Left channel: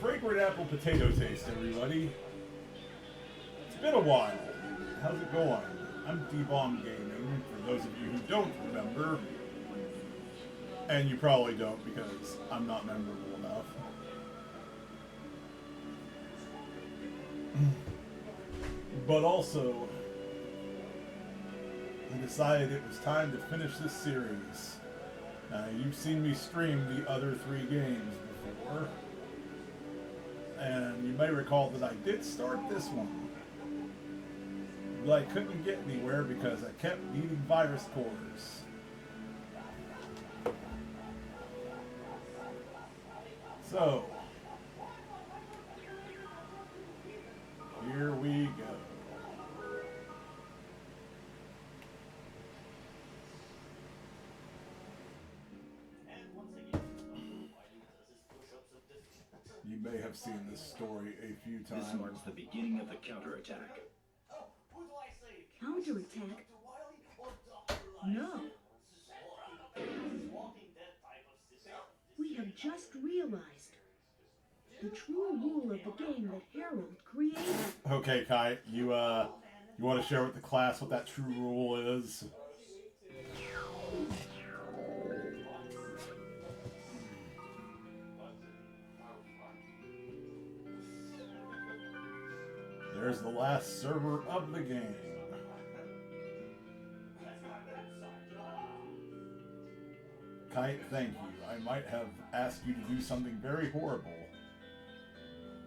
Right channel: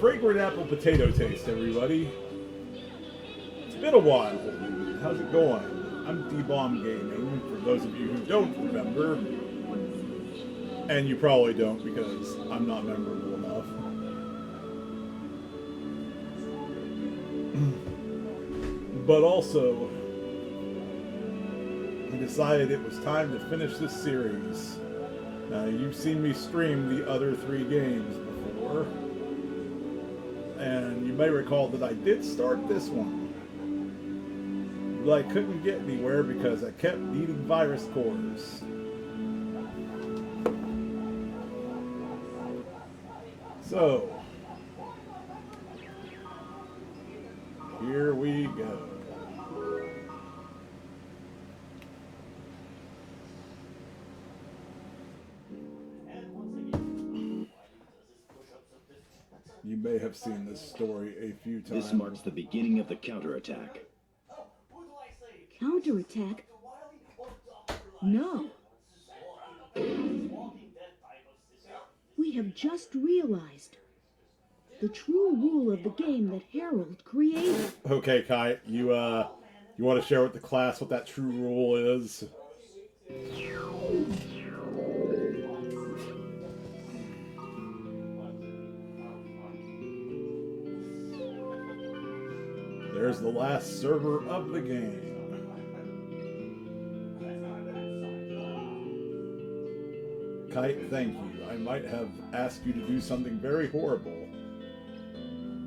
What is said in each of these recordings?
Fragrant Apple Potato Taste, everybody. It's been a while. How's it going? I'm D-Bomb Gaming, for those of you who don't remember. And you probably don't because I'm not memorable enough. But also, I decided it was time to finish this series. Now, you've seen me stream the other 3 games before. And you may recall that I did start this one. But I couldn't get anywhere because I kept needing virus cores. So, here we go. You may have seen this story a few times. This marks the beginning of the counterattack. Counterattack? No. We have just realized the true rule of the game that Harold created. Okay, Kai, you want to share with the class what that true rule is? There's the last server of the game. Kite, thank you. I might have asked you to do something very horrible,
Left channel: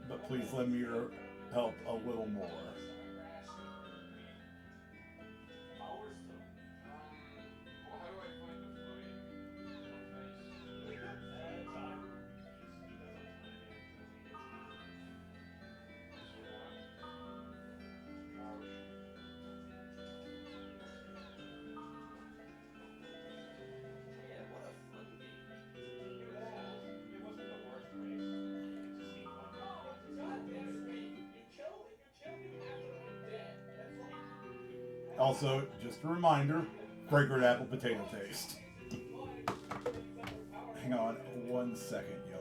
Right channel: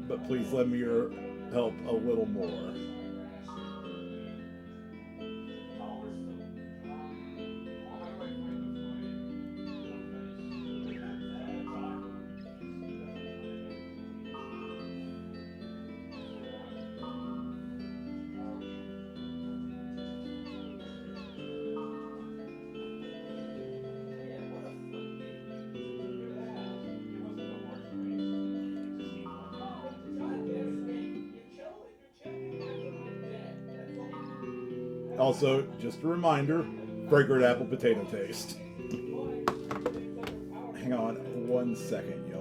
but please lend me your help a little more. Also, just a reminder, fragrant apple potato taste. Hang on 1 second, y'all.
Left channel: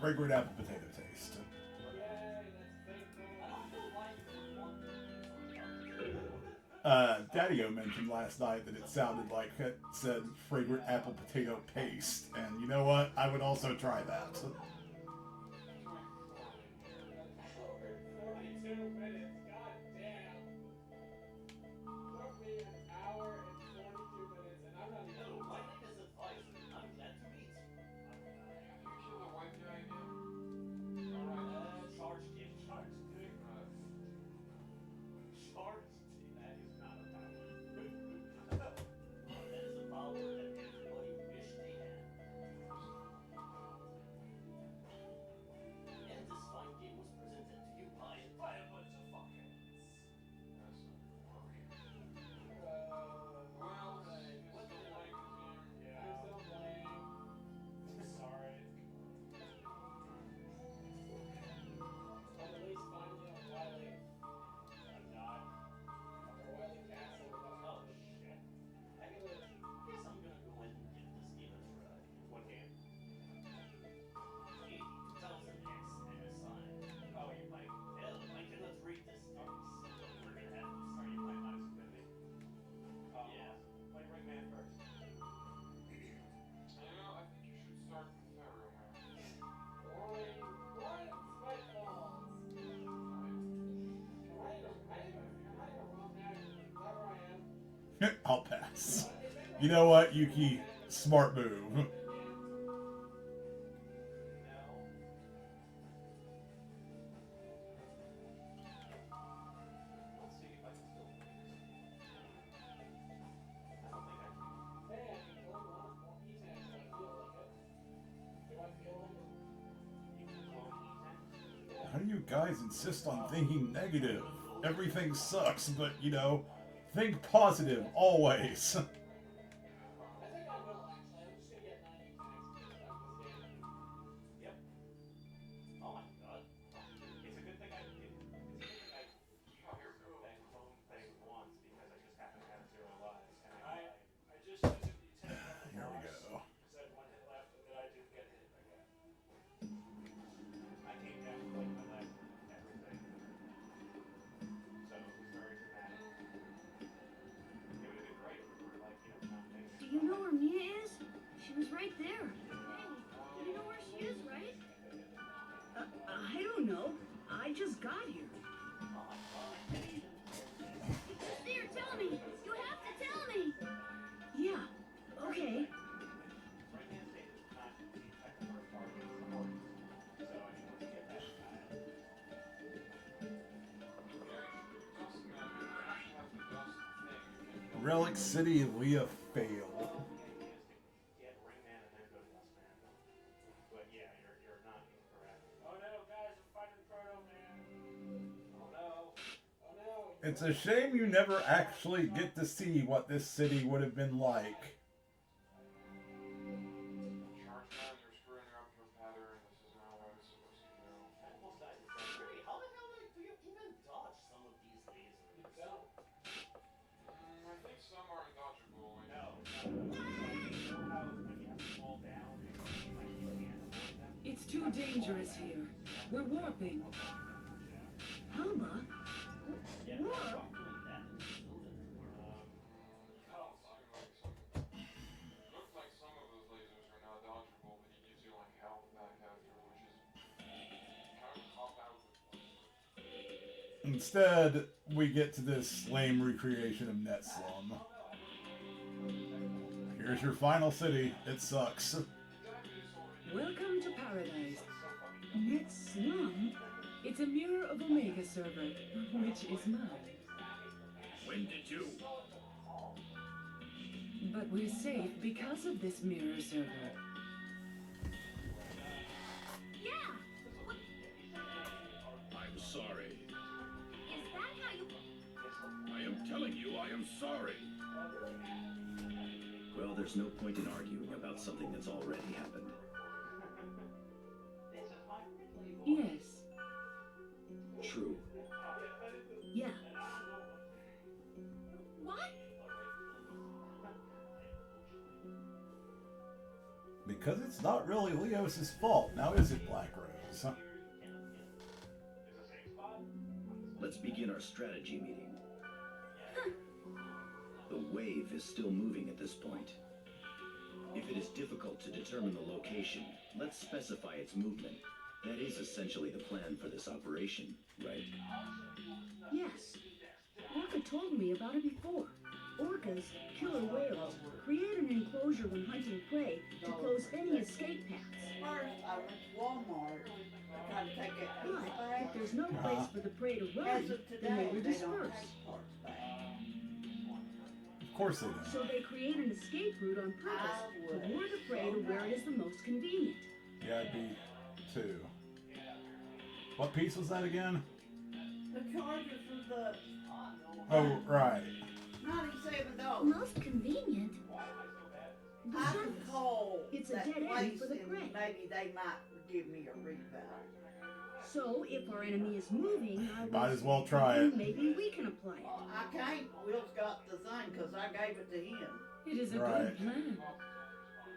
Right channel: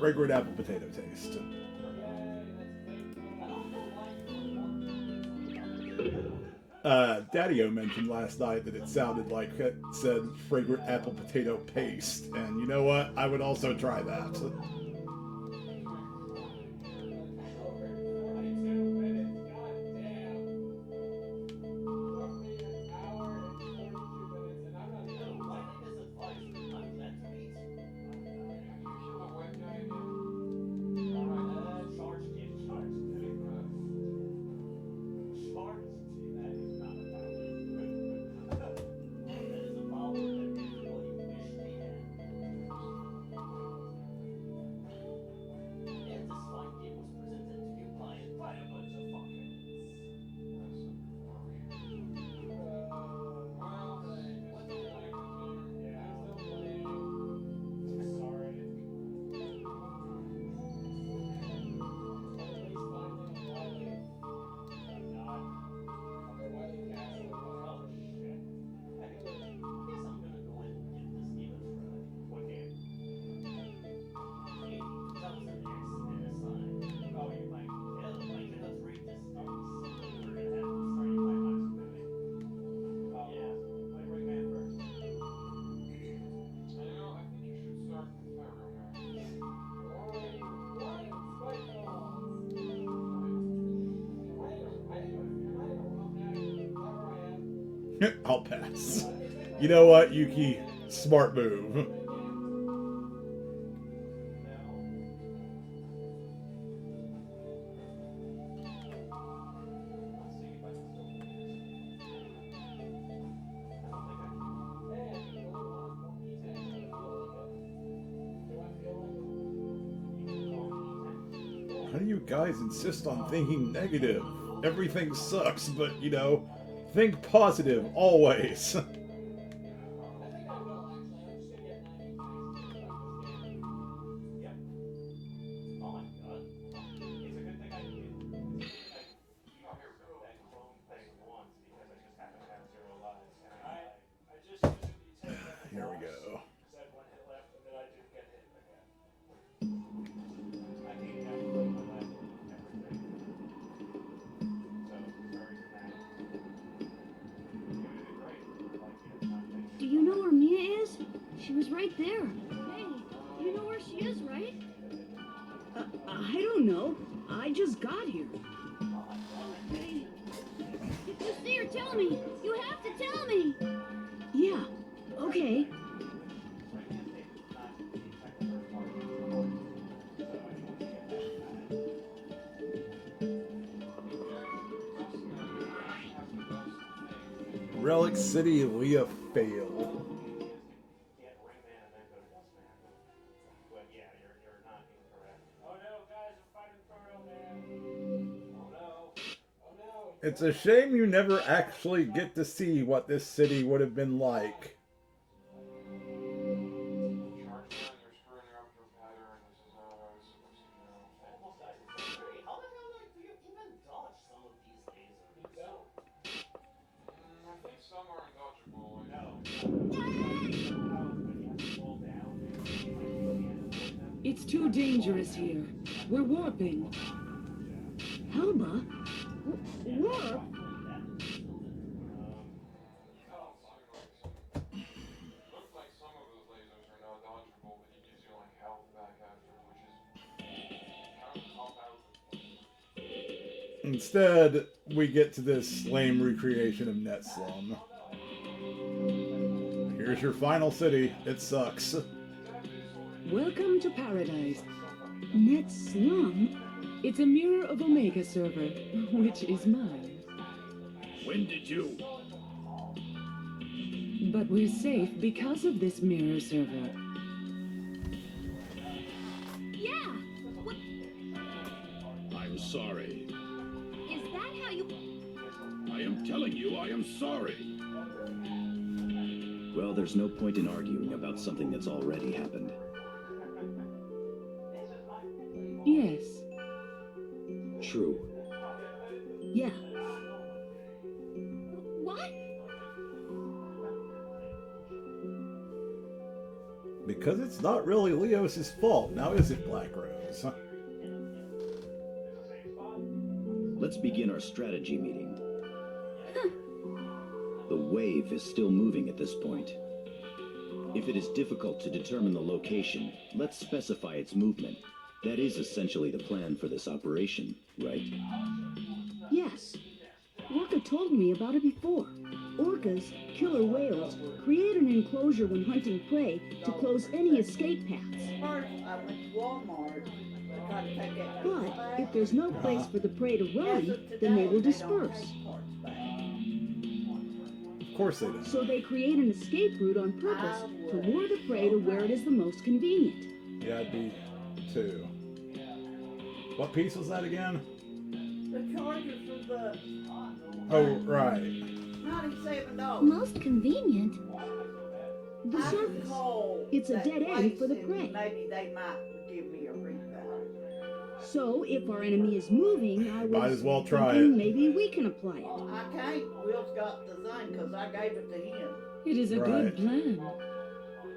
Fragrant apple potato taste. Daddy-O mentioned last night that it sounded like it said fragrant apple potato paste, and you know what? I would also try that. I'll pass. You know what, Yuki? Smart move. How do you guys insist on thinking negative? Everything sucks, but, you know, think positive, always. Here we go. Do you know where Mia is? She was right there. Hey, you know where she is, right? I don't know. I just got here. Hey, if you see her, tell me. You have to tell me. Yeah, okay. Relic City, Leah failed. It's a shame you never actually get to see what this city would have been like. It's too dangerous here. We're warping. Helba? Warp? Instead, we get to this lame recreation of Net Slum. Here's your final city. It sucks. Welcome to paradise. Net Slum? It's a mirror of Omega server, which is mine. When did you? But we're safe because of this mirror server. Yeah! What? I'm sorry. Is that how you... I am telling you, I am sorry. Well, there's no point in arguing about something that's already happened. Yes. True. Yeah. What? Because it's not really Leos' fault, now is it, Black Rose? Let's begin our strategy meeting. The wave is still moving at this point. If it is difficult to determine the location, let's specify its movement. That is essentially the plan for this operation, right? Yes. Orca told me about it before. Orcas, killer whales, create an enclosure when hunting prey to close any escape paths. First, I went to Walmart. I tried to take that But if there's no place for the prey to run, then they will disperse. Of course they don't. So they create an escape route on purpose to lure the prey to where it is the most convenient. Yeah, I'd be too. What piece was that again? The charges of the Oh, right. $97. Most convenient? The I was surface. told It's a that dead end for the place prey. and maybe they might give me a refund. So if our enemy is moving, I was Might as well try thinking it. maybe we can apply it. I can't. Will's got the thing because I gave it to him. It is a Right. good plan.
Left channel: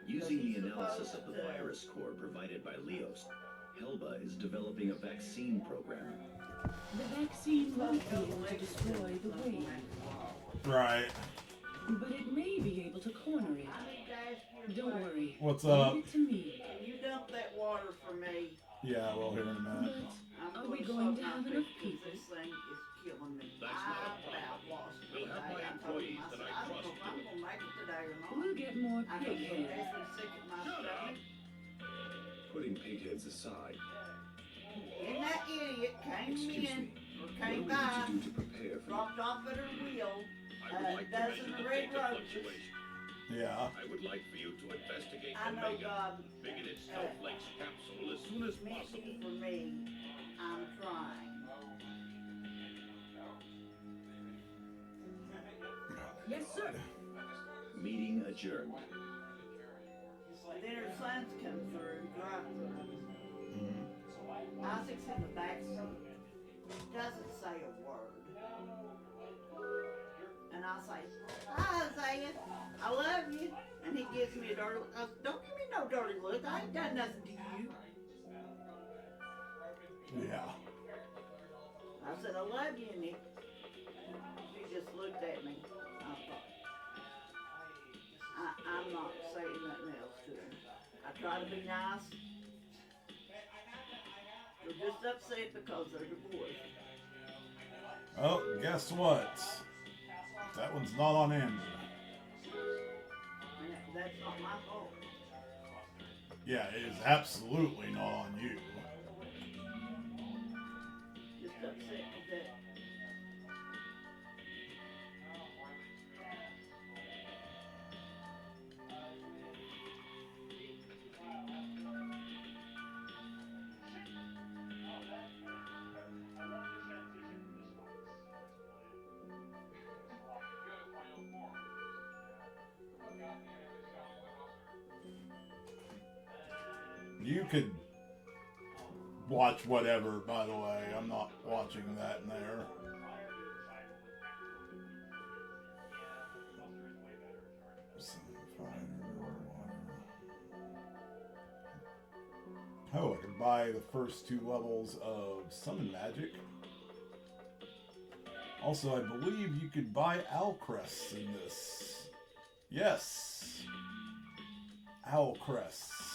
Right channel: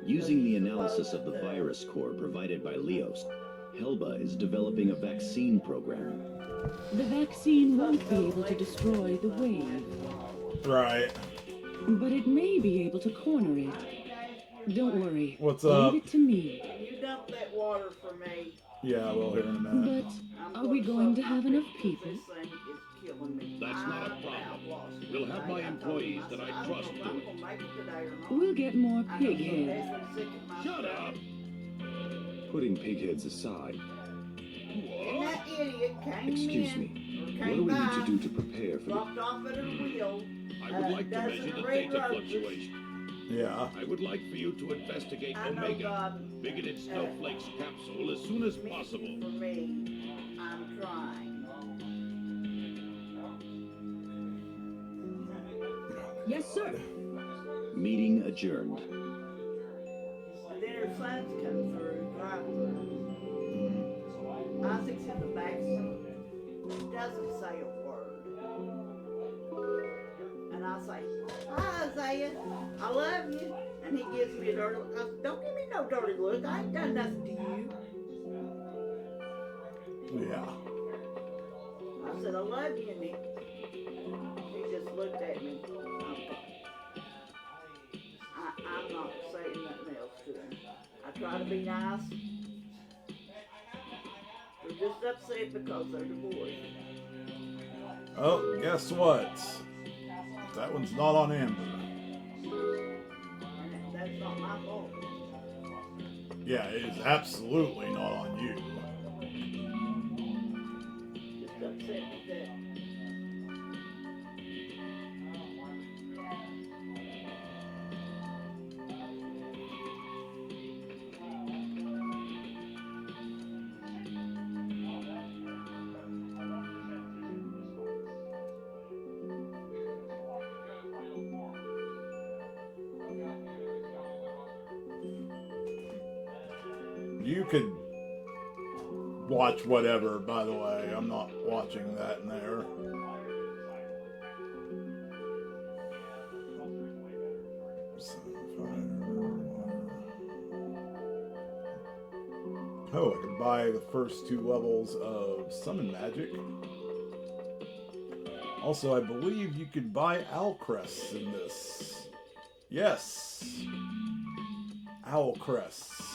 Using the analysis of the virus core provided by Leos, Helba is developing a vaccine program. The vaccine won't be able to destroy the wave, Right. but it may be able to corner it. Don't worry. What's up? Leave it to me. You dump that water for me. Yeah, we'll hear in a minute. But are we going to have enough people? This thing is killing me. That's not a I've problem. lost We'll have my employees that I trust do it. We'll get more pig heads. Shut up! Putting pigheads aside, And that idiot came excuse in, me, or what do came we by, need to do to prepare for the... dropped off at her wheel. I would like to dozen measure the red data roses. fluctuation. Yeah. I would like for you to investigate I know Omega, God bigoted snowflakes capsule, as soon as possible. for me. I'm trying. Yes, sir. Meeting adjourned. Then her sons come through, drive through. Isaac's in the back seat. He doesn't say a word. And I say, hi, Isaiah. I love you. And he gives me a dirty look. I said, don't give me no dirty look. I ain't done nothing to you. Yeah. I said, I love you, Nick. He just looked at me. I'm not saying nothing else to him. I try to be nice. They're just upset because they're divorced. Oh, guess what? That one's not on Amber. And that's not my fault. Yeah, it is absolutely not on you. Just upset with that. You could watch whatever, by the way. I'm not watching that in there. Oh, I could buy the first 2 levels of Summon Magic. Also, I believe you could buy Owl Crests in this. Yes. Owl Crests.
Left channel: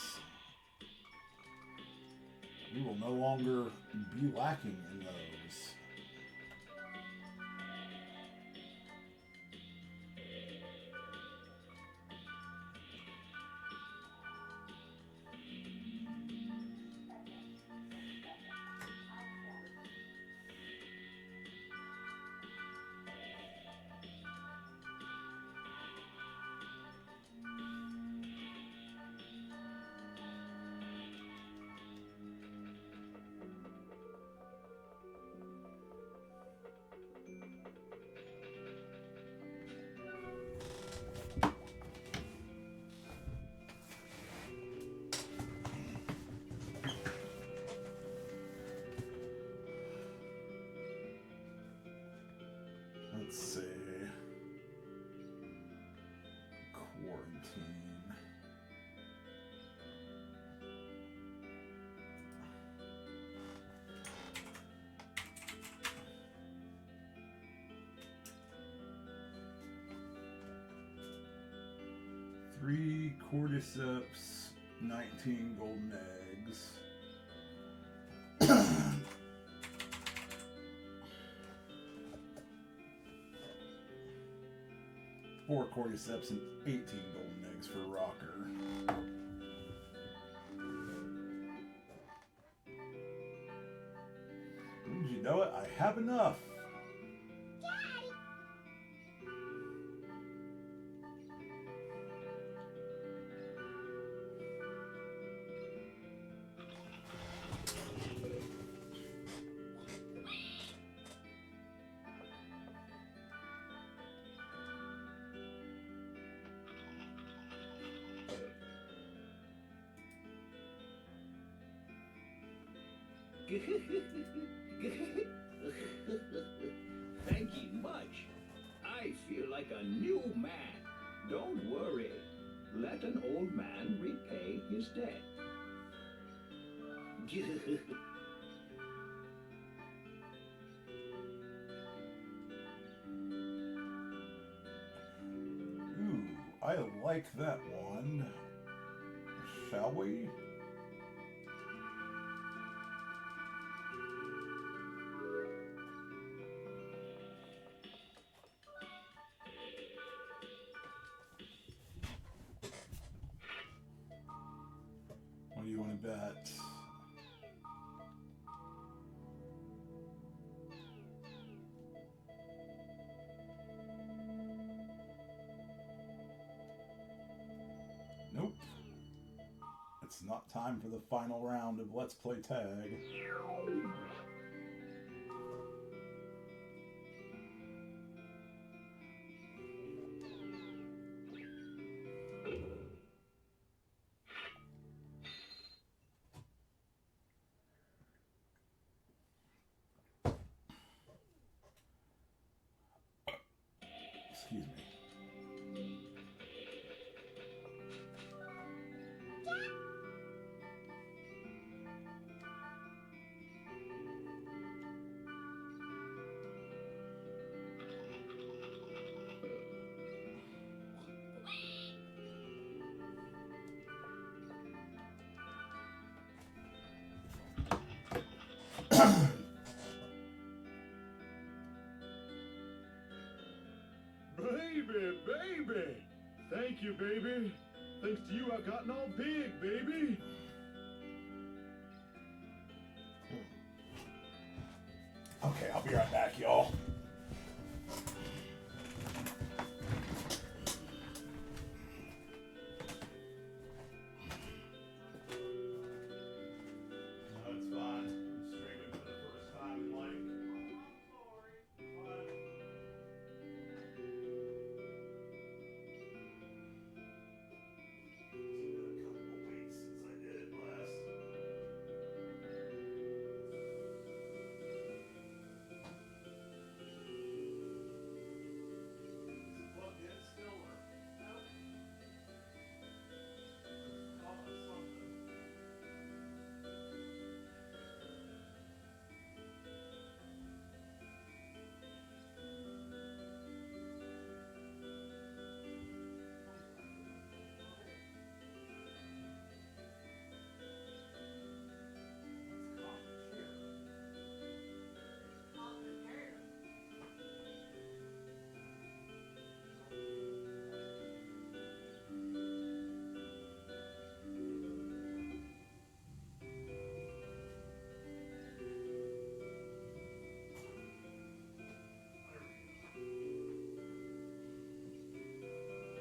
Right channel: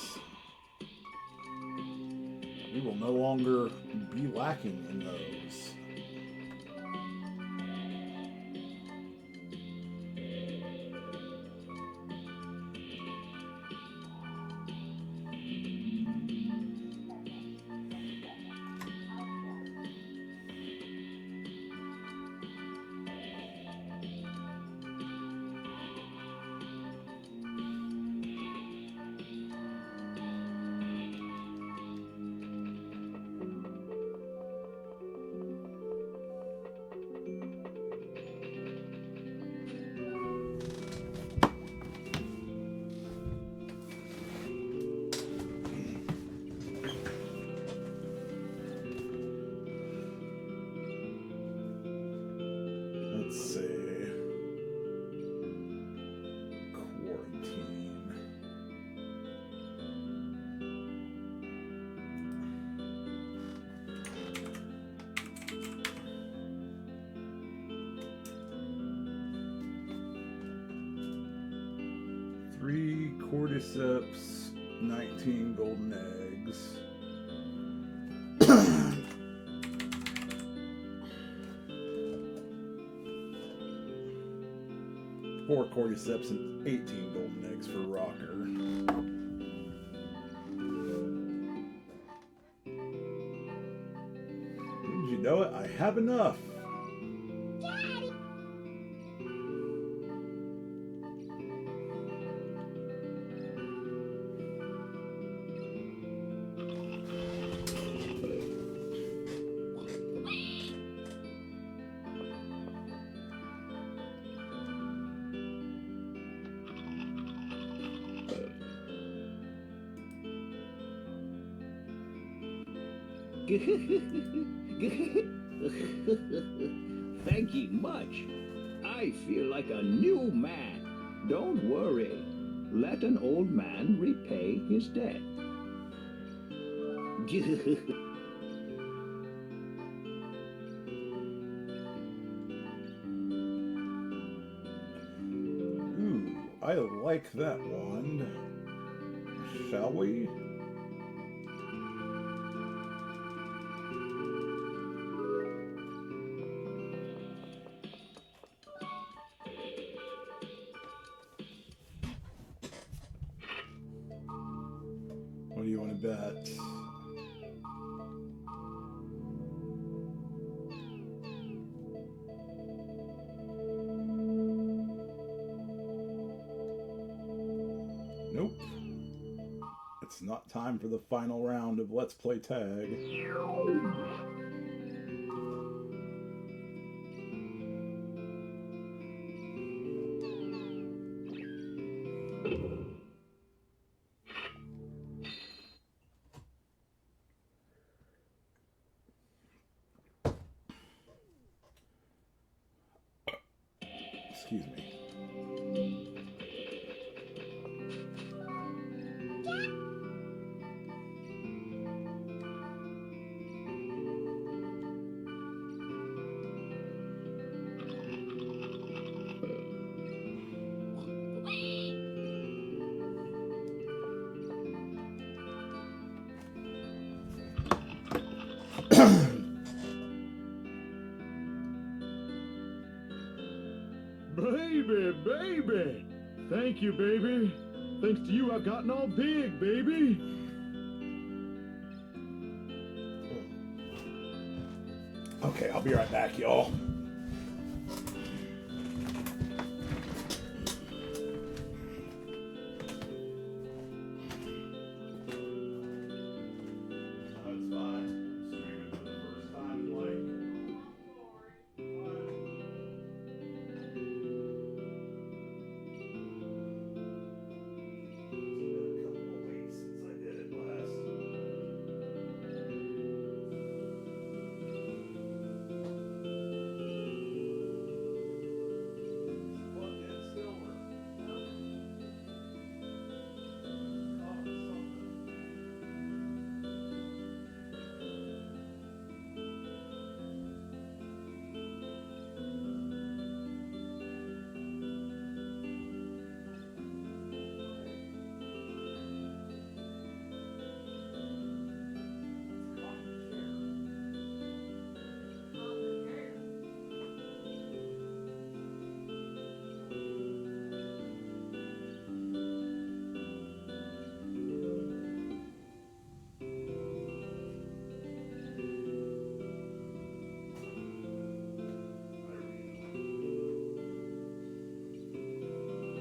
We will no longer be lacking in those. Let's see. Quarantine. Three cordyceps, 19 golden eggs. 4 cordyceps and 18 golden eggs for Rocker. Wouldn't you know it? I have enough. Thank you much. I feel like a new man. Don't worry. Let an old man repay his debt. Ooh, I like that one. Shall we? What do you want to bet? Nope. It's not time for the final round of Let's Play Tag. Excuse me. Baby! Thank you, baby. Thanks to you, I've gotten all big, baby. Okay, I'll be right back, y'all. That's fine. Streaming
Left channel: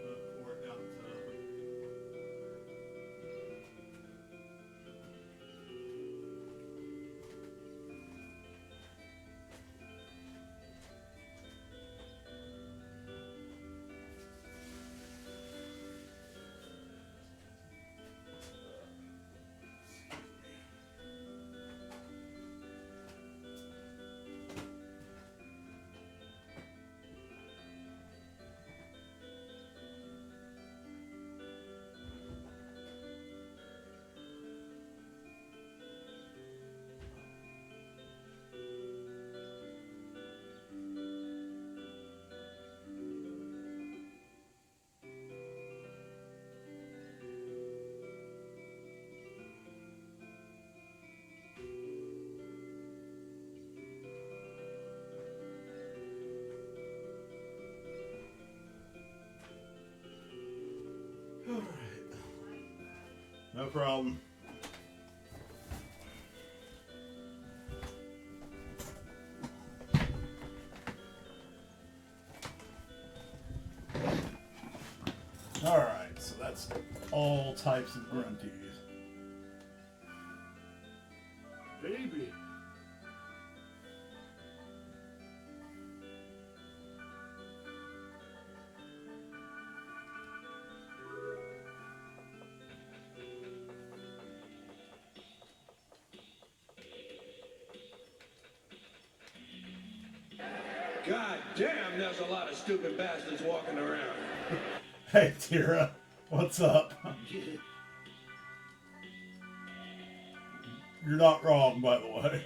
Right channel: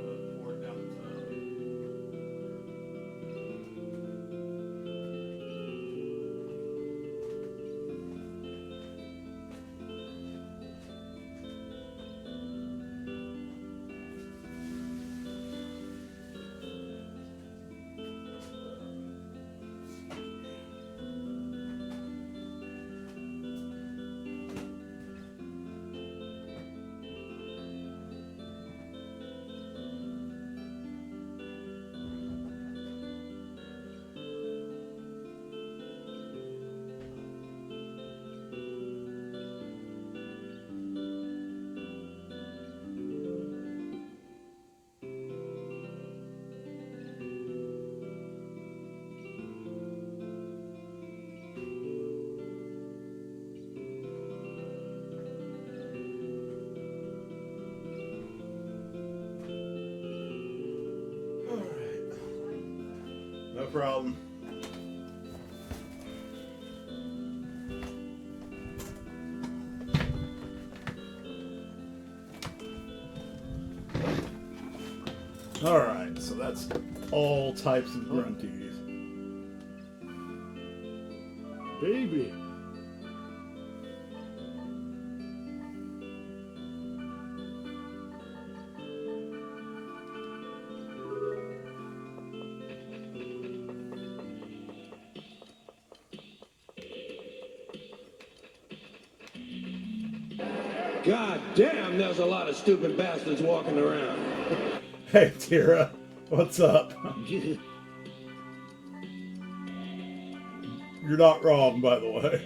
for the first time in like. No problem. Alright, so that's all types of grunties. Baby. God damn, there's a lot of stupid bastards walking around. Hey, Tira, what's up? You're not wrong, by the way.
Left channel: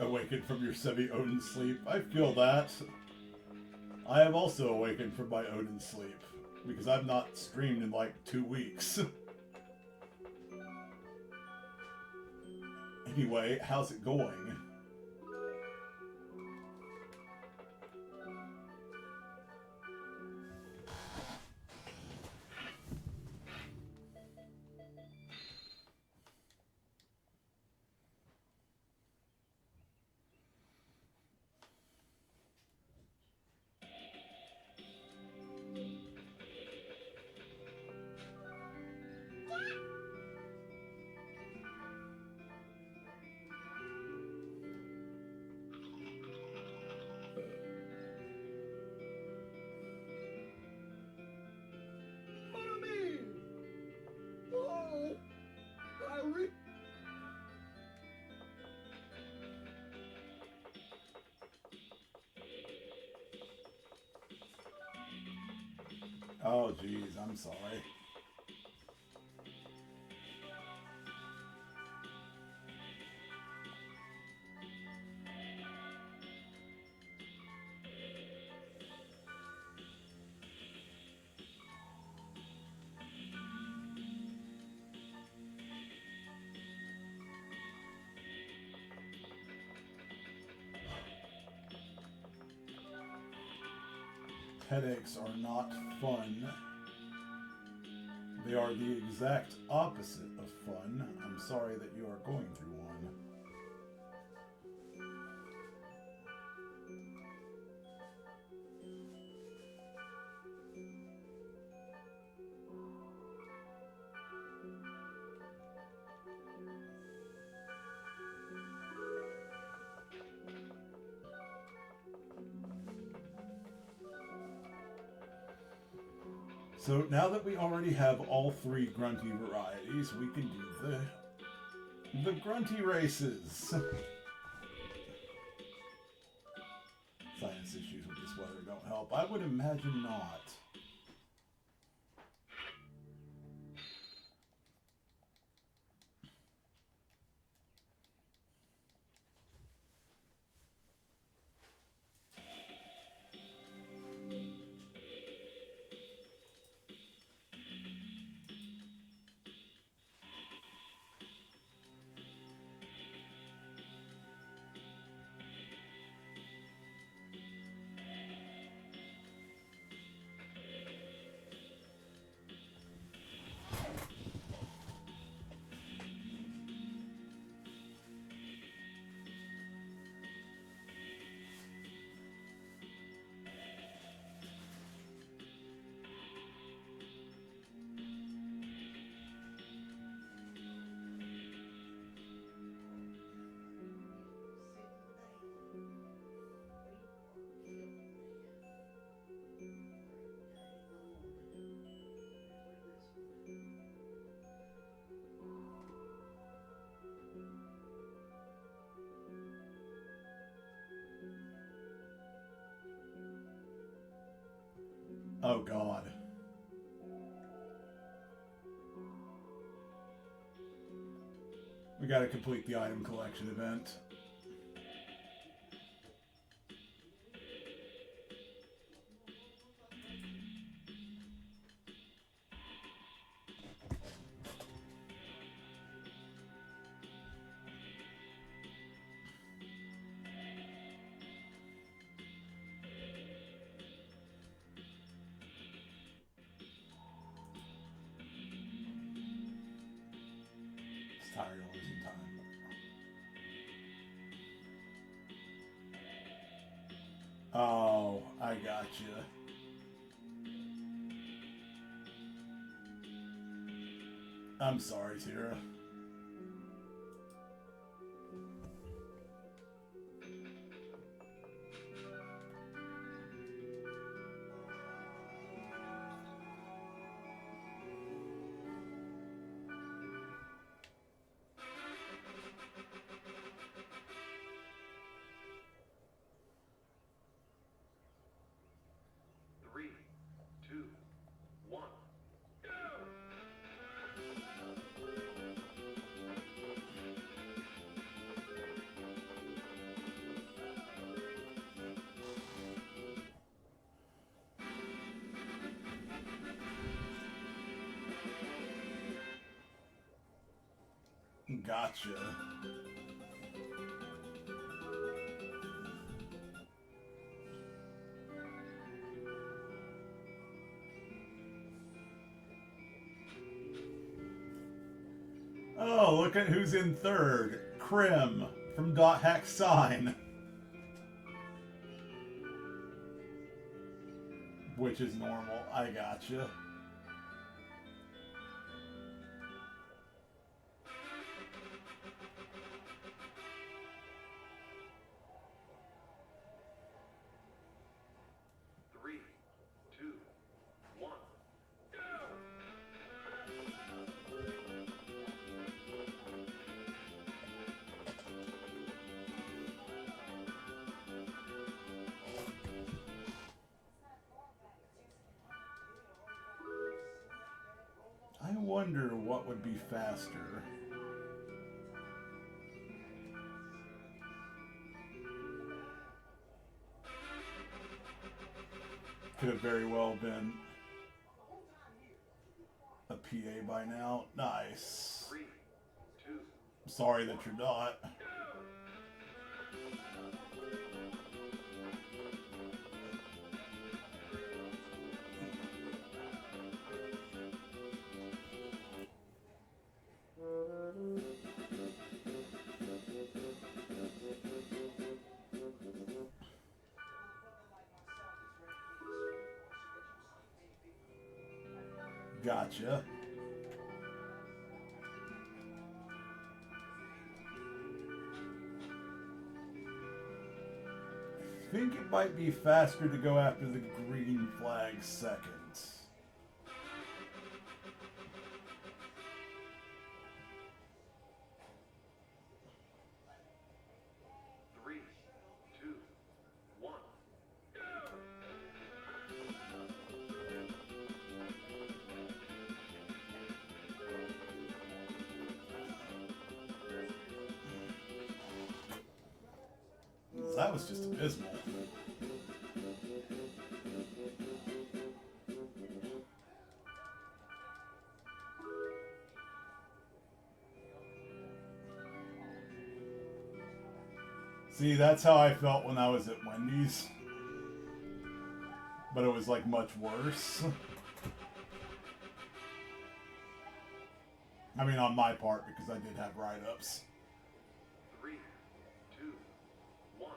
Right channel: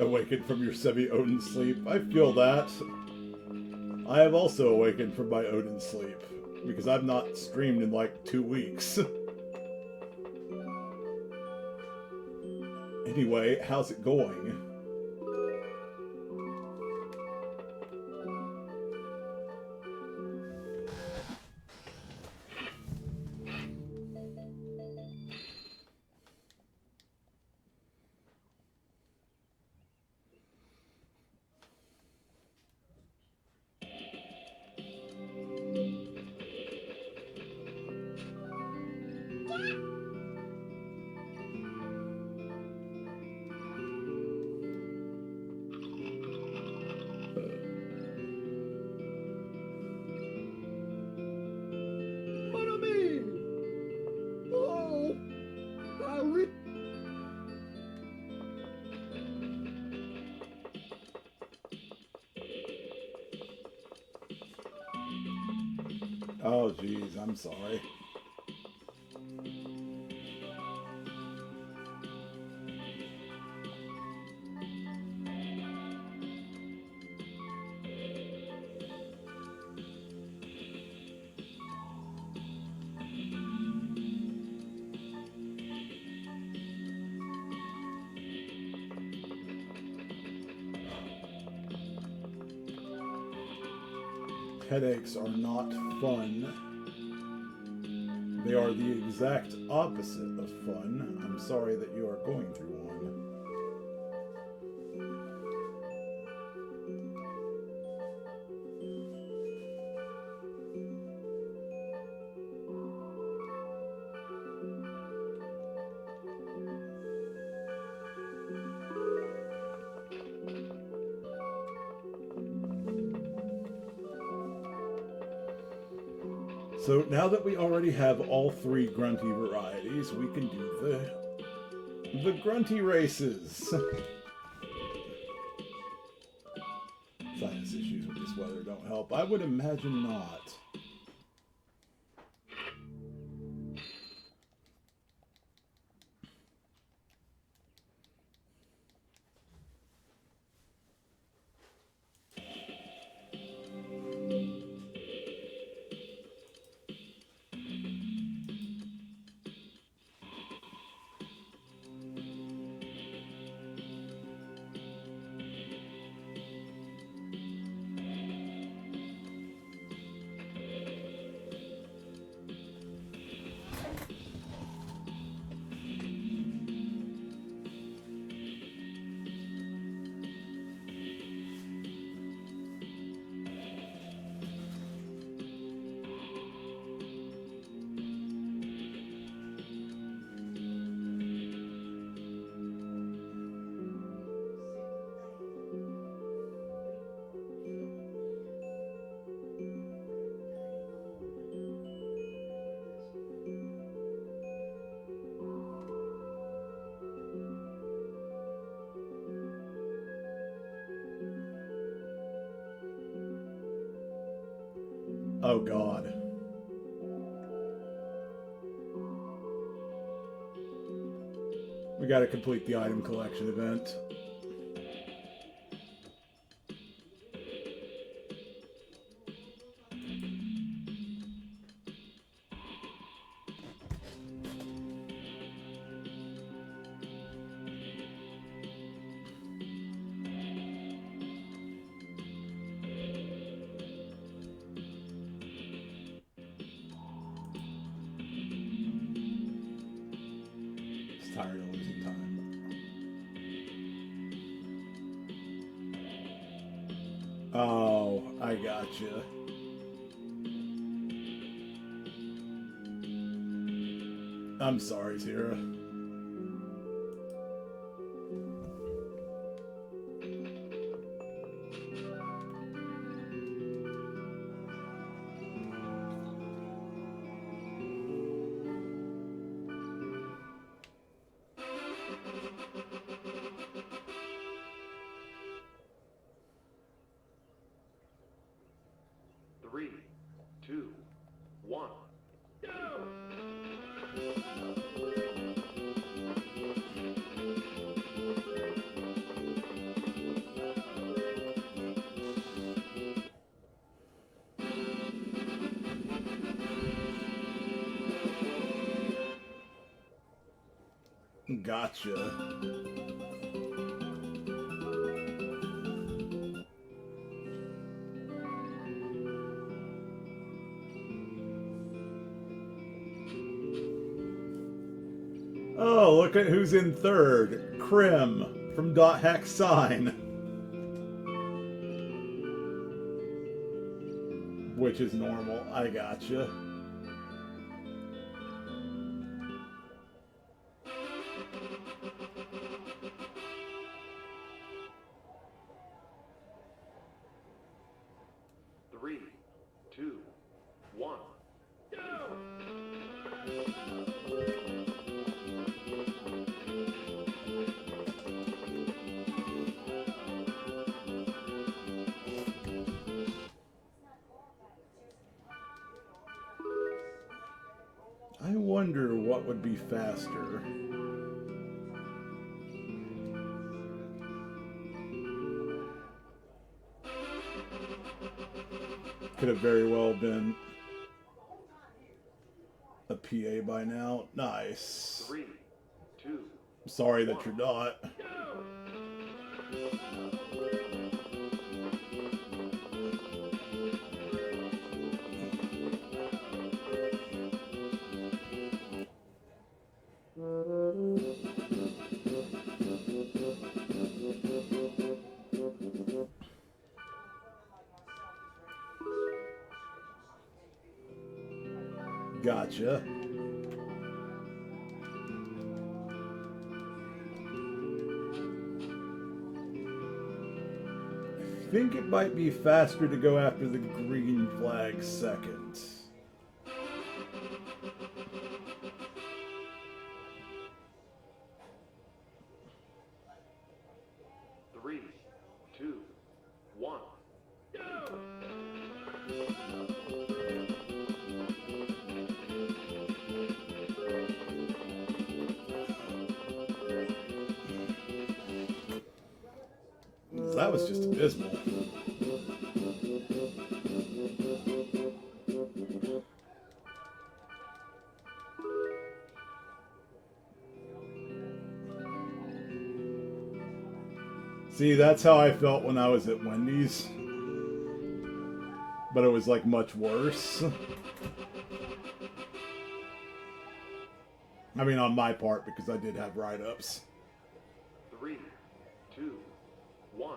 Awakened from your semi-Odin sleep. I feel that. I have also awakened from my Odin sleep. because I've not streamed in like 2 weeks. Anyway, how's it going? Oh, geez, I'm sorry. Headaches are not fun. They are the exact opposite of fun. I'm sorry that you are going through one. So now that we already have all 3 grunty varieties, we can do the grunty races. Sinus issues with this weather don't help. I would imagine not. Oh God. We gotta complete the item collection event. Tired of losing time. Oh, I gotcha. I'm sorry, Tira. Three, two, one, go! gotcha. Oh, look at who's in third. Krim from Dot Hack Sign. Which is normal. I gotcha. Three, two, one. I wonder what would be faster. Could have very well been a PA by now. Nice. 3, 2. Sorry that you're not. Gotcha. I think it might be faster to go after the green flag second. Three, two, one. That was just abysmal. See, that's how I felt when I was at Wendy's. But it was like much worse. I mean, on my part, because I did have write-ups. 3, 2, 1.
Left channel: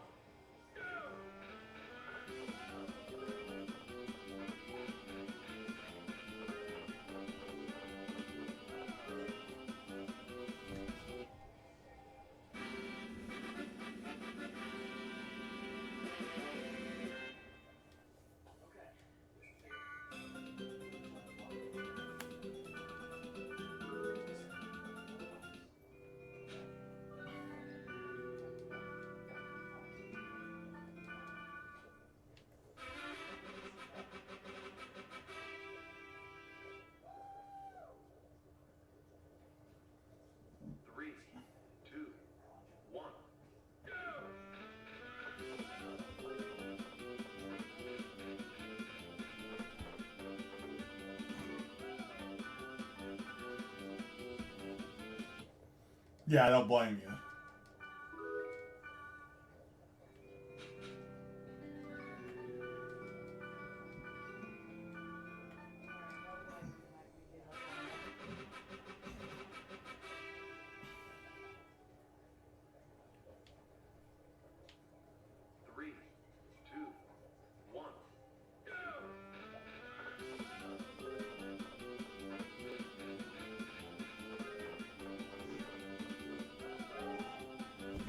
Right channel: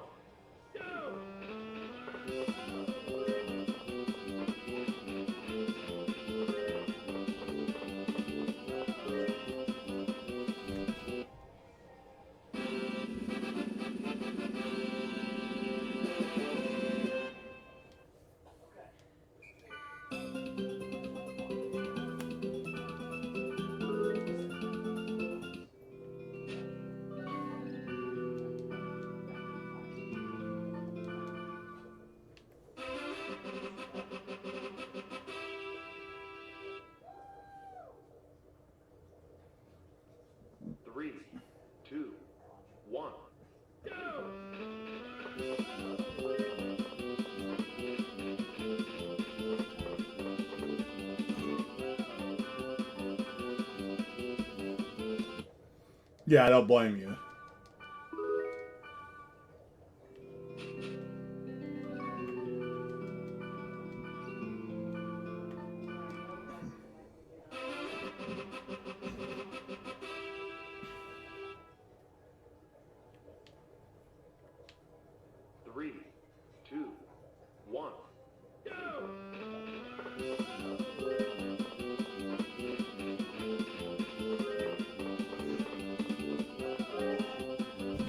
Three, two, one. Yeah, I don't blame you. Three, two, one.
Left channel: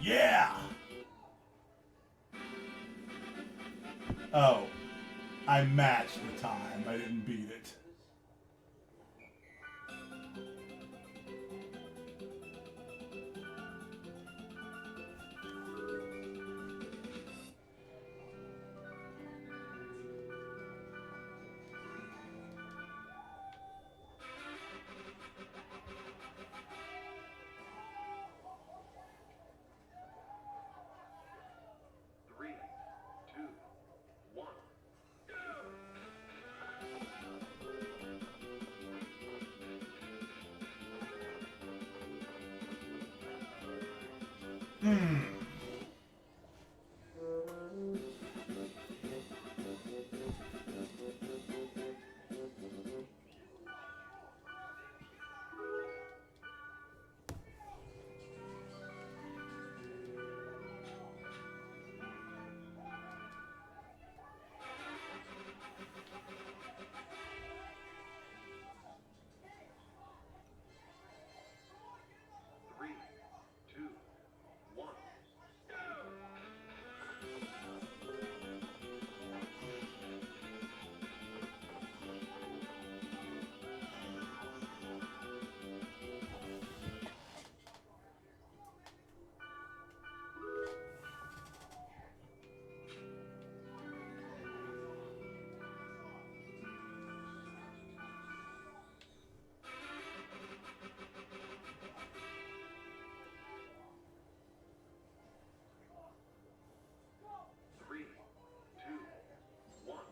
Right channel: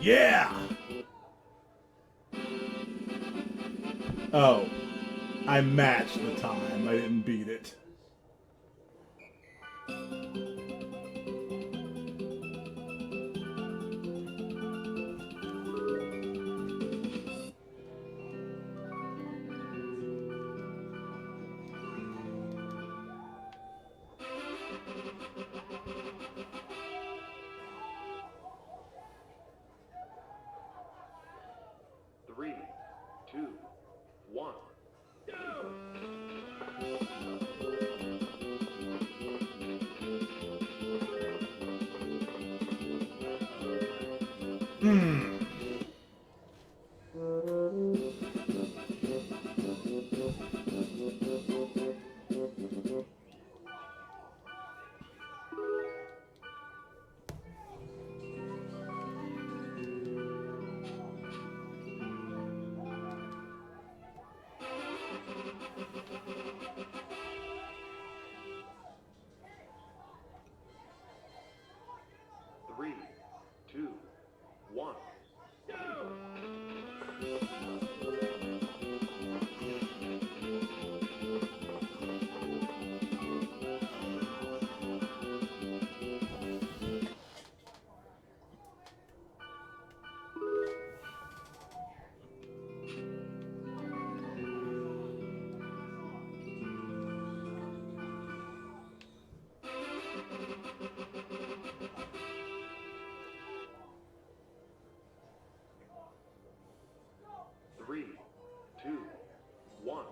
Yeah! Oh, I matched the time. I didn't beat it. Three, two, one. Three, two, one. Three, two, one.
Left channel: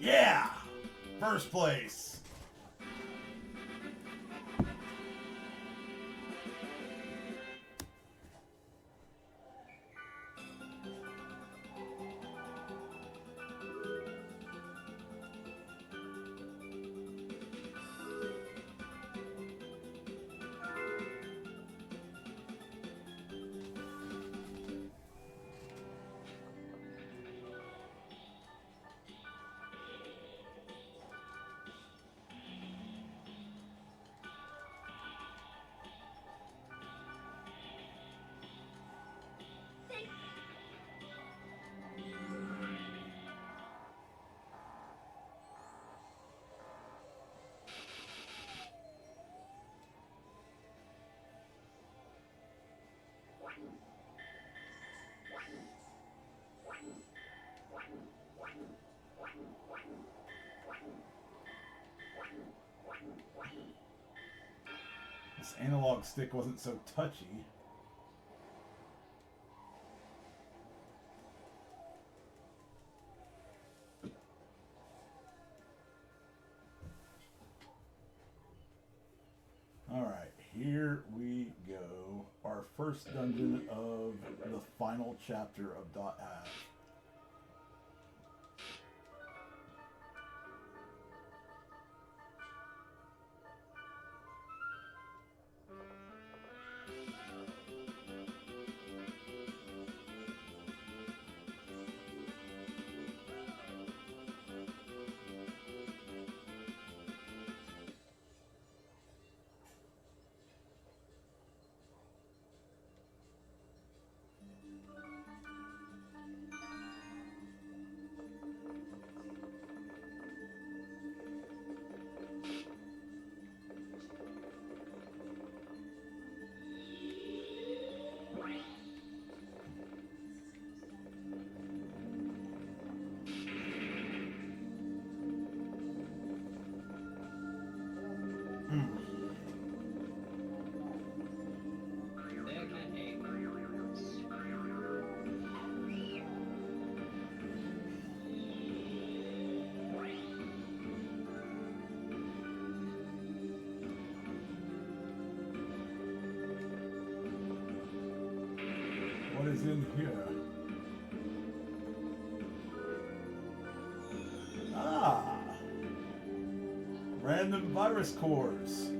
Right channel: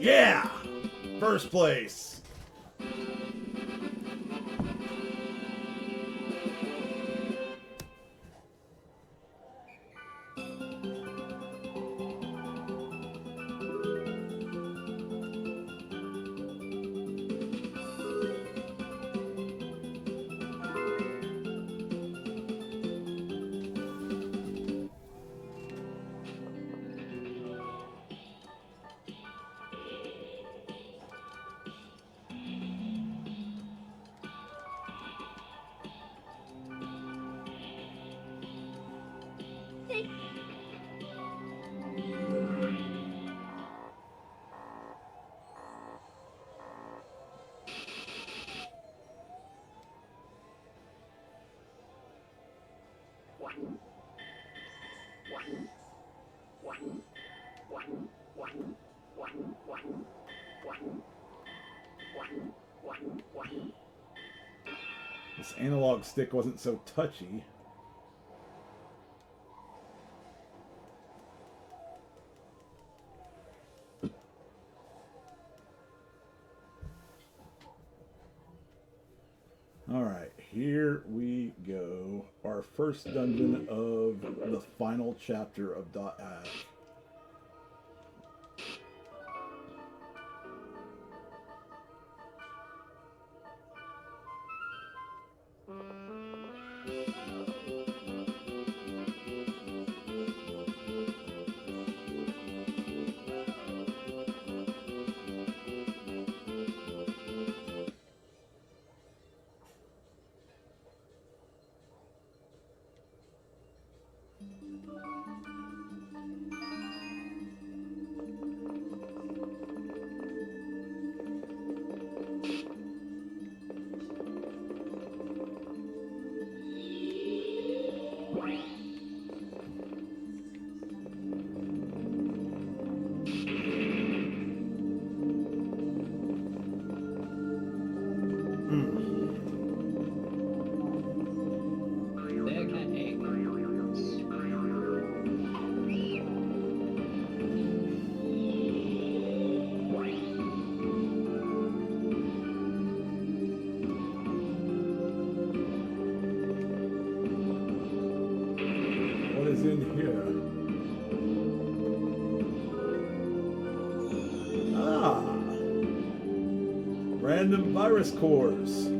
Yeah! First place. This analog stick wasn't so touchy. Alright, here we go. Our first dungeon of the final chapter of .F. Is in here. Ah, random virus cores.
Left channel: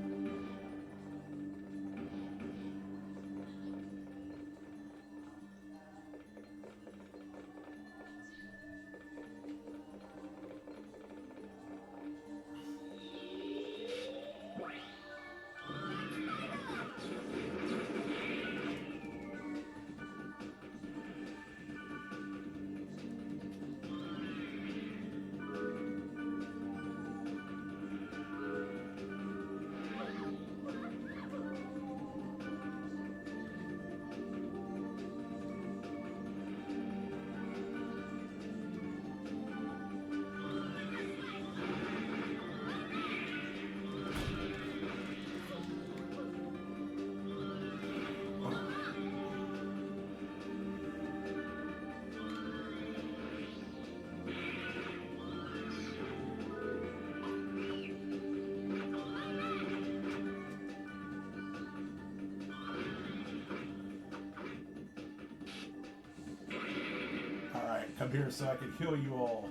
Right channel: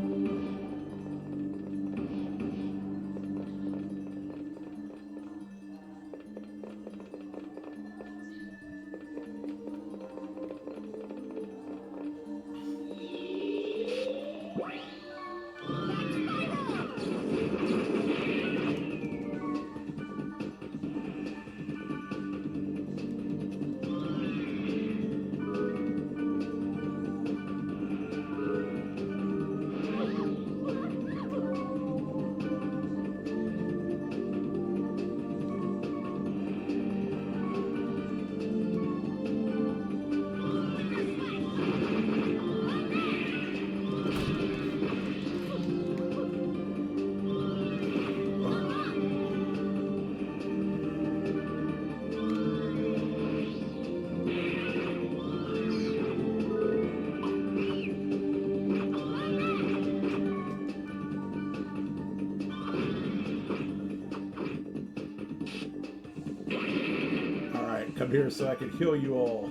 I'm here so I can heal you all.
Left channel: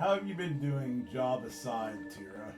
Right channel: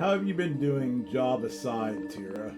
How have you been doing job aside, Tira?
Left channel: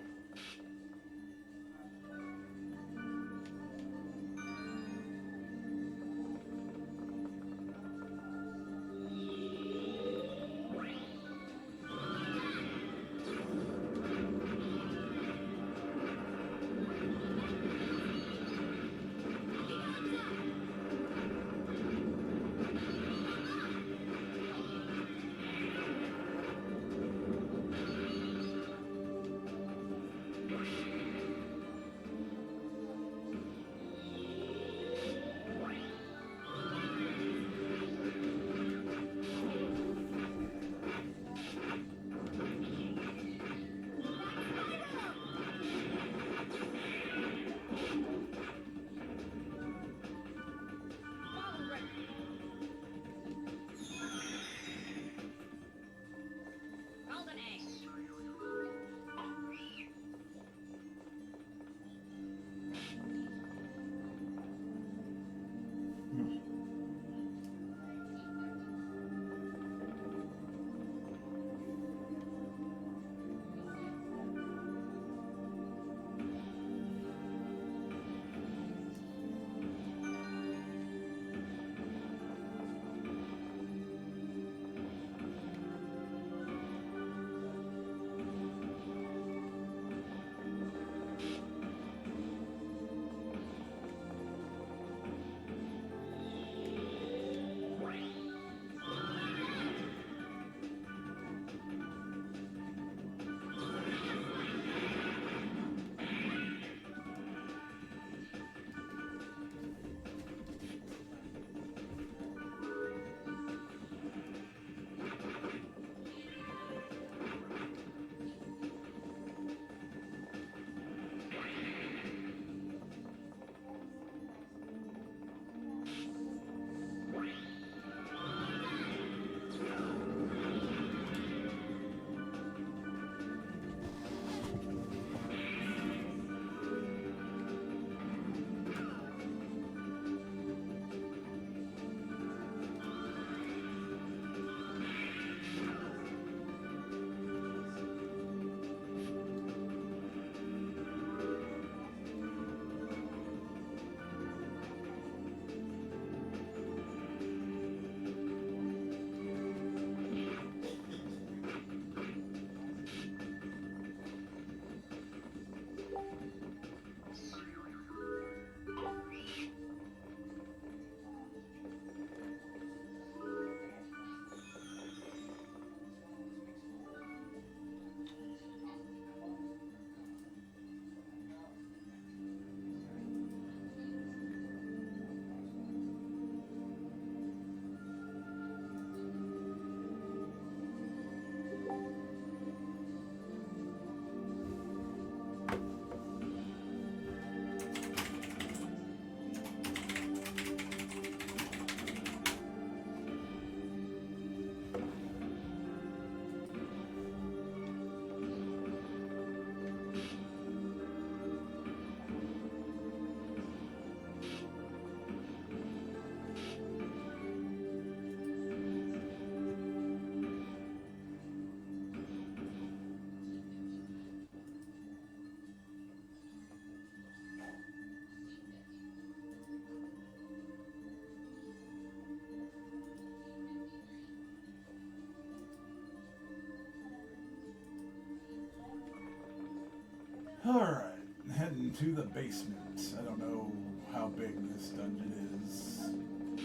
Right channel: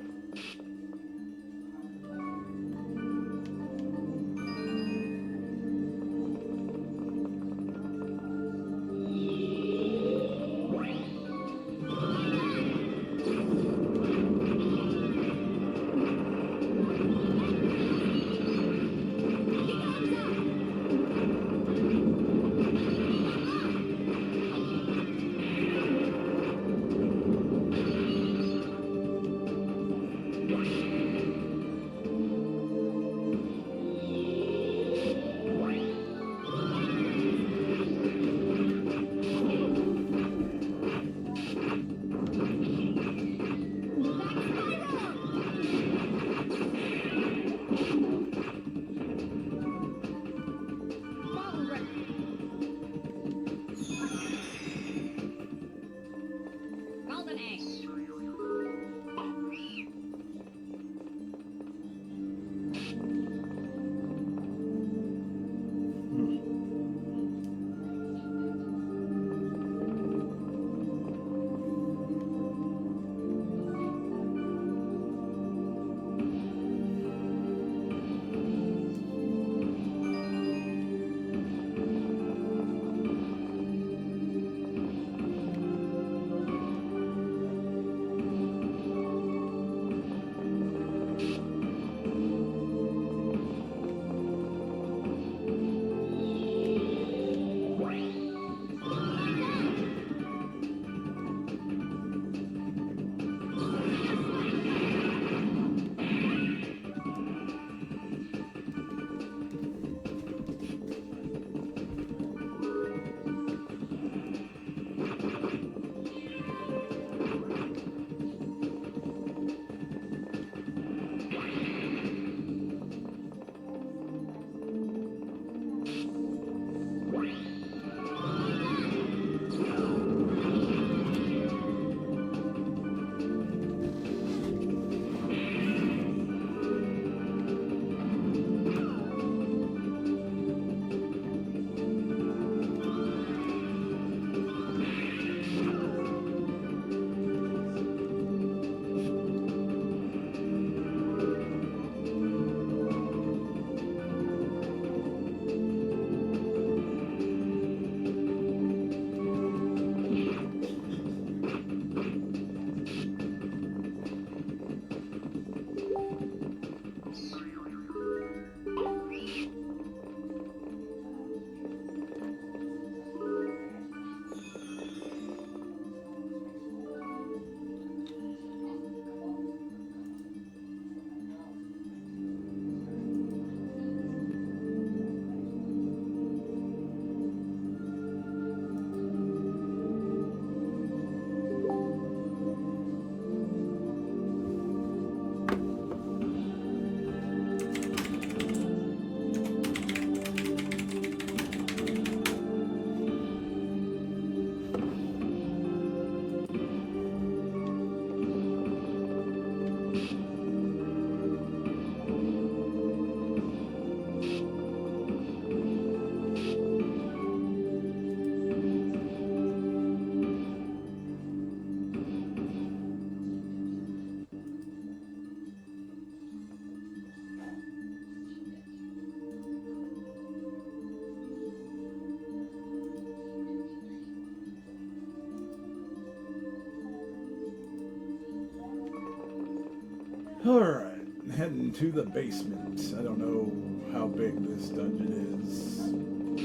Alright, heading to the basement. I don't know how big this dungeon is.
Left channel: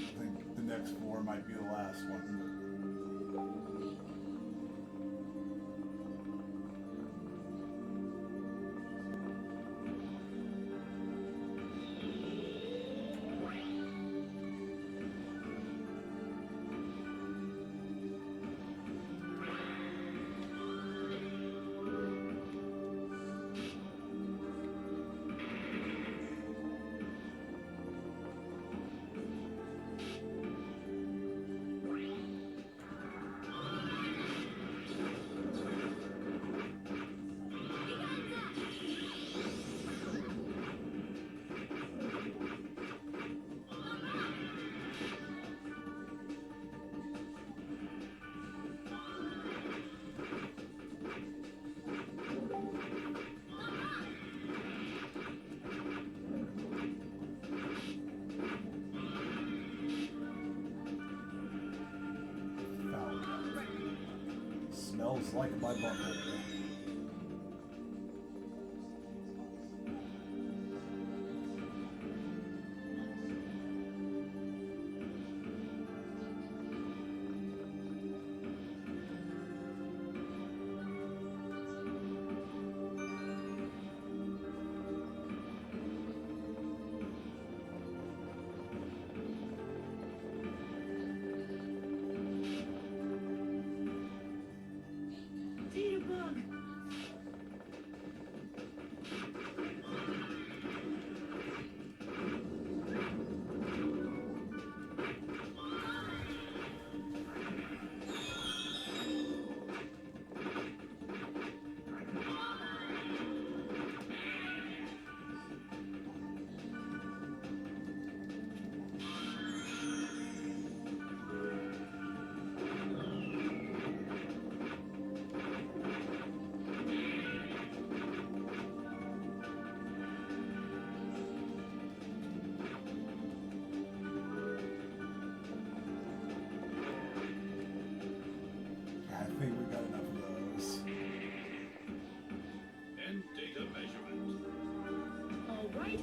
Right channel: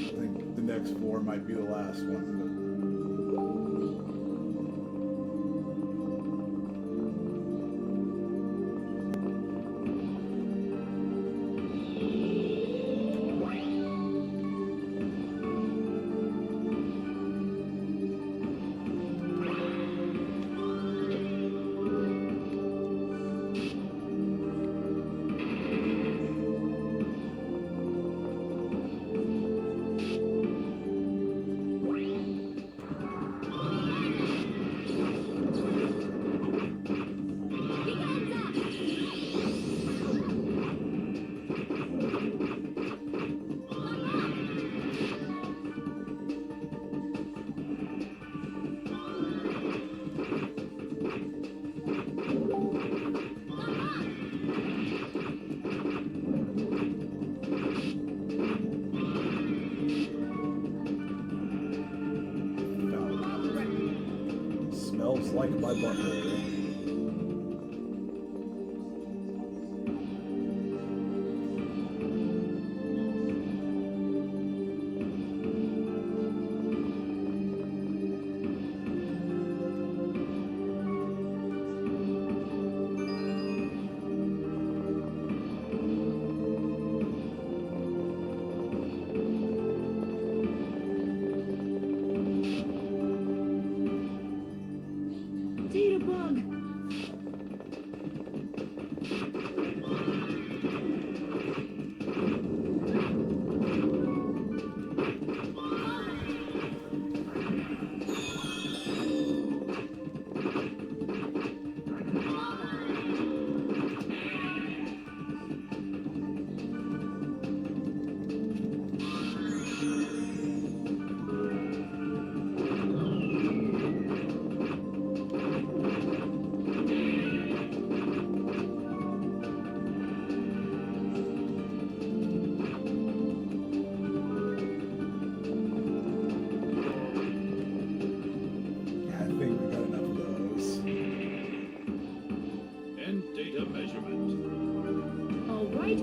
I think the next floor might be the last one. like my butthole. Data bug. I think we got enough of those. End data measurement. All right.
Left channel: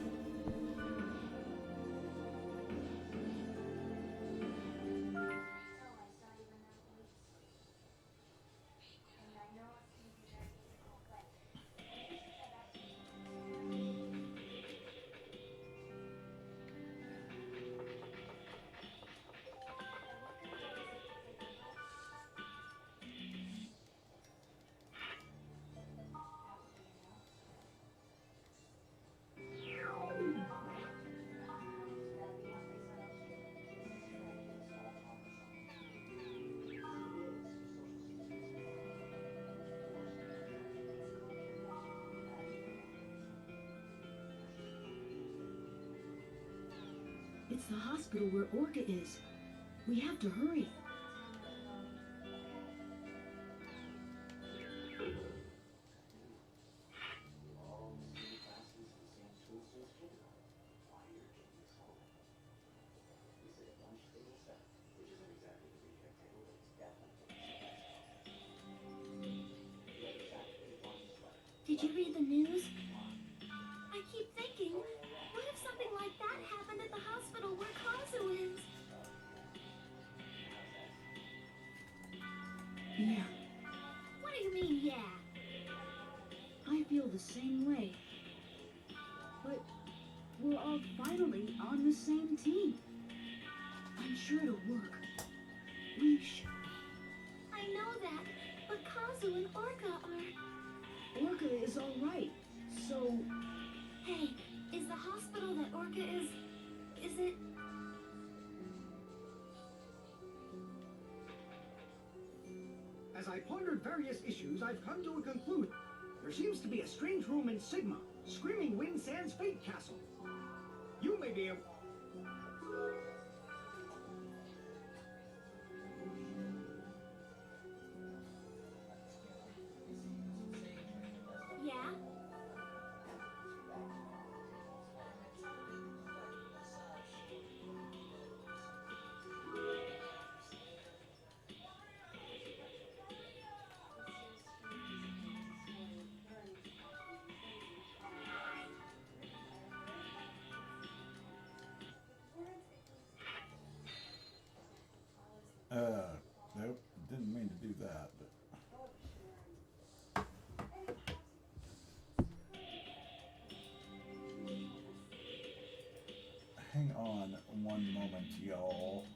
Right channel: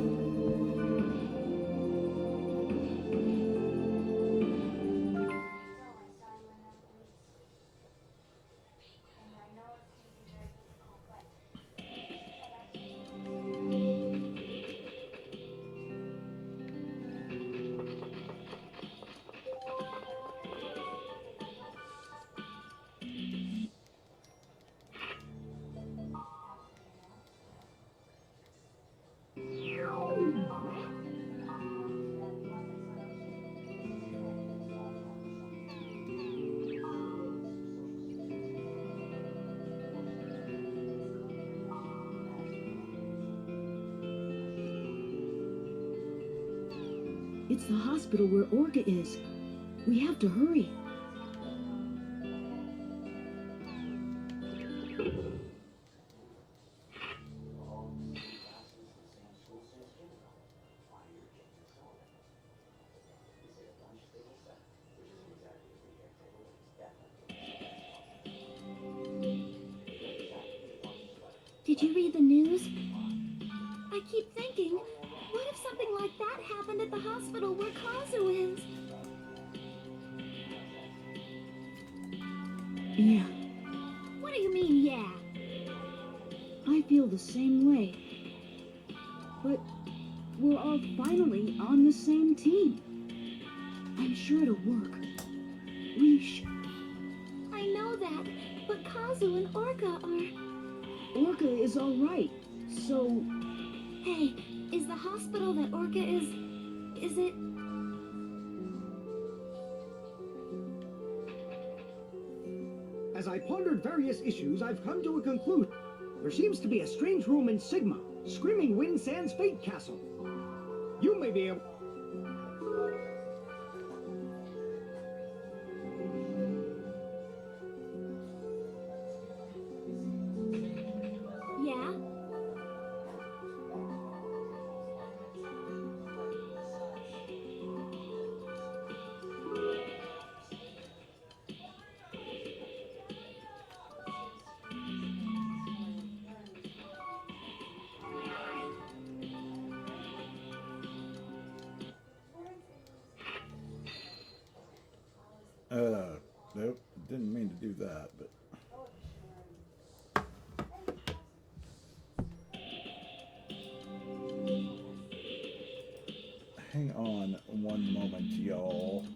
It's the hospital where Orca is. We have to hurry. Did you read the news? I keep thinking, what if something like that happened at the hospital where Kazu is? Yeah, What do you mean, yeah? I feel the same way. But we're all finally on the same team. I'm sure it'll work. I know that, but Kazu and Orca are... Orca is all right. So, Hey, is the hospital that Orca is it... As I pondered various issues, I've come to a conclusion. There seems to be a strange room in Sigma, Screaming Wind Sands Fate Castle. You may be able... Yeah? Nope, didn't mean to do that, but. Hang on one moment, y'all.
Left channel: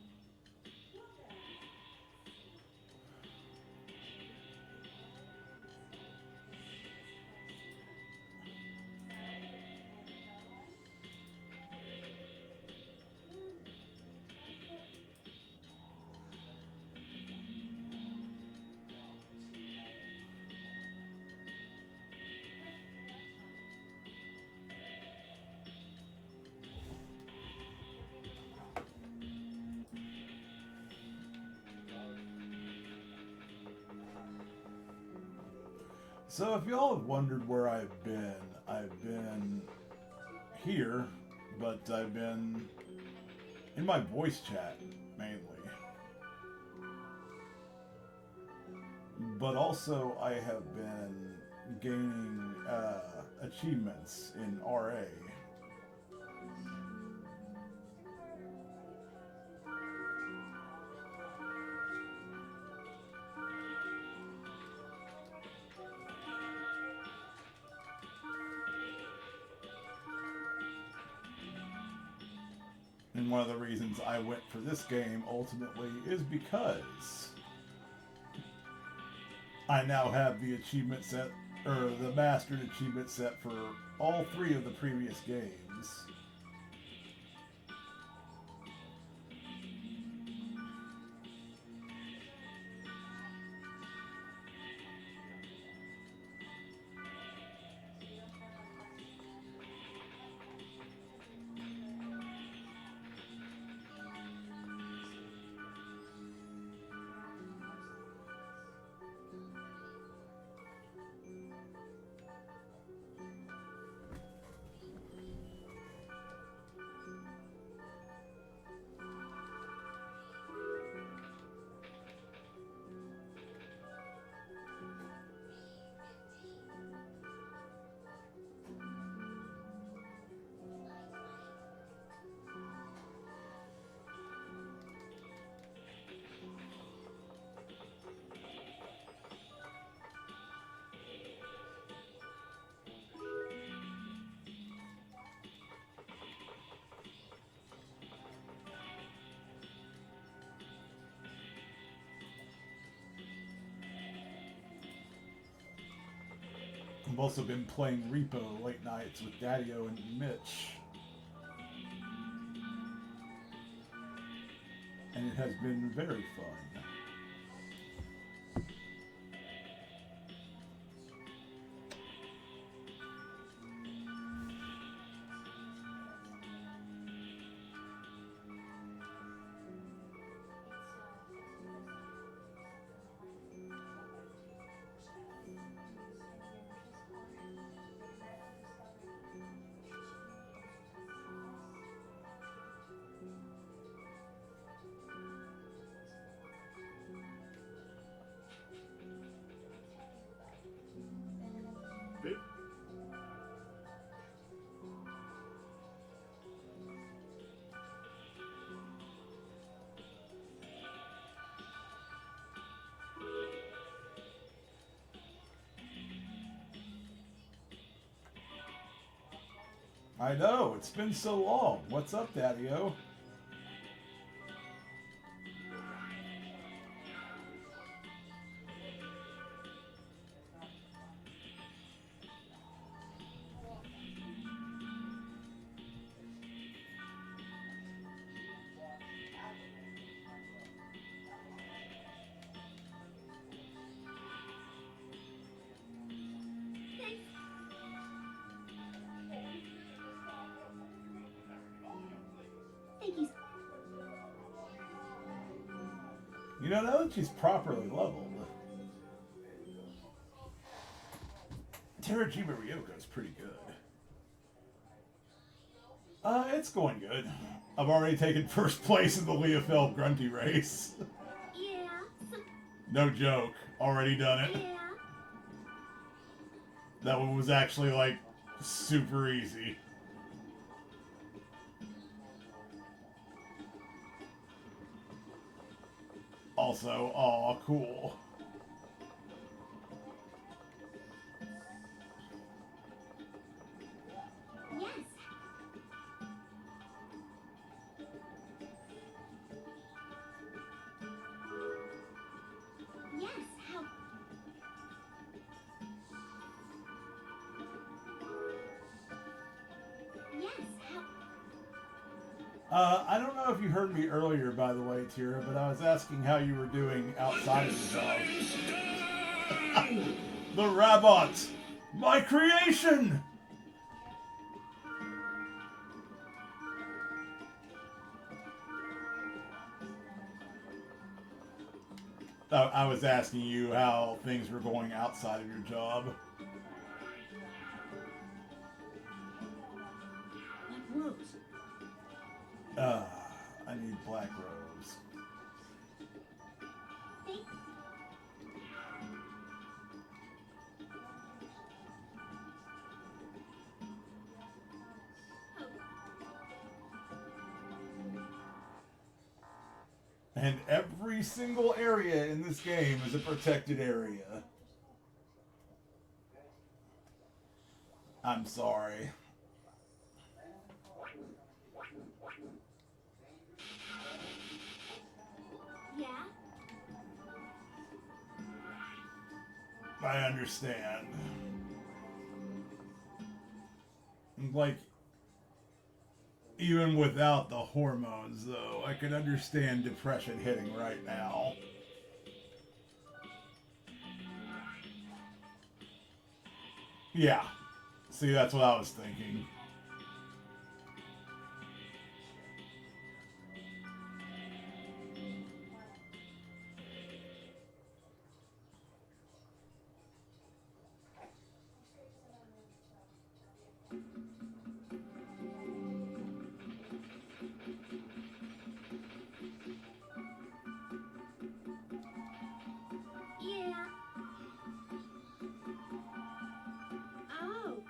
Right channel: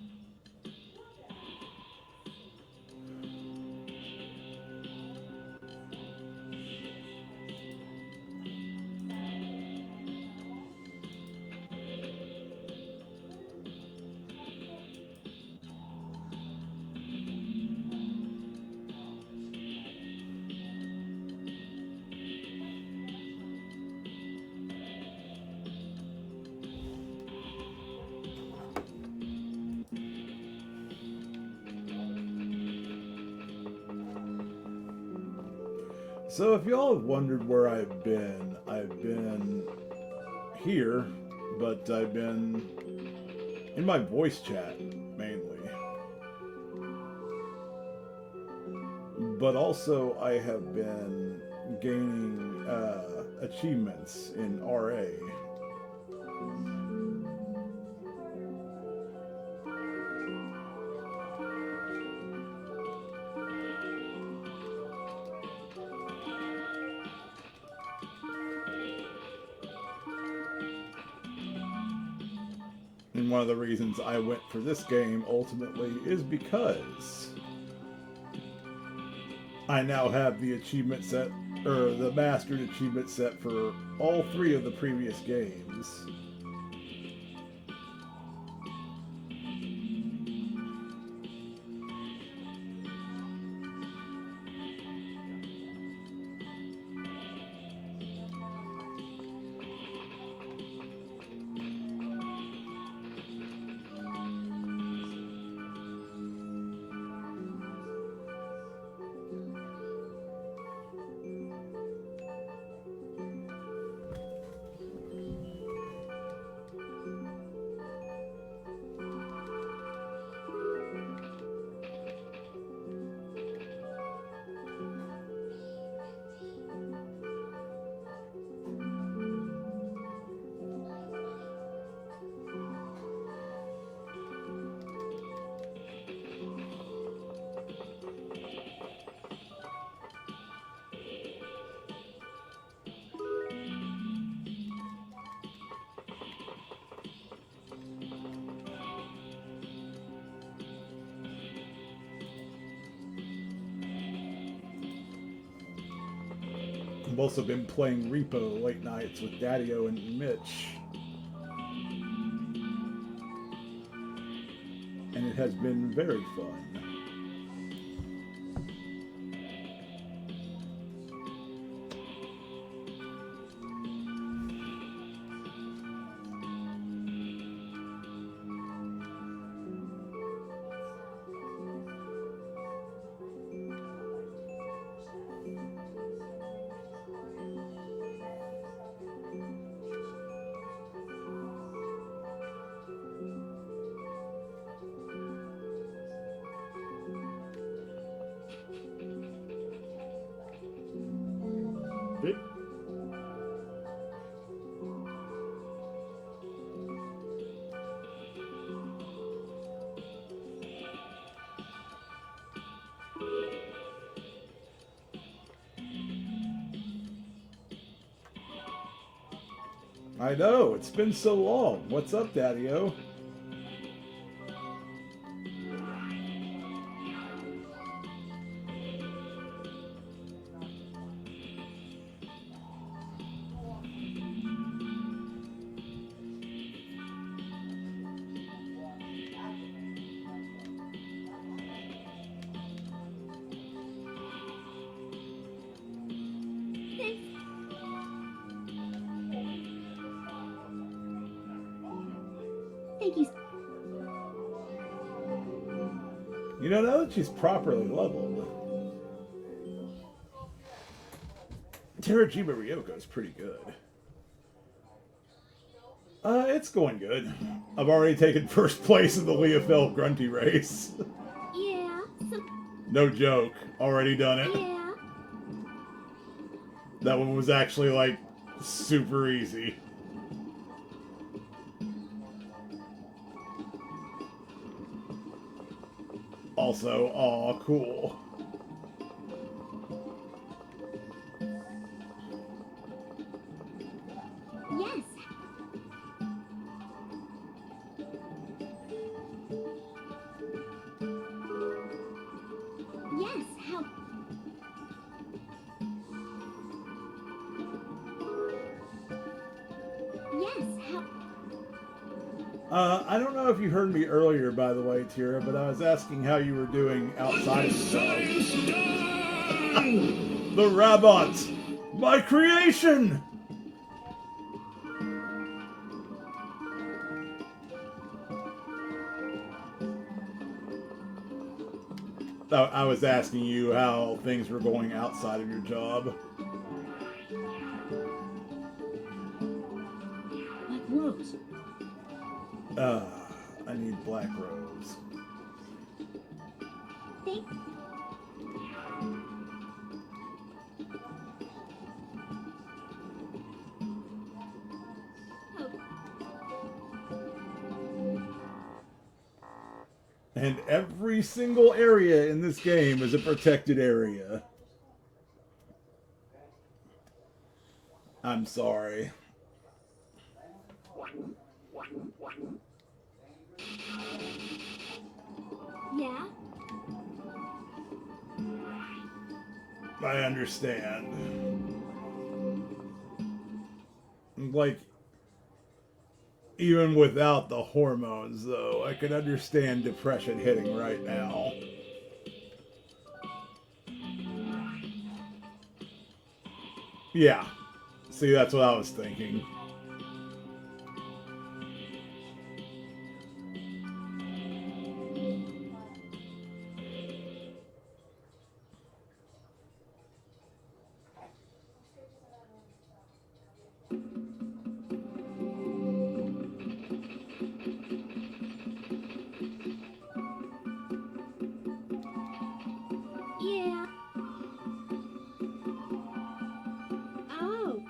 So if y'all have wondered where I've been here, but I've been in my voice chat mainly. but also I have been gaining achievements in RA. And one of the reasons I went for this game ultimately is because I now have the achievement set, or the mastered achievement set for all 3 of the previous games. I've also been playing Repo late nights with Daddy-O and Mitch. And it has been very fun. Vic? I know, it's been so long. What's up, Daddy-O? Thank you. You know, now that she's properly leveled, Terajima Ryoko is pretty good. It's going good. I've already taken first place in the Leofel Grunty race. Yeah. No joke. Already done it. Yeah. That one was actually, like, super easy. Also, aw, cool. Yes. Yes. How? Yes. How? I don't know if you heard me earlier, by the way, Tira, but I was asking how you were doing outside of the job. The Rabot! My creation! I was asking you how things were going outside of your job. Black Rose. I need Black Rose. Thank And every single area in this game is a protected area. I'm sorry. Yeah? I understand. Like, even without the hormones, though, I can understand depression hitting right now. Yeah. See, that's what I was thinking. Yeah. Oh.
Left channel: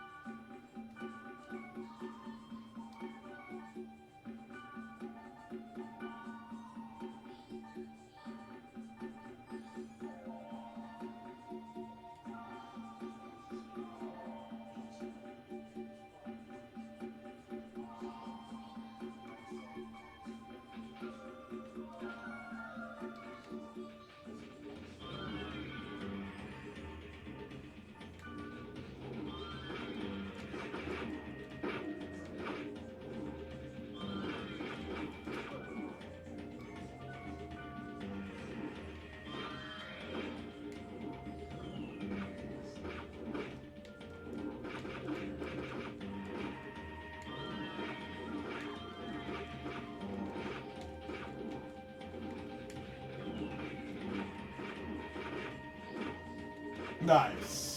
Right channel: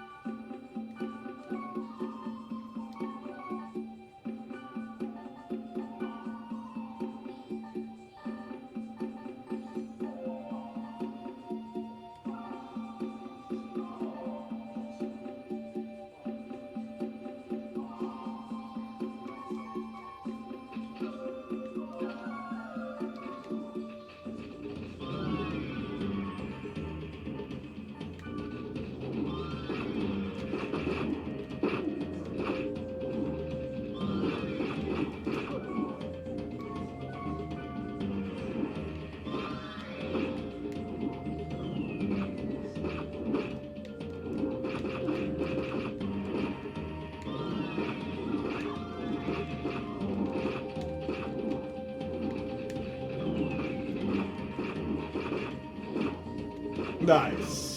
Nice.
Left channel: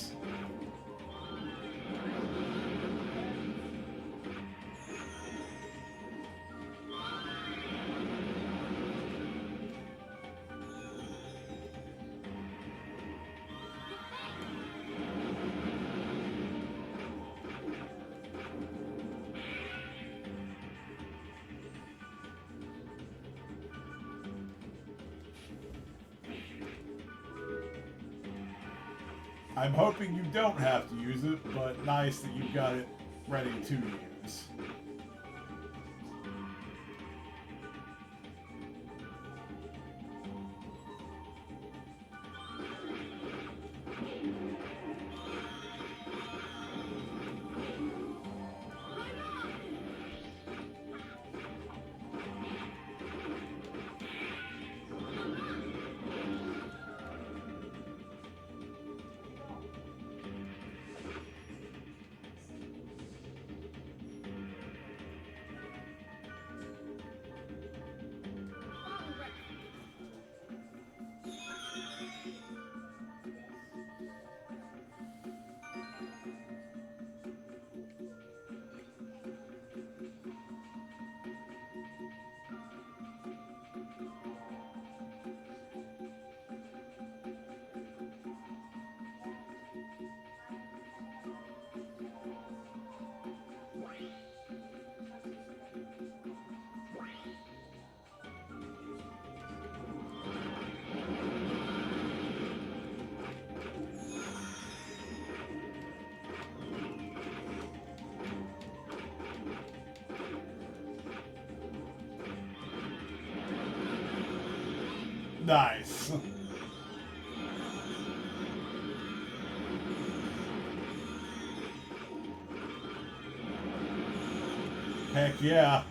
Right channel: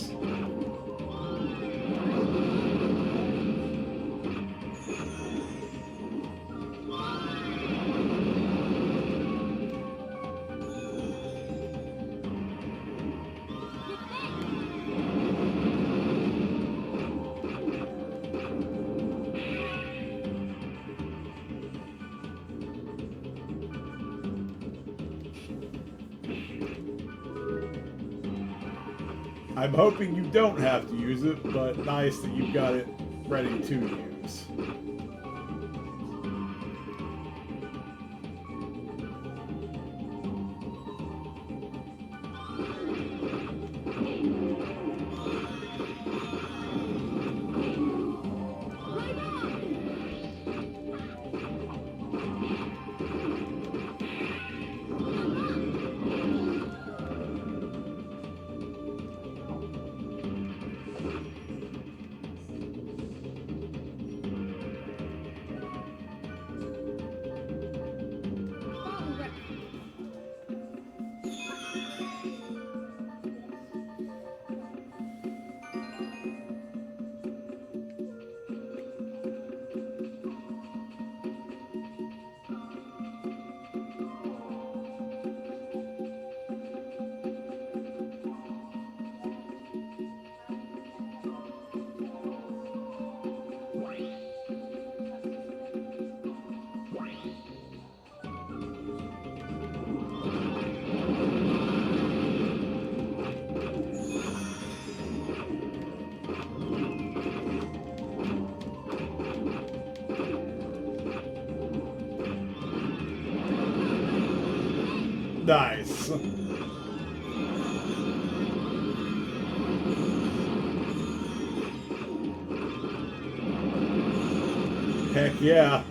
I'm hoping you don't have to use it, but nice that you've got it ready to use. Nice. Heck yeah.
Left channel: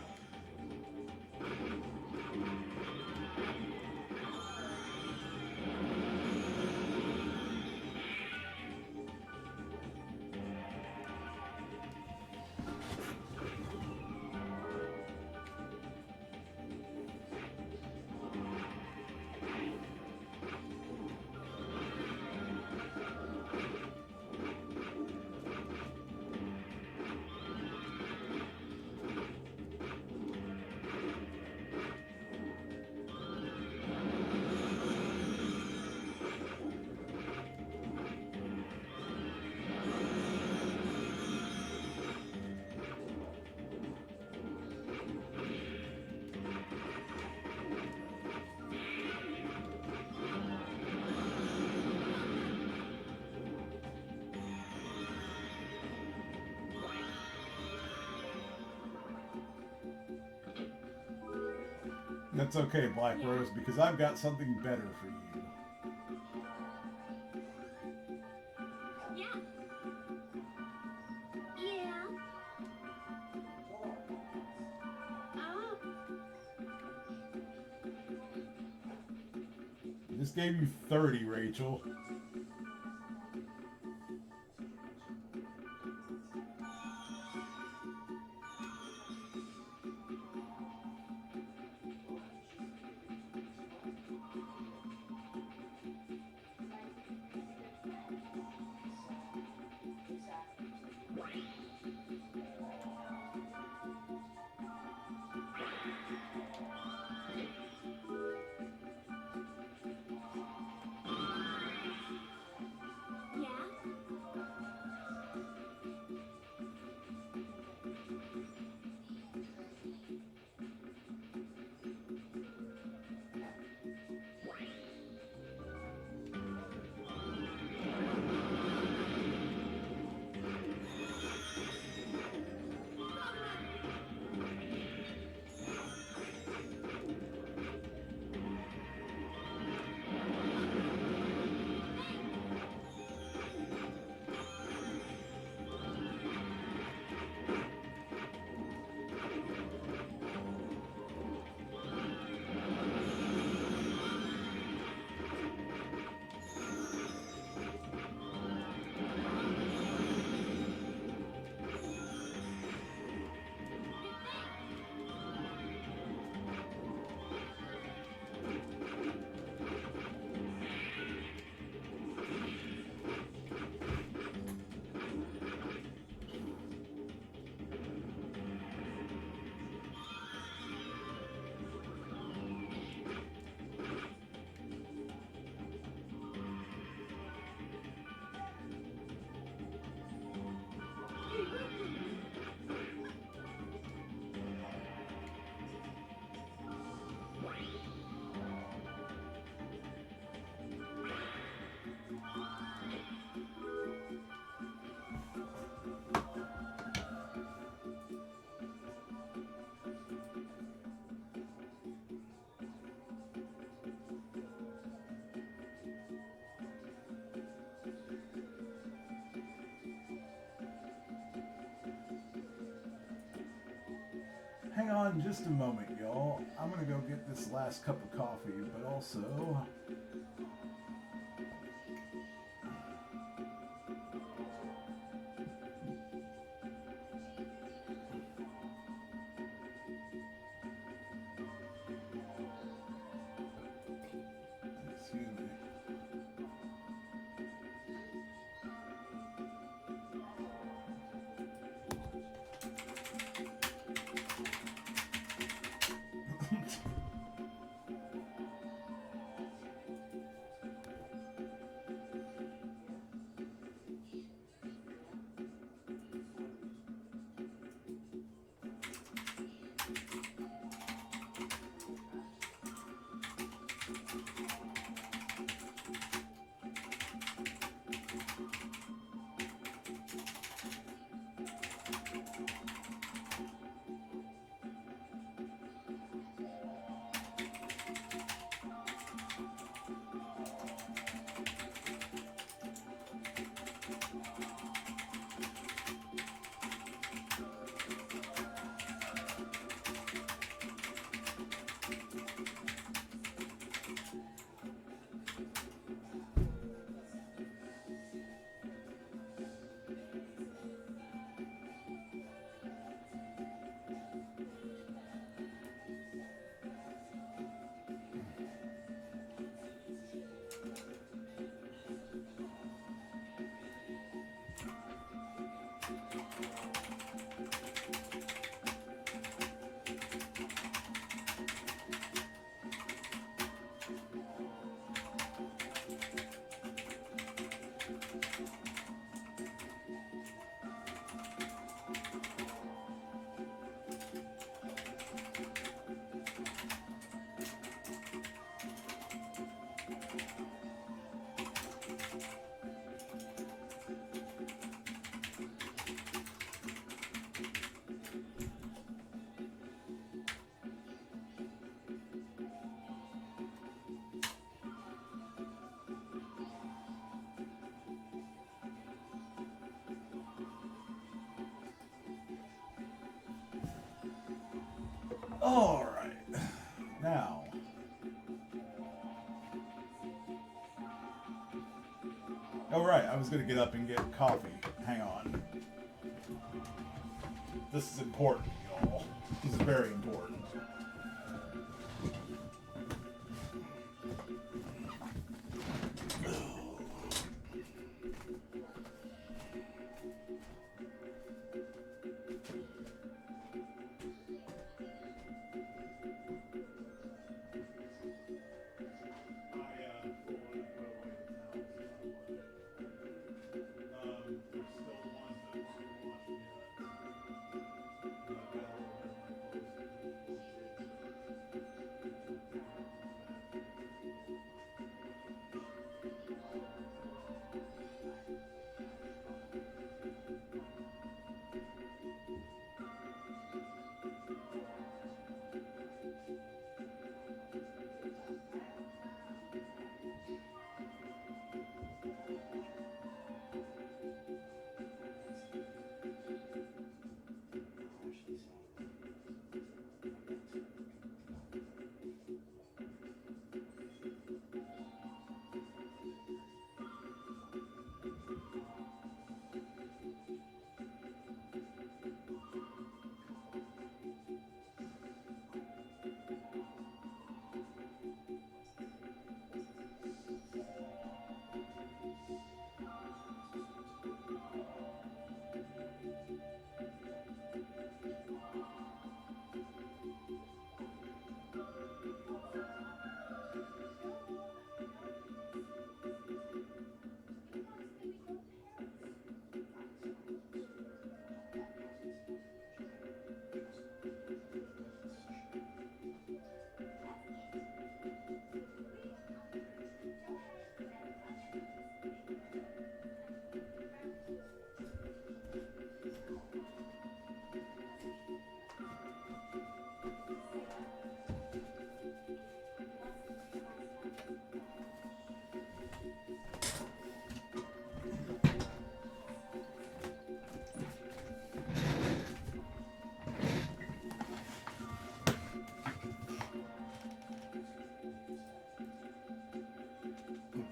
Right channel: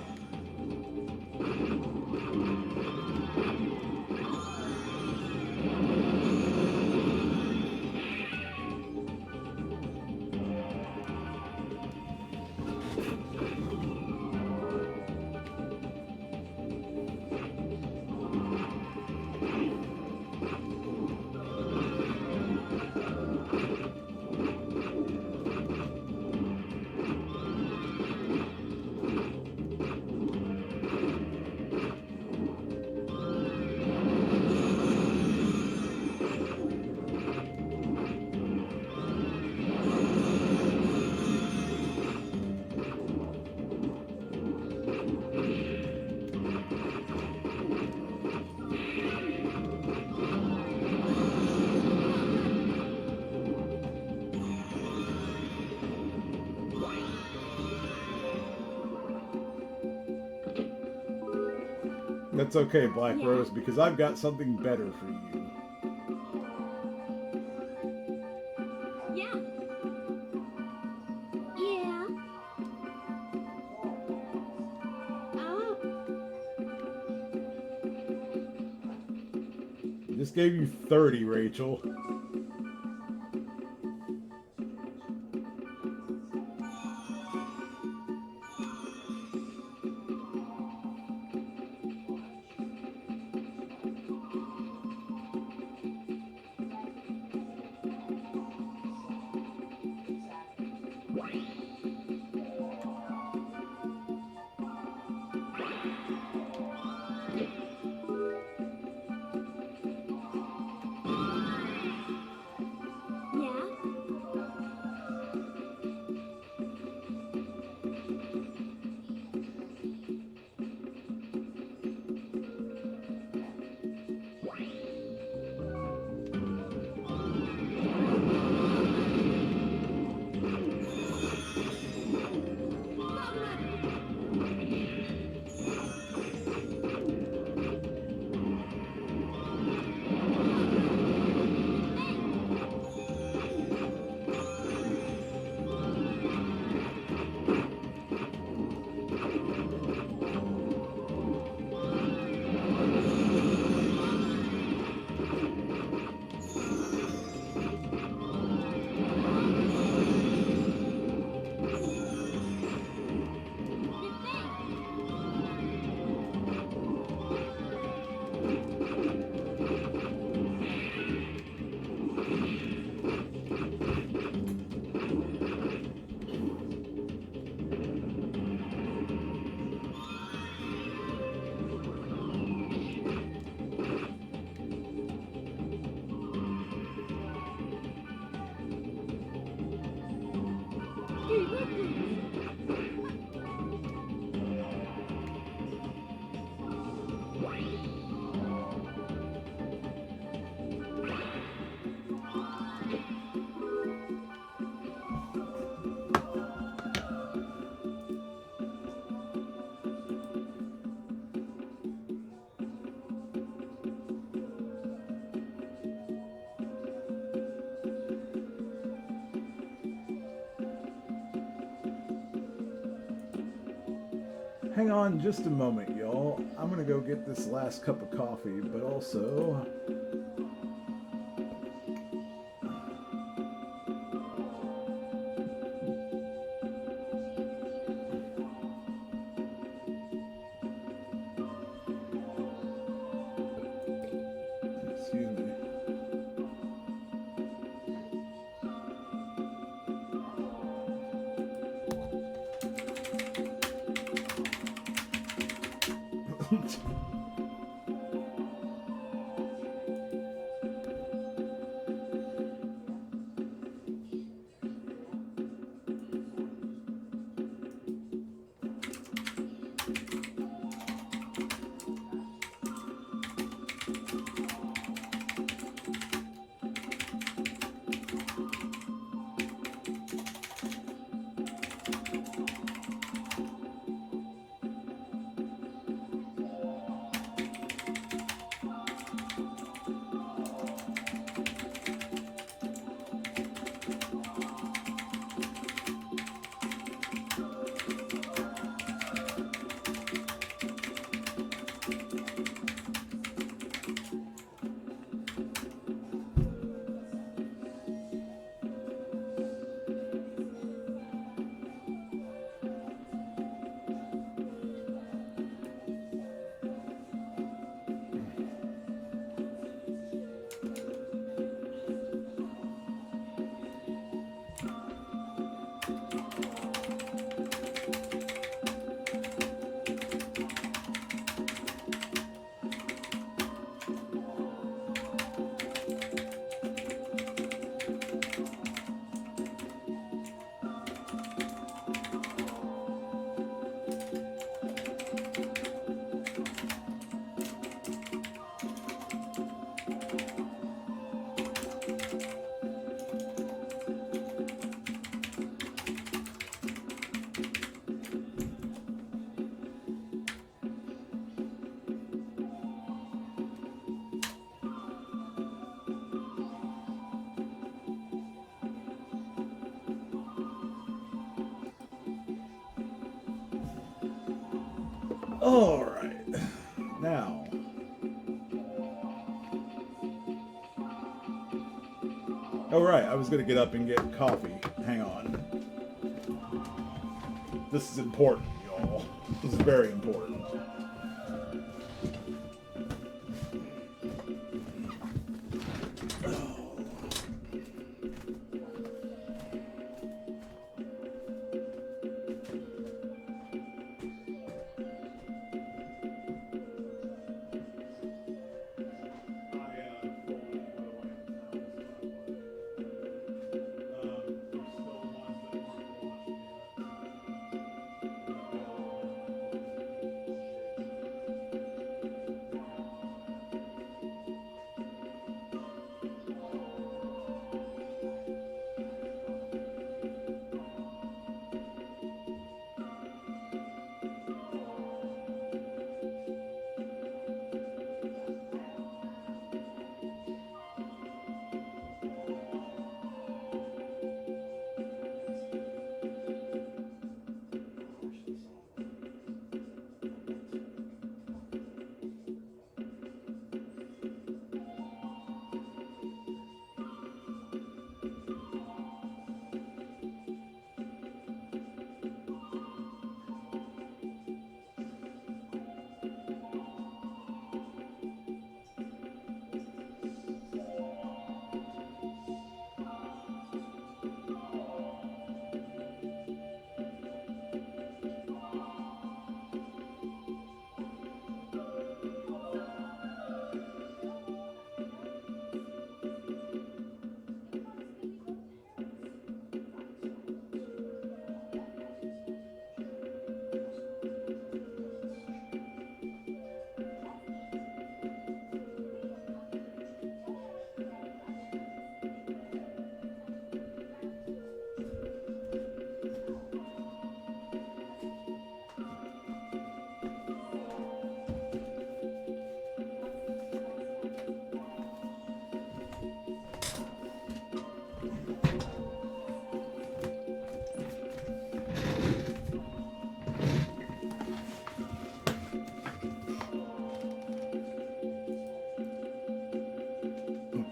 That's okay, Black Rose, because I've got something better for you. Yeah. Yeah. Oh. Just gave you 30, Rachel. Hang on just a moment, y'all. I'm gonna go get this last cup of coffee, but also... Excuse me. All right. Now. Oh, right. I was going to get up and get coffee. Hang on. This is important, y'all. This is very important.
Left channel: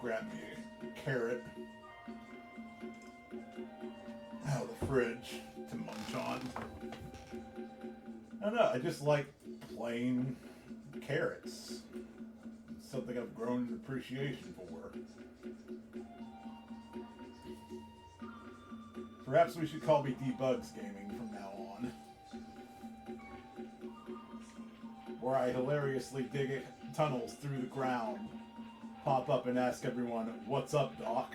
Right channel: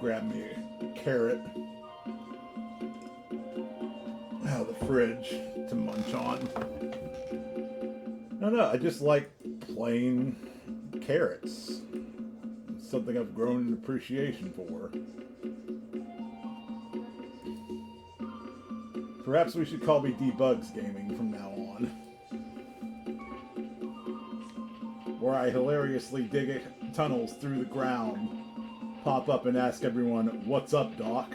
Grab me a carrot out of the fridge to munch on. No, I just like plain carrots. It's something I've grown an appreciation for. Perhaps we should call me Debugs Gaming from now on. Where I hilariously dig tunnels through the ground, pop up and ask everyone, "What's up, Doc?"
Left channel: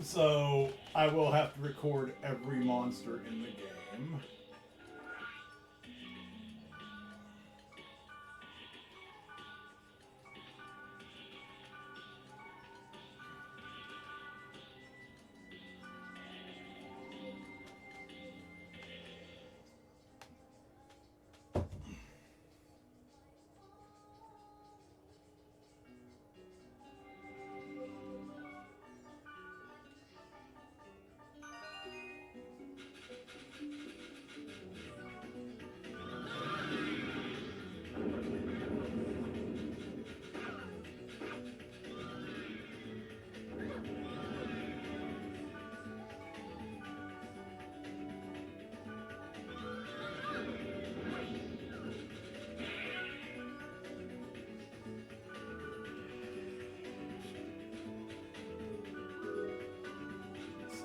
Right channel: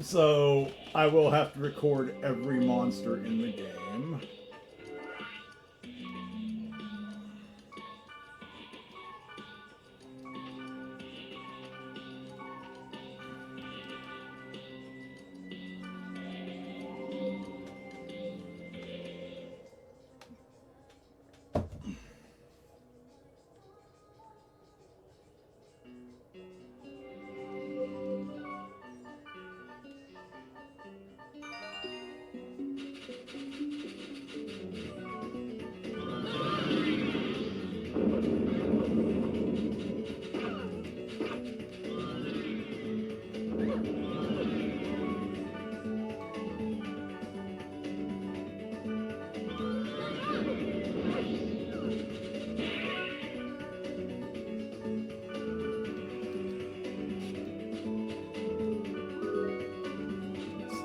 So, I will have to record every monster in the game.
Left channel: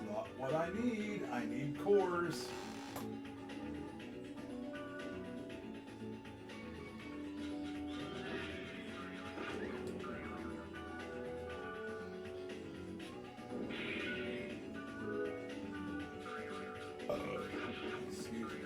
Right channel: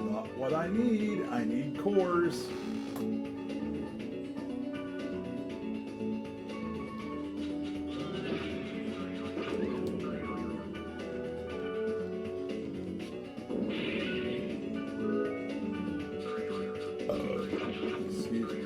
not what I need. I need cores. Excuse me.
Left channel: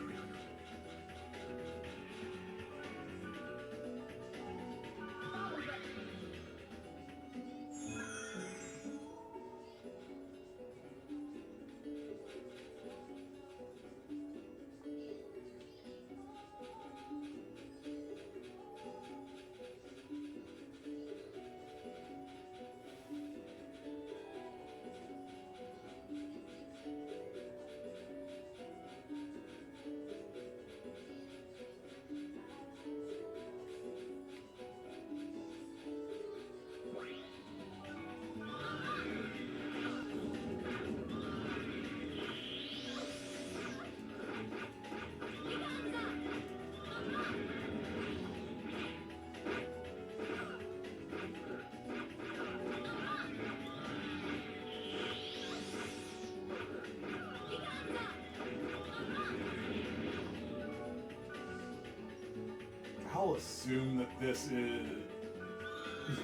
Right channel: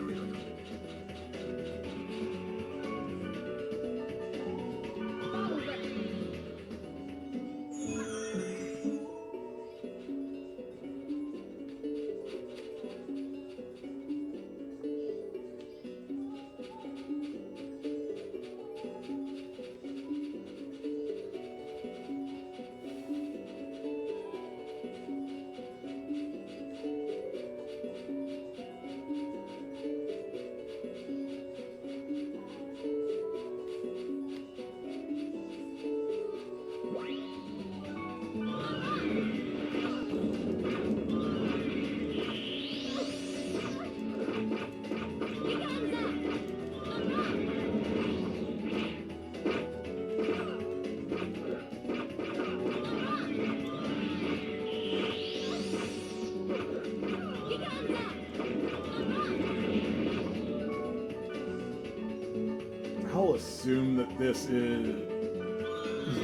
I'll assume that this is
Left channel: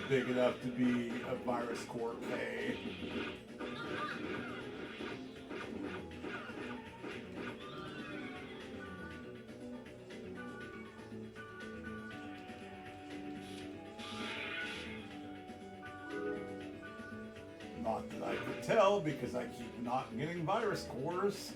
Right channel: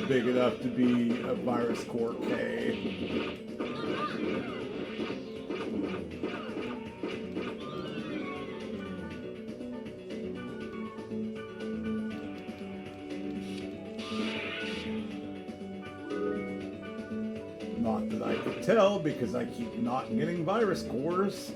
big enough to be a Virus Core K. Not that I could tell because I keep not getting virus cores.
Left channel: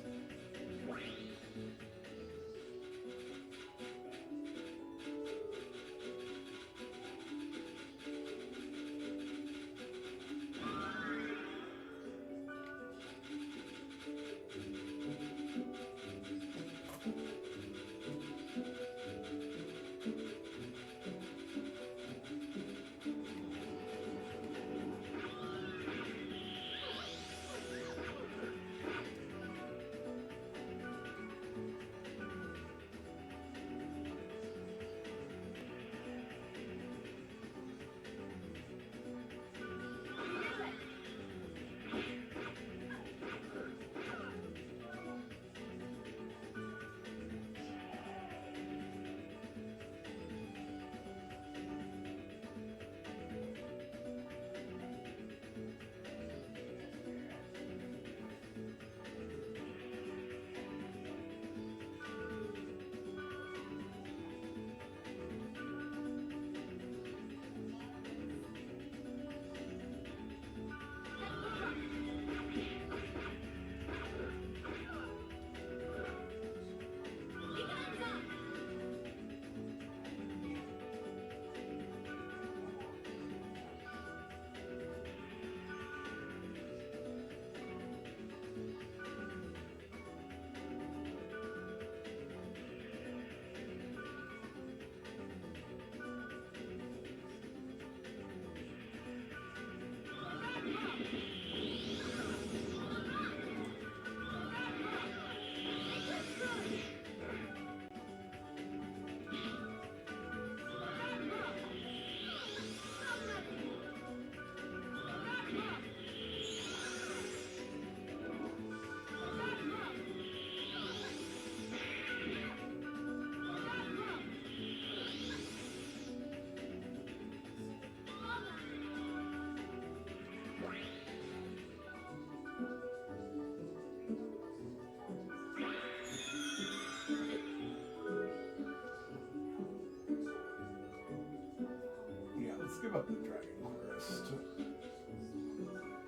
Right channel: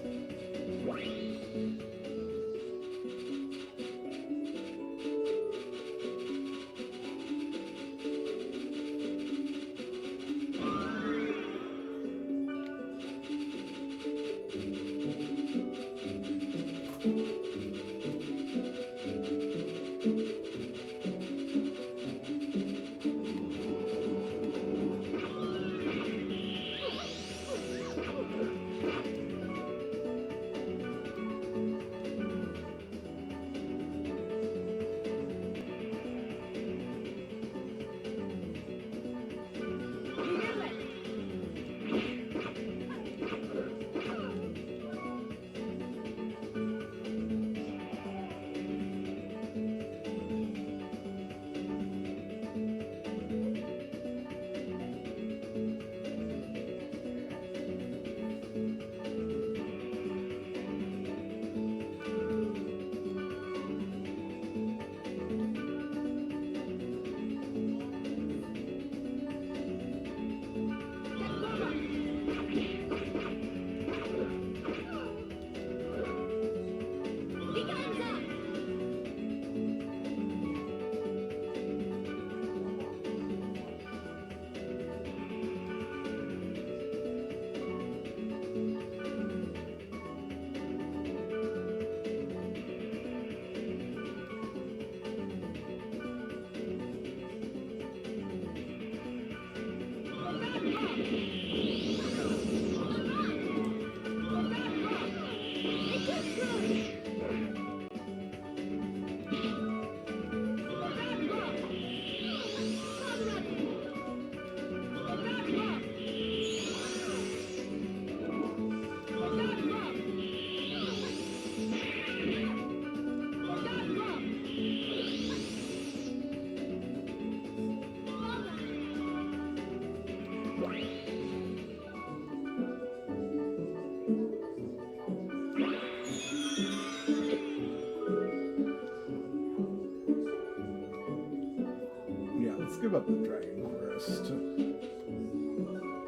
Give up the Dragon Quest.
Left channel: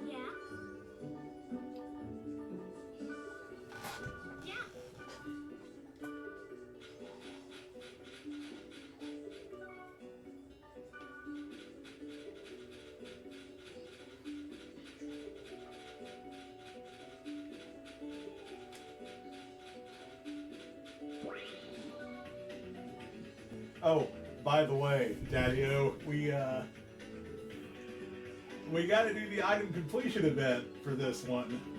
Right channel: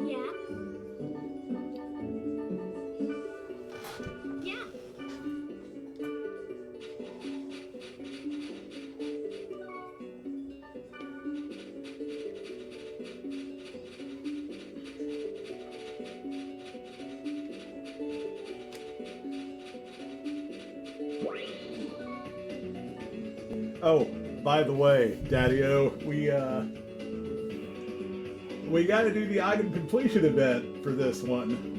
Yeah? Yeah. Oh, by the way, Daddy-O, we got to do the item completion event for this one.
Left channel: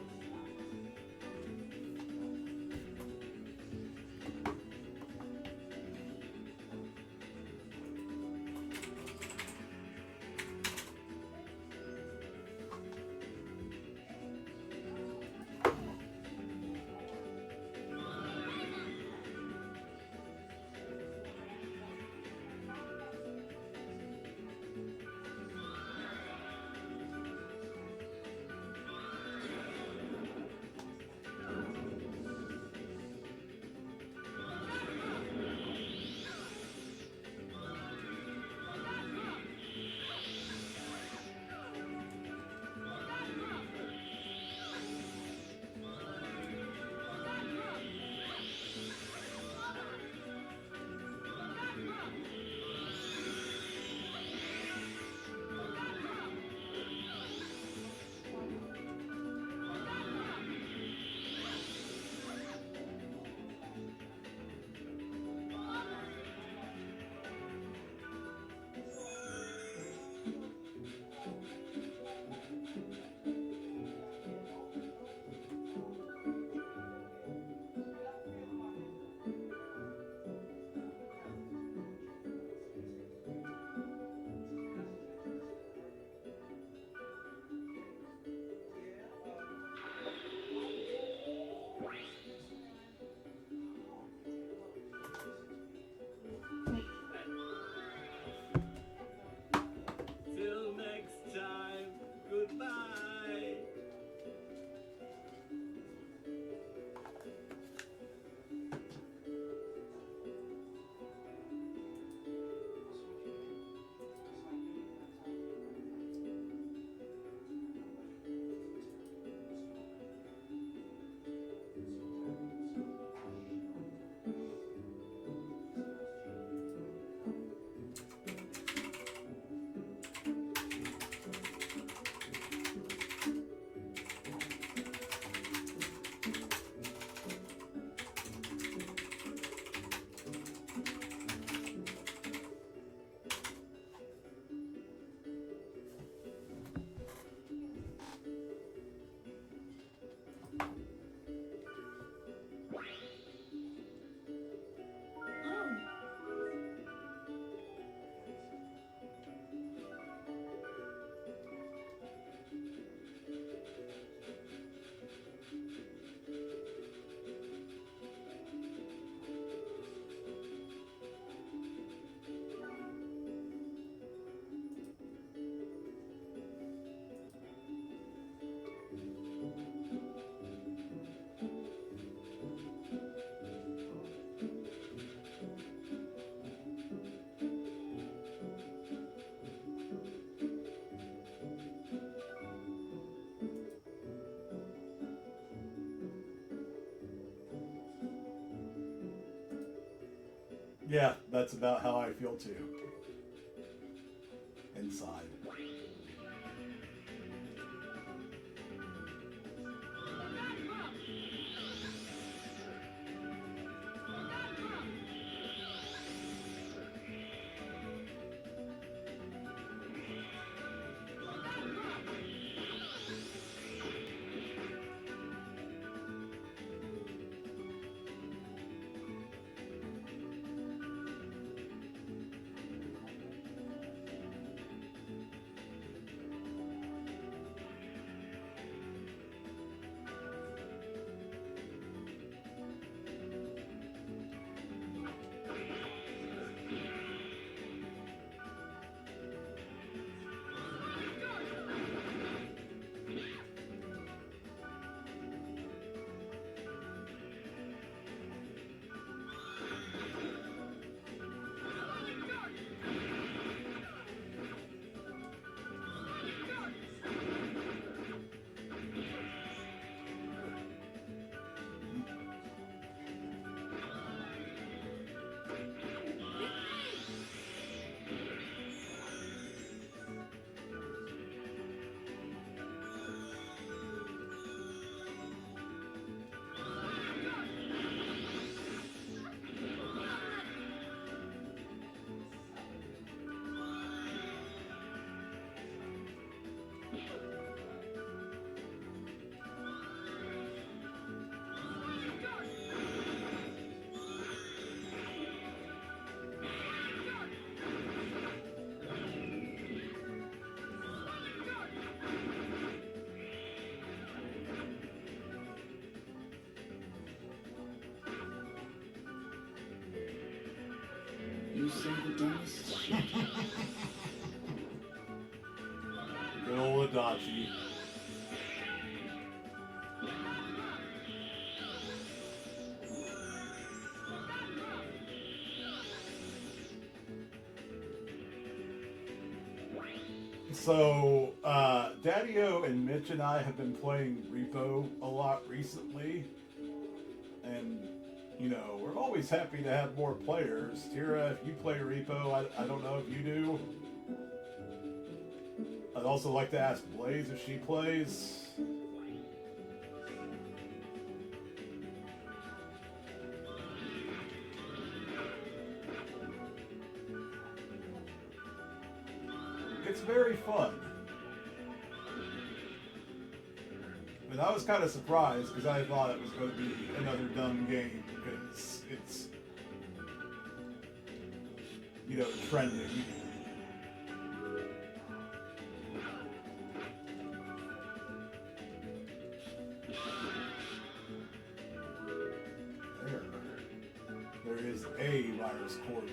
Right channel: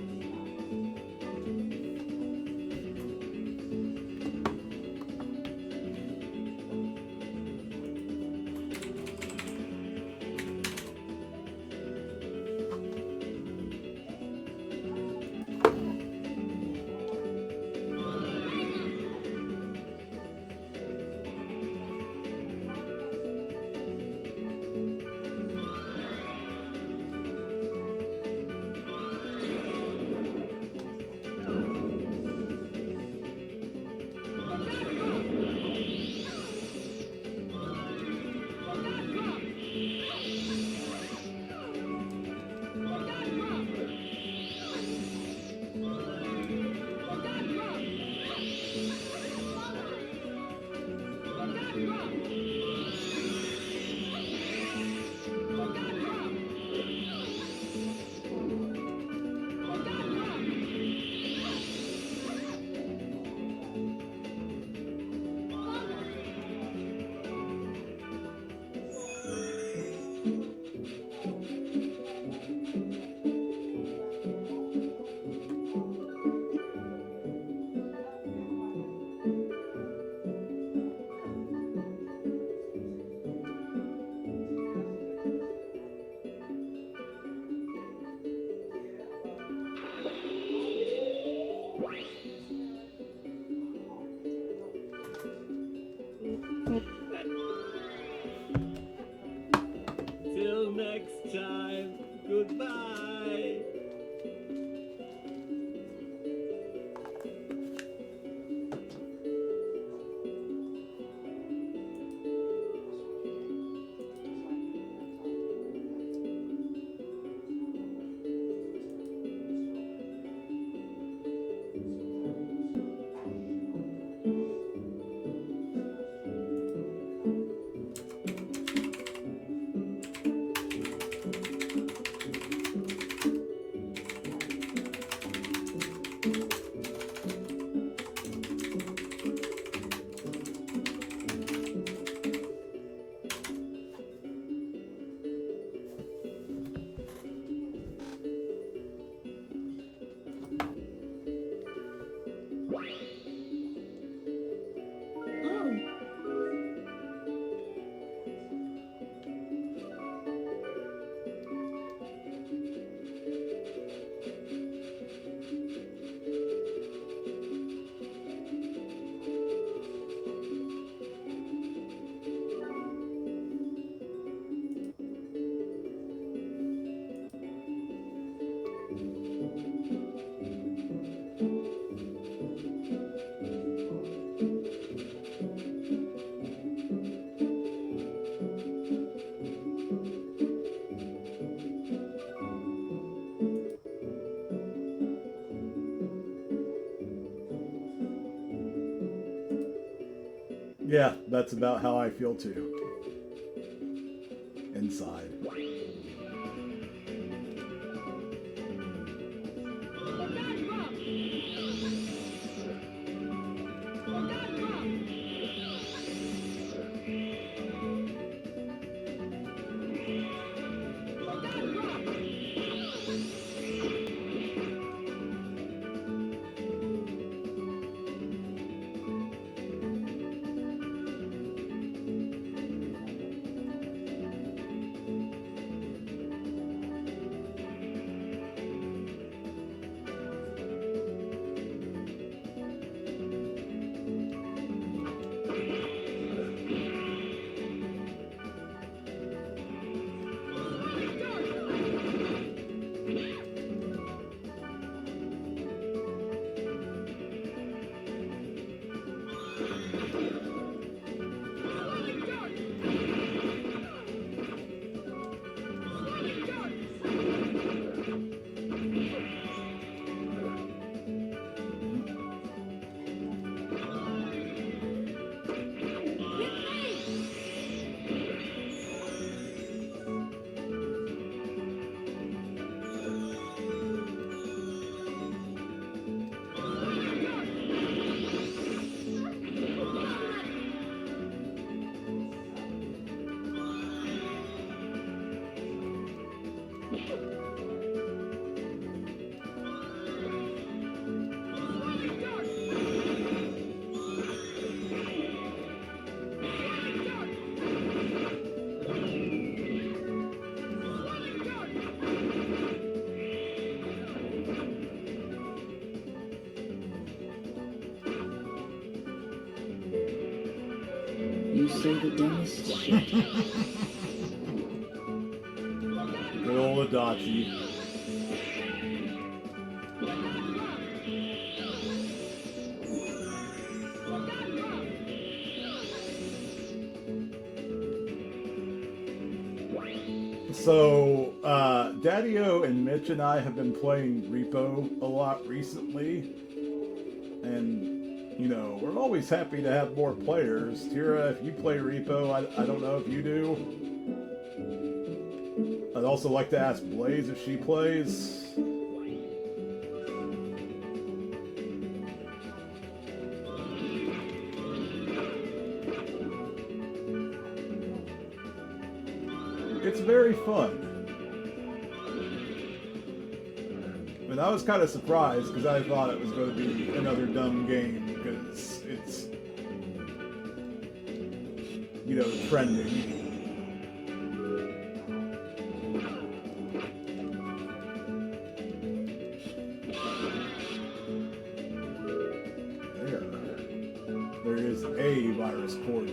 Yeah, that's about how I feel too. Inside. You say the dumbest shit. Good old Adachi. So, Daddy-O and Mitch and I have been playing Repo a lot recently. And, you know, we're always happy to have more players. Tira, if you play Repo, I don't know if you do. I'd also like to ask Blaze if she plays. It's very fun. I mean, I was kind of surprised because I thought it was going to be another dumb game because it's, you know, trending. There is a Virus Core J.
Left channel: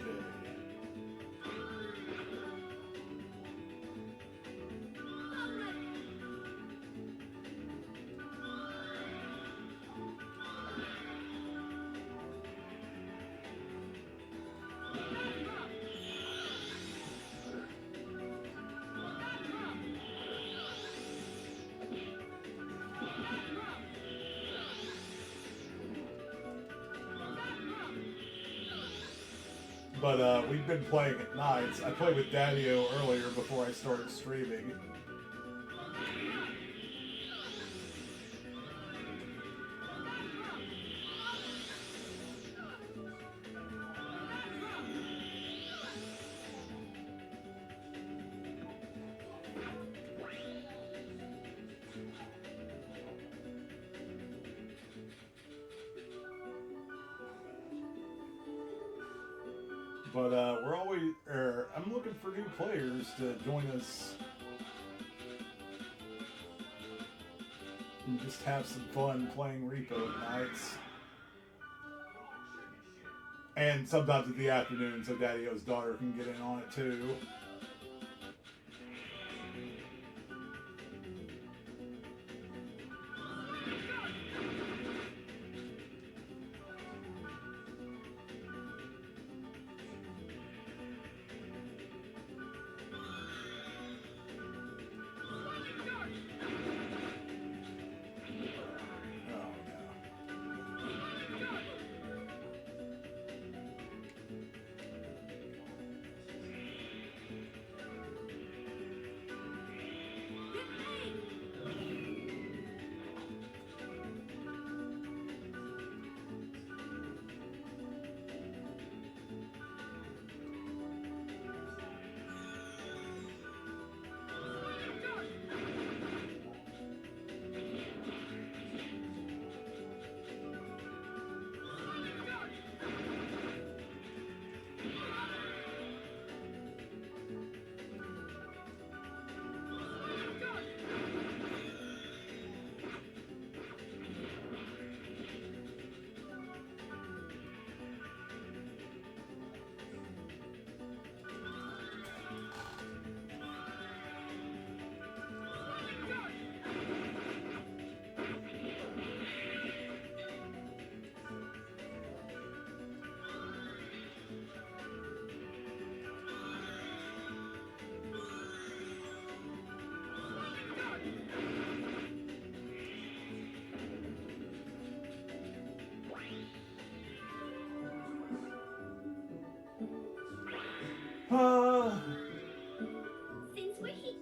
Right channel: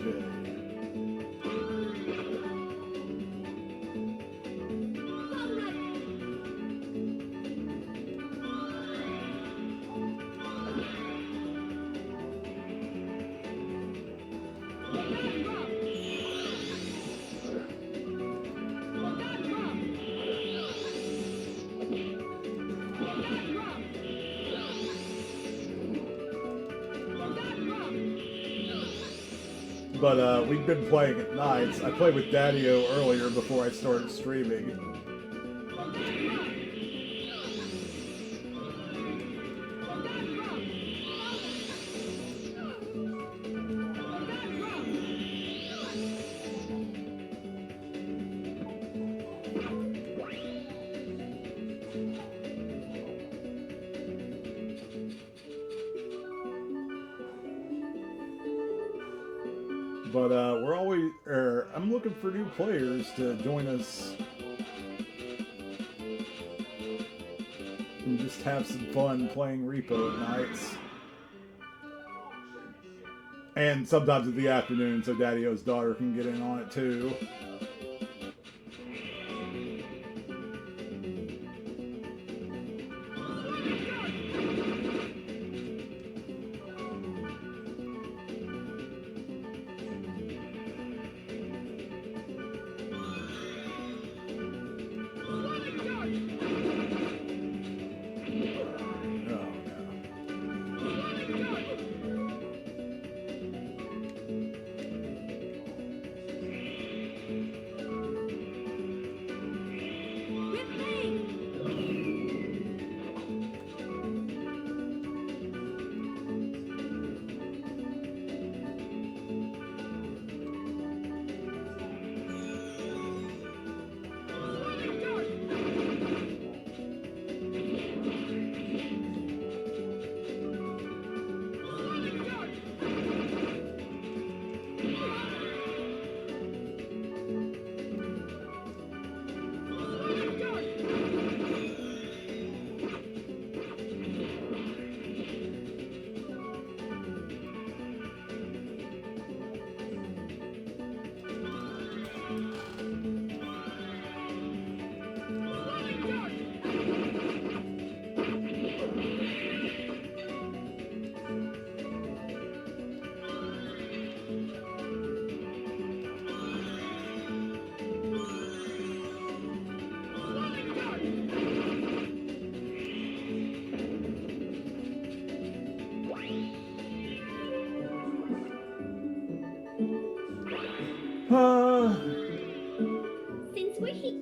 But we've been playing at nights. I played with Daddy-O earlier before I started streaming. But we're always, I'm looking for new players to join us and just have some fun playing Repo at nights. And sometimes in the afternoon so Daddy-O's daughter can get in on it too. Since we're here.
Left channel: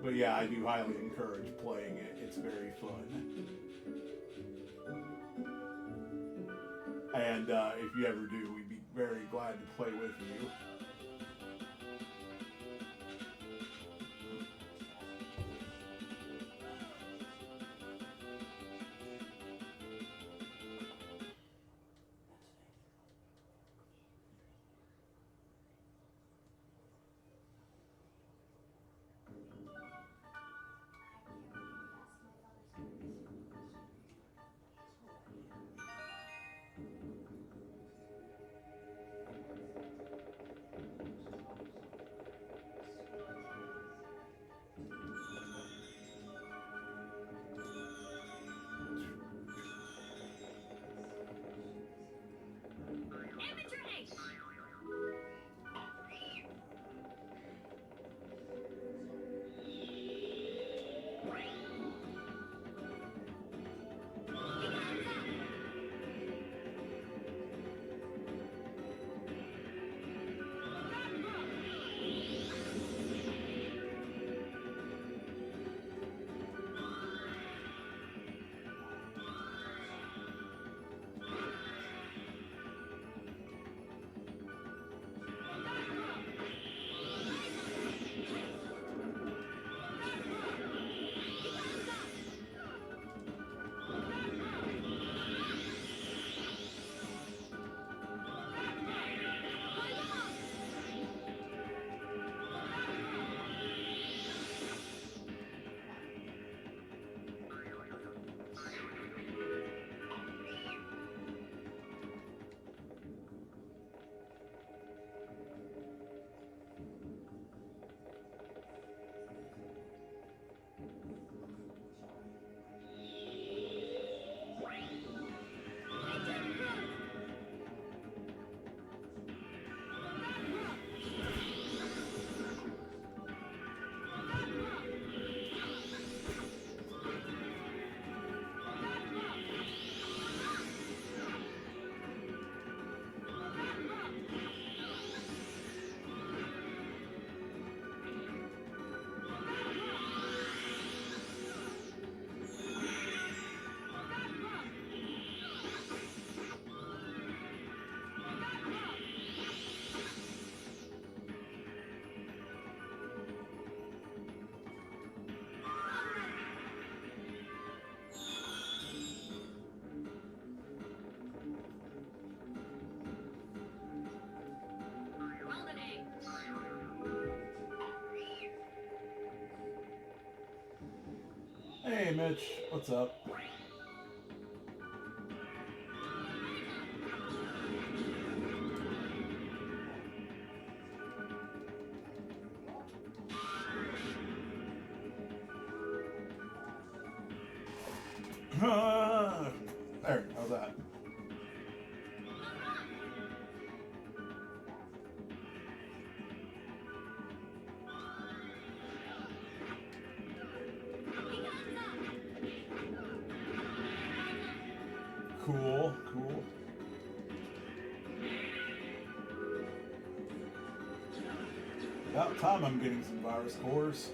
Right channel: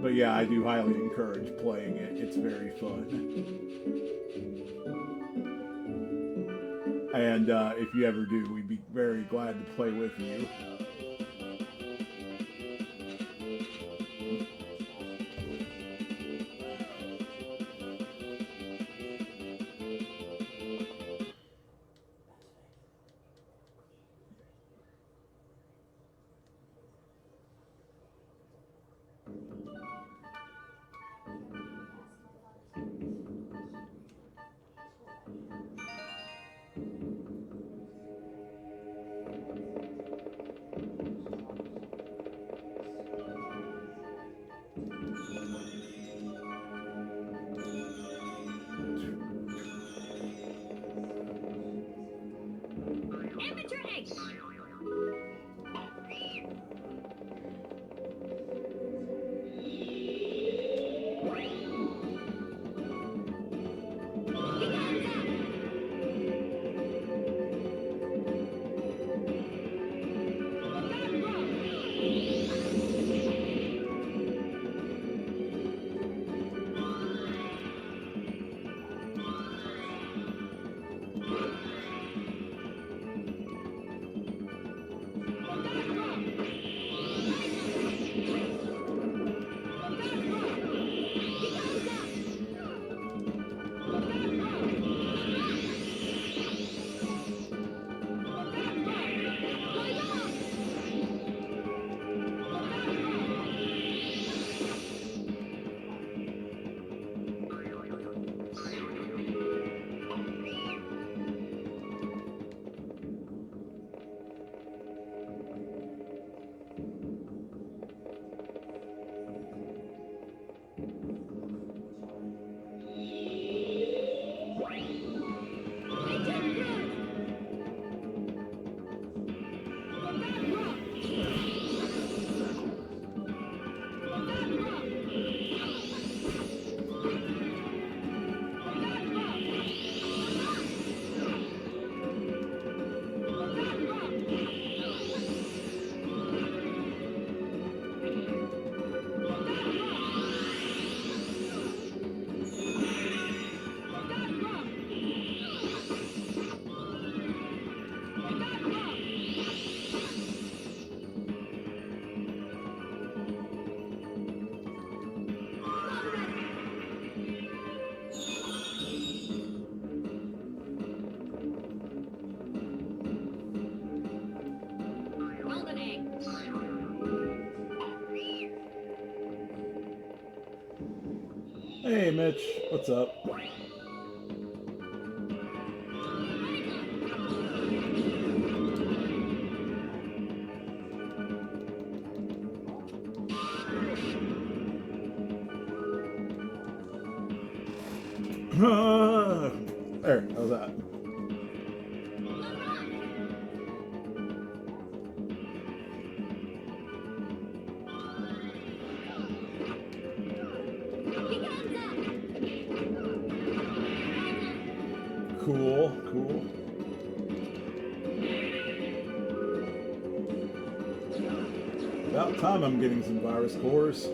But yeah, I do highly encourage playing it. It's very fun. And if you ever do, we'd be very glad to play with you. Hey, Mitch. What's up? There, how's that? Cool, cool. About time I'm getting some virus cores.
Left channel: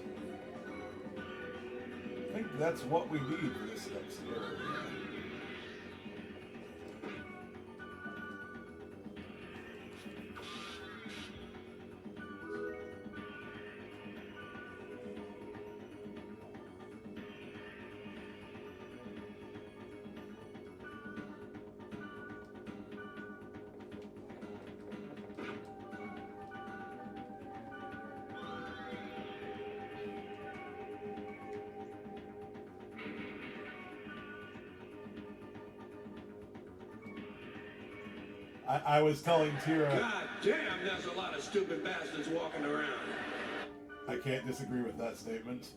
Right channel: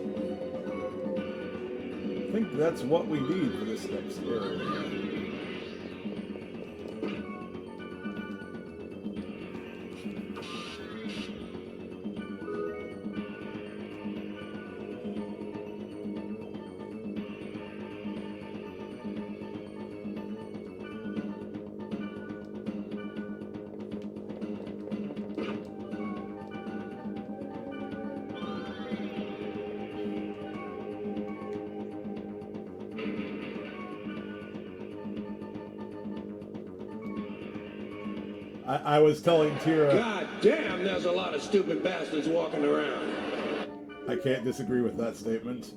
I think that's what we need for this next area. I was telling Tira... God damn, there's a lot of stupid bastards walking around. I can't disagree with that statement.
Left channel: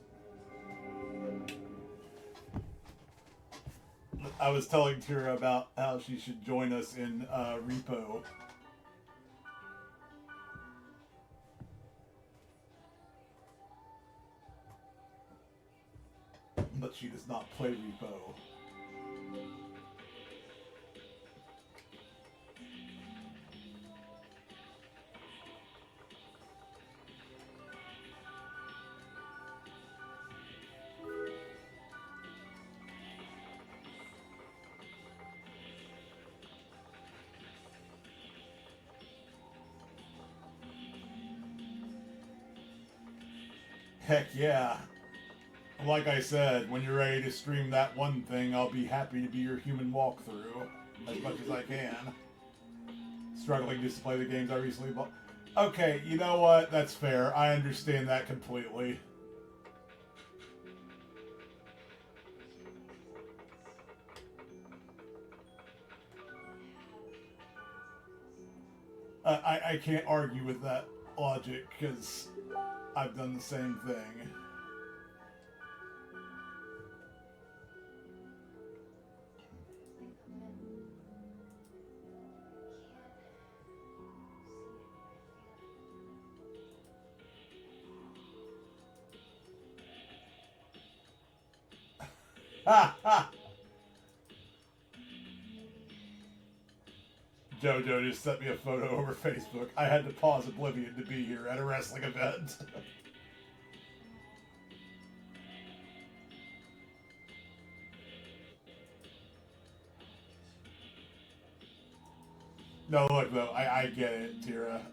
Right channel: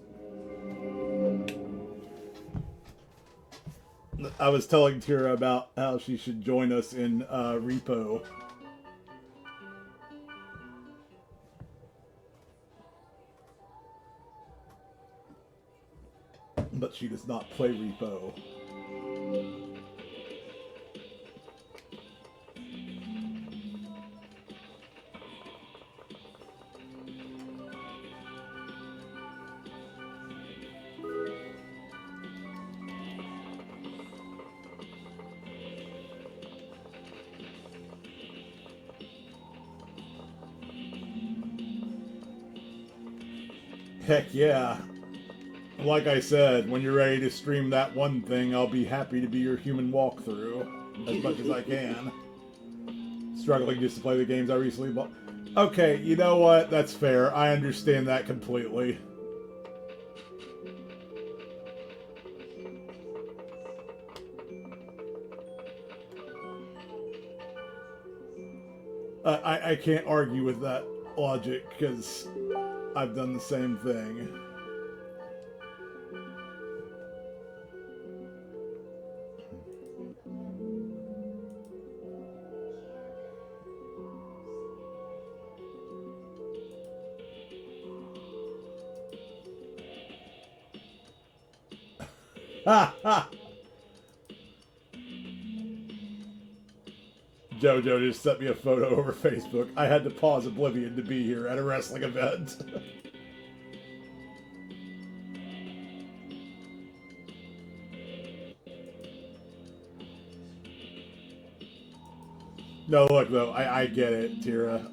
I was telling Tira about how she should join us in Repo. But she does not play Repo. Heck yeah. Like I said, when you're ready to stream that one thing, I'll be happy to be your human walkthrough as much as I can. Struggling just to play the games I recently bought. Okay, you know what? That's fair. I understand that completely. I can't argue with that logic, because I've done the same thing. Ha ha! JoJo just sent me a photo over Facebook. I had to pause Oblivion to be here at a wrestling event. No, look though, I get it, Tira.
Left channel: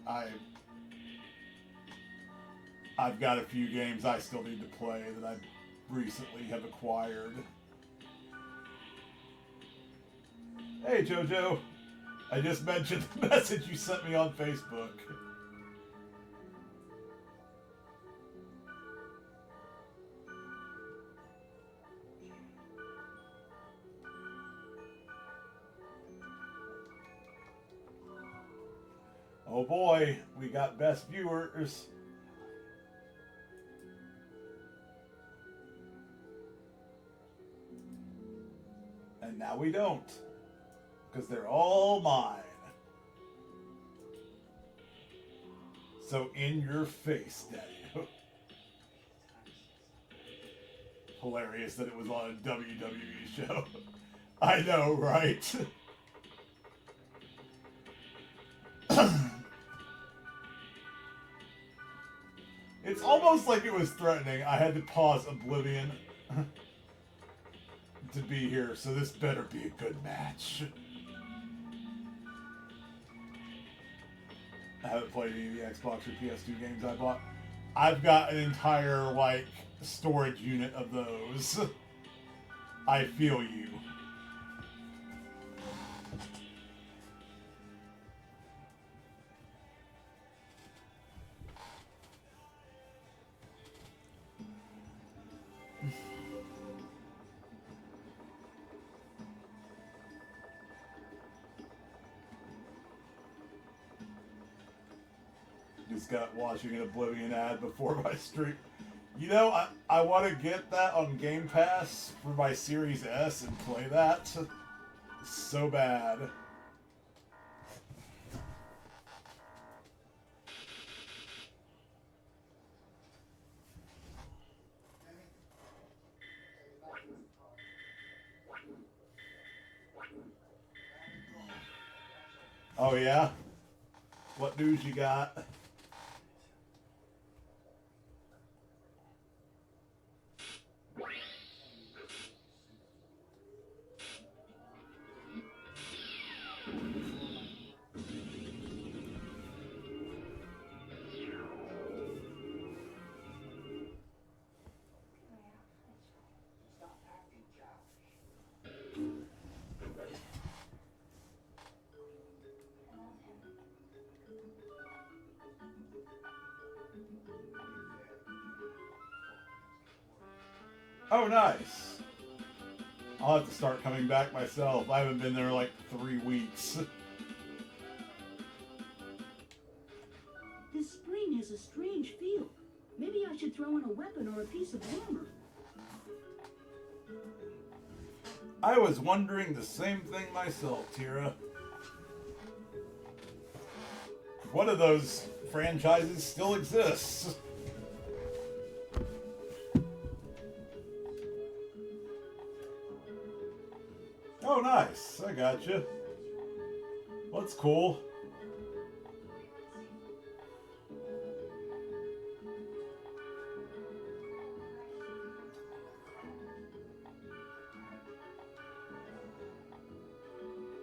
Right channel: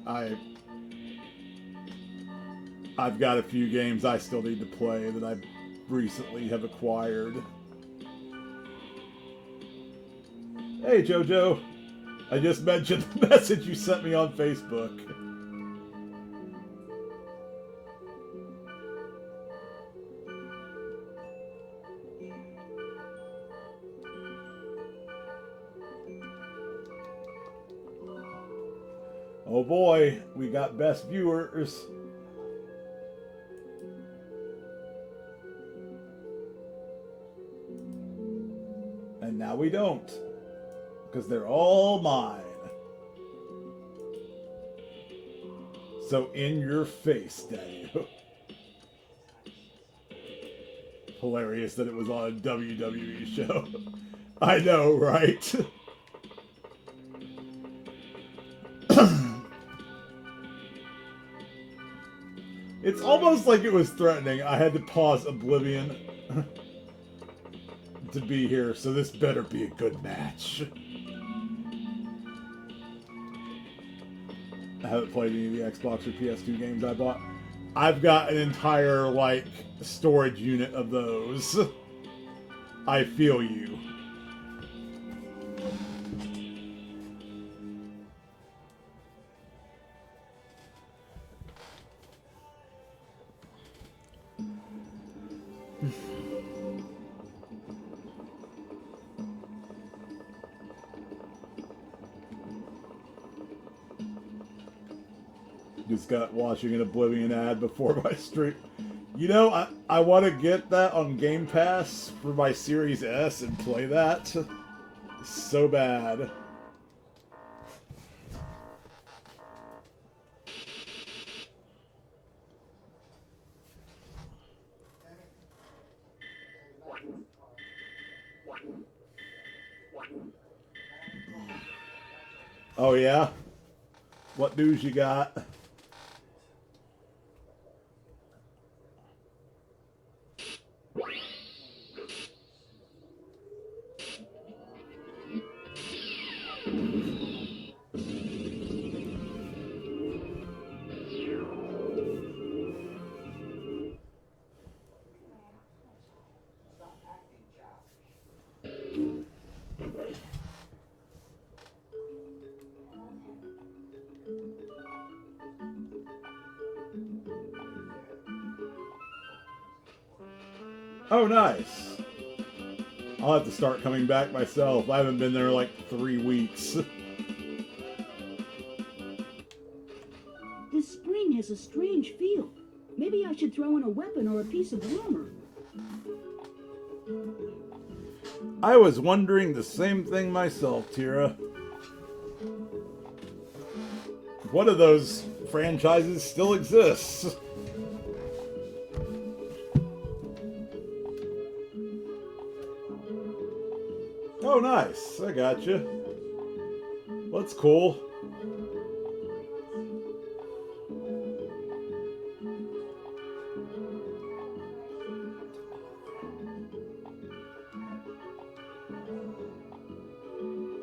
I've got a few games I still need to play that I recently have acquired. Hey JoJo, I just mentioned the message you sent me on Facebook. Oh boy, we got best viewers. And now we don't. Because they're all mine. So in your face, Daddy. Hilarious that it was on a WWE show. I know, right? It's almost like it was threatening. I had to pause Oblivion to be here, so this better be a good match. I haven't played any of the Xbox or PS2 games I bought. I've got an entire, like, storage unit of those. I feel you. Just got watching an Oblivion ad before my stream. You know, I want to get that on Game Pass for my Series S and play that. So bad. Oh yeah? What news you got? Oh, nice. I'll have to start coming back myself. I haven't been there like 3 weeks. This spring has a strange feel. Maybe I should throw in a weapon or a piece of armor. I was wondering the same thing myself, Tira. One of those franchises still exists. Oh, nice. I got you. That's cool.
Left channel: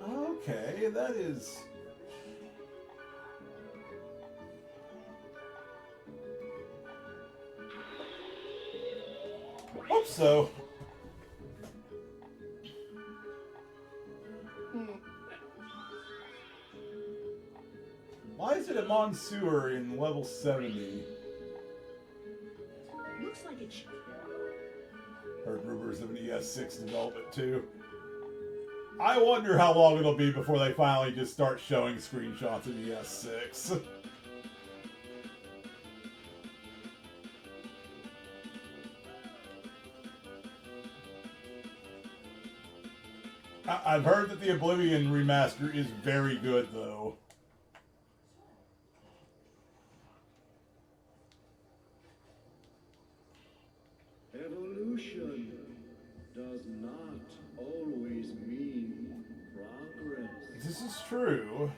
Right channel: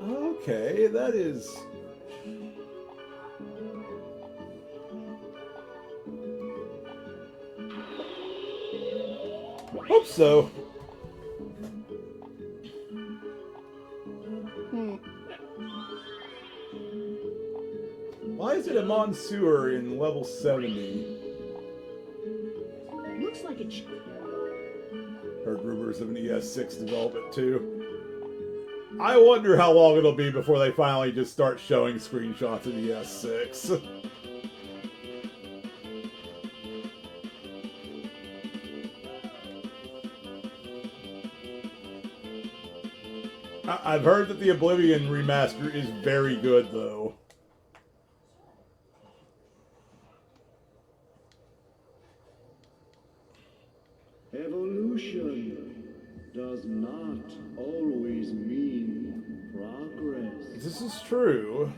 Okay, that is... Hope so. Why is it a Monsoor in level 70? Looks like it's... Heard rumors of an ES6 development too. I wonder how long it'll be before they finally just start showing screenshots of ES6. I've heard that the Oblivion remaster is very good though. Evolution does not always mean progress. This is true.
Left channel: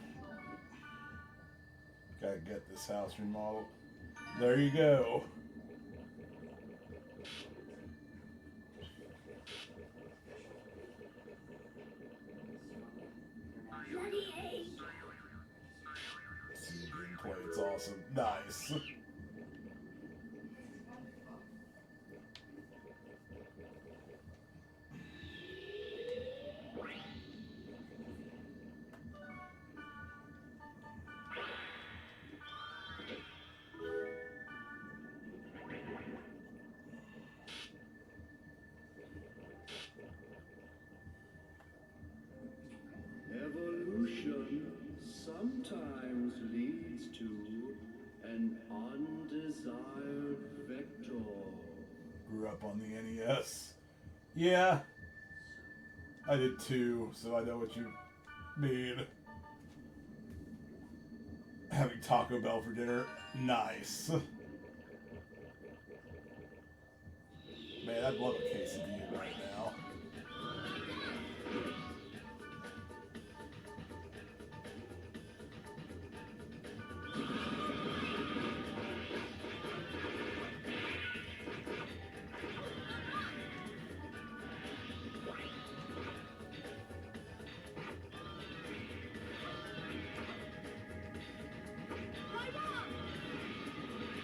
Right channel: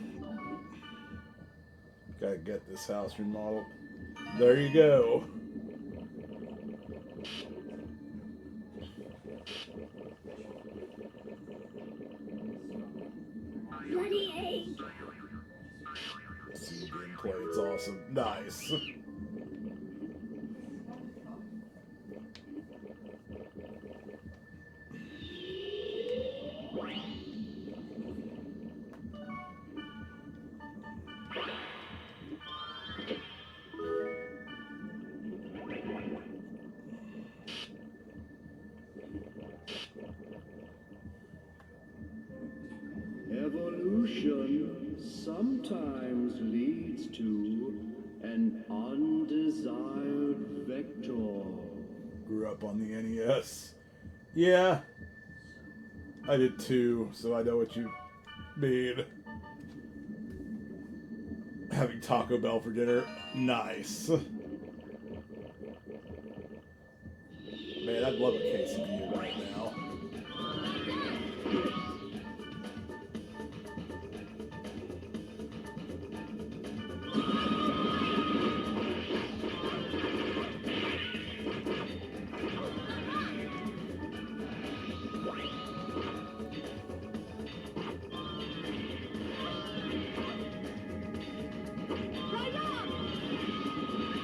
Gotta get this house remodeled. There you go. Bloody A. See the gameplay, it's awesome. Nice. Evolution sometimes leads to an undesired vector. Grew up on the NES. Yeah. I did too, so I know what you mean. Having Taco Bell for dinner. Nice. Man, I'd love a quesadilla right now.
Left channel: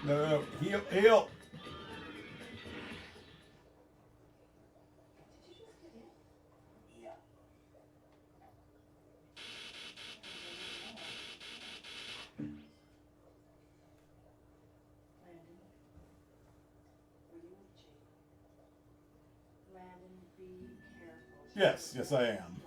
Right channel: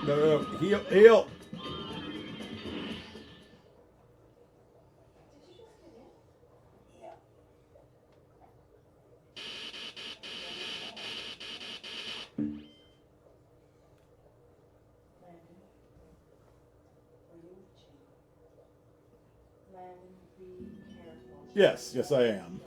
No, heal, heal. Yes, yes I am.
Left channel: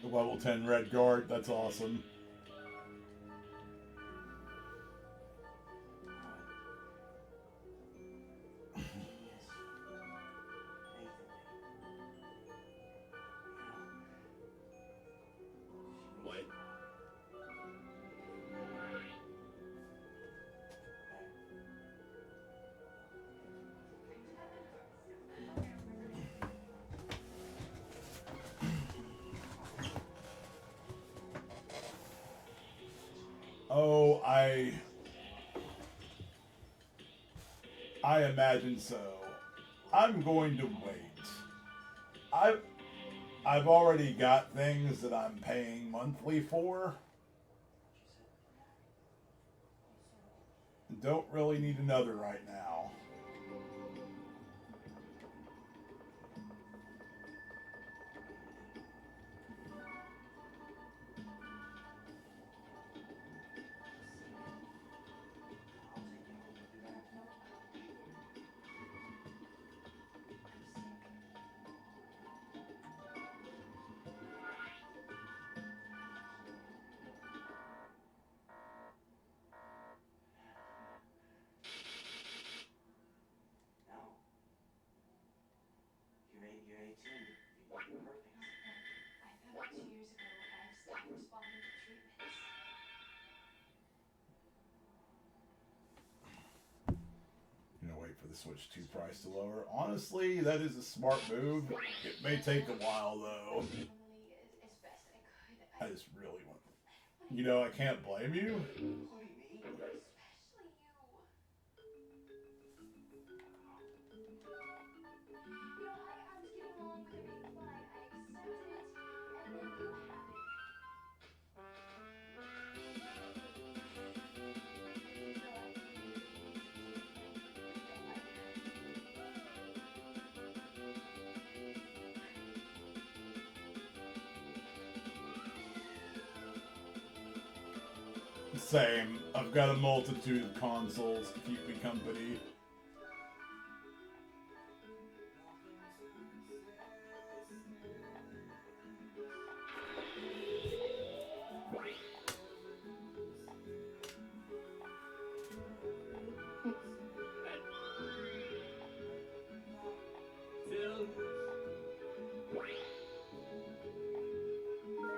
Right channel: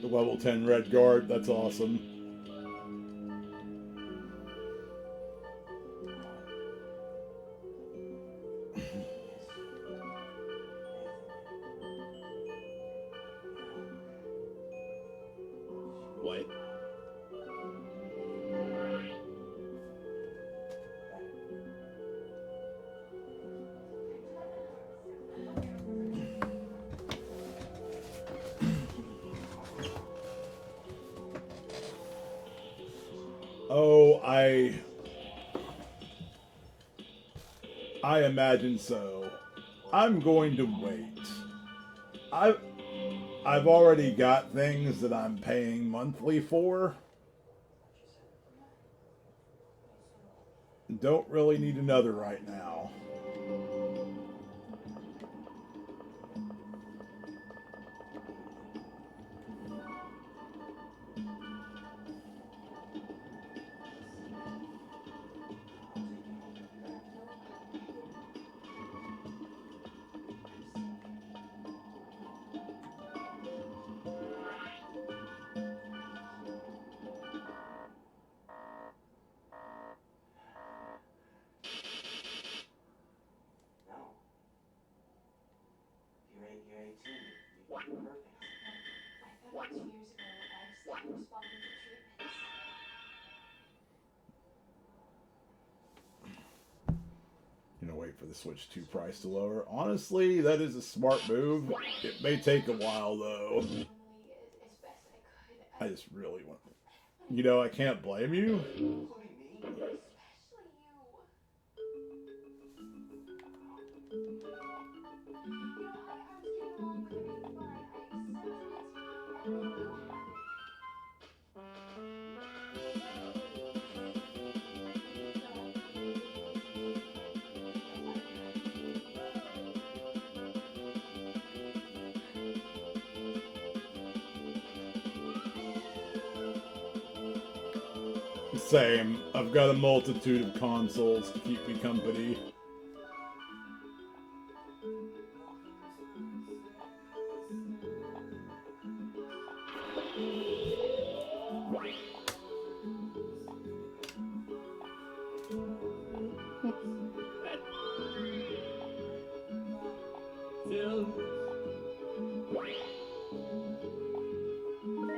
The level 10 red guard, that's awesome. What? Oh, I imagine so. I'm going to wait. I've already got things that I'm paying monthly for. Don't really need another right now. You know, wait for the Switch 2 price to lower. Honestly, that is a smart move. It may take a while, though. I just really want... You know, I can't blame you. Same. I've got a multitude of consoles to keep me company.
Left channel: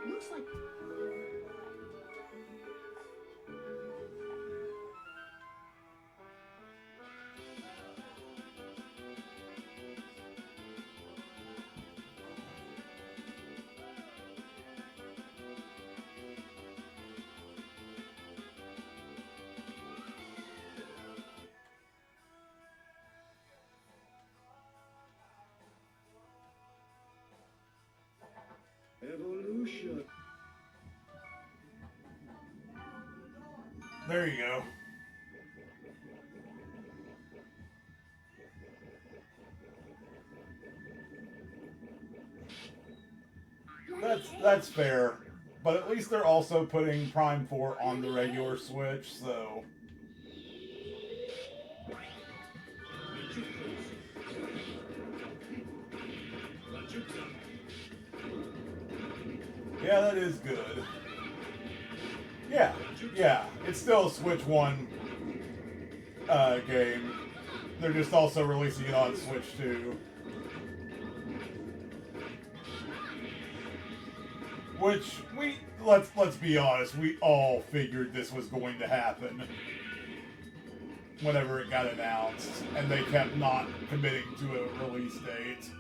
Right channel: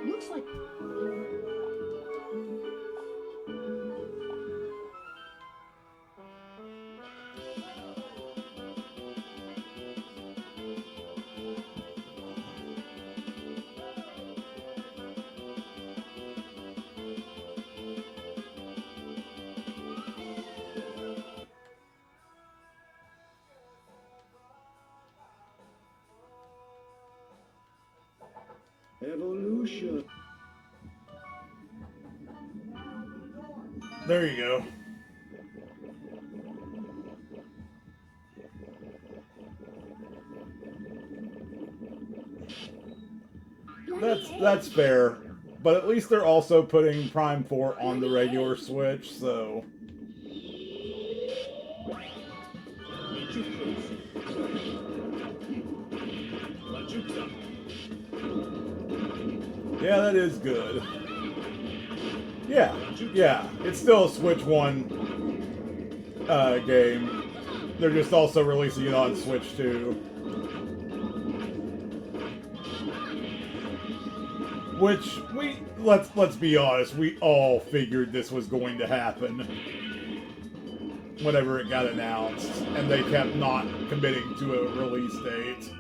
Looks like... Evolution. There you go. That's fair. But at least they're also putting Prime 4 on the regular Switch, so... Yeah, that is good. Yeah, it's still a Switch 1 game. They're just also releasing it on Switch 2. Which, let's be honest, we all figured this was going to happen whenever it got announced, and they kept not committing to a release date.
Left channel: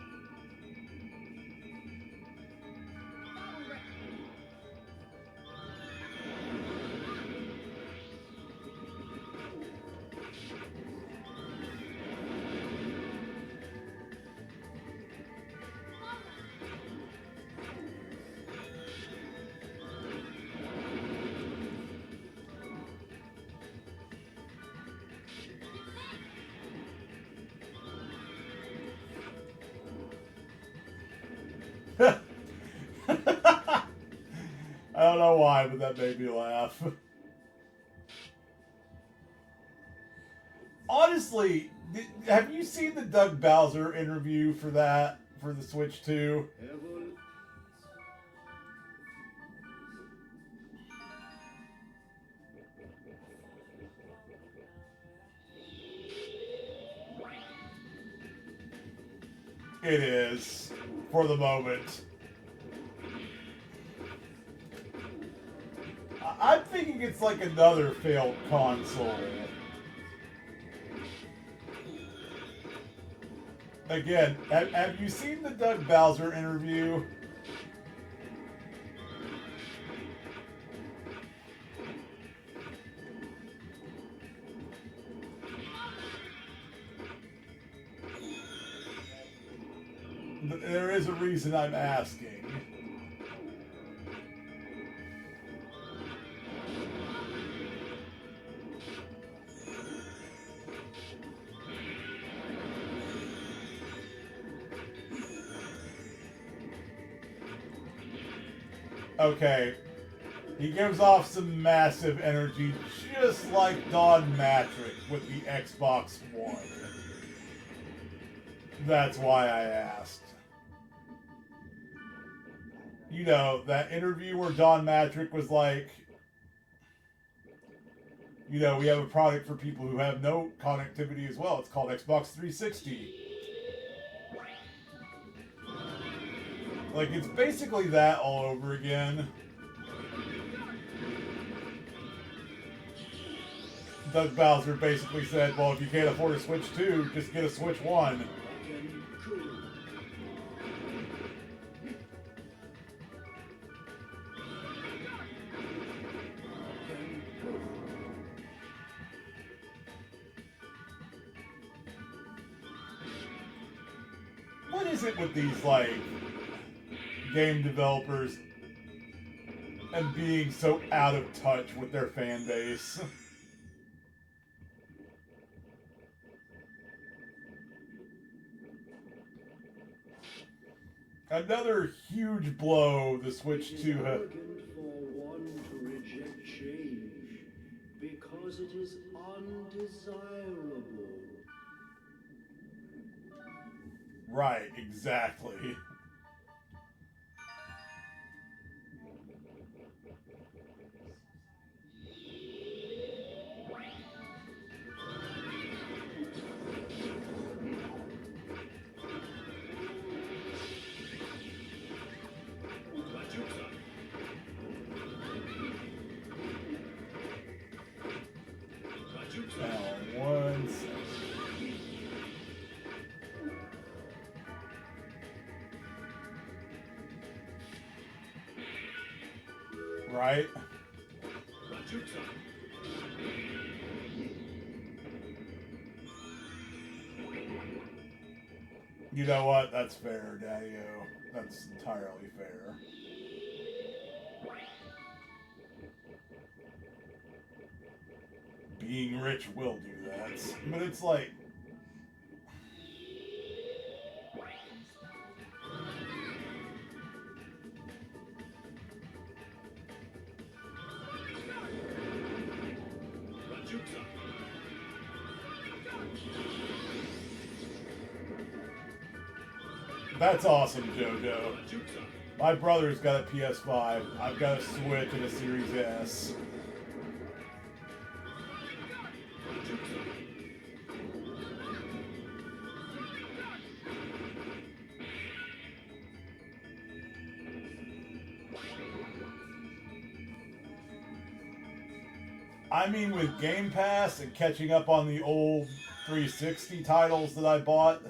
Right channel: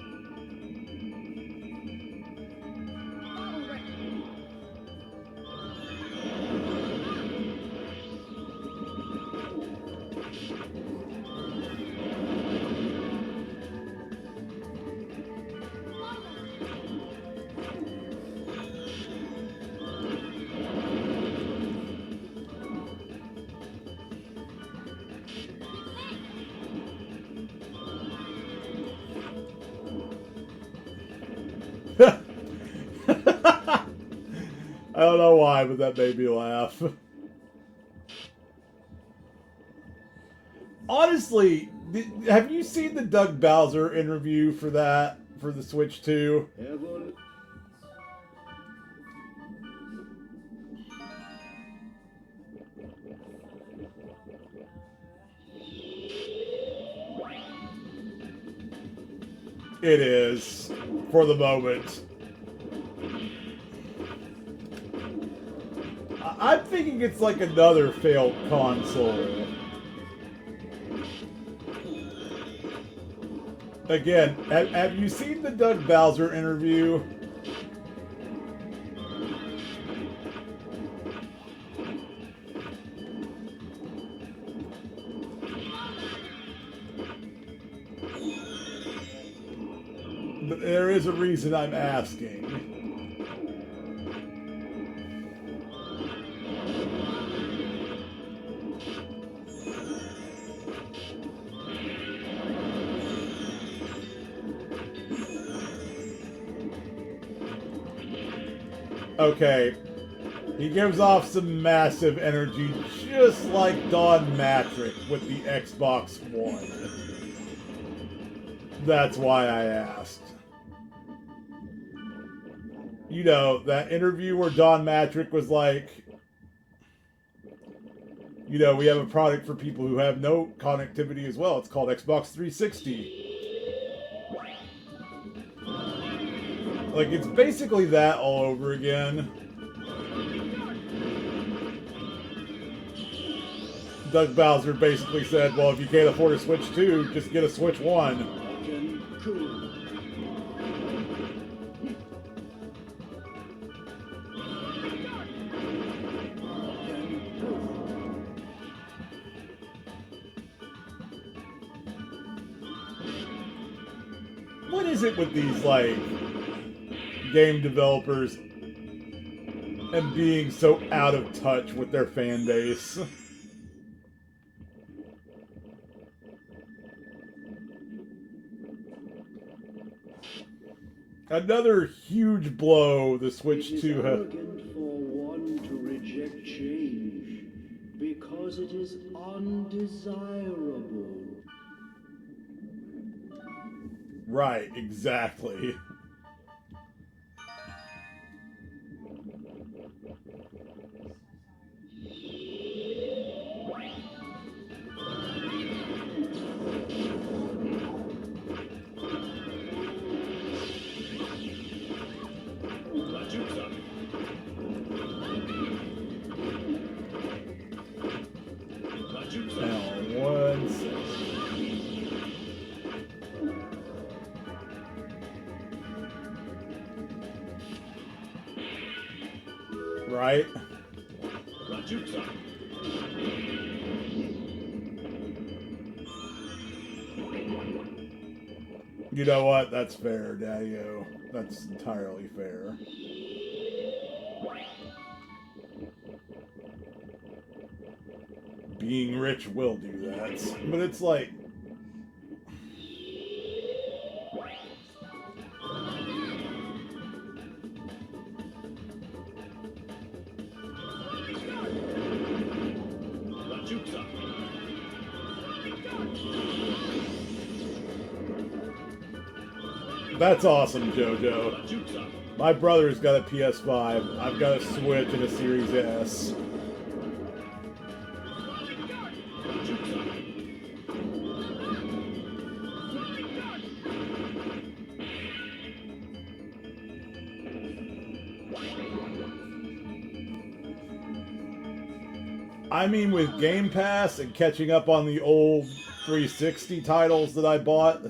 I don't know why, but that made me laugh. Honestly, have you seen the Doug Bowser interview for that, for the Switch 2? It is, for the moment. I'm thinking it's like another failed console. Again, have you seen the Doug Bowser interview? There is a reason I'm asking. Okay, he gives off some massive energy, just like Don Matrick with the Xbox One. That's why I asked. You know, that interview where Don Matrick was like, you know, we have a product for people who have no connectivity as well. It's called Xbox 360. Like, it's basically that all over again. Doug Bowser basically said, well, if you can't afford a Switch 2, just get a Switch 1. What is it with these, like, game developers and being so out of touch with their fan base? Another huge blow the Switch 2 had. For one to reject change because it is undesirable. Right, exactly. Now, one second. Right? You know what? That's fair, Daddy-O. That's entirely fair. Being rich will do that. But it's like... That's awesome, JoJo. My brother's got a PS5. I've got a Switch and a Series S. I mean, with Game Pass and catching up on the old 360 titles that I bought,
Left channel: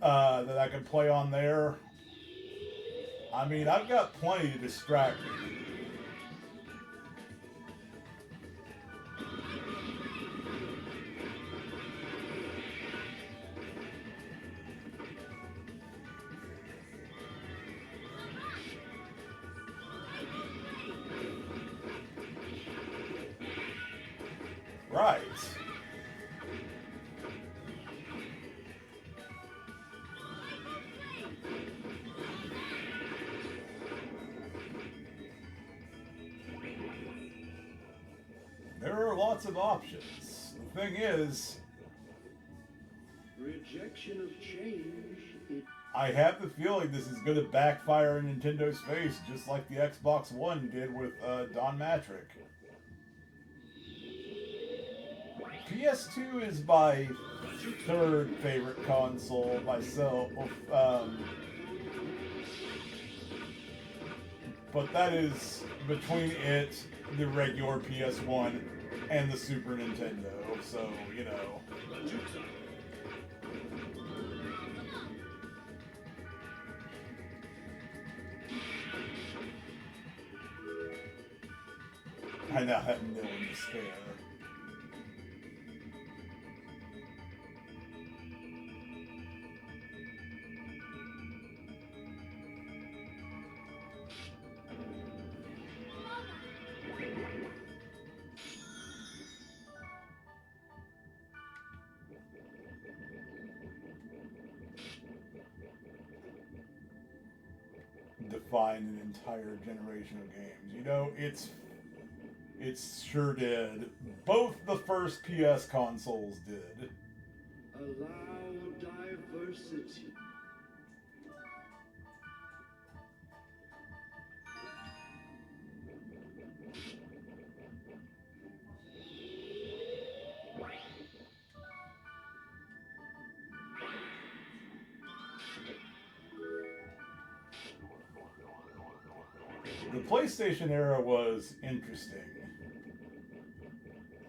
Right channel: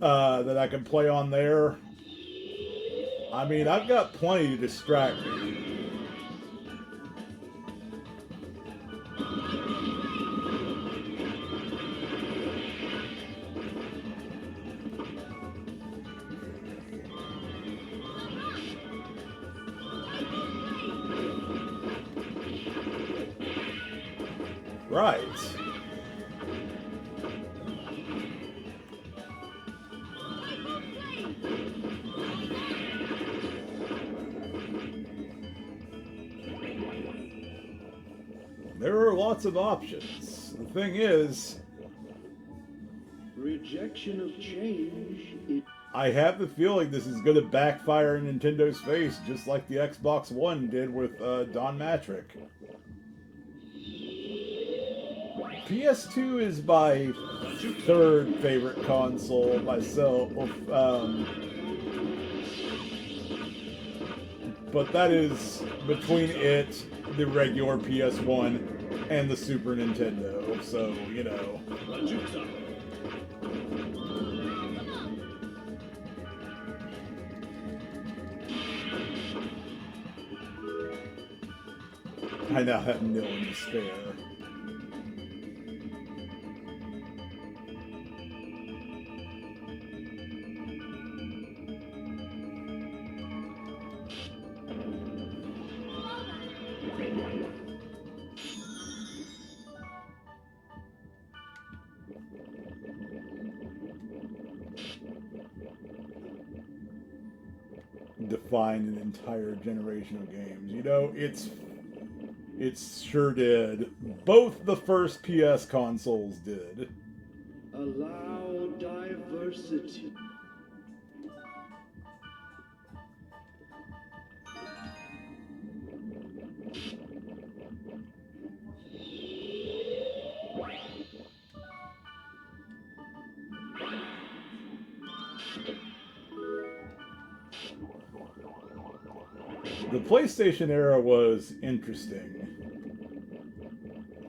that I can play on there, I mean, I've got plenty to distract me. Right. There are lots of options. The thing is, Rejection of change. I have the feeling this is going to backfire in Nintendo's face, just like the Xbox One did with Don Matrick. PS2 is my third favorite console myself, but that is between it, the regular PS1, and the Super Nintendo, so, you know. I now have nil to spare. Defined an entire generation of games. You know, it sure did. Both the first PS consoles did. Allow diversity. The PlayStation era was interesting.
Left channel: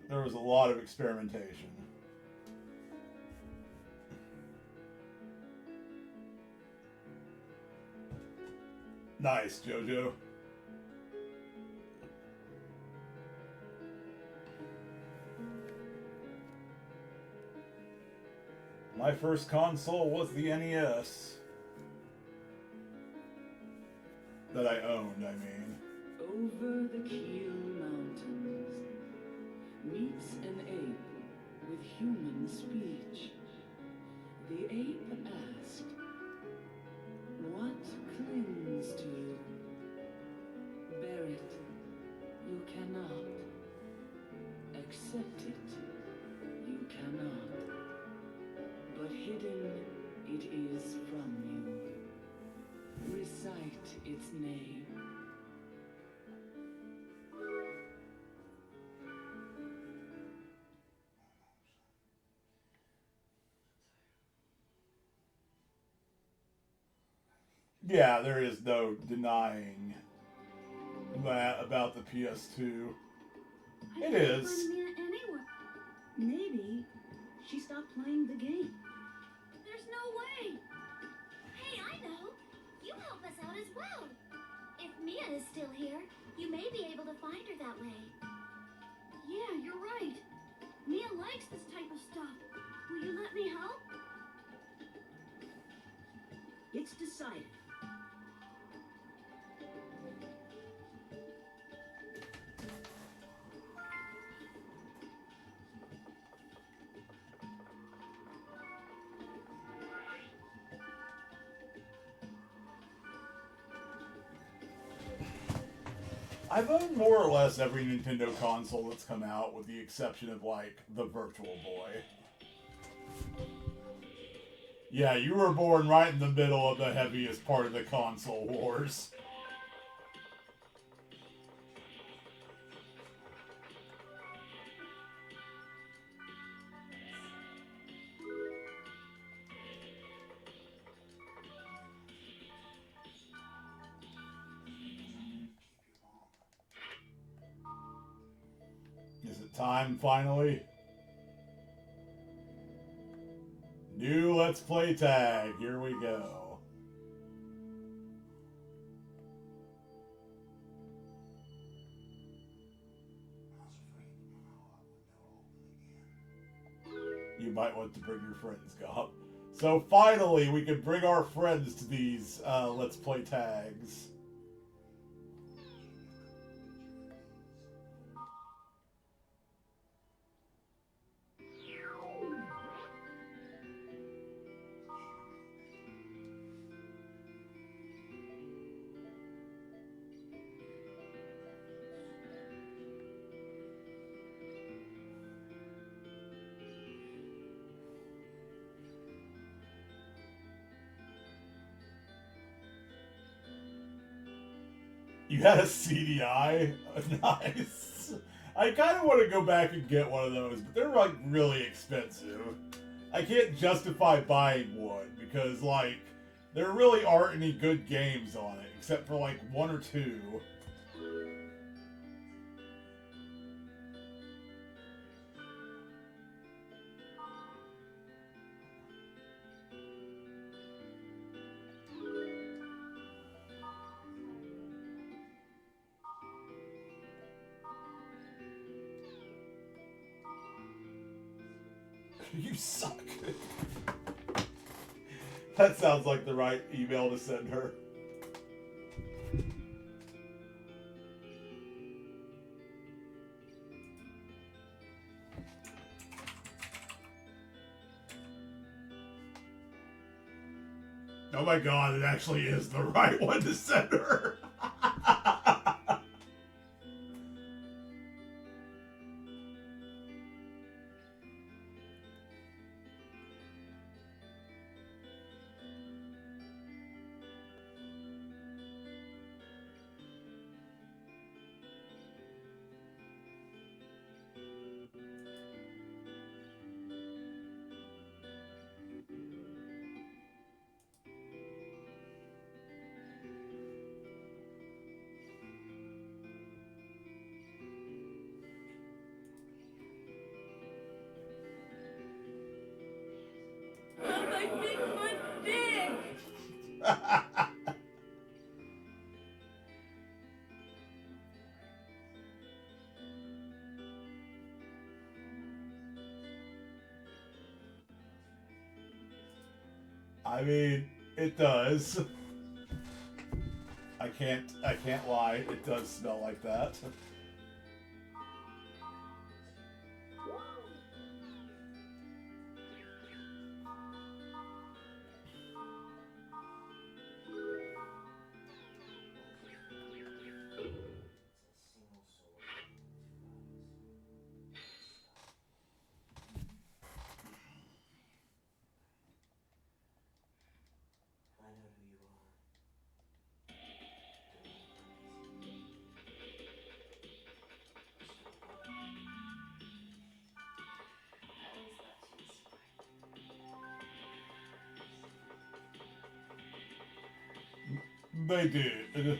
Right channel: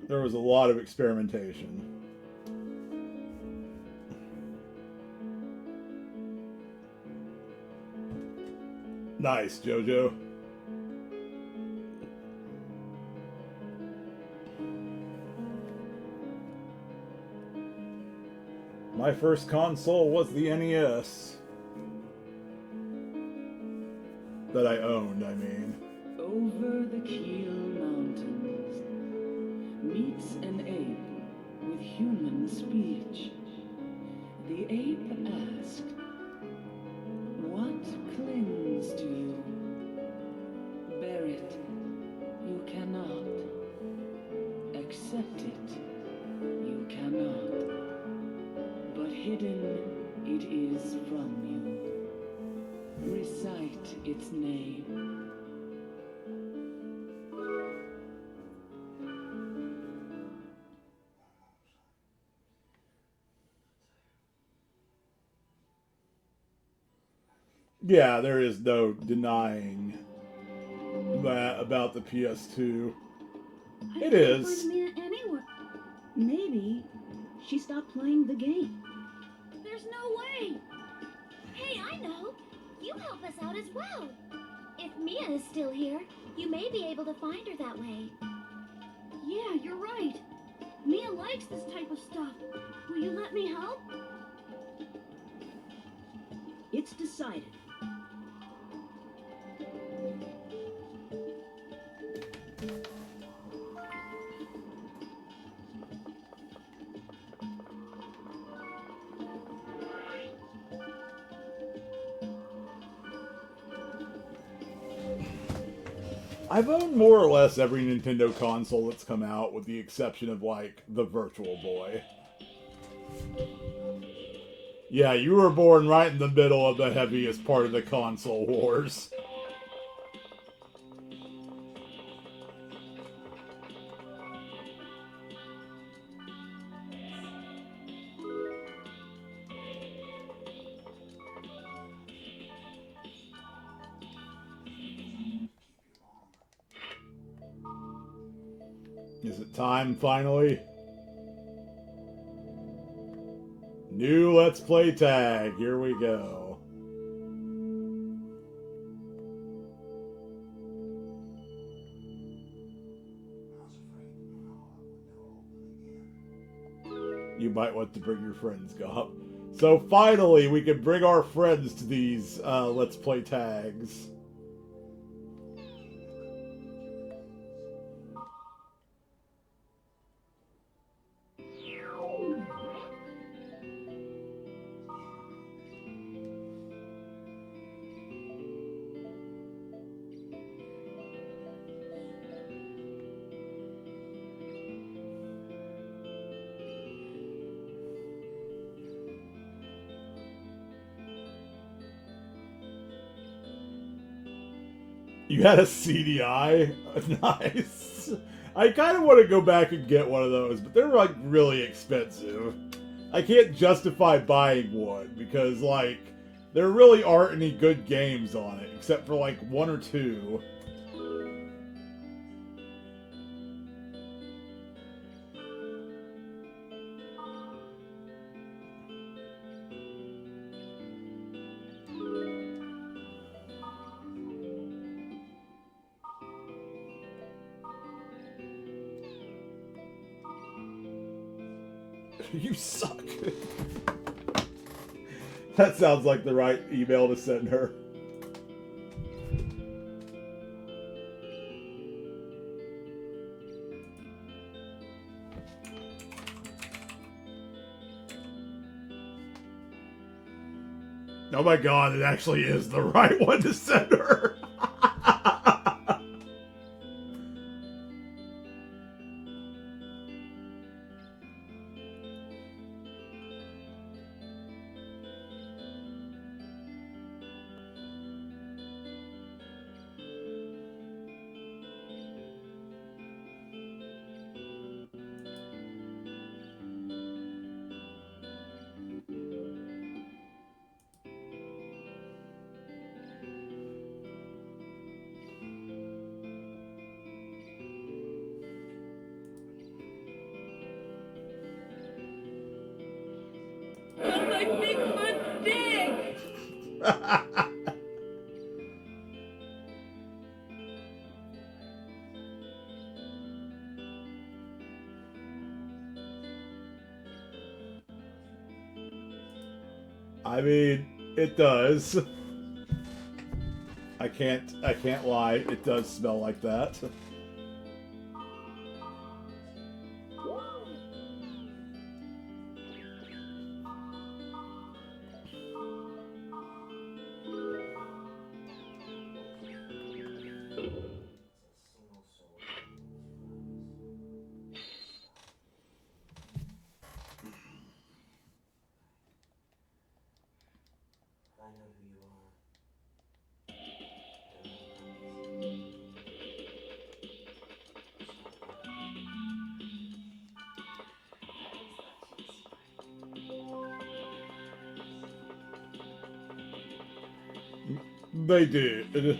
There was a lot of experimentation. Nice, Jojo. My first console was the NES. That I owned, I mean. Over the Keel Mountains meets an ape with human speech. The ape asked, "What clings to you? Bear it. You cannot. Accept it. You cannot. But hidden it is from you. Recite its name." Yeah, there is no denying that about the PS2. It is. Find Mia anywhere. Maybe she stopped playing the game. There's no way. Hey, I know. You help us out as well. If Mia is still here, you may be able to find her that way. Yeah, you're right. Mia likes this type of stuff. Will you let me help? It's decided. I've owned more or less every Nintendo console that's come out, with the exception of, like, the Virtual Boy. Yeah, you were born right in the middle of the heaviest part of the console wars. Is it time, finally? New Let's Play Tag. Here we go. You might want to bring your friends, Gop. So finally, we can bring our friends to these Let's Play Tags. You had a CDI? Nice. I kind of want to go back and get one of those, but they're like really expensive. I can't justify buying one because like there really aren't any good games on it except for like one or two. You suck. That sounds like the right email to send her. Oh my god, it actually is the right one to send her. I mean, it does. I can't lie. It does smell like that. They did.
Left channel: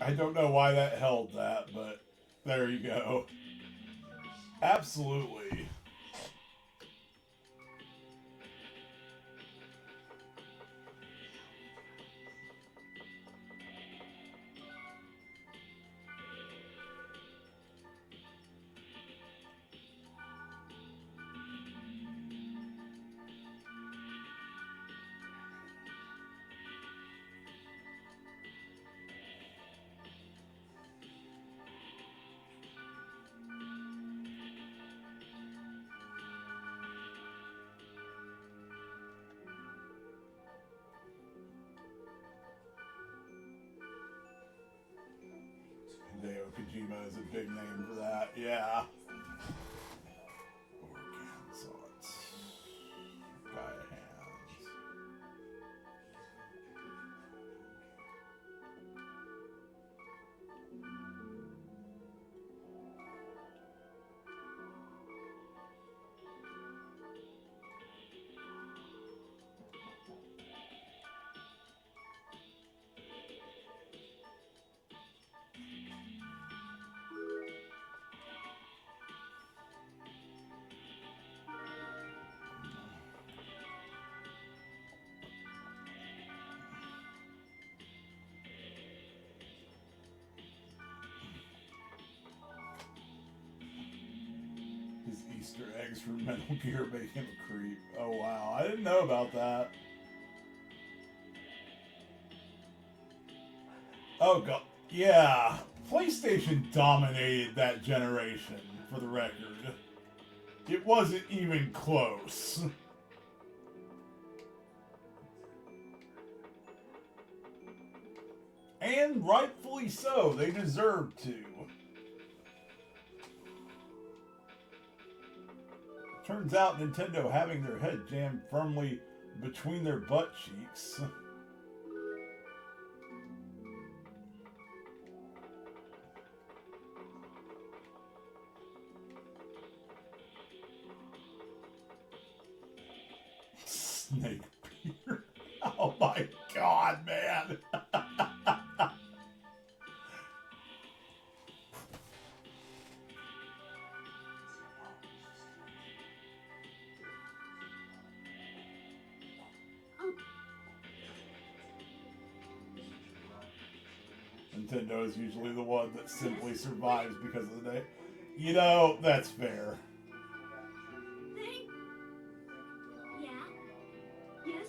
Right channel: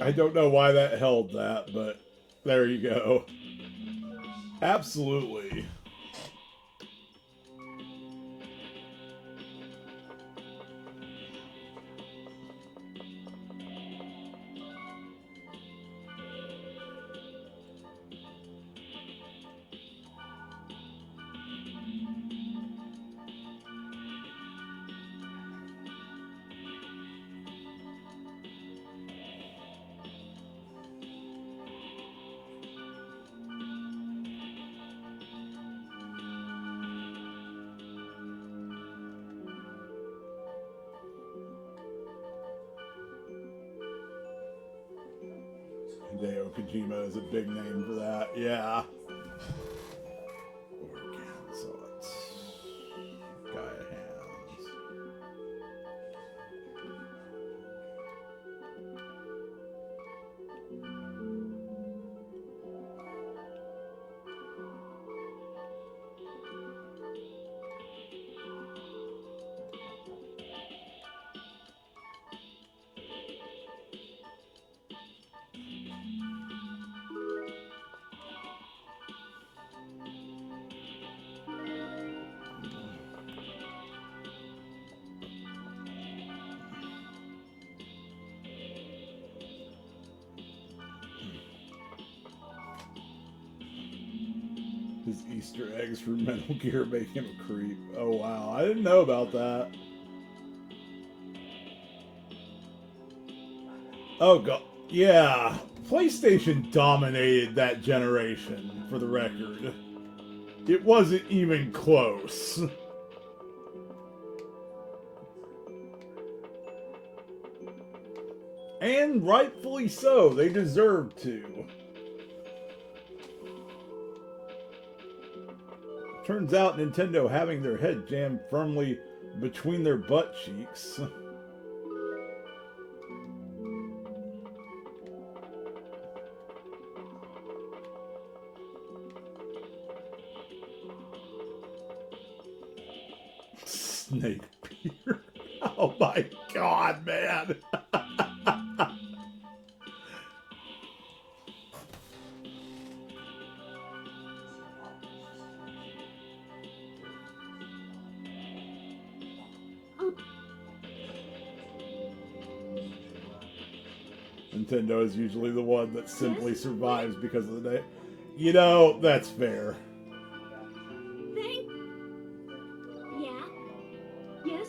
I don't know why that held that, but there you go. Absolutely. Hideo Kojima is a big name for that, yeah. Organzot. Gaia Hands. His Easter eggs for Metal Gear make him a creep. Oh wow, I didn't know about that. Oh god, yeah. PlayStation dominated that generation, for the record. It wasn't even close. And rightfully so, they deserve to. Turns out Nintendo having their head jammed firmly between their butt cheeks. Snake Peter. Oh my god, man. Nintendo is usually the one that simply survives because of the name. You know, that's fair. Yeah? Yes?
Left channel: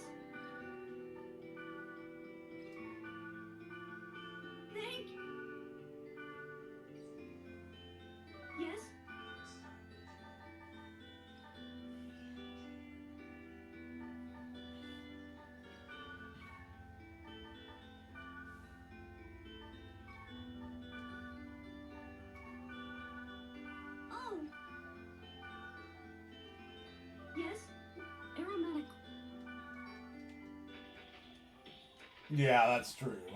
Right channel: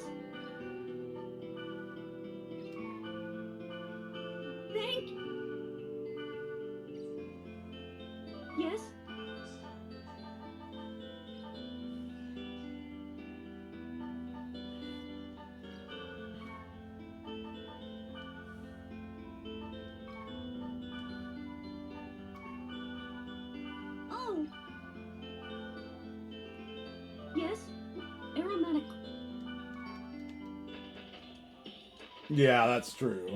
Yes? Yeah, that's true.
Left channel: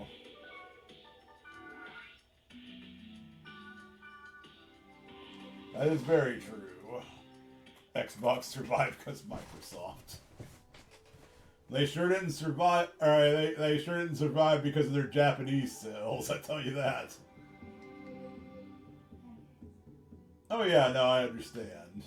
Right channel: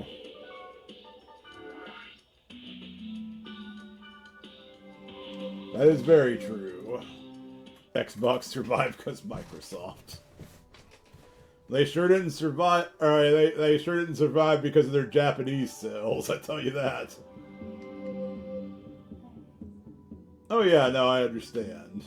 That is very true. Xbox survived because Microsoft. They sure didn't survive. They sure didn't survive because of their Japanese sales. I tell you that. Oh yeah, no, I understand.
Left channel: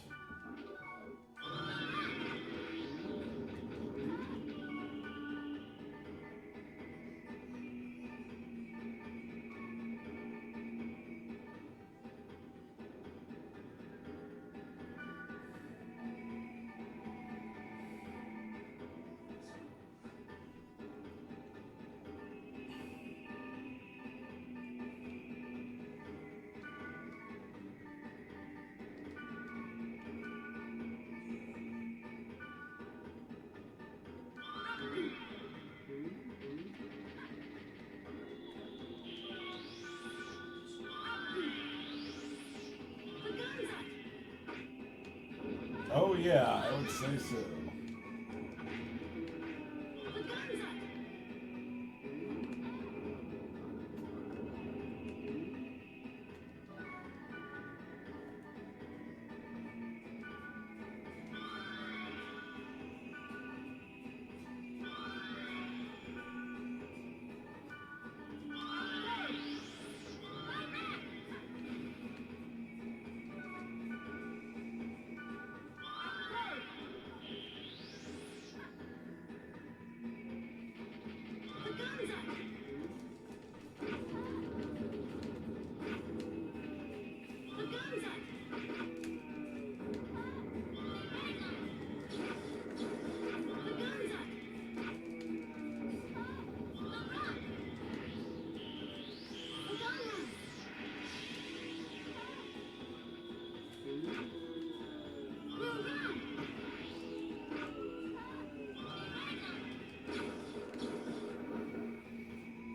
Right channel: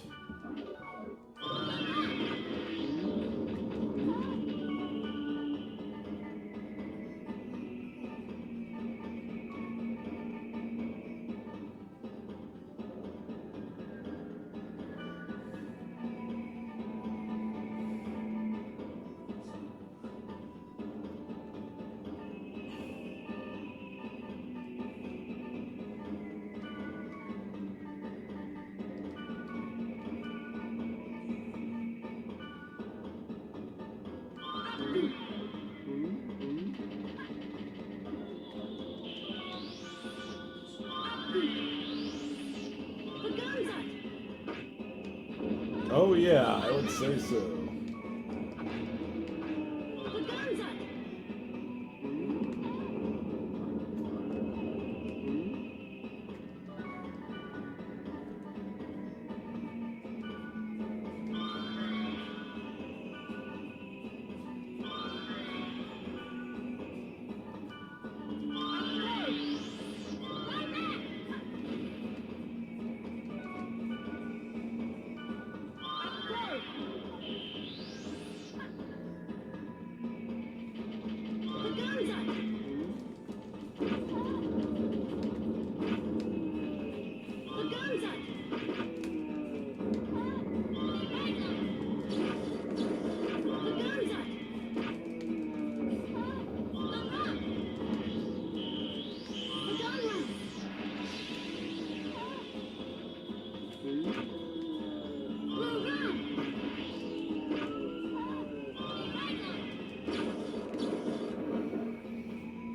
Oh yeah, I would say so.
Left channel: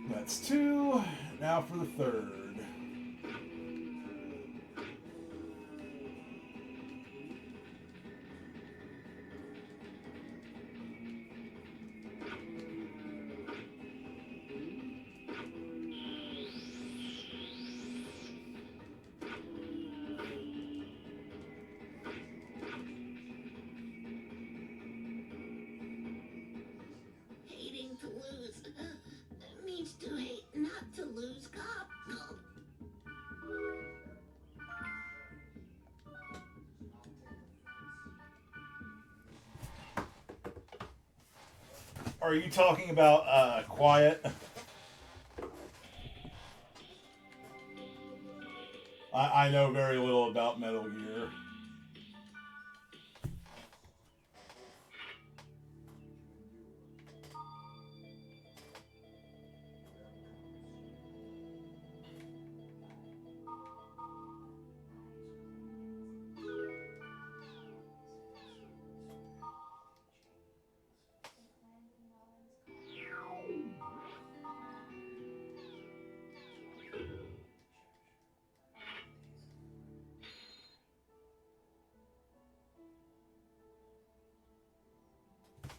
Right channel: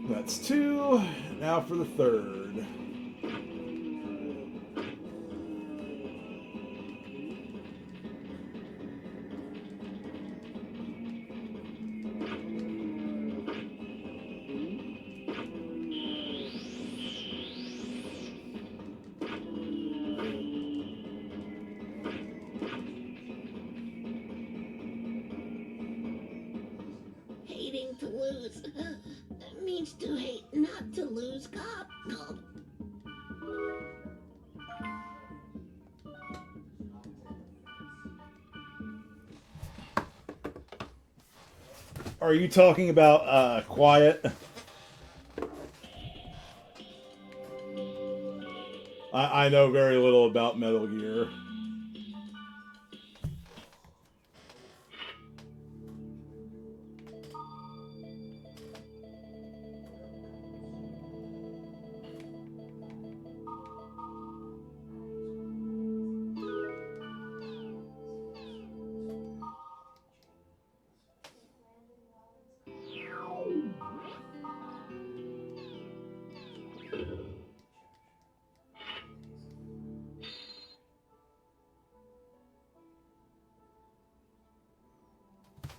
That's two. Now for the third. Hating to lose. It means to hate not to lose. Cop. Are you talking about Quiet? I know very little about Metal Gear.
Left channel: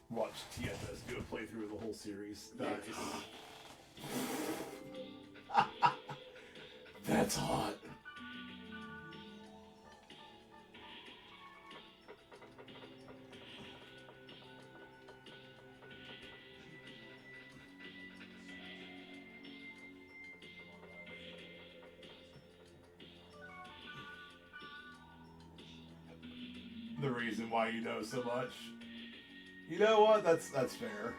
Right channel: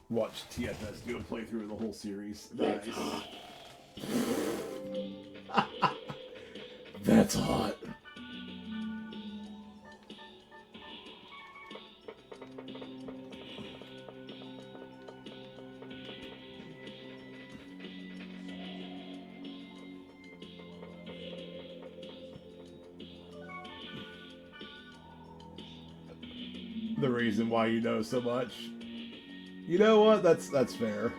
Watch TFS do a playthrough of the whole series. Nice. That's hot. The reason why you know so much. You know what? That's fair.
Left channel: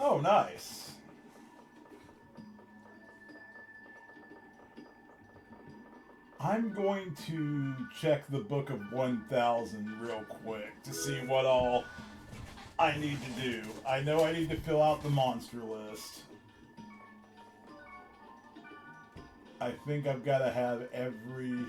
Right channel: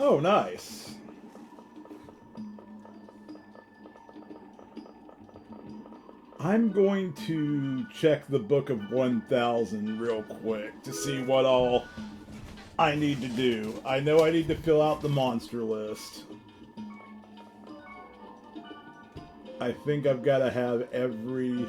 Oh, nice. I'm going to check the Book of 1000 real quick to see what all I need to do. I know I need to fill out the monster list. I think I've got to have every...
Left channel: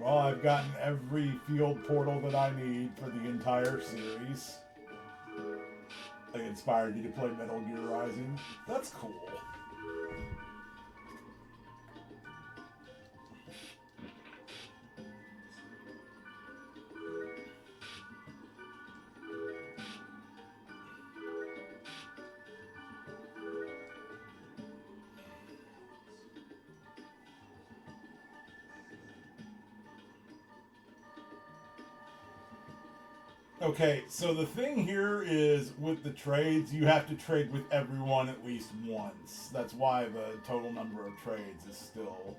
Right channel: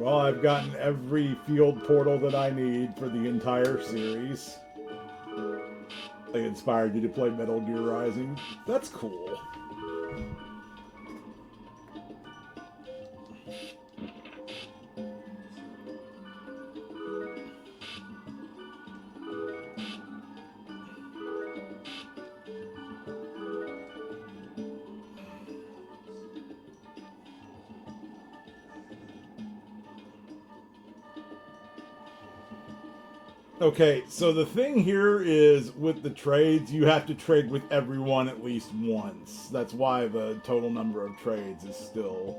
Well, I've gotten every field portal that I need for the entire series. I inspired you to play Metal Gear Rising. That's cool. Okay, so the thing here is with the trades, you have to trade with everyone at least once. That's why the total number of trades is still...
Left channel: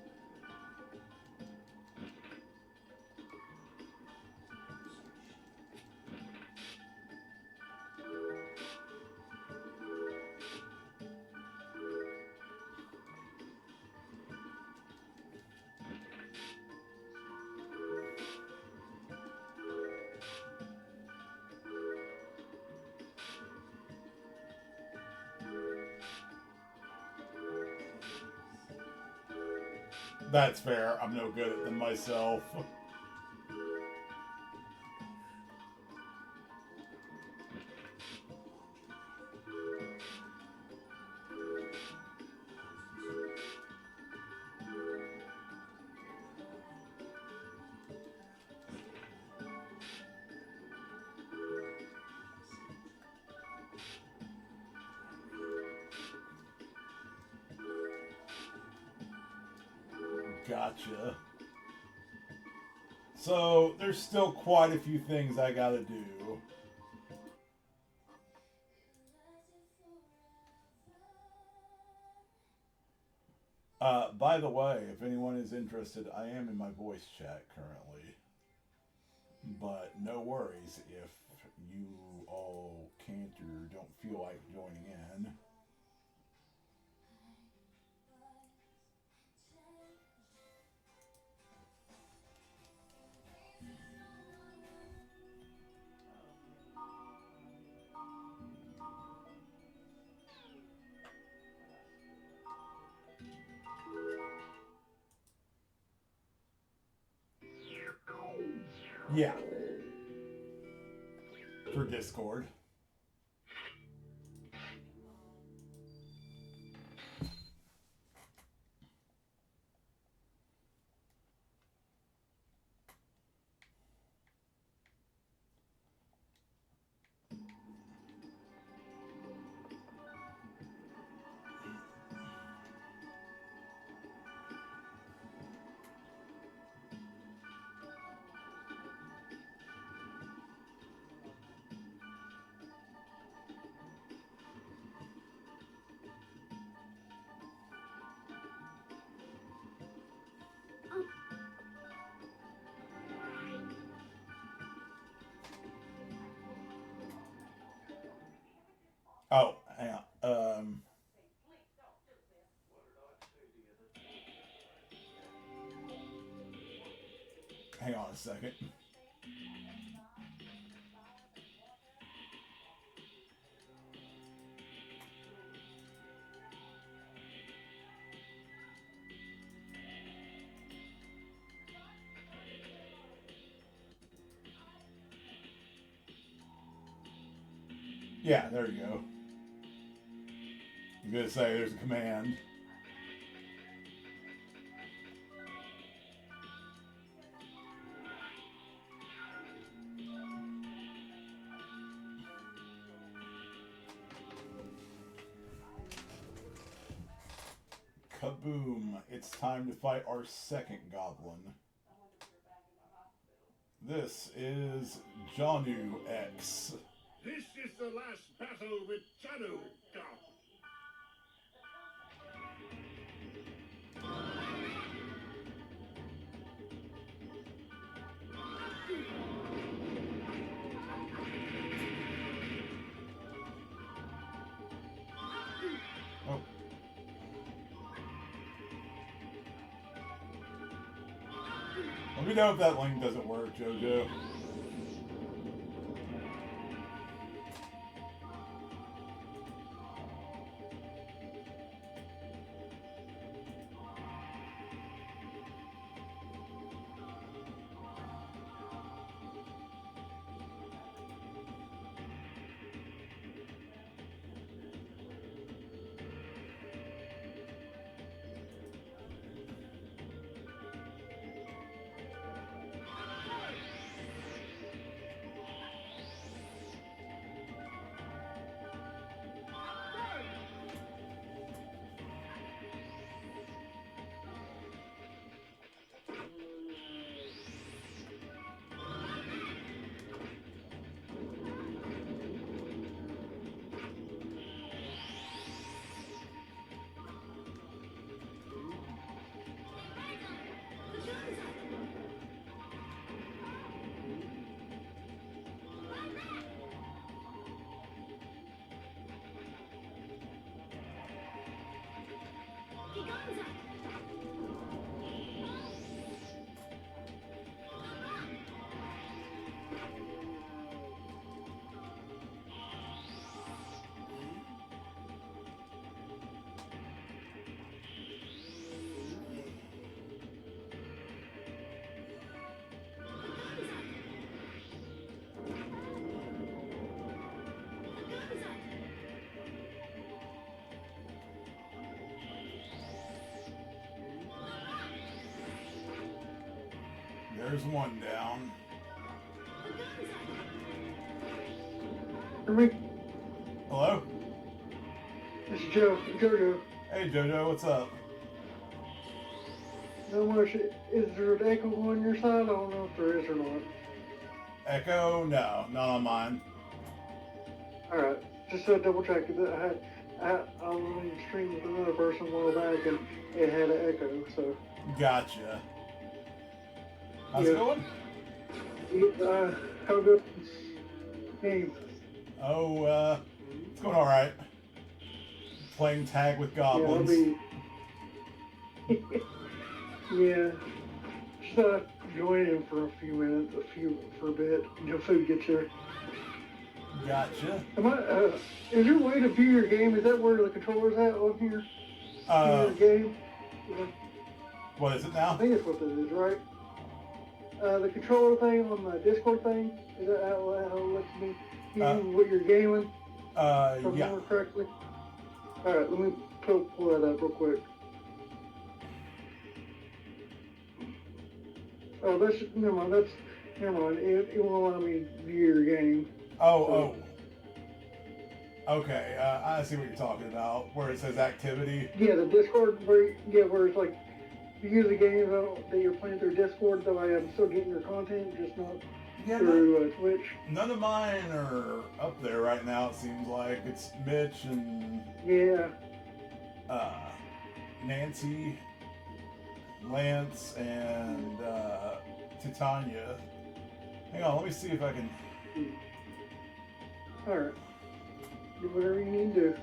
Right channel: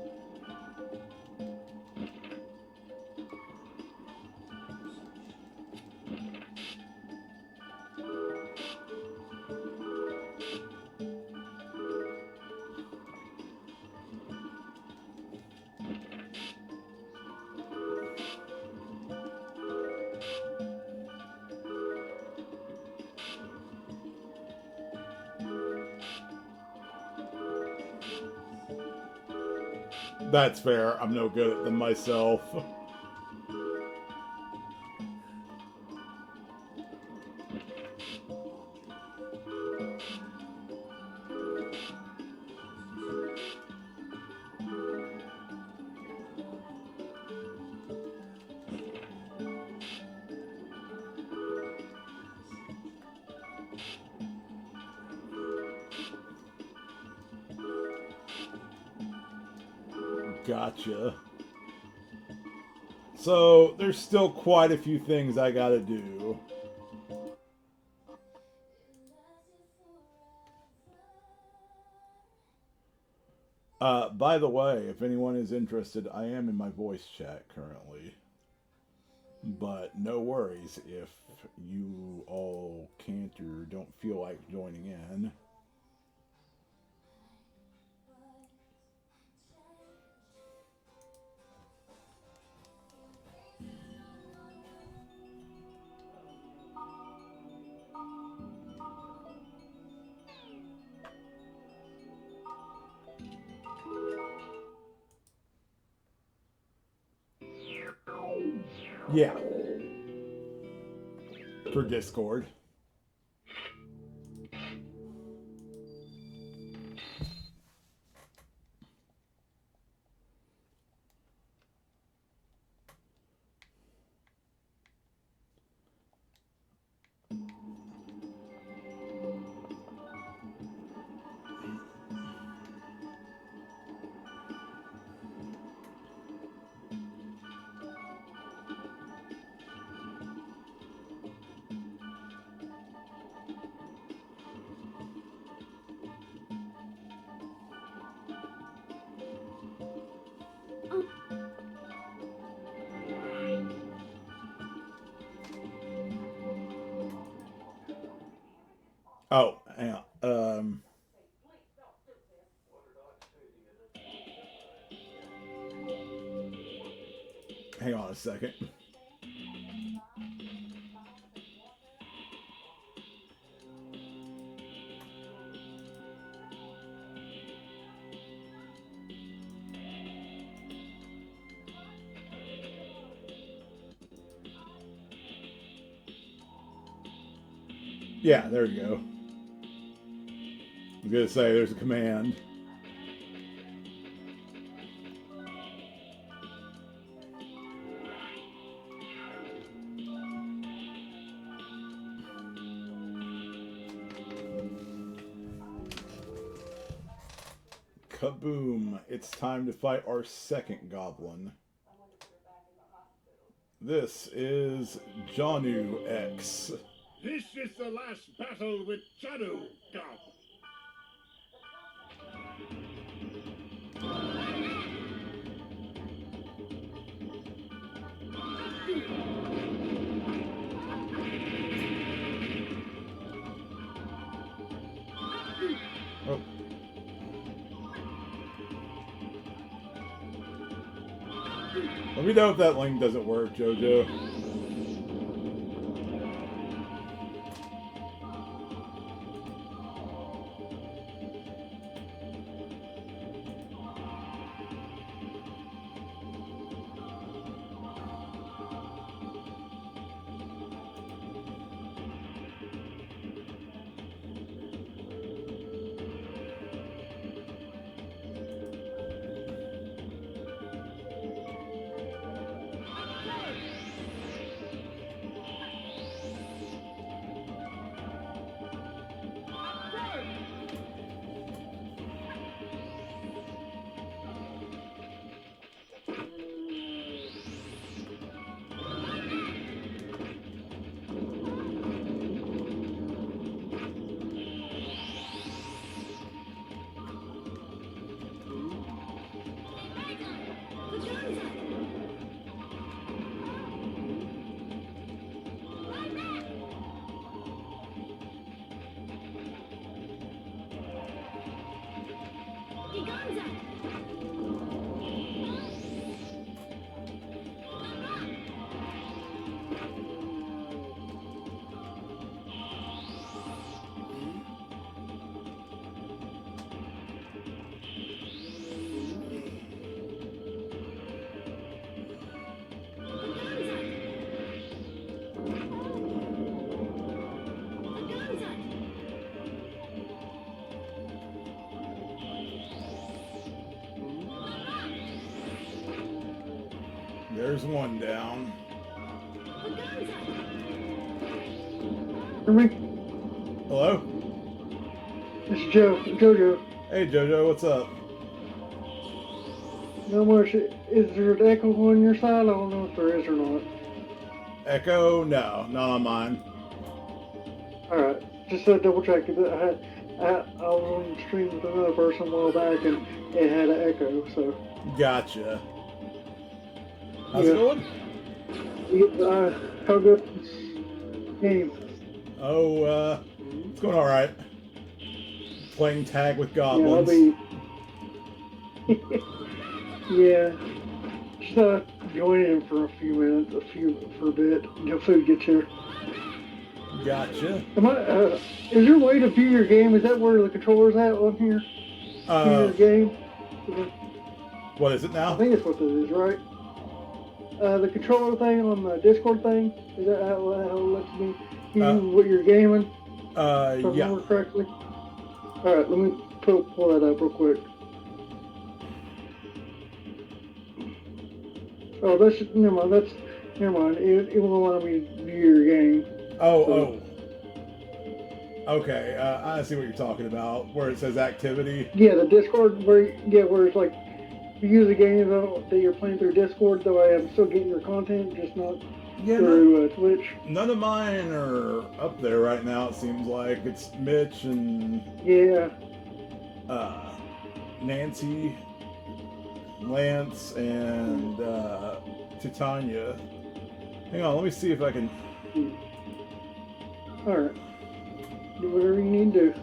That's fair. I'm no good at them myself. Gotcha. So, there's still quite a few things I gotta do. By the way, if anyone is interested, I am in my voice chat currently. But no worries if you all can't or don't feel like joining in. Yeah. For Discord. Oh, hang on. Hang on a second. Yeah, there you go. I was gonna say there's a command. Kaboom! It's time to fight our second goblin. This is Janu X. This is the last battle with Janu, Let me know if that link doesn't work, JoJo. There's one down. Hello? This is Jojo. Hey Jojo, what's up? Not much. Is there an echo on your side? I don't know if there is or not. Echo? No, not on mine. Alright, just double check. I was on the stream with another person a while back and it had an echo, so. Gotcha. How's it going? How good game? Oh, it's going alright. Playing tag with goblins. Yeah. Just join in for a few minutes, for a bit, until food gets here. Gotcha. Is there a way to view your game? Is that where the controller's at on here? View your game? What is it now? I think that's what it is, right? The controller thing on the Discord thing, is that how it lets me view what you're gaming? If I remember correctly? Alright, let me pull that up real quick. Oh, never mind. It won't allow me to view your game. Oh. Okay, I see what you're talking about, where it says activity. Yeah, the Discord, where it's like, you use the games that you're playing through Discord, that way I'm still getting your content, just not through Twitch. None of mine are up there right now, it seems like. It's Mitch and... Yeah. Nancy, Lance, and Titania. Hang on, let me see if I can... Alright. Do whatever you need to do.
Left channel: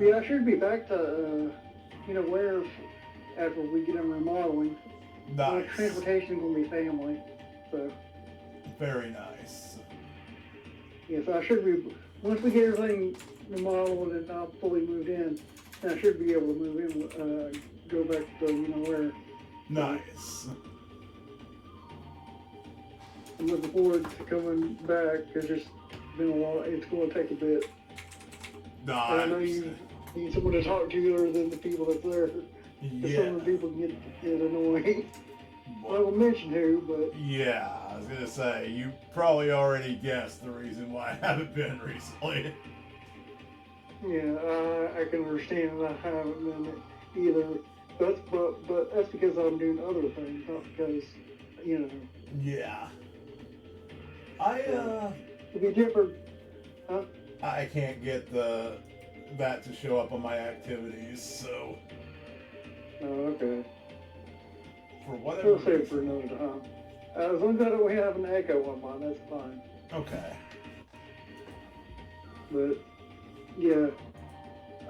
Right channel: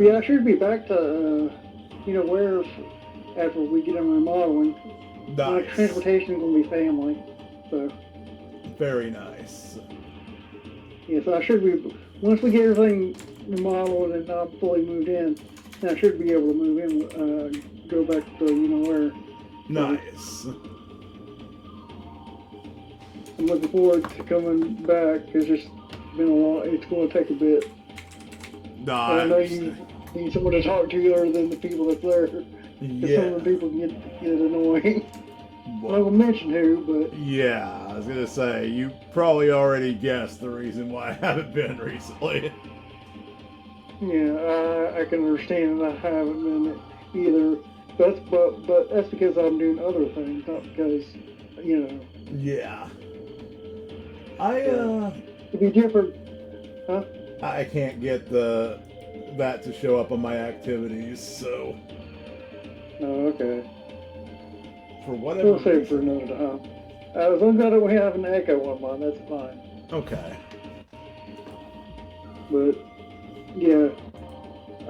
Yeah, I should be back to, where after we get them remodeling. Nice. Transportation is going to be family, so. Very nice. Yeah, so I should be, once we get everything remodeled and not fully moved in, then I should be able to move in, go back to, where. Nice. I'm looking forward to coming back. It's just been a long, it's going to take a bit. Nice. I know you need someone to talk to other than the people that's there. Yeah. Some of the people get annoying. I won't mention who, but... Yeah, I was going to say, you probably already guessed the reason why I haven't been recently. Yeah, I can understand that I haven't been either. But that's because I'm doing other things, not because, Yeah. It'd be different, huh? I can't get that to show up on my activities, so... Oh, okay. For whatever We'll save it for another time. As long as we have an echo on mine, that's fine. Okay. But, yeah.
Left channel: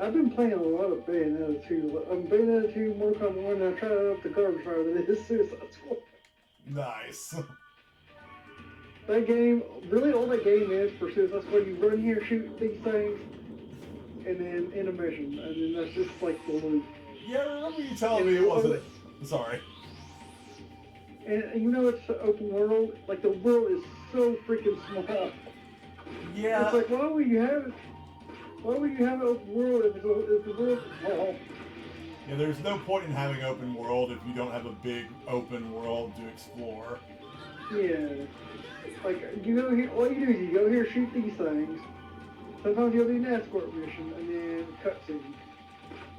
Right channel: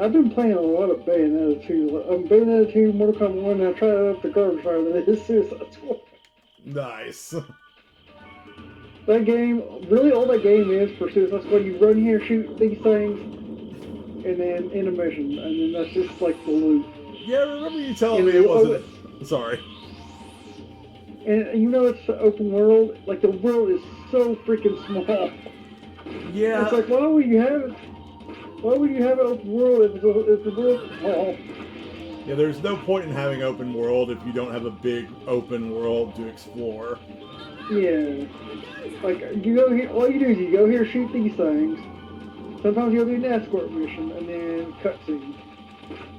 I've been playing a lot of Bayonetta 2. Bayonetta 2, Mortal Kombat 1, and I tried out the garbage fire. This is Nice. That game, really all that game is for Suicide Squad, you run here, shoot these things, and then intermission, and then that's just like the loop. Yeah, I remember you telling me it wasn't... Sorry. And you know it's open world, like the world is so freaking small. Yeah. It's like, why would you have it? Why would you have an open world if the world is small? Yeah, there's no point in having open world if you don't have a big open world to explore. Yeah. Like, you go here, all you do is you go here, shoot these things. Sometimes you'll do an escort mission, and then cutscene.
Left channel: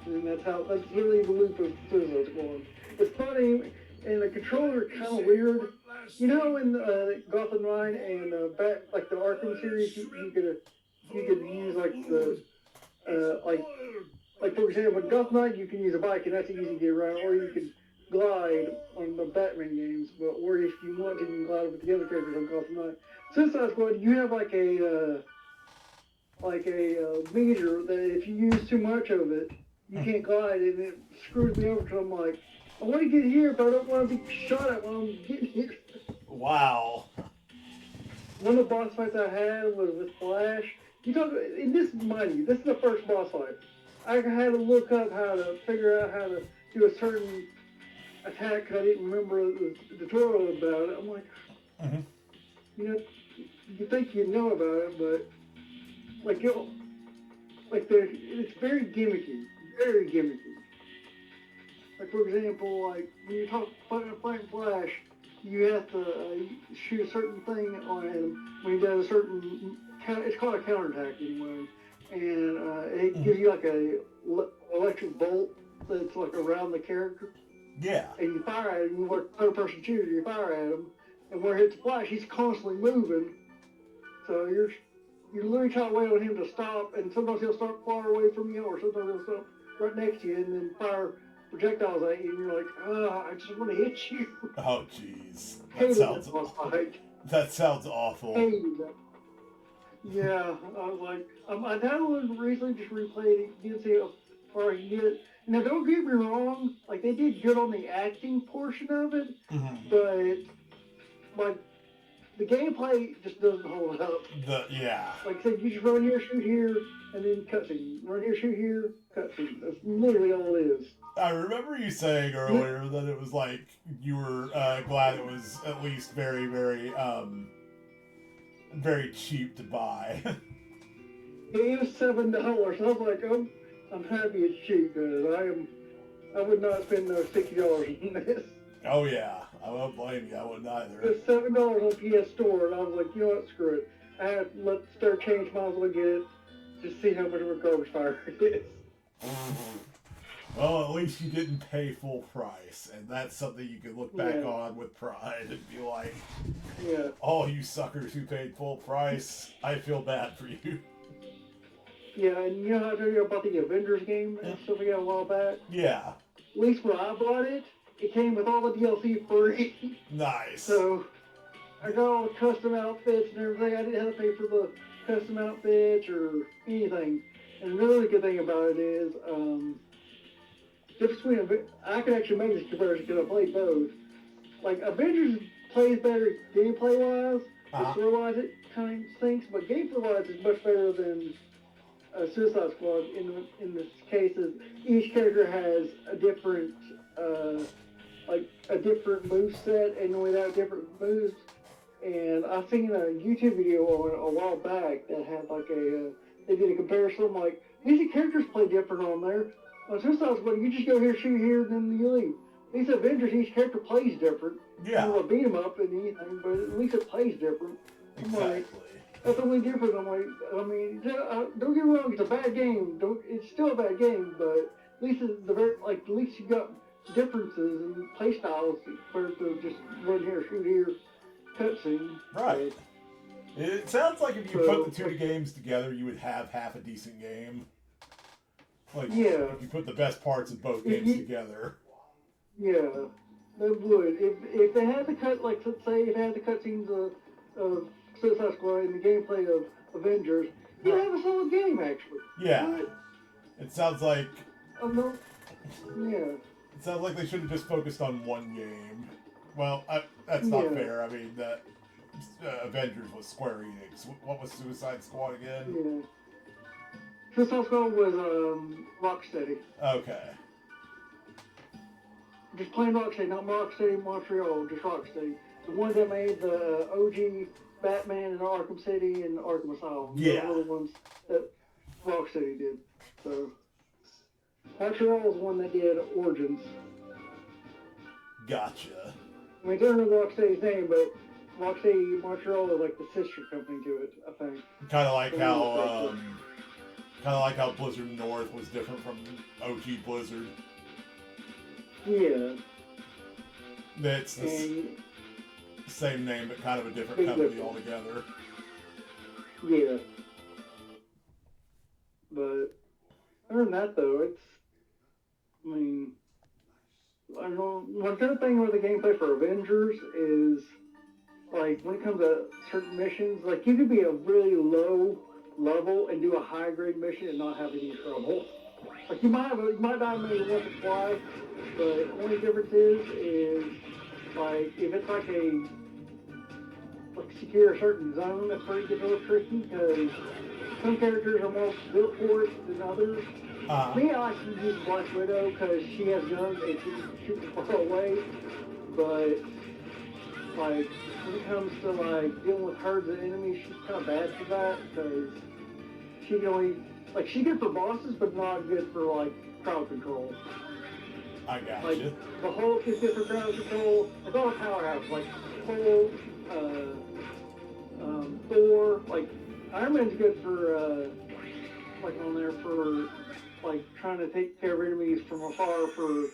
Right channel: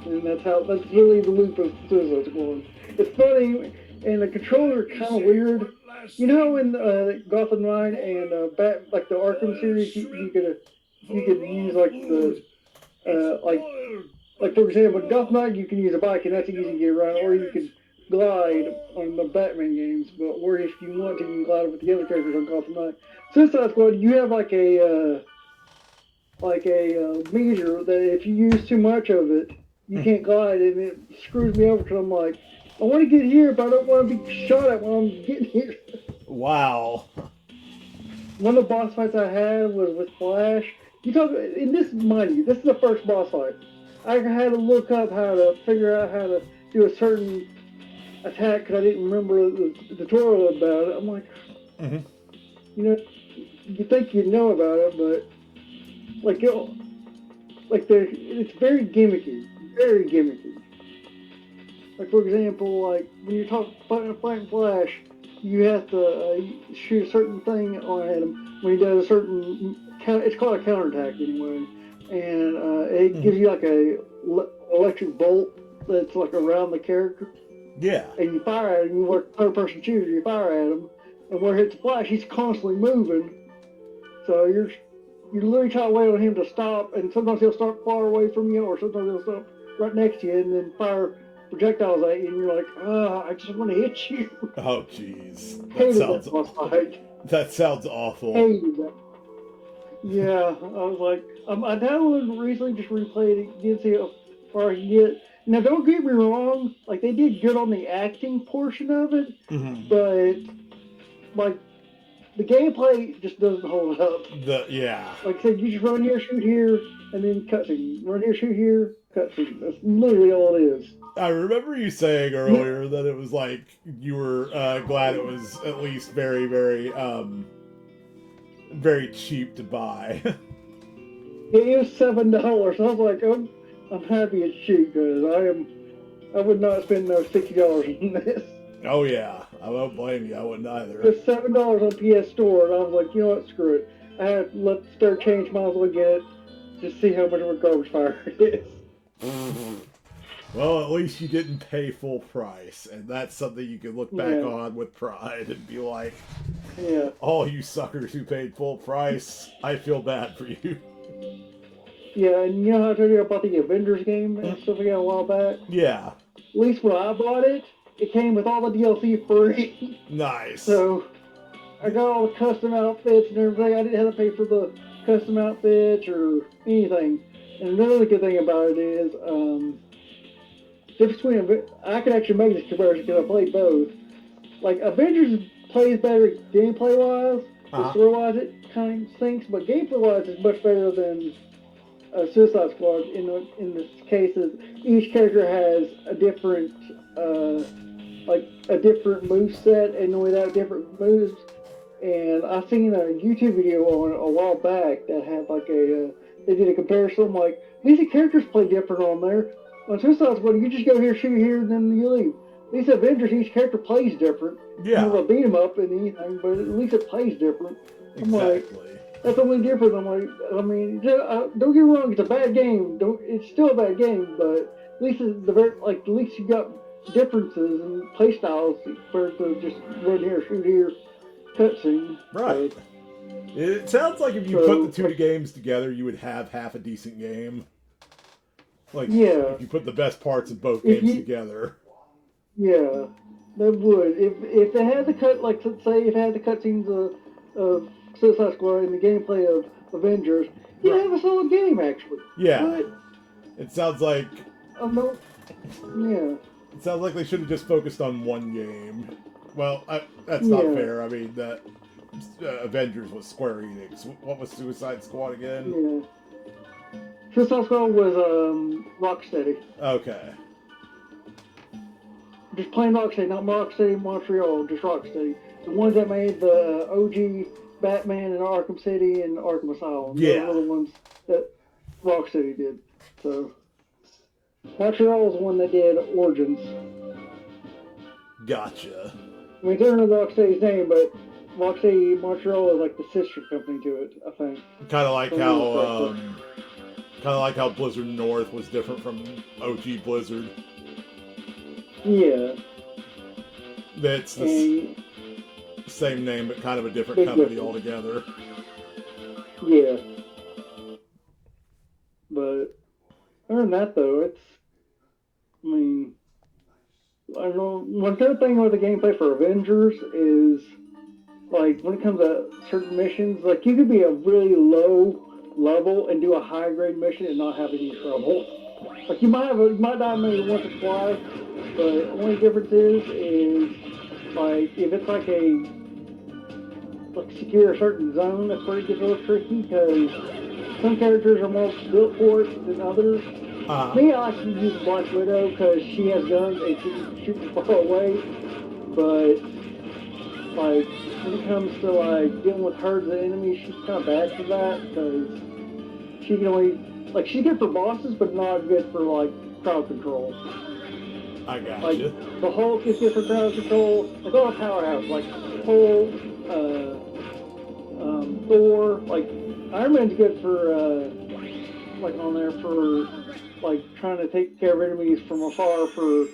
And that's really the loop of Suicide Squad. It's funny, and the controller kind of weird. You know, in Gotham Knight and like the Arkham series, you could use like the like for example, in Gotham Knight you can use a bike and that's easy to get around, or you can glide on the Batman games, or if you want to, you can glide with the other characters on Gotham Knight. Suicide Squad, you have like a meter that if you use too much of it, you can't glide, and it screws me over because I'm like, I want to get here, but I don't want to be shot at when I'm getting here. Wow. One of the boss fights I had was with Flash. You talk in this, mind you, this is the first boss fight. I had to look up how to figure out how to do a certain attack because I didn't remember the tutorial about it. I'm like, you know, you think you know about it, but like it's very gimmicky, very gimmicky. Like for example, like when you're fighting Flash, you have to shoot a certain thing on him when he does a certain. It's called a counterattack anyway, and it gives you like a electric bolt that's like around the character. Yeah. And you fire at him. You work third-person shooter. You fire at him, and where it hits Flash, he's constantly moving. So you're literally trying to wait on him to stop, and sometimes he'll start far away from you, or sometimes he'll stop right next to you, and then fire projectiles at you, and you're like, I just want to hit you. Oh, jeez. That sounds awful. Yeah, I was like, I downloaded recently, just replayed it, did see how far I can get. Now, don't get me wrong, like, they did good on the acting portion of it, but, like, the gameplay just doesn't hold up. Like I said, you just run here, shoot here, and then cutscene. Run here, shoot here, cutscene. That's literally all it is. I remember you saying earlier that it was like you were glad it was at least very, very, very cheap to buy. It was $7. I was like, I'm happy it's cheap because I would not spend those $60 on this. Oh yeah, I won't blame you. I wouldn't either. It's $7 on PS Store, and I was like, you know what, screw it. I had to let the store change, might as well get it. Just see how much of a garbage fire it is. Well, at least you didn't pay full price, and that's something you can look back on with pride and be like, all you suckers who paid full price, I feel bad for you. Yeah, and you know how I told you about the Avengers game and stuff like that a while back? Yeah. At least when I bought it, it came with all the DLC free. Nice. So, I got all the custom outfits and everything. I didn't have to pay for the custom outfits or anything. And another good thing about it is, I can actually make this comparison because I played both. Like, Avengers plays better gameplay-wise, story-wise it kind of stinks, but gameplay-wise it's much better than Suicide Squad in this case. Each character has a different, move set and only that different moves. And I seen a YouTube video on a while back that had like they did a comparison. Like, these characters play different on there. On Suicide Squad, you just go here, shoot here, and then you leave. These Avengers, each character plays different. Yeah. You don't beat them up and anything, but at least it plays different. I'm like, that's the only difference. I'm like, I mean, don't get me wrong, it's a bad game. It's still a bad game, but at least at least you got differences in play styles compared to just run here, shoot here, cutscene. Right. It sounds like if you put the two games together, you would have half a decent game. Like, if you put the best parts of both games together. Yeah, that would. If they had the say if they had the cutscenes of Suicide Squad and the gameplay of Avengers, you'd have a solid game, actually. Yeah. But, it sounds like... It sounds like they should have just focused on one game. Well, that's not fair. I mean, that Avengers was Square Enix. What was Suicide Squad again? Yeah. Suicide Squad was Rocksteady. Okay. Just plain Rocksteady, not Rocksteady Montreal, just Rocksteady. The ones that made the OG Batman and Arkham City and Arkham Asylum. Yeah. Those were the ones that Rocksteady did. So Montreal was the one that did Origins. Gotcha. I mean, they're under Rocksteady's name, but Rocksteady Montreal is like the sister company to it, I think. Kind of like how Blizzard North was different from OG Blizzard. Yeah. That's the same name, but kind of a different company altogether. Yeah. But other than that, though, I don't know. One good thing with the gameplay for Avengers is, like, when it comes to certain missions, like, you could be a really low level and do a high grade mission and not have any trouble. Like, you might die maybe once or twice, but the only difference is like, if it's like secure a certain zone, that's where it gets a little tricky, because some characters are more built for it than others. Me, I like to use Black Widow because she has guns and she can shoot from far away, but like, when it comes to like dealing with herds of enemies, she's kind of bad for that, because she can only, like, she's good for bosses, but not good for like crowd control. I got like, you. The Hulk is good for crowd control. It's all a powerhouse, like Hulk, Thor, like Iron Man's good for like on there for like trying to take care of enemies from afar, for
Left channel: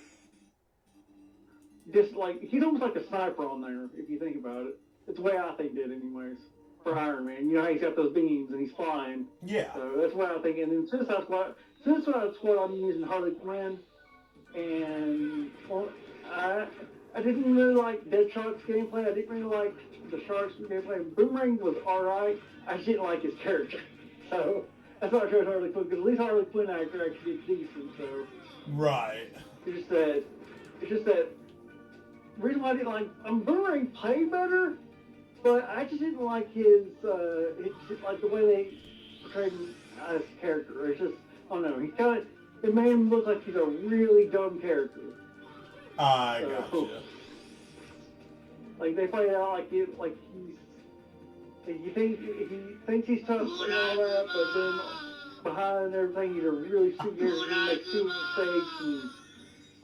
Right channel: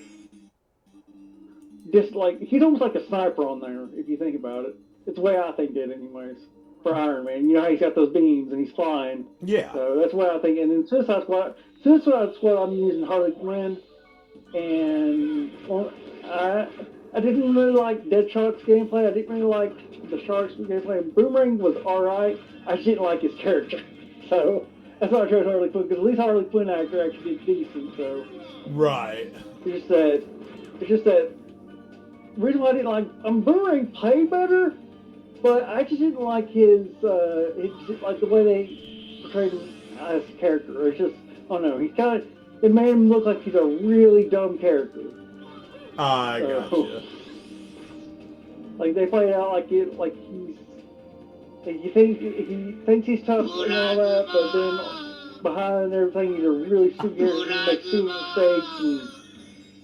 just like, he's almost like a sniper on there if you think about it. It's the way I think it anyways. For Iron Man, you know how he's got those beams and he's flying. Yeah. So that's what I think. And then Suicide Squad, I'm using Harley Quinn, and well, I didn't really like Deadshot's gameplay. I didn't really like the Shark's gameplay. Boomerang was alright. I just didn't like his character. So that's why I chose Harley Quinn, because at least Harley Quinn actor actually did decent. So right. It's just that reason why I didn't like Boomerang played better. But I just didn't like his like the way they portrayed him as a character. It's just, I don't know, it made him look like he's a really dumb character. I gotcha. Like, they play it out like he's, like, he thinks he's tough and all that, but then behind everything, he's a really stupid character. He makes stupid mistakes and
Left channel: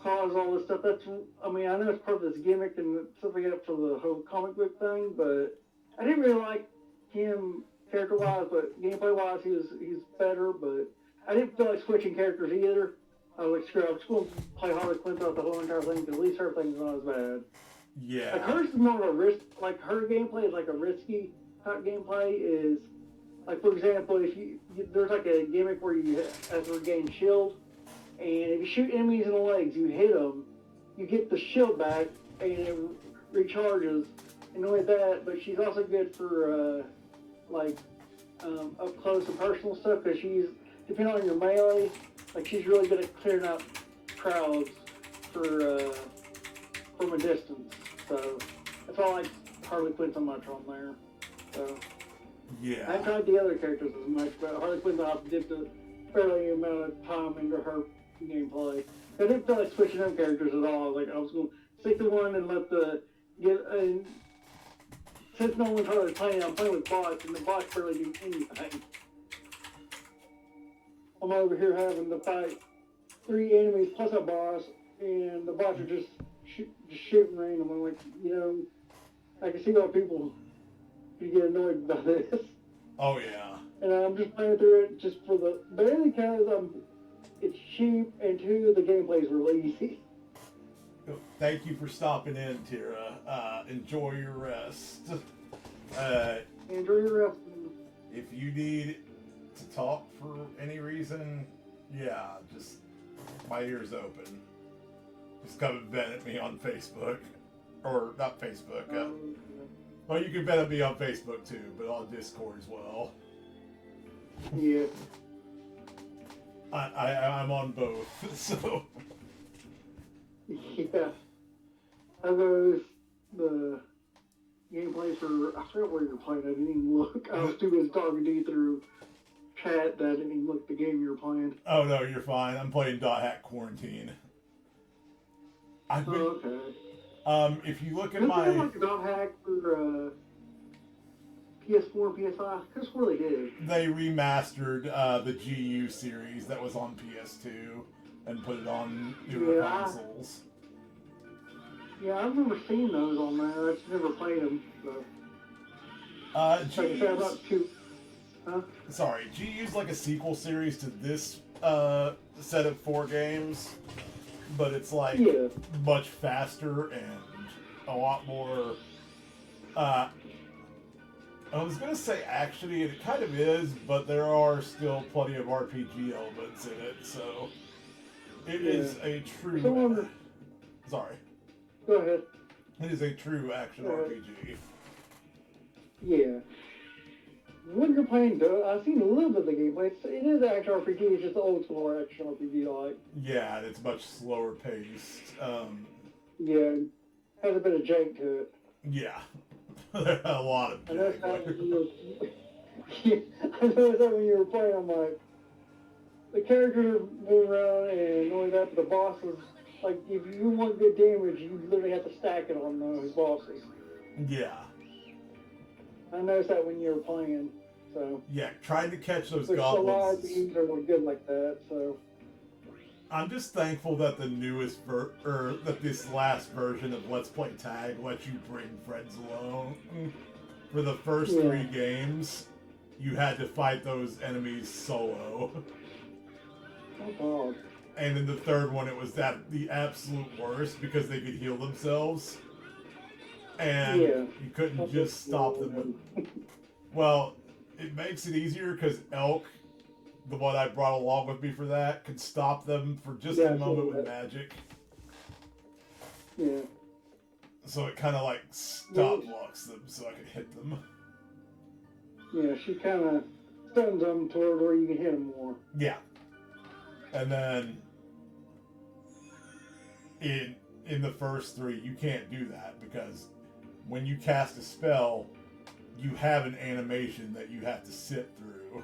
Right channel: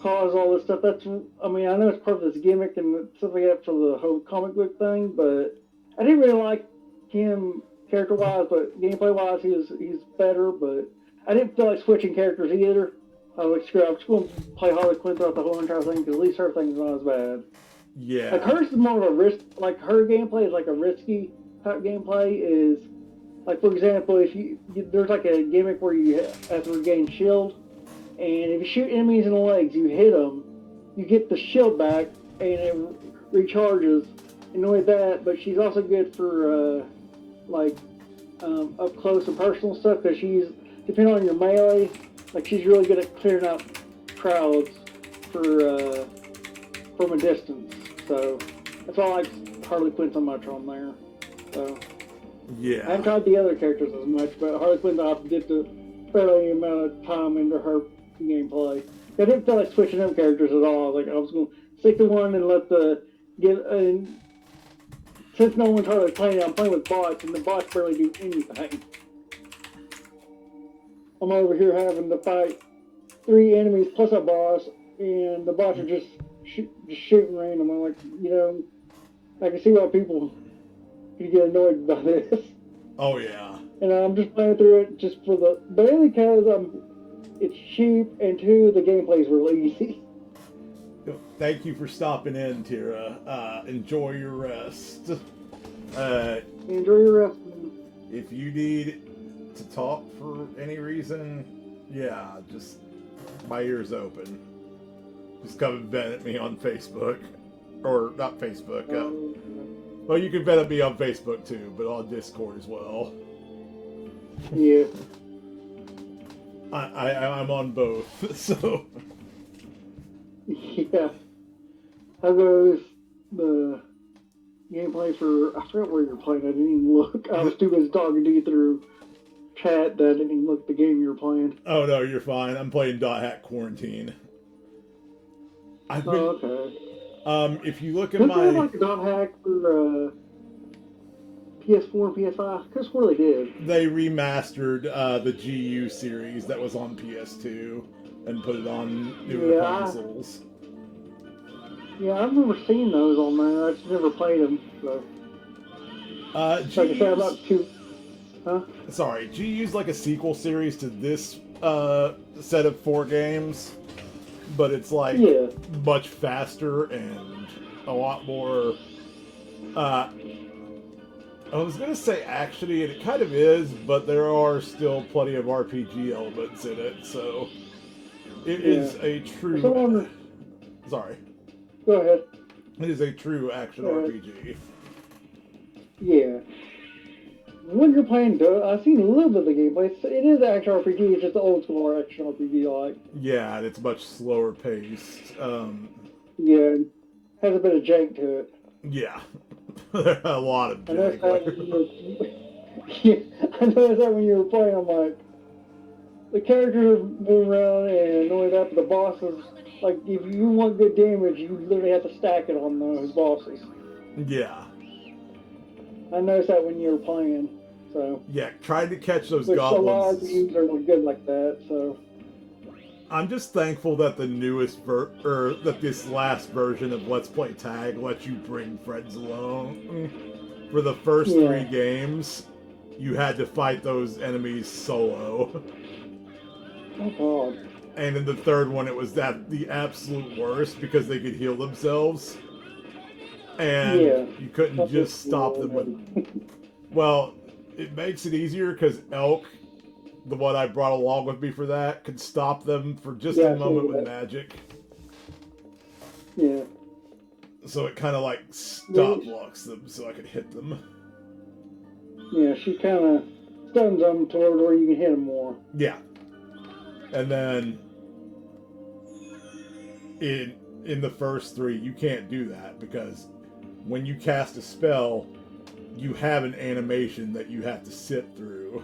cause all this stuff. That's, I mean, I know it's part of this gimmick and stuff like that for the whole comic book thing, but I didn't really like him character-wise, but gameplay-wise, he's better, but I didn't feel like switching characters either. I was like, screw it, I'm just going to play Harley Quinn throughout the whole entire thing, because at least her thing's not as bad. Yeah. Like, hers is more of a risk, like, her gameplay is like a risky type gameplay, is, like, for example, if there's like a gimmick where you have to regain shield, and if you shoot enemies in the legs, you hit them, you get the shield back, and it recharges. And not only that, but she's also good for, up close and personal stuff, because she's, depending on your melee, like, she's really good at clearing out crowds from a distance. So, that's why I like Harley Quinn so much on there. So, yeah. I haven't tried the other characters as much, but Harley Quinn, I did the fairly amount of time into her gameplay. I didn't feel like switching them characters at all. Like, I was going to stick to one and since no one's hardly playing, I'm playing with bots, and the bots barely do anything. I'm over here having to fight 3 enemies plus a boss, and the bots are just shooting random. I'm like, I can see why people can get annoyed about this. Oh yeah. And I'm just playing through it just mainly because it's cheap, and 2, the gameplay's really easy. Thank you for stopping in, Tira. Enjoy your rest. Enjoy your rest. If you need to talk for any reason, yeah, just my ears open. Just come and vent at me on Facebook. Or not Facebook. Well, you can vent at me on Facebook too, but on Discord as well. Yeah. I'm on both, so. Yeah. I goes, the gameplay for, I forgot where you're playing. I didn't even look. I was too busy talking to you through chat that I didn't even look at the game you were playing. Oh no, you're fine. I'm playing Dot Hack Quarantine. I've been, okay. If you look at Didn't my... they have like a Dot Hack for PS4 and PS5? Because what they did. They remastered the GU series that was on PS2 and put it on newer consoles. Yeah, I've never seen those on there. I just never played them. So. Sorry, GU's like a sequel series to this set of 4 games, but it's like much faster and a lot more. I was gonna say actiony, and it kind of is, but there are still plenty of RPG elements in it, so it is a true. Sorry. Go ahead. It is a true action RPG. Yeah. When you're playing, I've seen a little bit of the gameplay. It is action RPG. It's just the old school action RPG, like. Yeah, and it's much slower paced. Yeah, has a bit of jank to it. Yeah, a lot of jank. I noticed that when you were playing. I'm like, the characters are moving around, and not only that, but the bosses. Like, if you want good damage, you literally have to stack it on those bosses. Yeah. I noticed that when you were playing, so... Yeah, trying to catch those goblins. A lot of games are good like that, so... I'm just thankful that the newest that this last version of Let's Play Tag lets you bring friends along. For the first 3 games, you had to fight those enemies solo. Oh, God. And in the third one, it was the absolute worst because they could heal themselves. And you couldn't just stop them with... Well, it makes it easier because Elk, the one I brought along with me for that, could stop them for just a moment with magic. Yeah. So it kind of like stop blocks them so I could hit them. Yeah, she kind of stuns them toward where you can hit them more. Yeah. And then in the first 3, you can't do that because when you cast a spell, you have an animation that you have to sit through.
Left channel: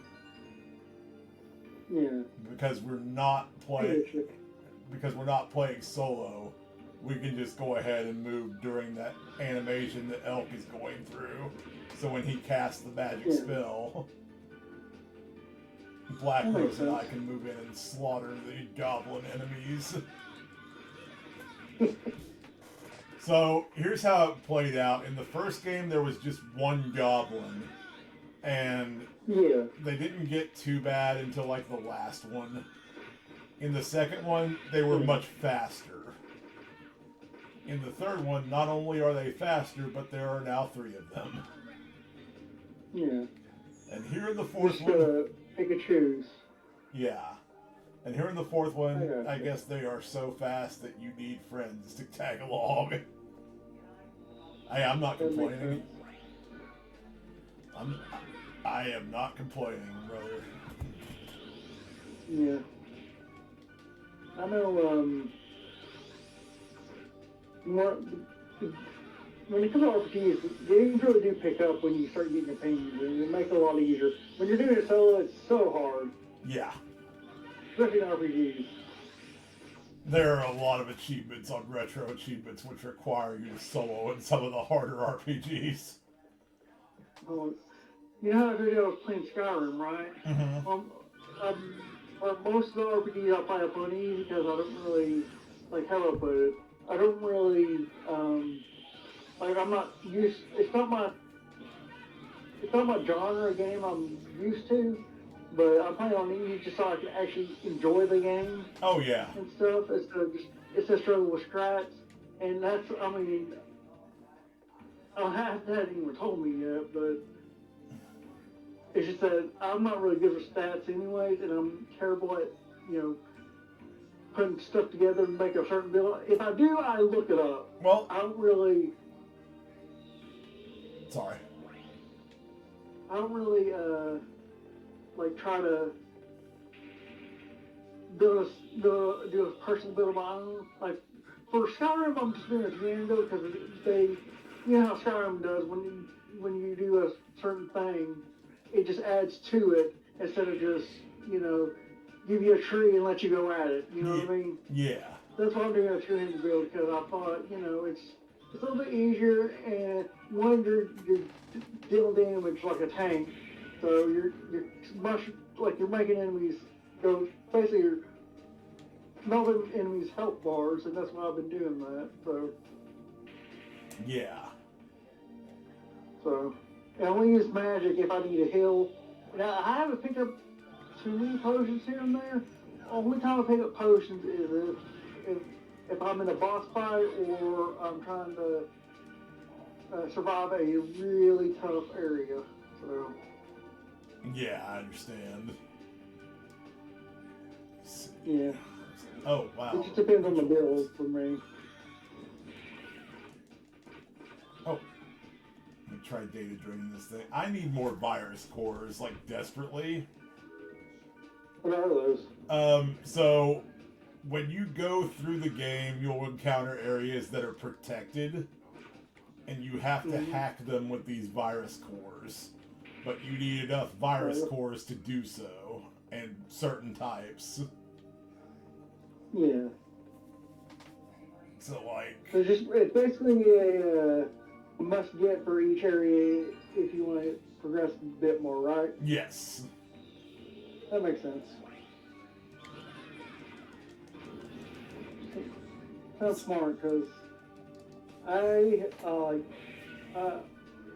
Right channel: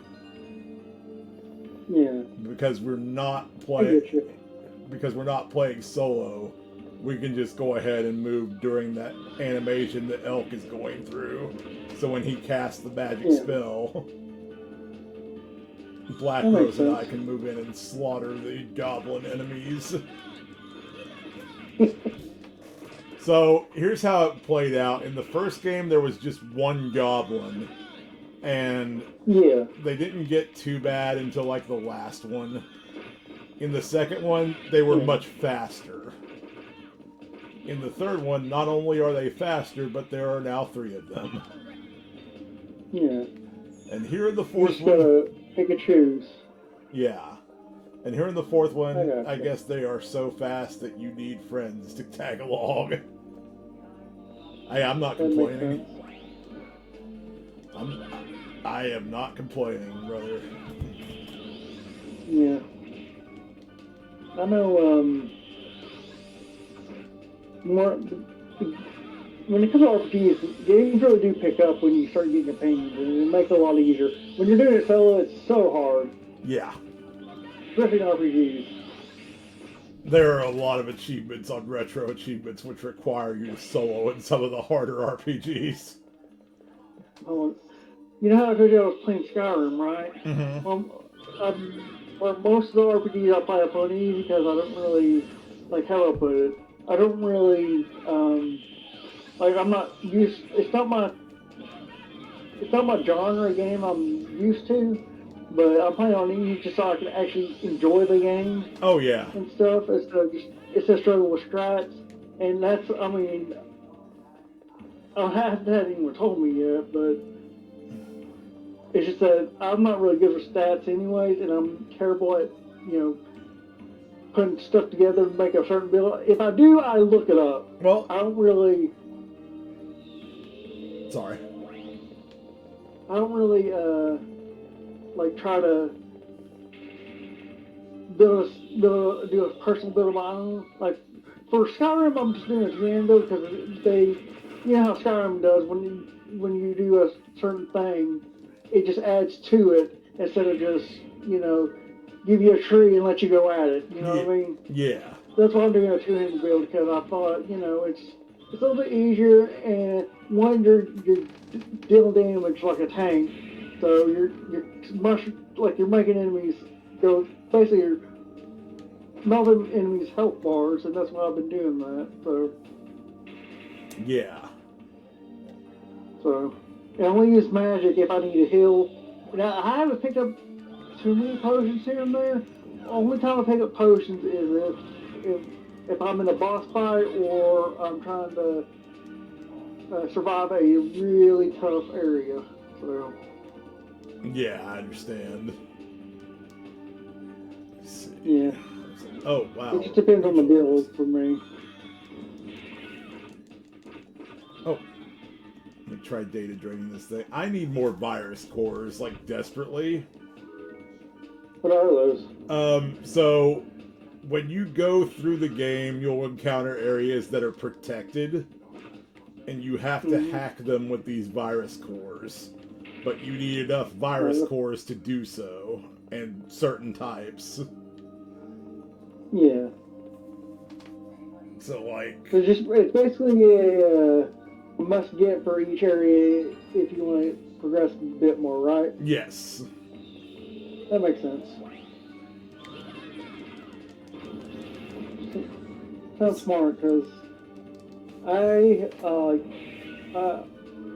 Yeah. Because we're not playing solo, we can just go ahead and move during that animation that Elk is going through. So when he casts the magic spell, Black Rose and I can move in and slaughter the goblin enemies. So here's how it played out. In the first game, there was just 1 goblin, and they didn't get too bad until like the last one. In the second one, they were much faster. In the third one, not only are they faster, but there are now 3 of them. Yeah. And here in the fourth one, gotta pick and choose. Yeah. And here in the fourth one, I guess they are so fast that you need friends to tag along. I'm not complaining. I am not complaining, brother. Yeah. I know, when it comes to RPGs, games really do pick up when you start getting companions, and it makes it a lot easier. When you're doing it solo, it's so hard. Yeah. Especially in RPGs. There are a lot of achievements on retro achievements which require you to solo in some of the harder RPGs. You know how I told you I was playing Skyrim, right? Mm-hmm. For most of the RPGs I play, I play easy because I don't really, like how I put it, I don't really, I'm not used, it's not my genre game I'm used to, but I'm playing on easy just so I can actually enjoy the game. Oh, yeah. And stuff. It's a struggle with strats, and that's, I mean, I haven't even told me yet, but it's just that I'm not really good for stats anyways, and I'm terrible at, putting stuff together to make a certain build. If I do, I look it up. Well, I don't really... Sorry. I don't really, try to do a personal build of my own. Like, for Skyrim, I'm just doing it random because you know how Skyrim does when you do a certain thing, it just adds to it instead of just, you know, give you a tree and let you go at it. You know what I mean? Yeah. That's why I'm doing a two-handed build, because I thought, you know, it's a little bit easier, and one, you're dealing damage like a tank, so you're making enemies go, basically you're melting enemies' health bars, and that's why I've been doing that, so. Yeah. So, I only use magic if I need a heal. Now, I haven't picked up too many potions here and there. Only time I pick up potions is if I'm in a boss fight or I'm trying to survive a really tough area. So. Yeah, I understand. Yeah. Oh, wow. It just depends on the build for me. Oh. Let me try data draining this thing. I need more virus cores, like, desperately. What are those? So when you go through the game, you'll encounter areas that are protected, and you have to hack them with these virus cores. But you need enough virus cores to do so, and certain types. Yeah. So, like... It's basically a must get for each area if you want to progress a bit more, right? Yes. That makes sense. Sounds smart, because I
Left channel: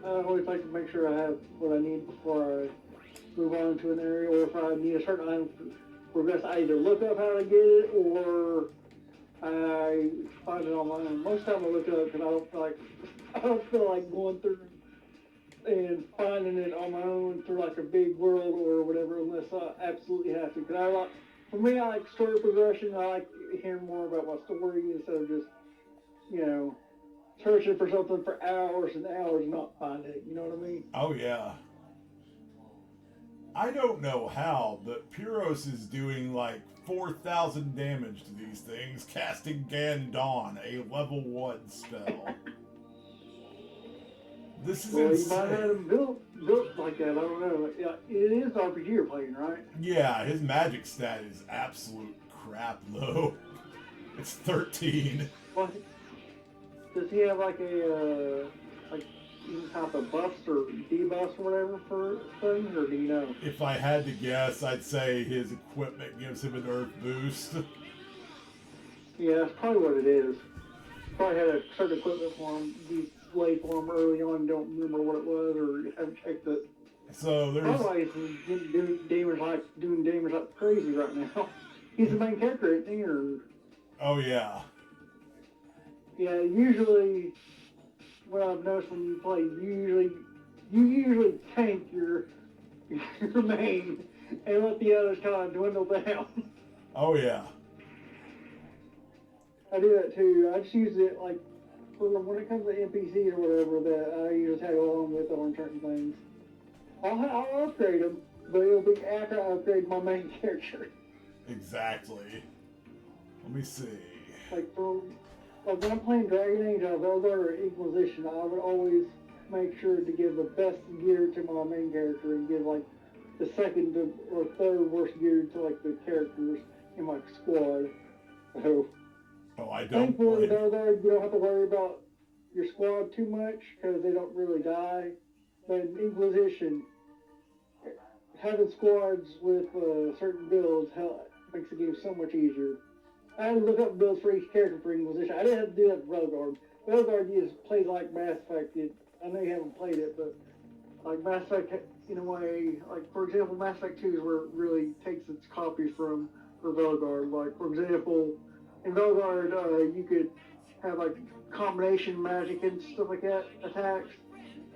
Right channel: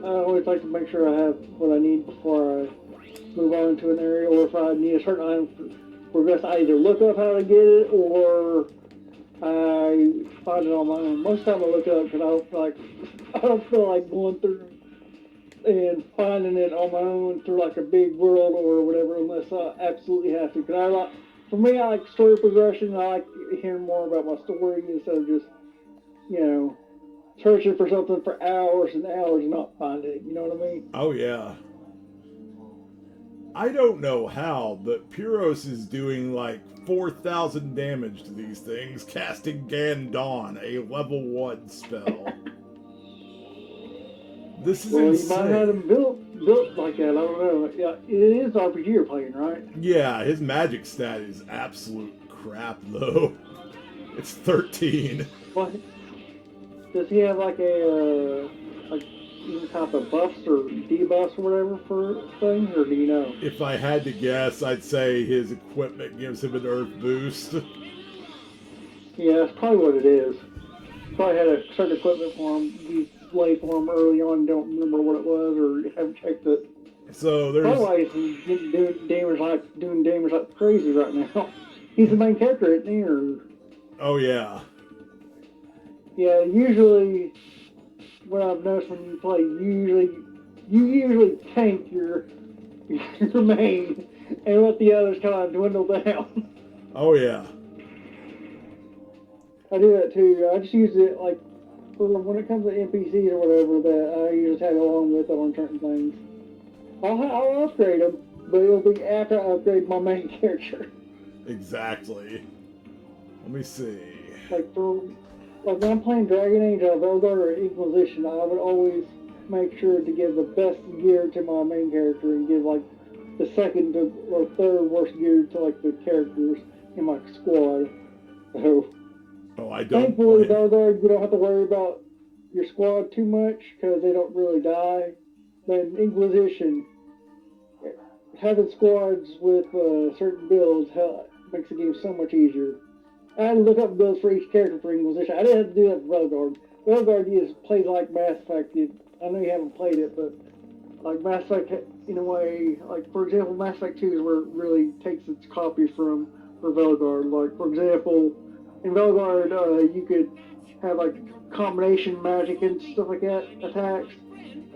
always like to make sure I have what I need before I move on to an area, or if I need a certain item to progress, I either look up how to get it, or I find it on my own. Most of the time I look up because I don't feel like going through and finding it on my own through like a big world or whatever, unless I absolutely have to. For me, I like story progression. I like hearing more about my story instead of just, you know, searching for something for hours and hours and not finding it. You know what I mean? Oh, yeah. I don't know how, but Pyros is doing like 4,000 damage to these things, casting Gandon, a level 1 spell. This is insane. You might have him built like that. I don't know. Yeah, it is RPG you're playing, right? Yeah, his magic stat is absolute crap, though. It's 13. What? Does he have like a any type of buffs or debuffs or whatever for things, or do you know? If I had to guess, I'd say his equipment gives him an earth boost. Yeah, that's probably what it is. Probably had a certain equipment for him. He laid for him early on, don't remember what it was, or haven't checked it. So there's... Otherwise, he's doing damage like crazy right now. He's the main character, isn't he? Or... Oh, yeah. Yeah, usually... What I've noticed when you play, you usually tank your main and let the others kind of dwindle down. Oh yeah. I do that too. I just use it like for when it comes to NPCs or whatever that I usually tag along with on certain things. I'll upgrade them, but it'll be after I upgrade my main character. Exactly. Let me see. Like when I'm playing Dragon Age or Veldar or Inquisition, I would always make sure to give the best gear to my main character and give like the second or third worst gear to like the characters in my squad. So, I don't. Thankfully, Veldar, you don't have to worry about your squad too much because they don't really die. But in Inquisition, having squads with certain builds makes the game so much easier. I had to look up builds for each character for Inquisition. I didn't have to do that for Veldar. Veldar plays like Mass Effect. I know you haven't played it, but like Mass Effect, in a way, like for example, Mass Effect 2 is where it really takes its copy for Veldar. Like for example, in Veldar, you could have like combination magic and stuff like that attacks,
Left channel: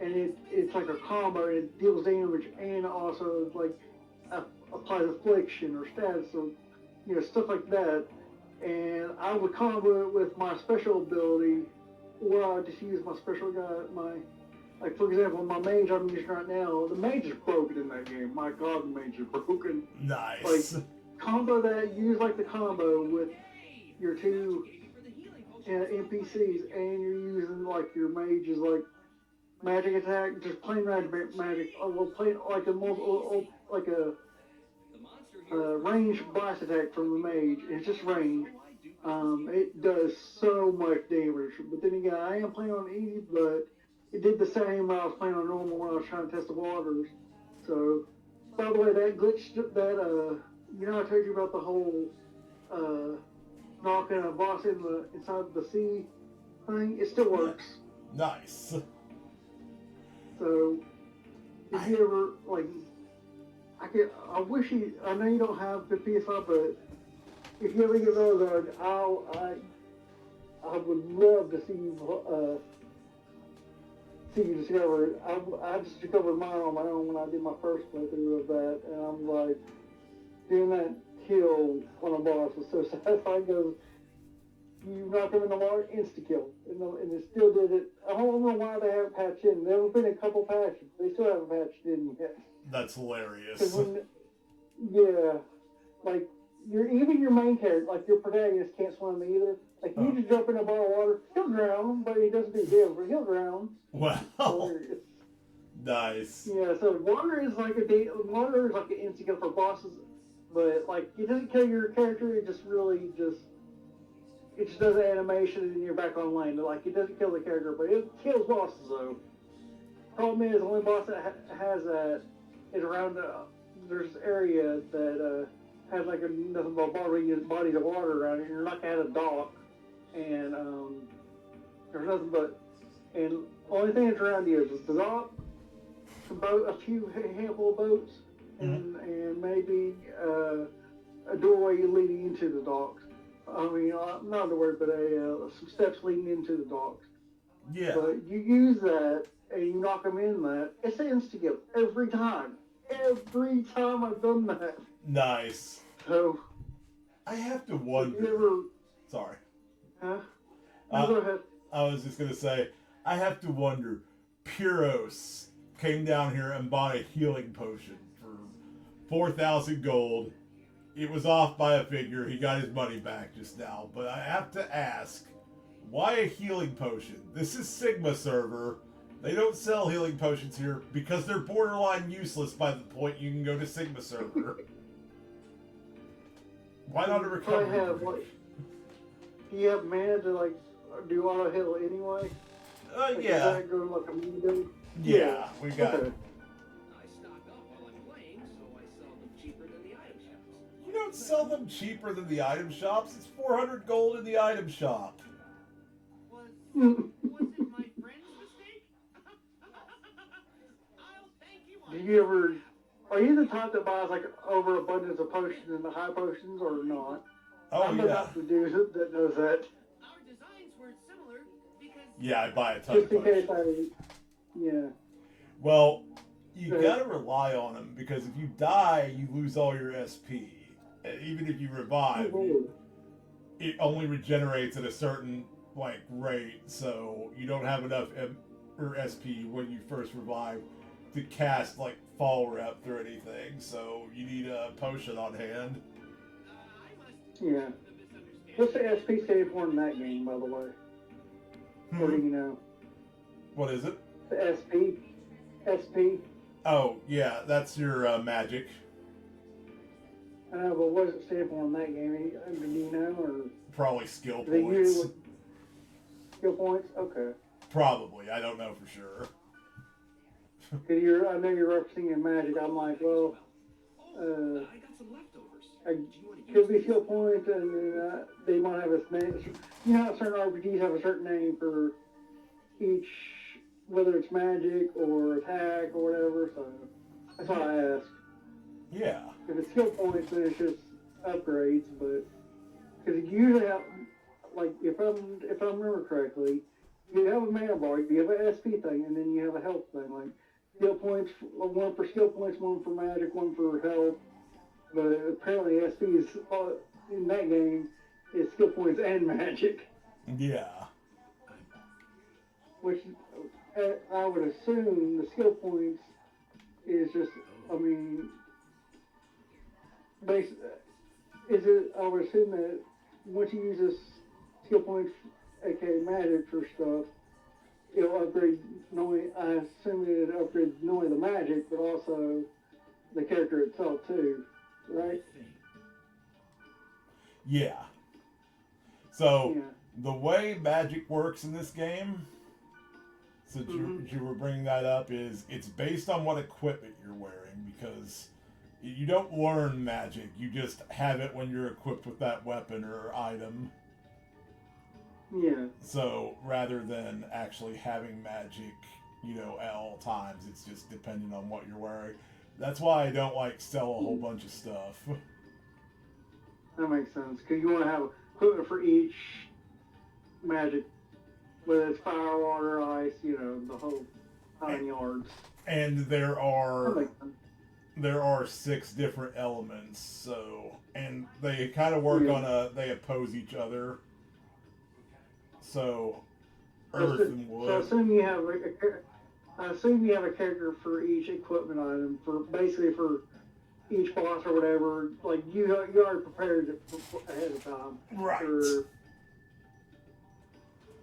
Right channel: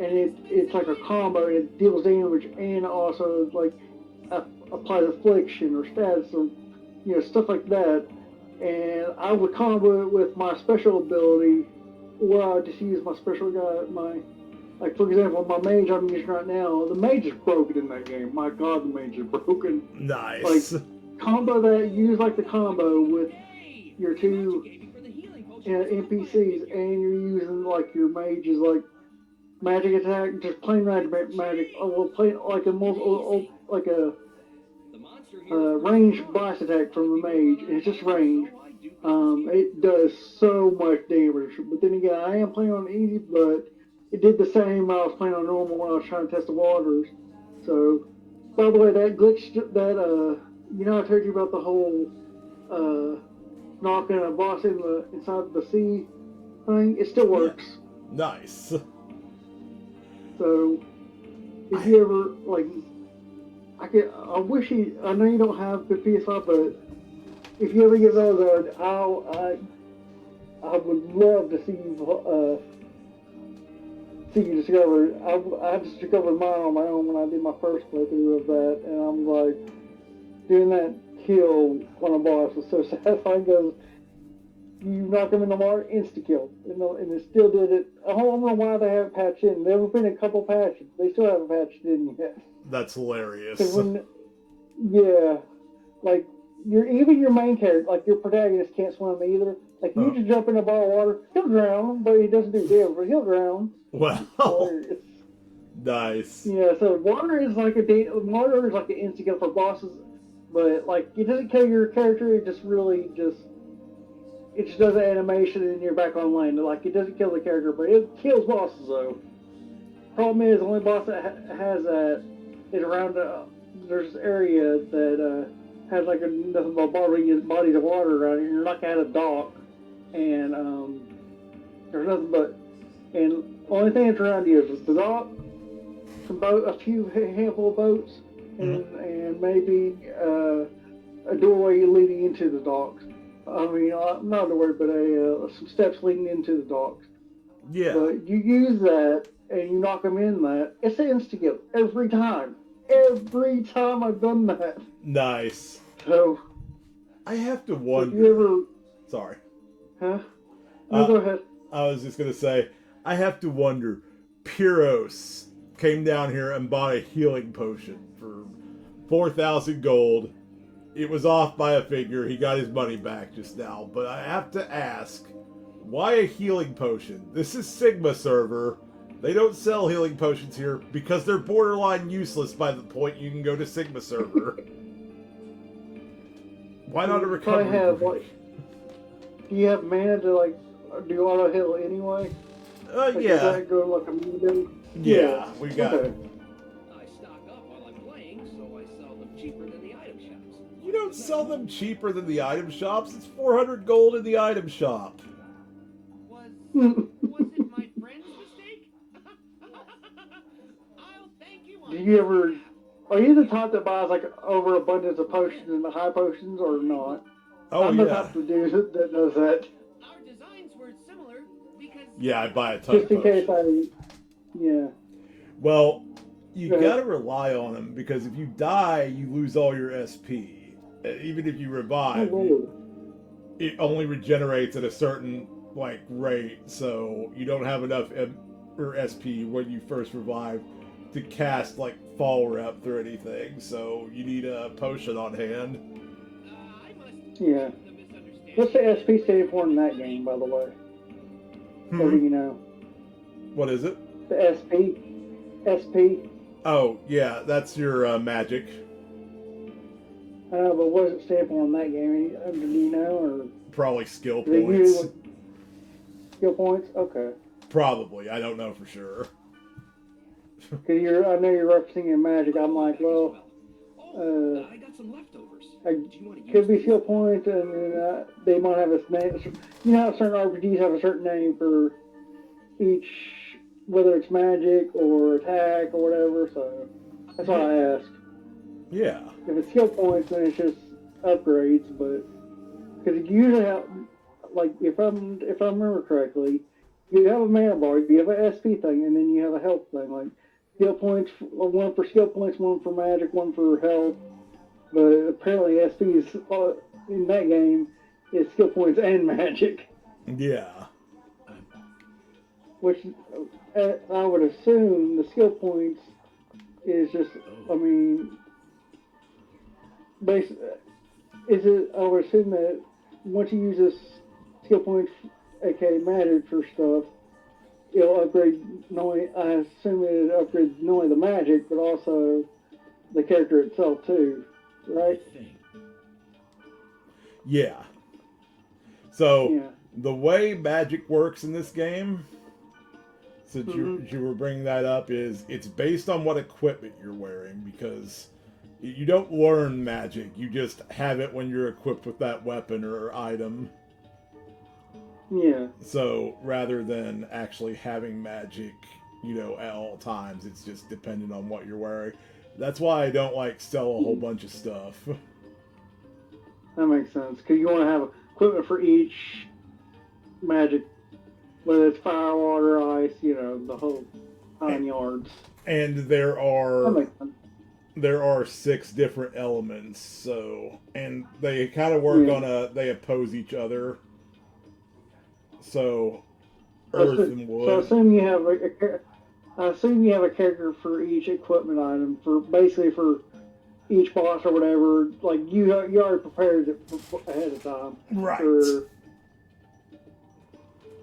and it's like a combo. And it deals damage and also like applies affliction or stats or stuff like that. And I would combo it with my special ability, or I would just use my special guy, like for example, my mage I'm using right now, the mage is broken in that game. My god, the mage is broken. Nice. Like, combo that, use like the combo with your two NPCs, and you're using like your mages like magic attack, just plain magic, or plain like a ranged blast attack from the mage. And it's just range. It does so much damage. But then again, I am playing on easy, but it did the same when I was playing on normal when I was trying to test the waters. So, by the way, that glitch, that I told you about the whole knocking a boss inside the sea thing. It still works. Yeah. Nice. So, if you ever like, I wish I know you don't have the PS5, but if you ever get those, I would love to see you discover. I just discovered mine on my own when I did my first playthrough of that, and I'm like, doing that kill on a boss was so satisfying. Because you knock them in the water, insta kill, and it still did it. I don't know why they haven't patched in. There have been a couple patches. They still haven't patched in yet. That's hilarious. Like even your main character, like your protagonist, can't swim either. Like you just jump in a ball of water, he'll drown, but he doesn't do damage, but he'll drown. Wow. Nice. Yeah, so water is like an instant kill for bosses, but like it doesn't kill your character. It just does an animation and you're back online. Like it doesn't kill the character, but it kills bosses though. Problem is, the only boss that has that is around. There's this area that has like nothing but bodies of water around it. You're like at a dock, and there's nothing but, and only thing that's around you is the dock, some boat, a handful of boats, and maybe a doorway leading into the docks. I mean, not a word, but some steps leading into the docks. Yeah. But you use that and you knock them in that. It's an instant kill every time. Every time I've done that. Nice. So I have to wonder. Sorry. Huh? No, go ahead. I was just gonna say, I have to wonder. Pyros came down here and bought a healing potion for 4,000 gold. It was off by a figure. He got his money back just now. But I have to ask, why a healing potion? This is Sigma server. They don't sell healing potions here because they're borderline useless by the point you can go to Sigma server. Why not a recovery? Do you have mana to do auto heal anyway? Yeah. Yeah, we got it. You don't sell them cheaper than the item shops. It's 400 gold in the item shop. Was it my friend's mistake? I'll thank you. Are you the type that buys overabundance of potions and the high potions or not? Oh, I'm the type of dude that does that. Our designs were similar because... Yeah, I buy a ton of potions. Just in case yeah. Well, you gotta rely on them because if you die, you lose all your SP. Even if you revive, it only regenerates at a certain rate, so you don't have enough SP when you first revive to cast fall rep or anything. So you need a potion on hand. Yeah. What's the SP stand for in that game, by the way? Or do you know? What is it? The SP. Oh yeah, that's your magic. I know, but what does it stand for in that game? Do you know, or probably skill points. Skill points? Okay. Probably. I don't know for sure. Cause I know you're referencing your magic. I'm like, well, I got some leftovers. Could be skill points, and they might have a name. You know how certain RPGs have a certain name for each, whether it's magic or attack or whatever. So that's why I asked. Yeah. If it's skill points, then it's just upgrades. But because you usually have, if I remember correctly, you have a mana bar, you have an SP thing, and then you have a health thing. Skill points, one for skill points, one for magic, one for health. But apparently SP is, in that game, is skill points and magic. Yeah. Which I would assume the skill points is just, I would assume that once you use this skill points aka magic for stuff, it'll upgrade I assume it upgrades not only the magic, but also the character itself too, right? Yeah. So, the way magic works in this game, since you were bringing that up, is it's based on what equipment you're wearing, because you don't learn magic, you just have it when you're equipped with that weapon or item. Yeah. So, rather than actually having magic, at all times, it's just dependent on what you're wearing. That's why I don't, sell a whole bunch of stuff. That makes sense, because you want to have equipment for each magic, whether it's fire, water, ice, the whole 9 yards. And there are 6 different elements, so, and they kind of work on they oppose each other. So, earth and wood. So I assume you have a character for each equipment item, for each boss or whatever. Like you already prepared it ahead of time. Right.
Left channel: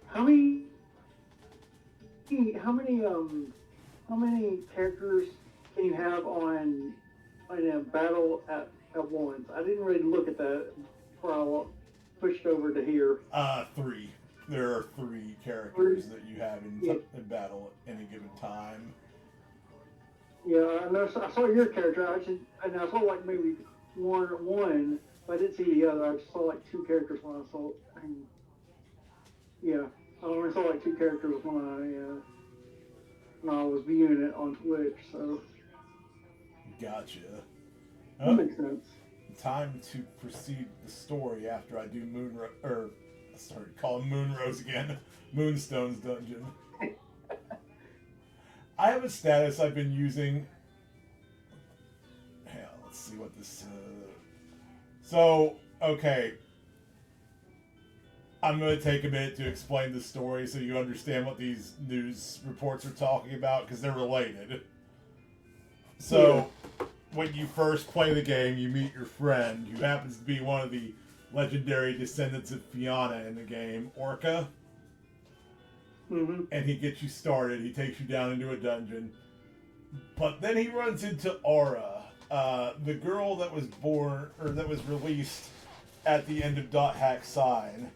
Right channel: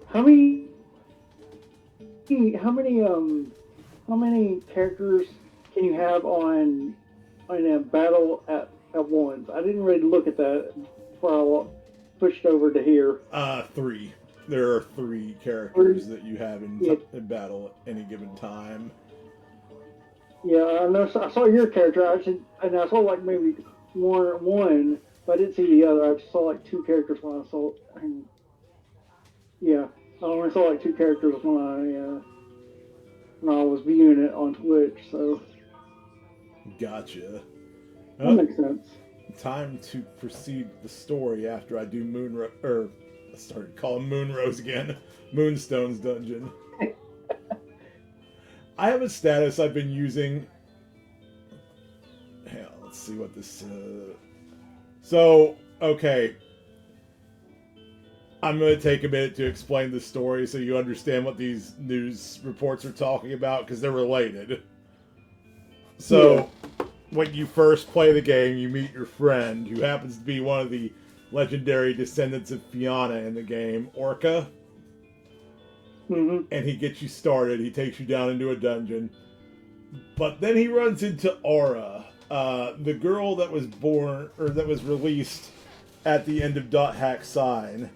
How many characters can you have on a battle at once? I didn't really look at that before I pushed over to here. 3. There are 3 characters that you have in battle at any given time. Yeah, I know. I saw your character. I saw maybe one, but I didn't see the other. I just saw 2 characters when I saw. Yeah, I only saw 2 characters when I was viewing it on Twitch. So. Gotcha. That makes sense. Time to proceed the story after I do I started calling Moonrose again. Moonstone's dungeon. I have a status I've been using. Hell, let's see what this. So, okay. I'm going to take a minute to explain the story so you understand what these news reports are talking about, because they're related. So, when you first play the game, you meet your friend, who happens to be one of the legendary descendants of Fiona in the game, Orca. Mm-hmm. And he gets you started. He takes you down into a dungeon. But then he runs into Aura, the girl that was released at the end of .hack Sign.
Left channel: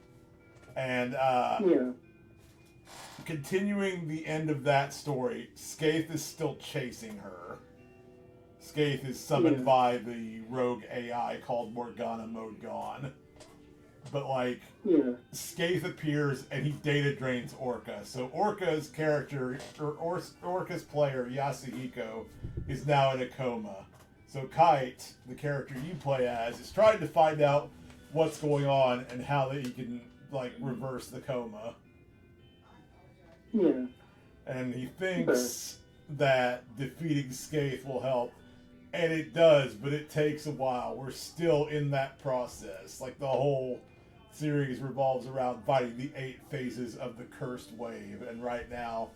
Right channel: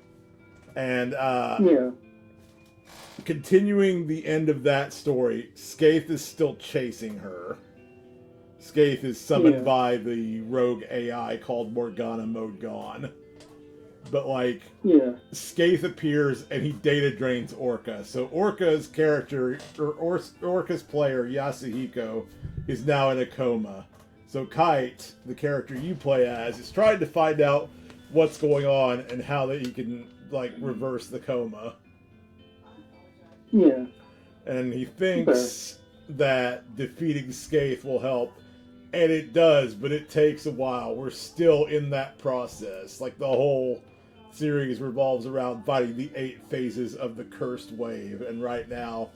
And continuing the end of that story, Skaith is still chasing her. Skaith is summoned by the rogue AI called Morgana Modgon. But Skaith appears and he data drains Orca. So Orca's character, or Orca's player, Yasuhiko, is now in a coma. So Kite, the character you play as, is trying to find out what's going on and how that he can reverse the coma. Yeah. And he thinks that defeating Skaith will help. And it does, but it takes a while. We're still in that process. The whole series revolves around fighting the 8 phases of the Cursed Wave. And right now,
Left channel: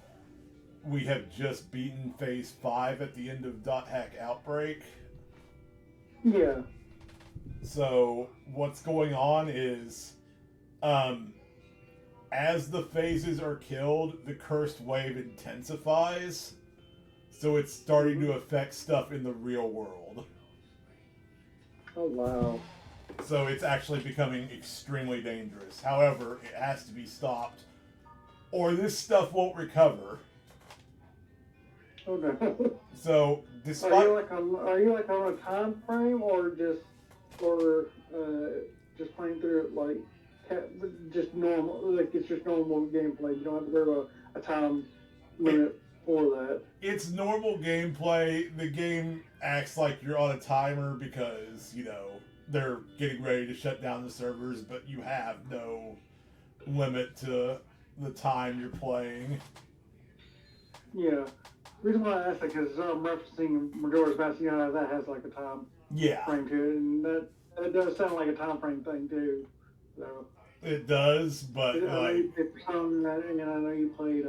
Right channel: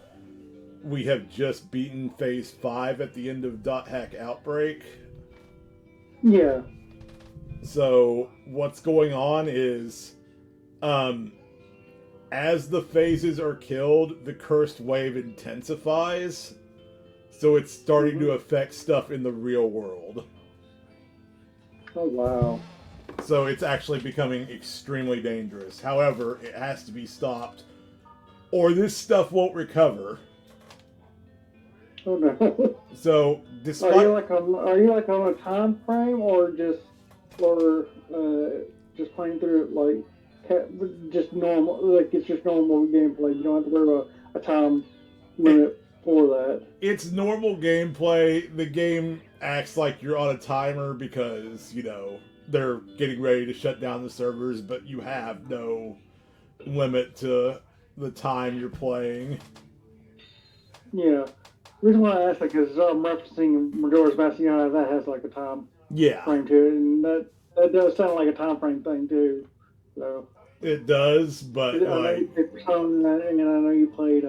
we have just beaten Phase 5 at the end of .hack Outbreak. Yeah. So, what's going on is, as the phases are killed, the Cursed Wave intensifies. So it's starting to affect stuff in the real world. Oh, wow. So it's actually becoming extremely dangerous. However, it has to be stopped, or this stuff won't recover. Oh, no. So, despite... Are you on a time frame, or just playing through it just normal, it's just normal gameplay? You don't have to worry about a time limit for that. It's normal gameplay. The game acts like you're on a timer because, they're getting ready to shut down the servers, but you have no limit to the time you're playing. Yeah. The reason why I asked that because I'm referencing Majora's Mask, that has a time frame to it, and that does sound like a time frame thing too. So it does, but I know you played Persona, and I know you played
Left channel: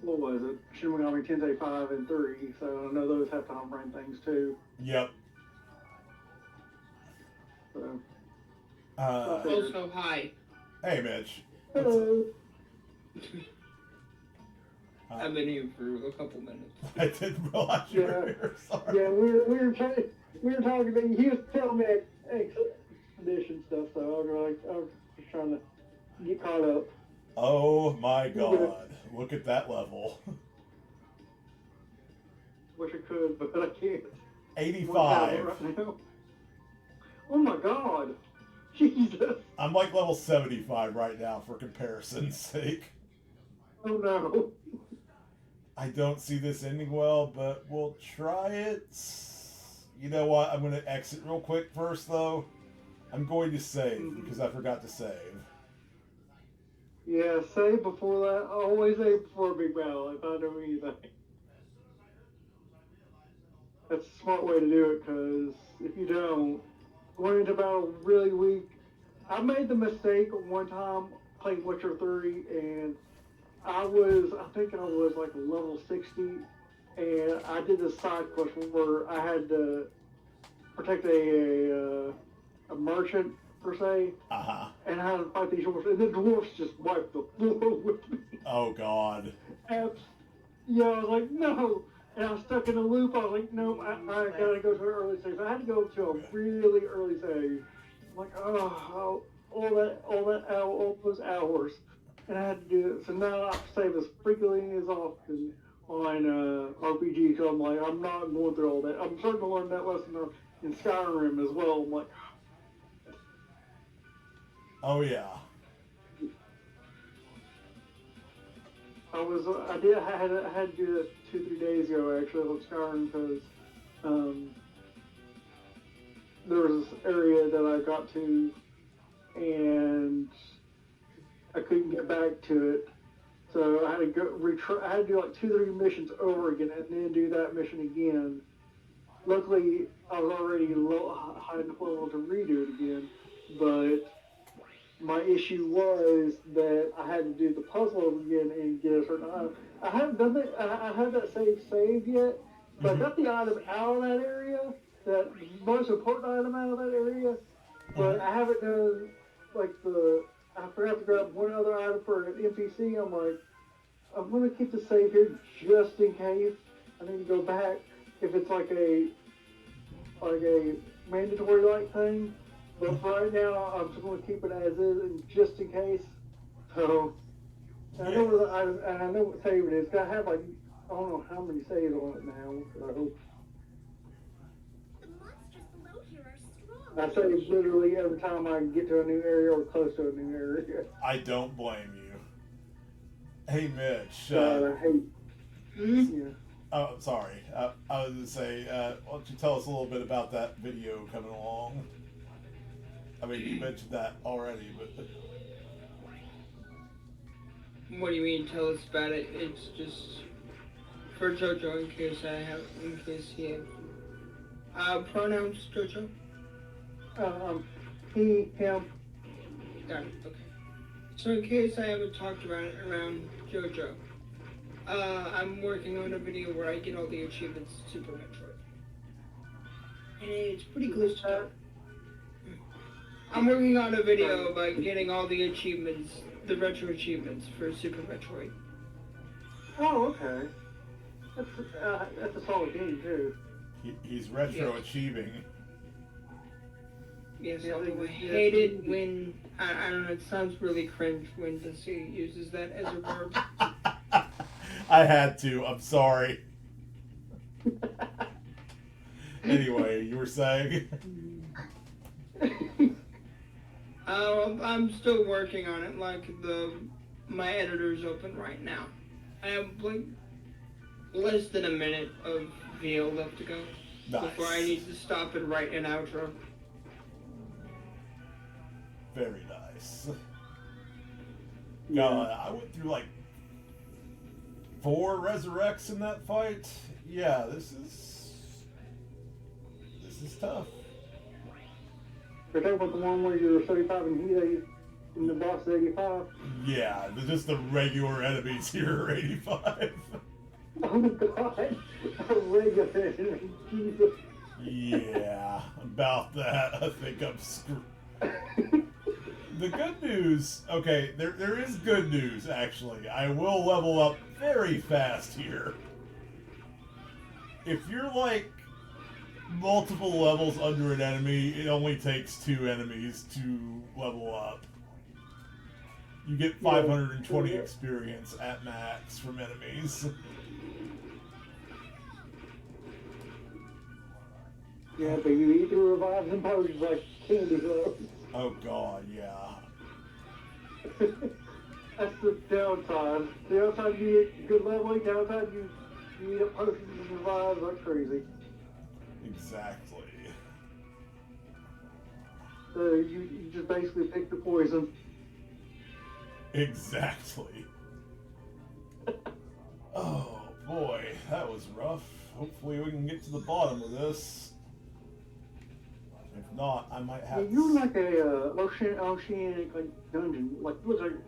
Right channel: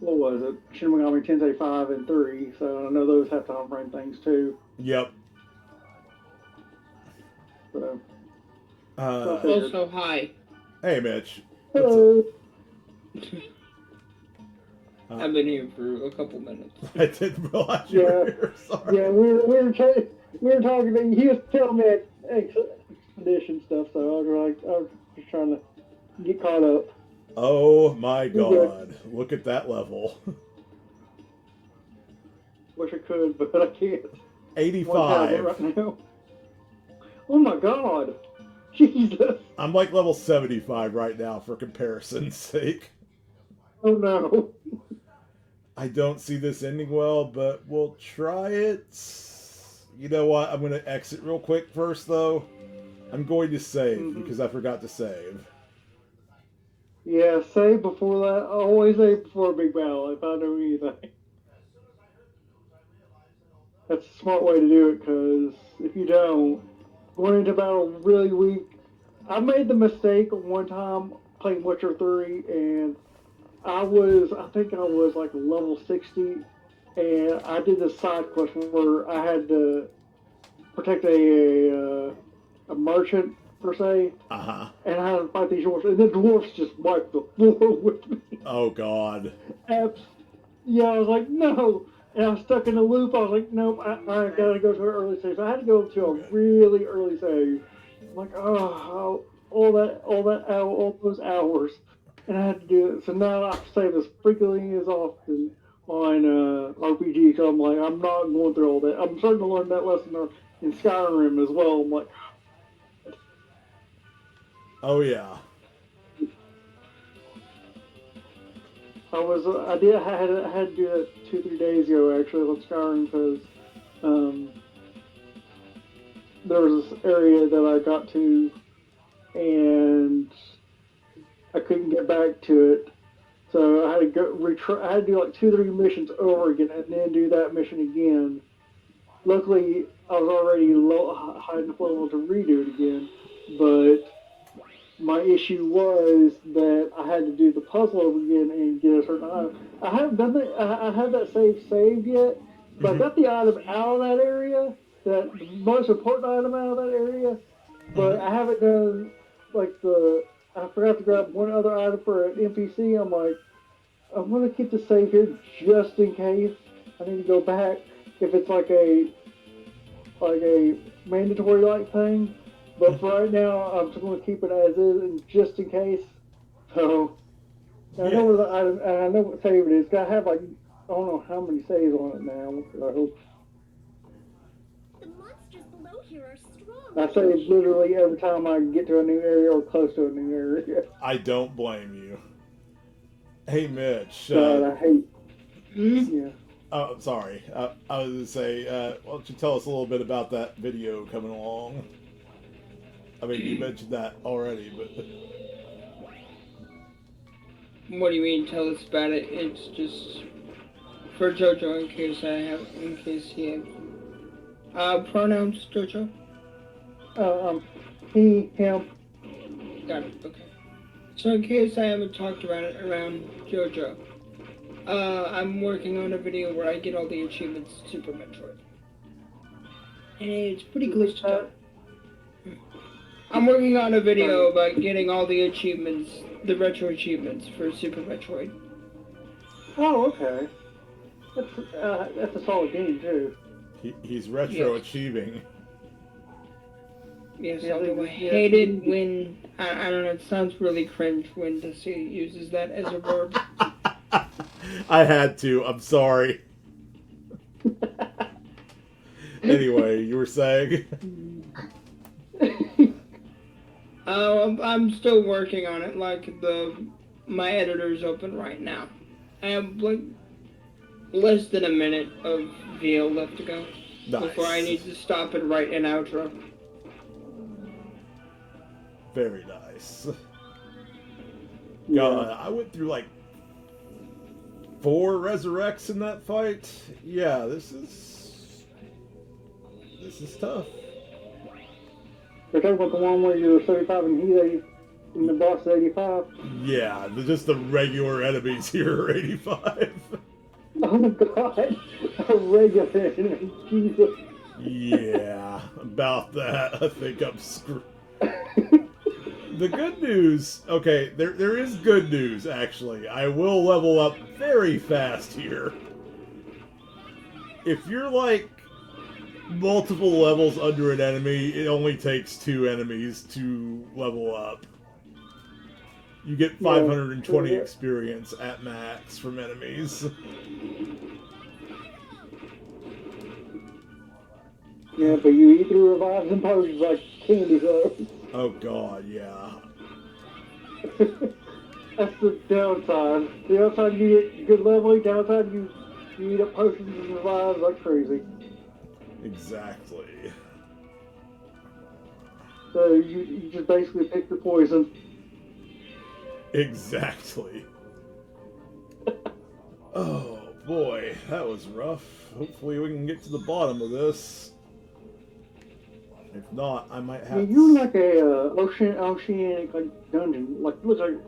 what was it? Shin Megami Tensei 5 and 3, so I know those have time frame things too. Yep. So. Also, hi. Hey, Mitch. Hello. I've been here for a couple minutes. I didn't realize you were here. Sorry. Yeah, we were talking. And he was telling me expedition stuff, so I was just trying to get caught up. Oh my God! Look at that level. Wish I could, but I can't. 85. Right now. Oh my God! Jesus! I'm like level 75 right now for comparison's sake. Oh no! I don't see this ending well, but we'll try it. You know what? I'm going to exit real quick first, though. I'm going to save because I forgot to save. Yeah, save before that. Always save before a big battle if I know anything. That's a smart way to do it, because if you don't, going into battle really weak. I made the mistake one time playing Witcher 3, and I think I was like level 60, and I did this side quest where I had to protect a merchant, per se. Uh-huh. And I had to fight these dwarfs, and the dwarfs just wiped the floor with me. Oh, God. Yeah, I was like, no. And I was stuck in a loop. I was like, nope, I gotta go to an early save. So I had to go to a really early save. I'm like, all those hours. And I had to do it. So now I save as frequently as often on RPG. So I'm like, I'm not going through all that. I'm starting to learn that lesson in Skyrim as well. I'm like, oh yeah. I had to do it 2-3 days ago actually on Skyrim because there was this area that I got to and I couldn't get back to it, so I had to I had to do like 2-3 missions over again and then do that mission again. Luckily, I was already high enough level to redo it again, but my issue was that I had to do the puzzle over again and get a certain item. I haven't done that. I have that saved yet, but I got the item out of that area, that most important item out of that area. But I haven't done like I forgot to grab one other item for an NPC. I'm like, I'm gonna keep the save here just in case I need to go back. If it's like a mandatory like thing. But for right now, I'm just going to keep it as is, and just in case. So, I know where the item, and I know what save it is. It's got to have like, I don't know how many saves on it now. I hope. The monsters below here are strong. I save literally every time I get to a new area or close to a new area. I don't blame you. Hey, Mitch. I hate. Yeah. Oh, sorry. I was going to say, why don't you tell us a little bit about that video coming along? I mean, you mentioned that already, but... What do you mean, tell us about it? It's just for JoJo, in case he has... pronouns, JoJo? He, him. Got it, okay. So in case I haven't talked about it around JoJo, I'm working on a video where I get all the achievements to Super Metroid. And it's pretty close to done. I'm working on a video about getting all the achievements, the retro achievements for Super Metroid. Oh, okay. That's a solid game, too. He's retro achieving. Yes, although I hate it when, I don't know, it sounds really cringe when the city uses that as a verb. I had to, I'm sorry. Anyway, you were saying? I'm still working on it, like my editor's open right now. I have like less than a minute of VO left to go before I need to stop and write an outro. Very nice. God, I went through like 4 resurrects in that fight. Yeah, this is tough. You're talking about the one where you're 75 and he's 80, and the boss is 85? Yeah, just the regular enemies here are 85. Oh my god, a regular enemy, Jesus. Yeah, about that. I think I'm screwed. The good news, okay, there is good news, actually. I will level up very fast here. If you're, like, multiple levels under an enemy, it only takes 2 enemies to level up. You get 520 experience at max from enemies. Yeah, but you eat the revives and potions like candy though. Oh god, yeah. That's the downside. The upside you get good leveling, downside you eat up potions and revives like crazy. Exactly. So you just basically pick the poison. Exactly. Oh boy, that was rough. Hopefully we can get to the bottom of this. If not, I might have. Yeah, you're like a oceanic dungeon, like looks like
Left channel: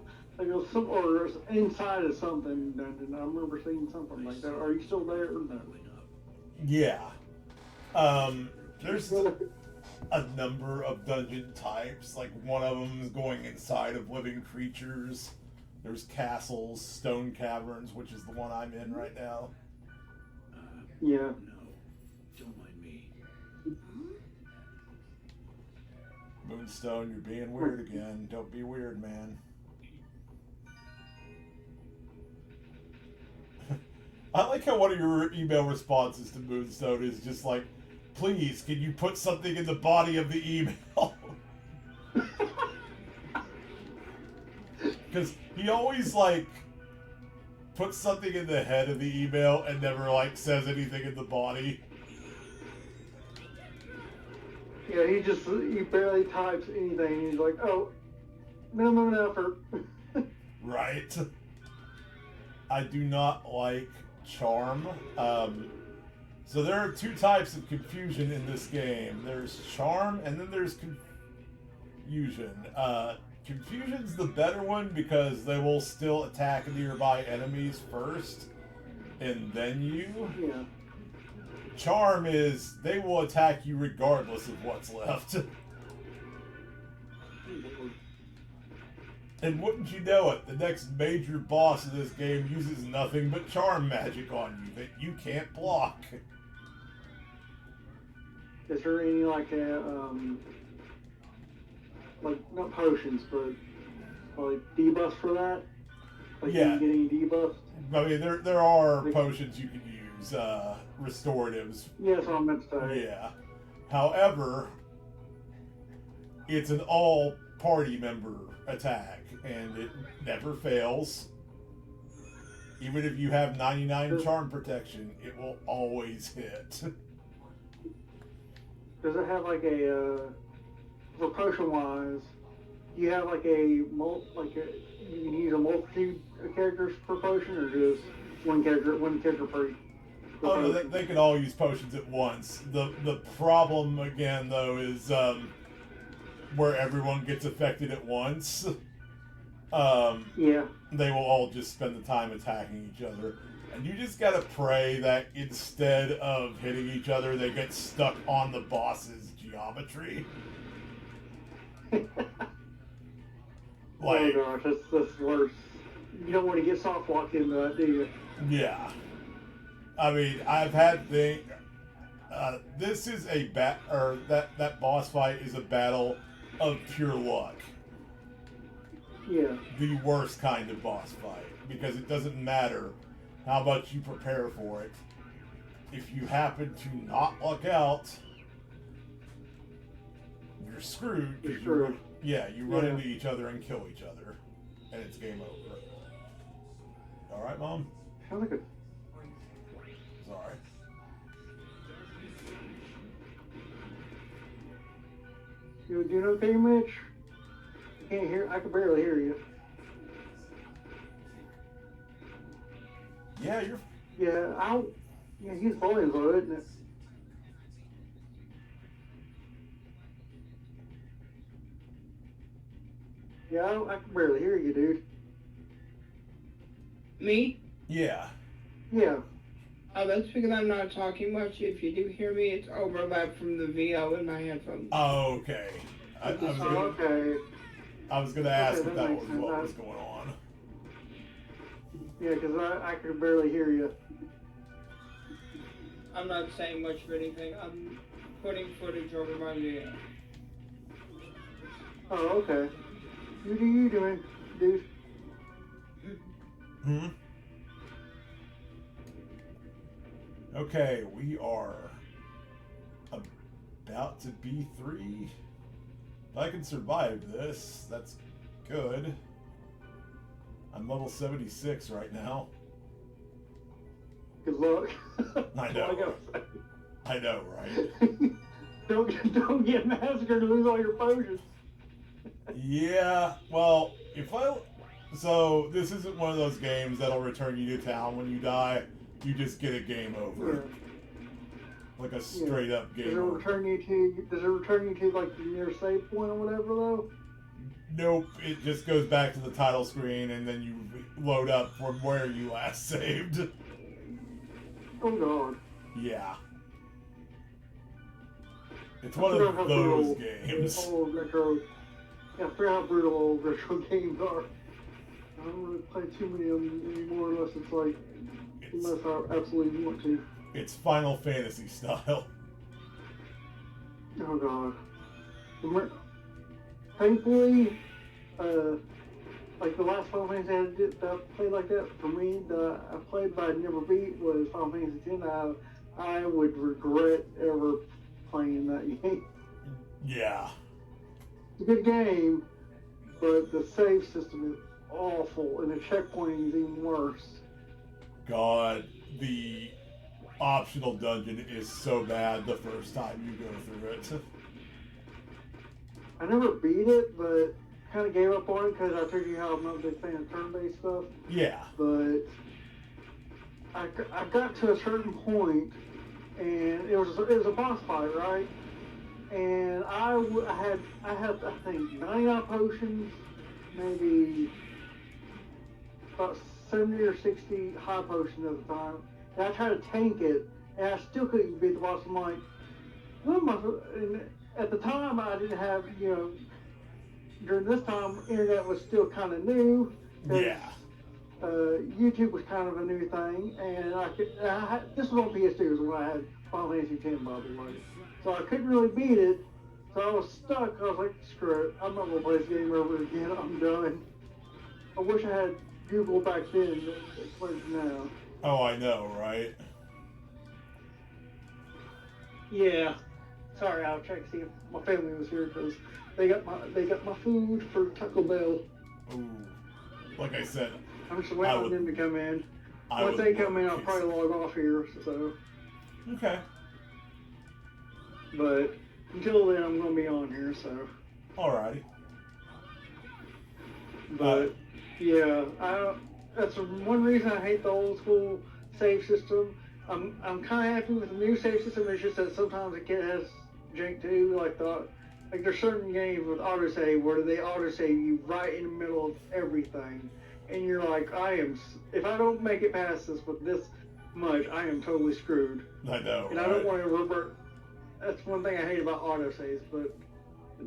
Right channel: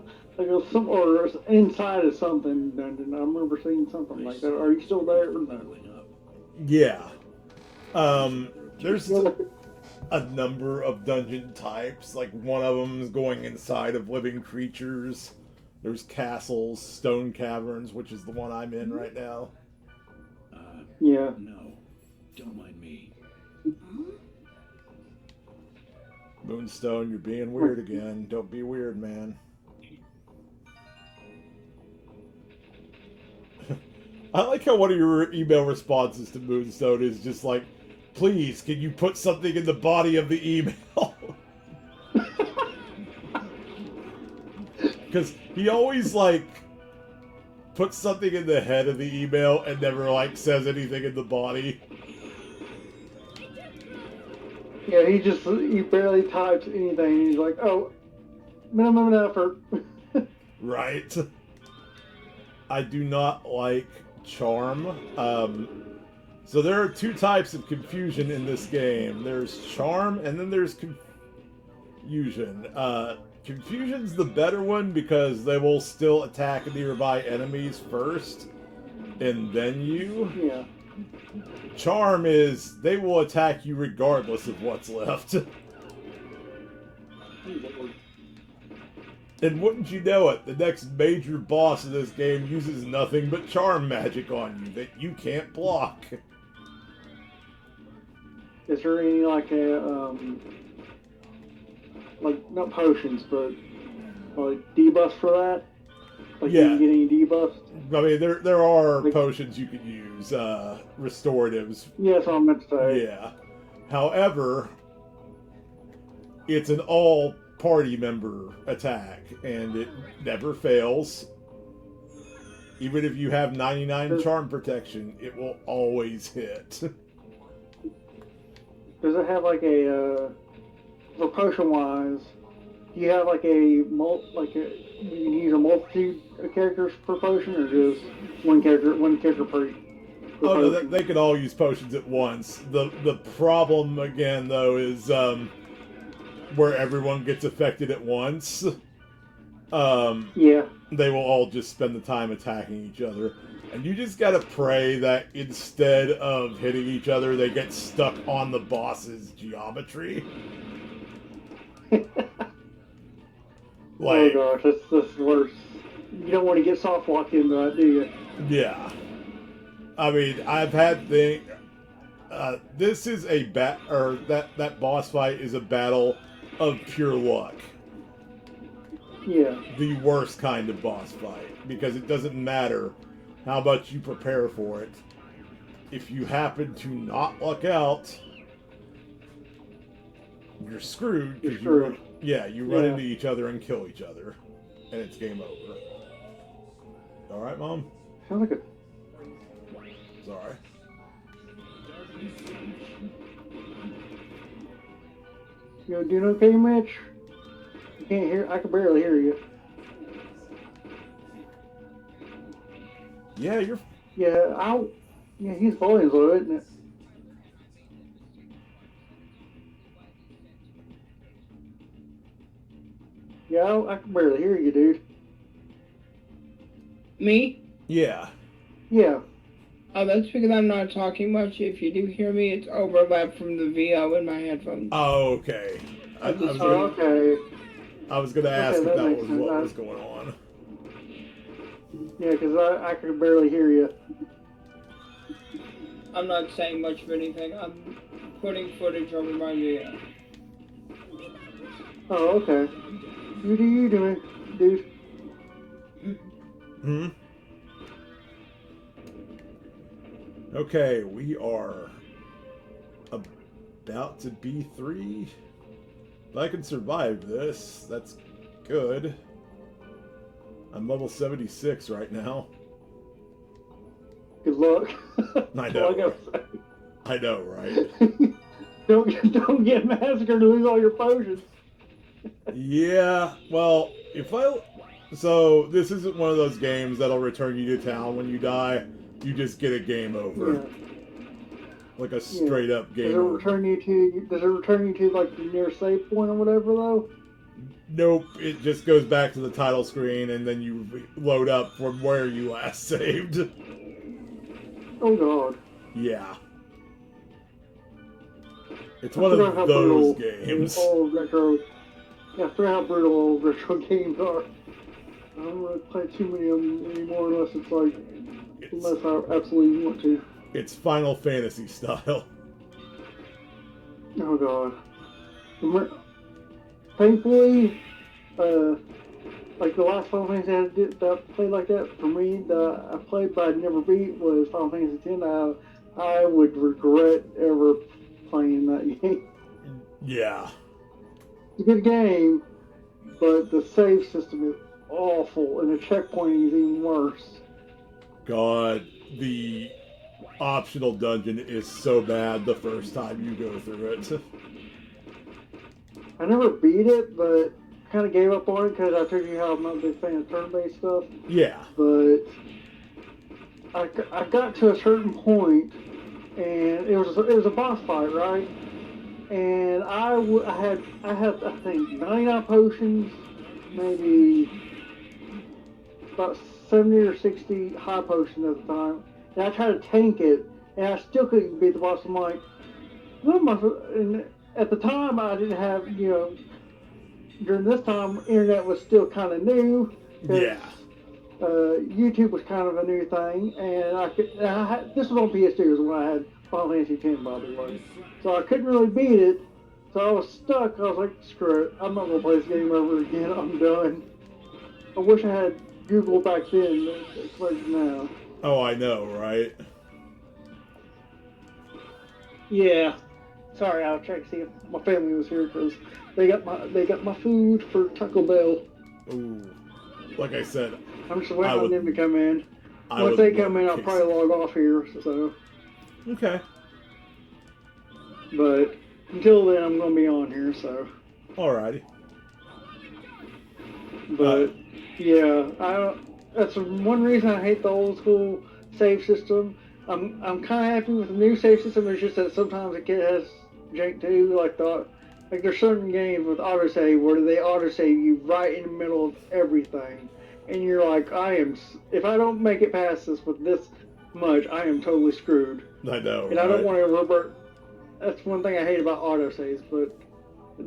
it was some or inside of something dungeon. I remember seeing something like that. Are you still there? Yeah. There's a number of dungeon types. Like one of them is going inside of living creatures. There's castles, stone caverns, which is the one I'm in right now. Yeah. No, don't mind me. Moonstone, you're being weird again. Don't be weird, man. I like how one of your email responses to Moonstone is just like, please, can you put something in the body of the email? Because he always, like, puts something in the head of the email and never, like, says anything in the body. Yeah, he barely types anything. He's like, oh, minimum effort. Right. I do not like charm. So there are 2 types of confusion in this game. There's charm and then there's confusion. Confusion's the better one because they will still attack nearby enemies first and then you. Yeah. Charm is they will attack you regardless of what's left. And wouldn't you know it, the next major boss of this game uses nothing but charm magic on you that you can't block. Is there any like not potions, but like debuffs for that? Like Yeah. you get any debuffs? I mean, there are potions you can use, restoratives. Yeah, that's what I meant to say. Yeah. However, it's an all-party member attack, and it never fails. Even if you have 99 charm protection, it will always hit. Does it have like a for potion-wise? Do you have like you can use a multitude of characters per potion, or just one character per? Oh no, they could all use potions at once. The problem again though is where everyone gets affected at once. Yeah. They will all just spend the time attacking each other. And you just gotta pray that instead of hitting each other, they get stuck on the boss's geometry. Oh gosh, that's worse. You don't want to get soft locked into that, do you? Yeah. I mean, I've had this is a that boss fight is a battle of pure luck. Yeah. The worst kind of boss fight, because it doesn't matter how much you prepare for it. If you happen to not luck out, you're screwed. You're screwed. You run into each other and kill each other, and it's game over. All right, Mom? Sounds like a... Sorry. You doing okay, Mitch? You can't hear... I can barely hear you. Yeah, you're... Yeah, his volume's low, isn't it? Yeah, I can barely hear you, dude. Me? Yeah. Yeah. Oh, that's because I'm not talking much. If you do hear me, it's overlap from the VO in my headphones. Oh, okay. Okay. I was going to ask if that makes was sense. what was going on. Yeah, because I could barely hear you. I'm not saying much of anything. I'm putting footage on my video. Oh, okay. You do you doing, dude? Hmm? Okay, we are about to B3. If I can survive this, that's good. I'm level 76 right now. Good luck. I know. I know, right? Don't get massacred and lose all your potions. Yeah, well, so this isn't one of those games that'll return you to town when you die. You just get a game over. Yeah. Like a straight up game over. Does it return you to like the nearest save point or whatever though? Nope, it just goes back to the title screen and then you load up from where you last saved. Oh god. Yeah. It's one of those games. Old retro. Yeah, I forgot how brutal old retro games are. I don't really play too many of them anymore unless it's like, unless I absolutely want to. It's Final Fantasy style. Oh god. Thankfully, like the last Final Fantasy I played like that, for me, that I played but I never beat was Final Fantasy X. I would regret ever playing that game. Yeah. It's a good game, but the save system is awful, and the checkpointing is even worse. God, the optional dungeon is so bad the first time you go through it. I never beat it, but kind of gave up on it because I told you how I'm not a big fan of turn-based stuff. Yeah. But I got to a certain point, and it was a boss fight, right? And I had I think 99 potions, maybe about 70 or 60 high potions at the time. And I tried to tank it, and I still couldn't beat the boss. I'm like, what am I? And at the time, I didn't have, during this time, internet was still kind of new. Yeah. YouTube was kind of a new thing, and this was on PS2 is when I had Final Fantasy X, by the way. So I couldn't really beat it, so I was stuck. I was like, screw it, I'm not going to play this game over again, I'm done. I wish I had Google back then, it's like now. Oh, I know, right? Yeah. Sorry, I was trying to see if my family was here because they got my food for Taco Bell. Ooh. Like I said, I'm just waiting on them to come in. Once they come in, I'll probably log off here, so. Okay. But until then, I'm going to be on here, so. Alrighty. But, yeah, that's one reason I hate the old school save system. I'm kind of happy with the new save system. It's just that sometimes it has jank too. Like there's certain games with autosave where they autosave you right in the middle of everything, and you're like, if I don't make it past this with this much, I am totally screwed. I know. And I don't want to revert. That's one thing I hate about autosaves. But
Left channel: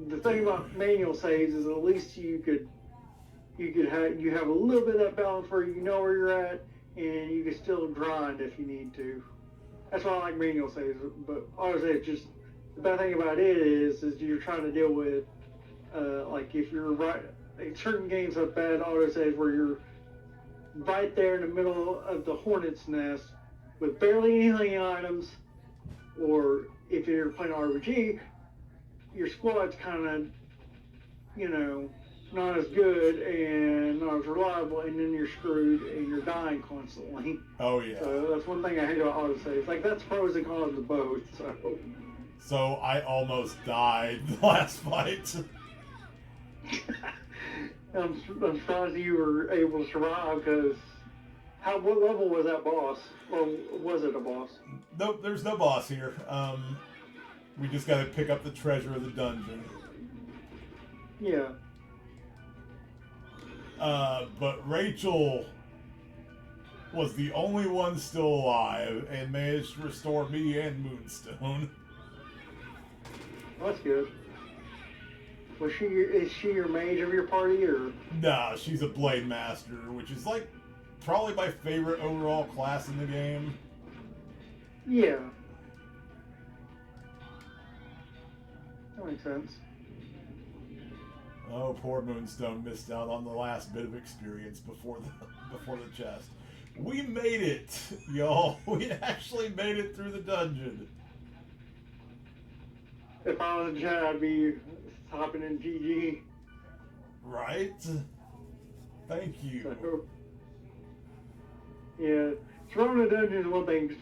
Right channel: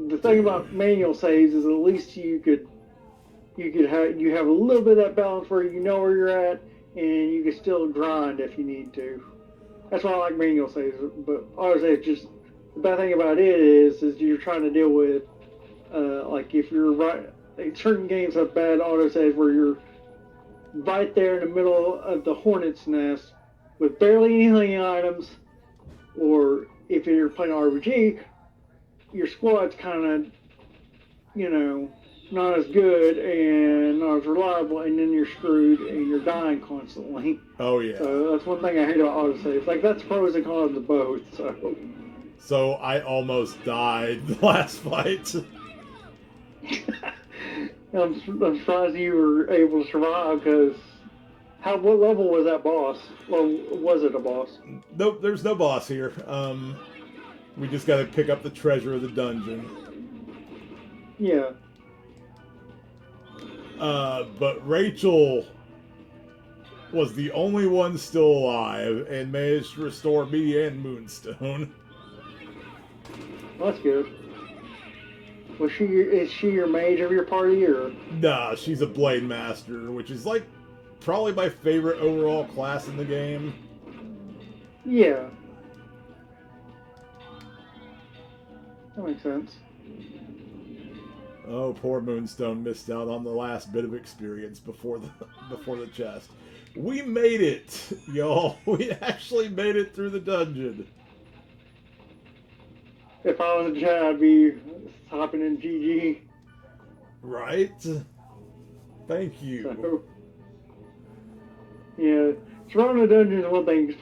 the thing about manual saves is at least you have a little bit of that balance where you know where you're at. And you can still grind if you need to. That's why I like manual saves. But autosave, just the bad thing about it is you're trying to deal with, like if you're right, like certain games have bad autosaves where you're right there in the middle of the hornet's nest with barely any healing items, or if you're playing RPG, your squad's kind of, not as good and not as reliable, and then you're screwed and you're dying constantly. Oh yeah. So that's one thing I hate about autosaves. Like that's pros and cons of both. So I almost died the last fight. I'm surprised you were able to survive because what level was that boss? Or was it a boss? Nope, there's no boss here. We just got to pick up the treasure of the dungeon. Yeah. But Rachel was the only one still alive and managed to restore me and Moonstone. That's good. Is she your mage of your party, or? Nah, she's a Blade Master, which is like probably my favorite overall class in the game. Yeah. That makes sense. Oh, poor Moonstone missed out on the last bit of experience before the chest. We made it, y'all. We actually made it through the dungeon. If I was a chat, I'd be hopping in GG. Right? Thank you. So, yeah, surviving a dungeon is one thing.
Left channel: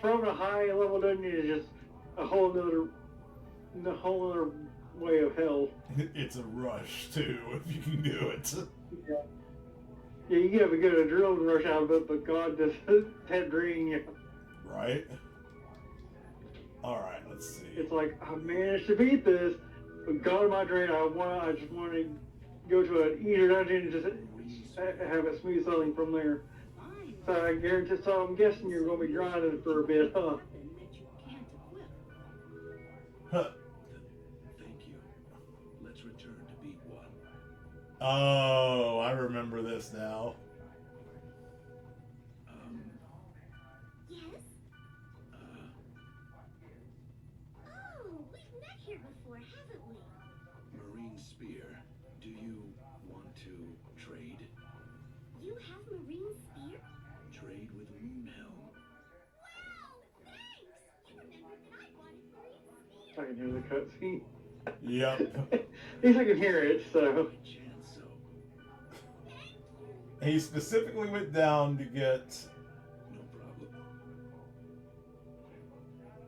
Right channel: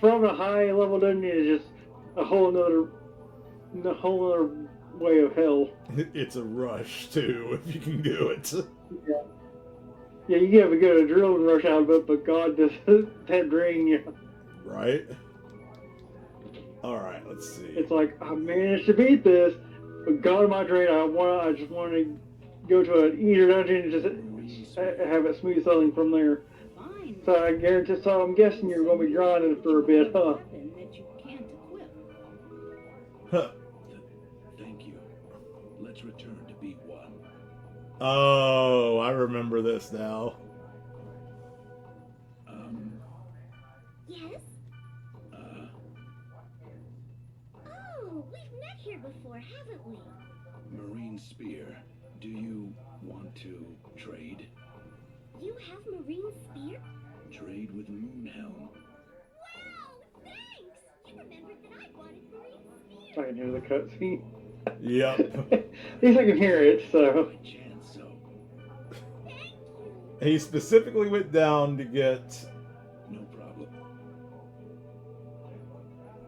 Surviving a high level dungeon is just a whole other way of hell. It's a rush too, if you can do it. Yeah. Yeah, you have to get a adrenaline rush out of it, but God does that drain you. Right? Alright, let's see. It's like, I managed to beat this, but God, my drain, I just want to go to an easier dungeon and just have it smooth sailing from there. So I guarantee, so I'm guessing you're going to be grinding for a bit, huh? Huh. Thank you. Let's return to B1. Oh, I remember this now. Yes? Oh, we've met here before, haven't we? Marine Spear, do you want to trade? You have Marine Spear? Trade with Moonhelm. Wow, thanks! You remembered that I wanted Marine Spear. I can hear the cutscene. Yep. At least I can hear it, so. He specifically went down to get No problem.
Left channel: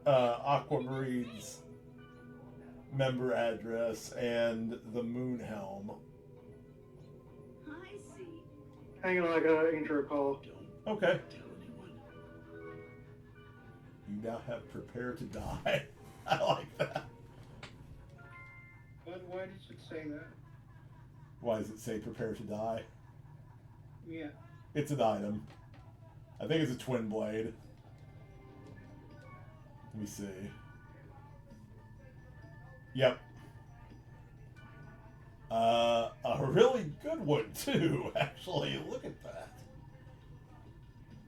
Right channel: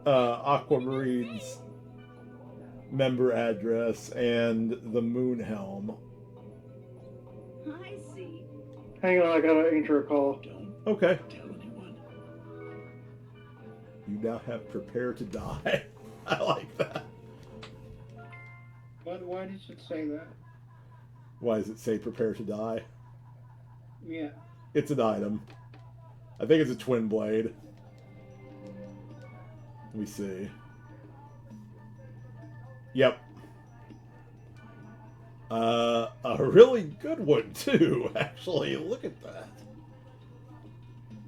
Aquamarine's member address and the Moonhelm. I see. Hang on, I got an intro call. Okay. You now have prepare to die. I like that. But why does it say that? Why does it say prepare to die? Yeah. It's an item. I think it's a twin blade. Let me see. Yep. A really good one too, actually. Look at that.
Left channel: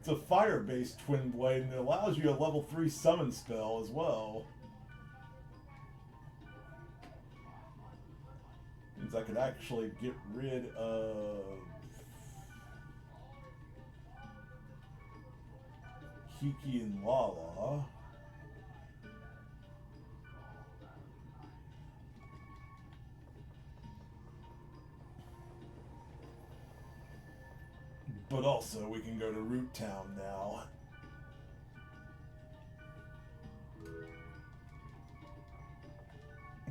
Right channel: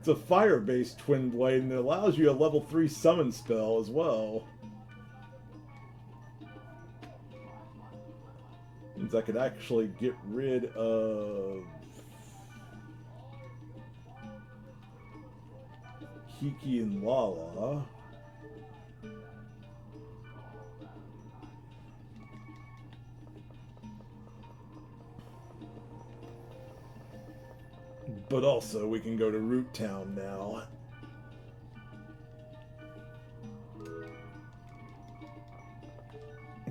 It's a fire-based twin blade and it allows you a level 3 summon spell as well. Means I could actually get rid of Kiki and Lala. But also, we can go to Root Town now.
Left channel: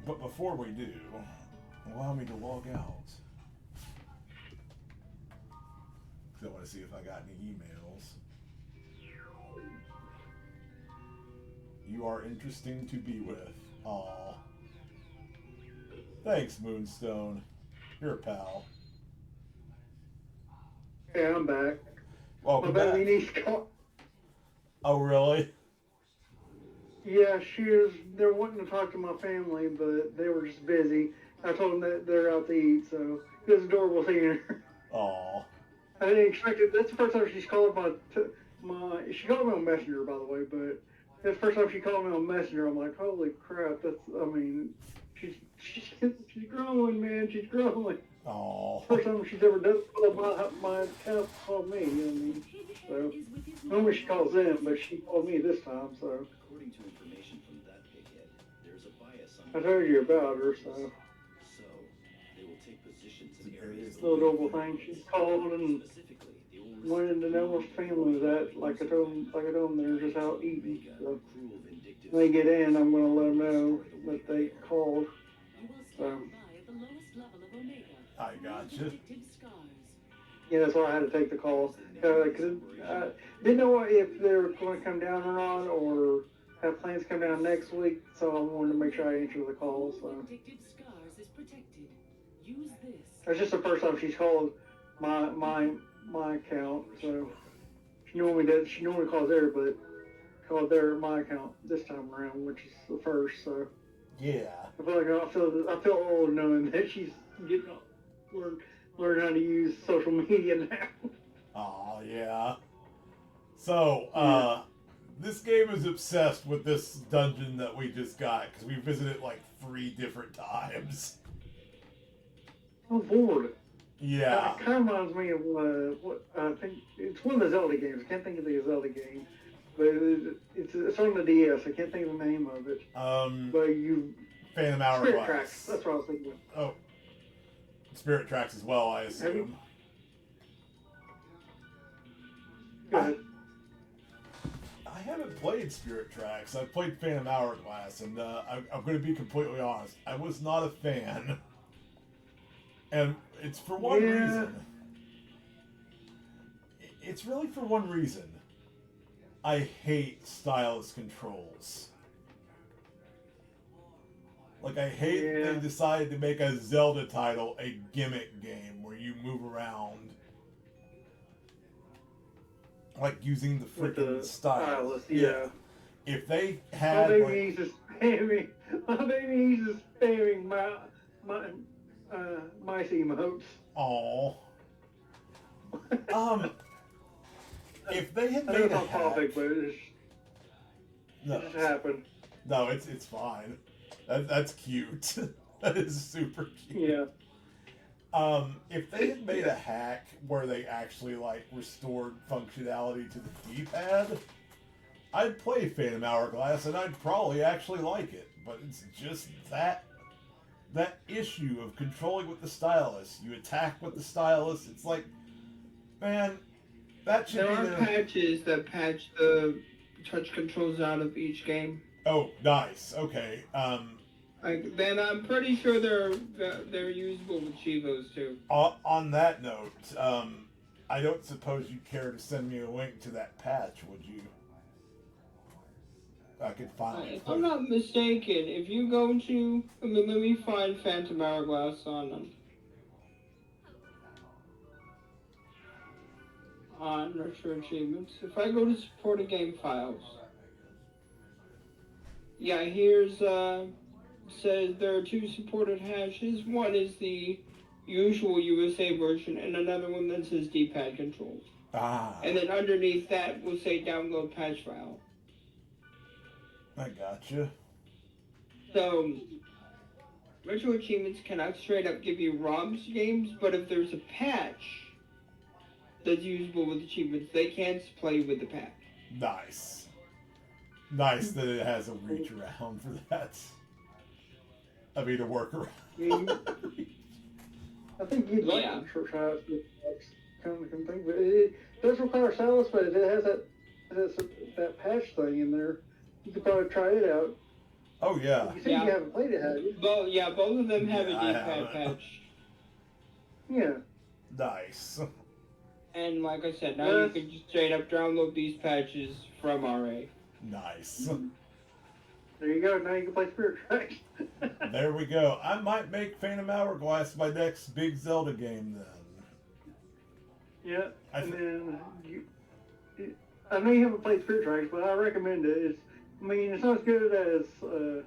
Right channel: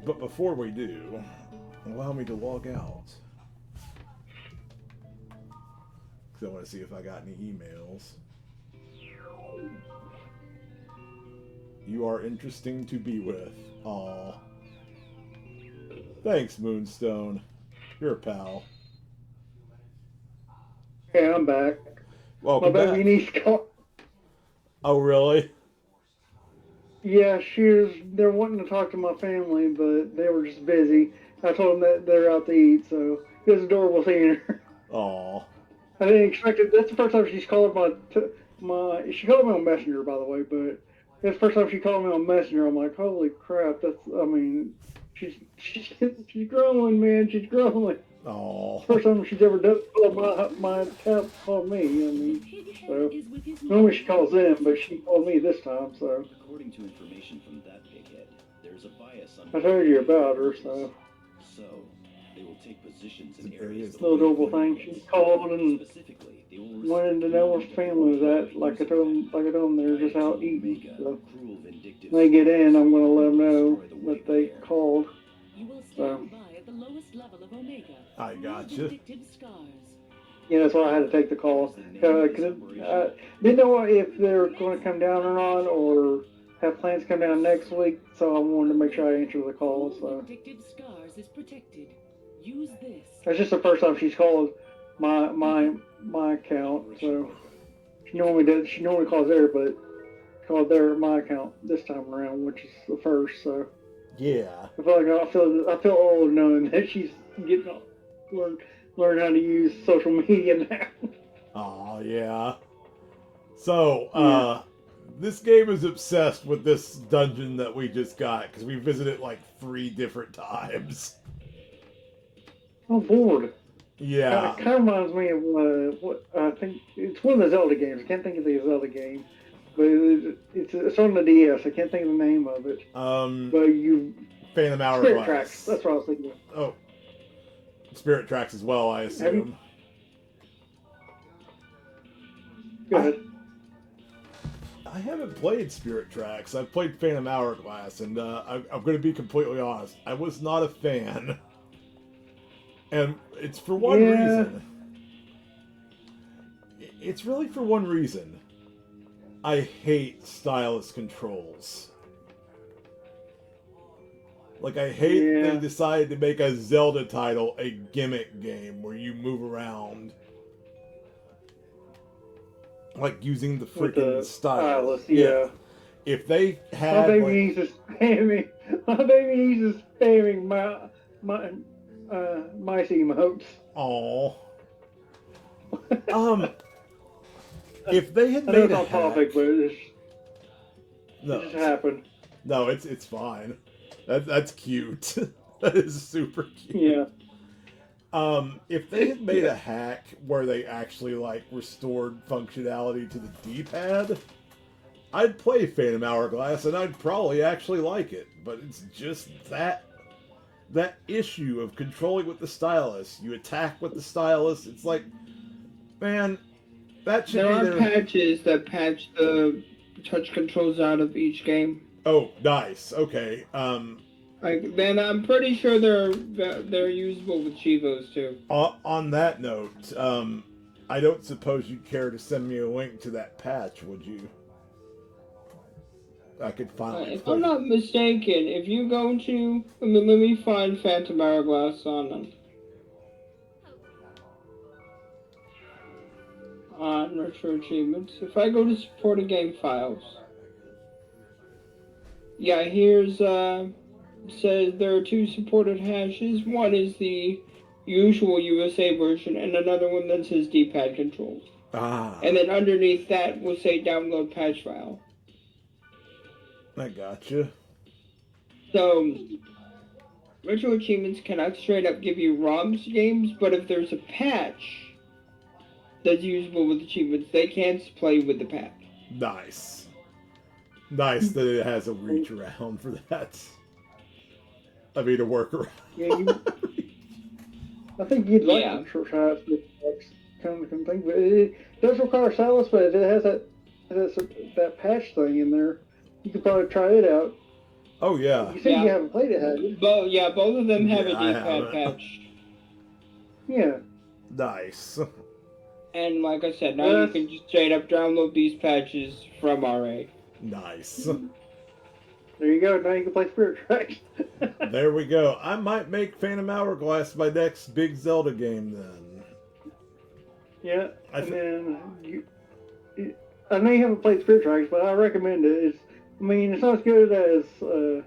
But before we do, allow me to log out. Because I want to see if I got any emails. You are interesting to be with. Aw. Thanks, Moonstone. You're a pal. Hey, I'm back. Welcome My back. baby niece called. Oh, really? Yeah, they're wanting to talk to my family, but they were just busy. I told them that they're out to eat, so it was adorable seeing her. Aw. I didn't expect it. That's the first time she's called she called me on Messenger, by the way, but that's the first time she called me on Messenger. I'm like, holy crap, she's growing, man, she's growing. Aw. First time she's ever done my account called me. I mean, so normally she calls them, but she called me this time. So According to information from that pighead, there's a bias on. I told you about her. So they will take positions in areas. little adorable thing. She called and wanted to know where her family was at. Like I told them, they're just out eating. So when they get in, I'm gonna let them know that they called. So. I gotcha. Yeah, that's why I had to take the call. Because I didn't know if they were going to come down or not, or have plans to come down next week, so I wanted to make sure I answer the call. So that's just the first time she's called my account. So she normally calls there, but called my account this time around, which is the first. So Yeah. I feel like I feel old knowing that she's getting learn how to use social media now. Oh yeah. So, this game is obsessed with this dungeon that we just got because we visited like 3 different times. I'm bored. Yeah. It kind of reminds me of what I think it's one of the Zelda games. I can't think of the Zelda game, but it's on the DS. I can't think of the name of it. But Phantom Hourglass. Spirit Tracks. That's what I was thinking of. Oh, Spirit Tracks as well, I assume. Go ahead. I haven't played Spirit Tracks. I've played Phantom Hourglass, and I'm going to be completely honest. I was not a fan. And it's for one reason. It's really for one reason. I hate stylus controls. Like, I hate they decided to make a Zelda title a gimmick game where you move around. Like, using the freaking stylus. Yeah. If they had... My baby needs to spamming mice emotes. Aww. If they had I know made it's a off hack... topic, but it just happened. No, it's fine. That's cute. That is super cute. Yeah. If they had made a hack where they actually like restored functionality to the D-pad, I'd play Phantom Hourglass and I'd probably actually like it. But it's just that issue of controlling with the stylus. You attack with the stylus. It's like, man, that should be there. There are patches that patch the touch controls out of each game. Oh, nice. Okay. Then I'm pretty sure they're usable with Chivos too. On that note, I don't suppose you'd care to send me a link to that patch, would you? I could finally. If I'm not mistaken, if you go to, let me find Phantom Hourglass on Retro Achievements. If I go to supported game files, yeah, here's says there are 2 supported hashes. One is the usual USA version, and another one that says D-pad controls. And then underneath that will say download patch file. I gotcha. So, Retro Achievements cannot straight up give you ROMs games, but if there's a patch that's usable with achievements, they can play with the patch. Nice. Nice that it has a reach around for that. I mean, a workaround. Yeah, I think you'd like to try out kind of thing, but it does require stylus, but it has that patch thing in there. You could probably try it out. Oh yeah. You said you haven't played it, have you? Both of them have a D-pad patch. Yeah. Nice. And like I said, now you can just straight up download these patches from RA. Nice. There you go. Now you can play Spirit Tracks. There we go. I might make Phantom Hourglass my next big Zelda game then. Yeah. I know you haven't played Spirit Tracks, but I recommend it. It's not as good as some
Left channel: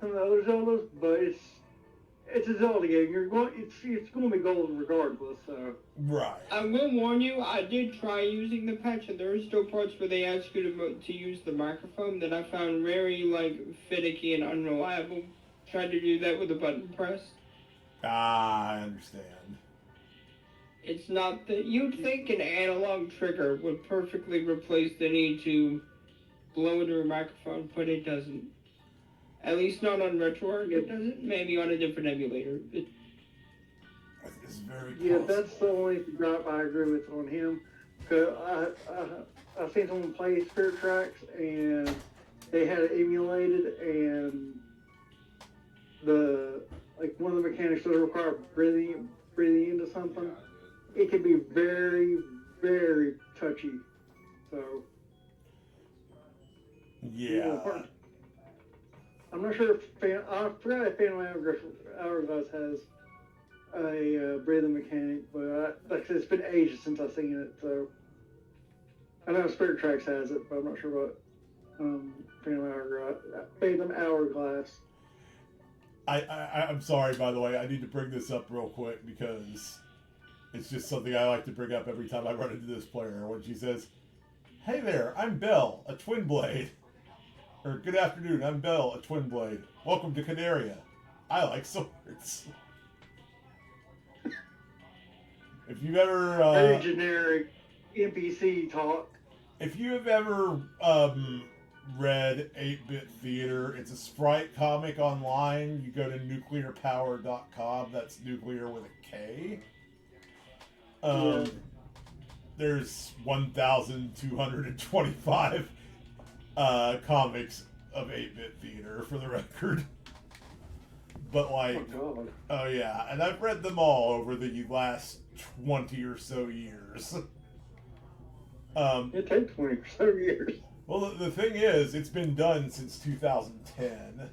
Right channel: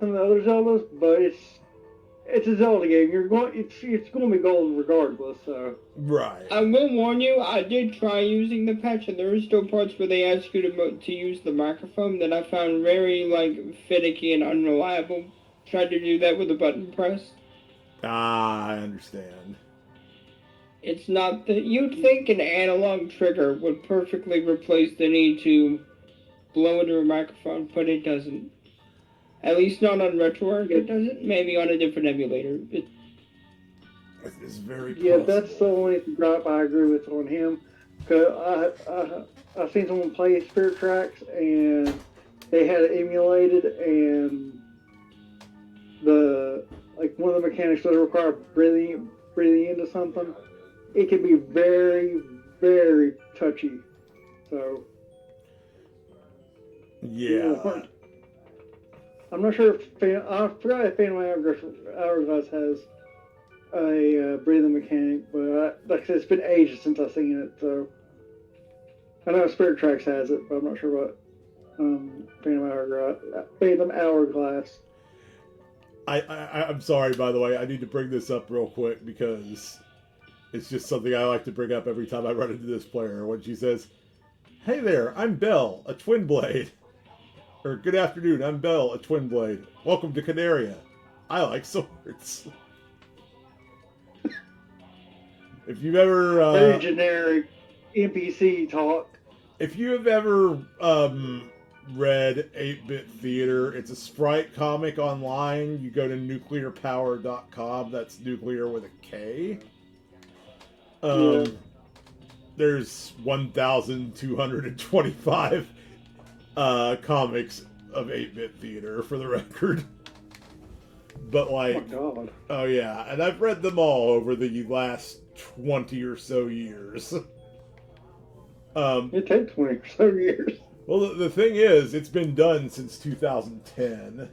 of the other Zeldas, but it's a Zelda game. It's going to be gold regardless. So. Right. I will warn you. I did try using the patch, and there are still parts where they ask you to use the microphone that I found very finicky and unreliable. Tried to do that with a button press. I understand. It's not that you'd think an analog trigger would perfectly replace the need to blow into a microphone, but it doesn't. At least not on RetroArch, it doesn't. Maybe on a different emulator. It's very possible. Yeah, that's the only gripe I agree with on him. Cause I've seen someone play Spirit Tracks and they had it emulated, and one of the mechanics doesn't require breathing into something. It can be very, very touchy. So. Yeah. I'm not sure I forgot if Phantom Hourglass has a breathing mechanic, but like I said, it's been ages since I've seen it, so I know Spirit Tracks has it, but I'm not sure what Phantom Hourglass. I'm sorry, by the way. I need to bring this up real quick because it's just something I like to bring up every time I run into this player. When she says, "Hey there, I'm Belle, a twin blade." Or, "Good afternoon, I'm Belle, a twin blade. Welcome to Canaria. I like swords." If you've ever... very generic NPC talk. If you have ever read 8-Bit Theater, it's a Sprite comic online. You go to nuclearpower.com. That's nuclear with a K. There's 1,225 comics of 8-Bit Theater, for the record. But like, oh yeah, and I've read them all over the last 20 or so years. It takes 20 or so years. Well, the thing is, it's been done since 2010.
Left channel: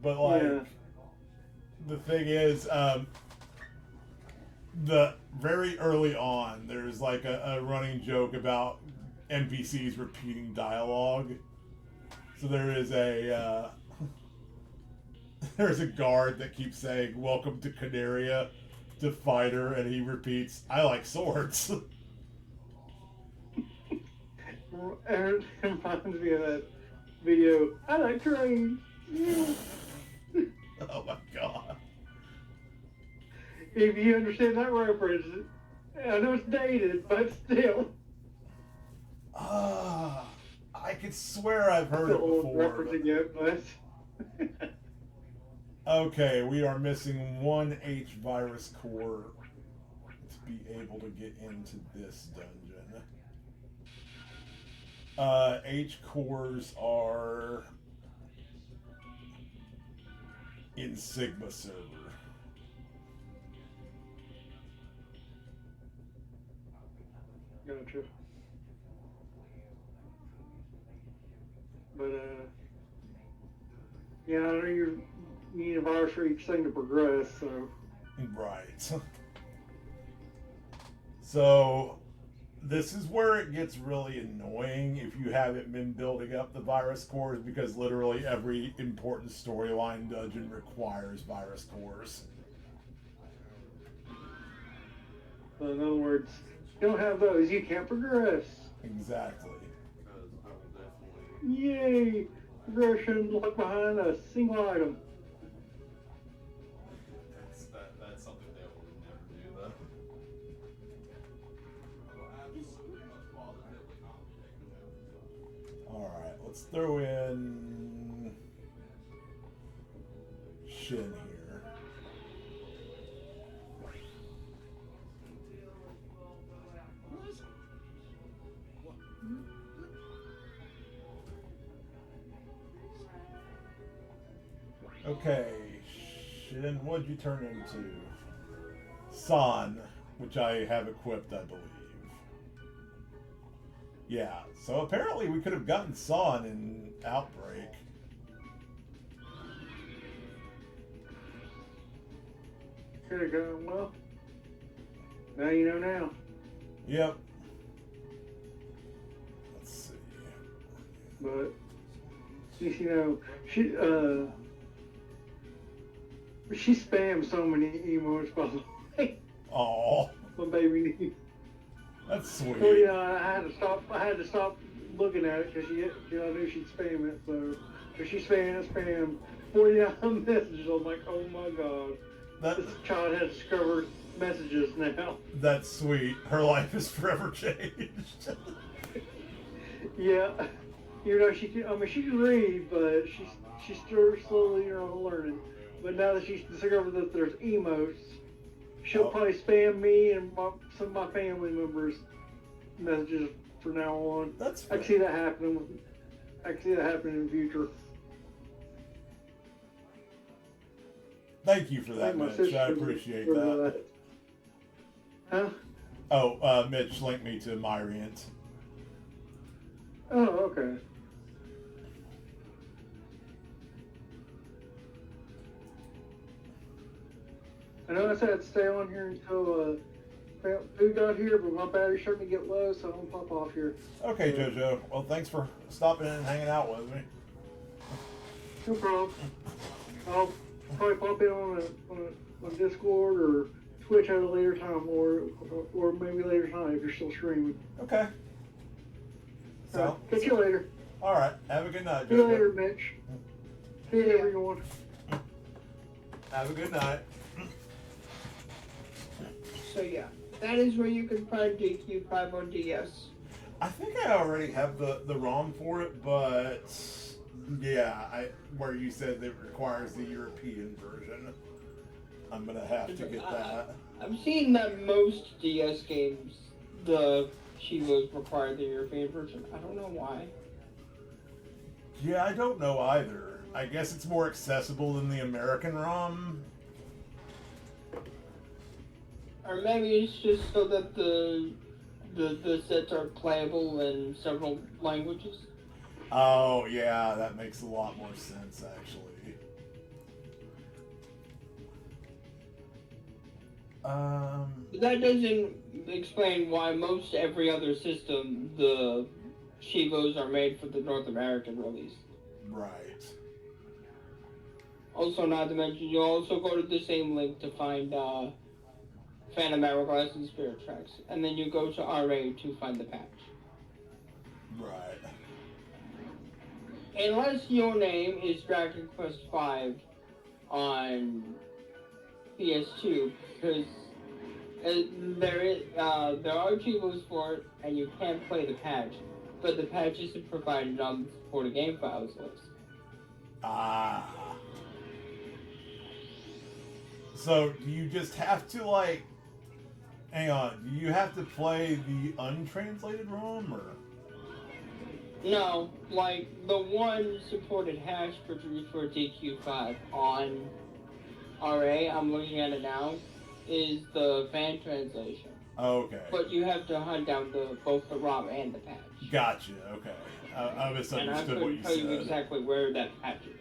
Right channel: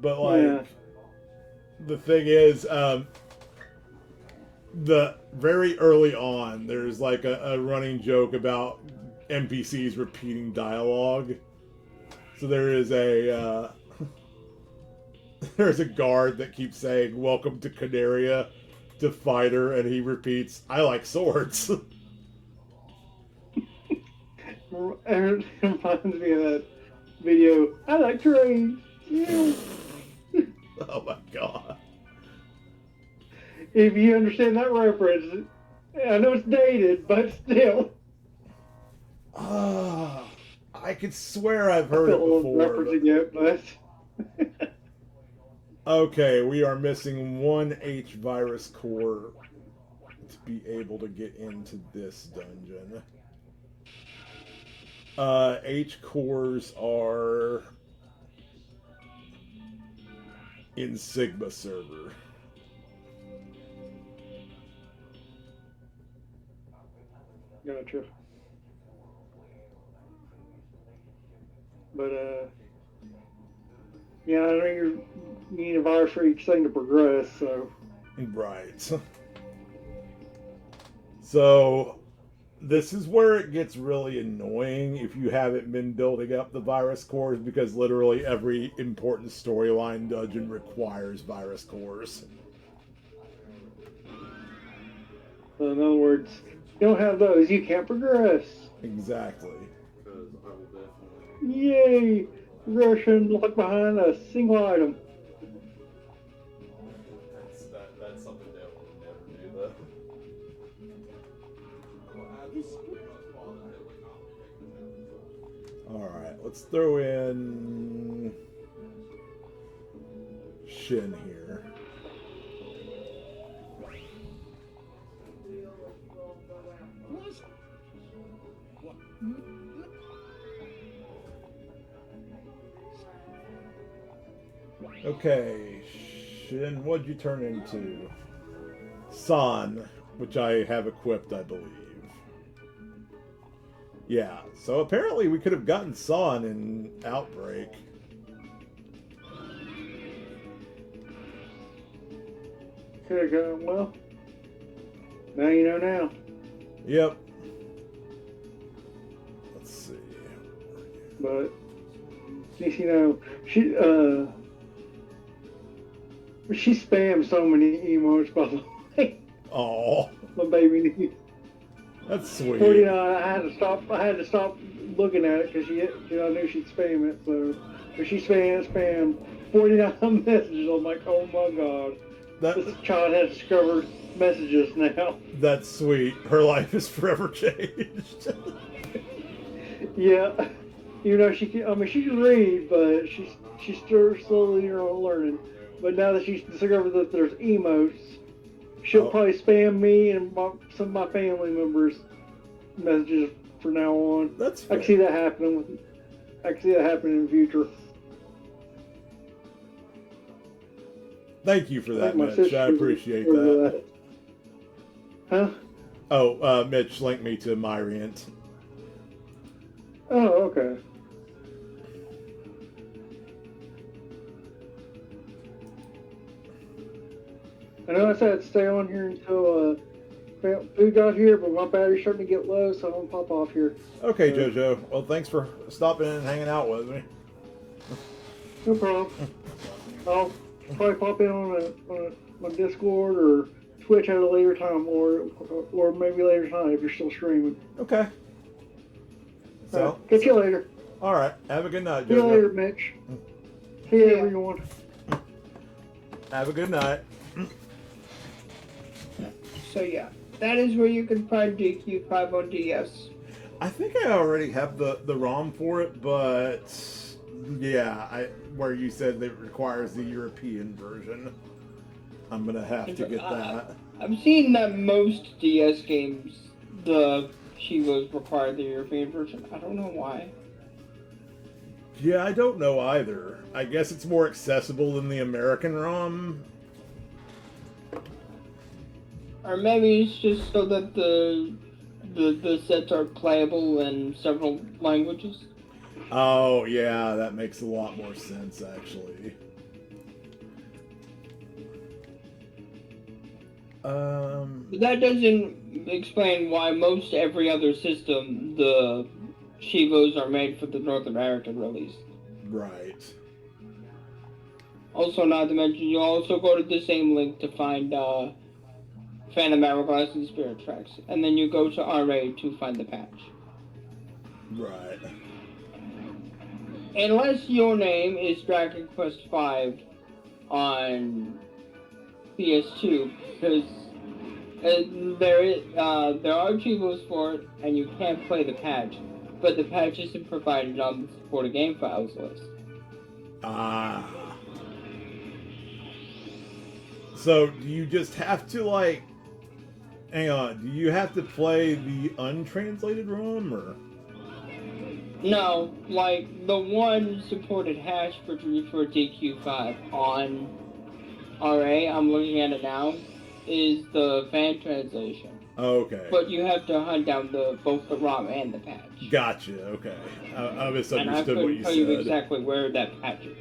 But like, the thing is, the very early on, there's like a running joke about NPCs repeating dialogue. So there is a there's a guard that keeps saying, "Welcome to Canaria," to Fighter, and he repeats, "I like swords." It reminds me of that video, "I like trains." Yeah. Oh my god. If you understand that reference, I know it's dated, but still. I could swear I've heard it before. Referencing it, but... Okay, we are missing one H virus core to be able to get into this dungeon. H cores are in Sigma server. Gotcha. But, yeah, I know you're needing a virus for each thing to progress, so. Right. So, this is where it gets really annoying if you haven't been building up the virus cores, because literally every important storyline dungeon requires virus cores. So in other words, you don't have those, you can't progress. Exactly. Yay! Progression locked behind a single item. That's something that would never do, though. Alright, let's throw in Shin here. Okay, Shin, what'd you turn into? San, which I have equipped, I believe. Yeah, so apparently we could have gotten San in Outbreak. Could have gone well. Now you know now. Yep. Let's see. But, you know, she spams so many emotes, by the way. Oh, My baby. that's sweet. 49. I had to stop looking at it because I knew she'd spam it. So, if she spammed 49 messages, I'm like, oh my god, this child has discovered messages now. That's sweet. Her life is forever changed. Yeah, you know she can read, but she's still slowly learning. But now that she's discovered that there's emotes, she'll probably spam me and some of my family members' messages from now on. That's I can see that happening. I can see that happening in the future. Thank you for that, Mitch. I appreciate that. Huh? Oh, Mitch linked me to Myriant. Oh, okay. I know I said stay on here until food got here, but my battery's starting to get low, so I'm gonna pop off here. Okay, JoJo. Well, thanks for stopping in and hanging out with me. No problem. I'll probably pop in on Discord or Twitch at a later time, or maybe later tonight if you're still streaming. Okay. So catch you later. All right. Have a good night, See you Jojo. later, Mitch. See you, everyone. Have a good night. So yeah, that is where you can find DQ5 on DS. I think I already have the ROM for it, but yeah, where you said it requires the European version, I'm gonna have to get that. I've seen that most DS games, the Shivos require the European version. I don't know why. Yeah, I don't know either. I guess it's more accessible than the American ROM. Or maybe it's just so that the sets are playable in several languages. Oh, yeah, that makes a lot more sense, actually. That doesn't explain why most every other system, the Shivos are made for the North American release. Right. Also, not to mention, you also go to the same link to find Phantom Hourglass and Spirit Tracks, and then you go to RA to find the patch. Right. Unless your name is Dragon Quest V on PS2, because there are Chivos for it, and you can't play the patch, but the patch isn't provided on the supported game files list. Ah. So, do you just have to, like... Hang on, do you have to play the untranslated ROM, or...? No, like, the one supported hash for DQ5 on RA, I'm looking at it now, is the fan translation. Okay. But you have to hunt down both the ROM and the patch. Gotcha, okay. I misunderstood what you said. And I couldn't tell you exactly where that patch is.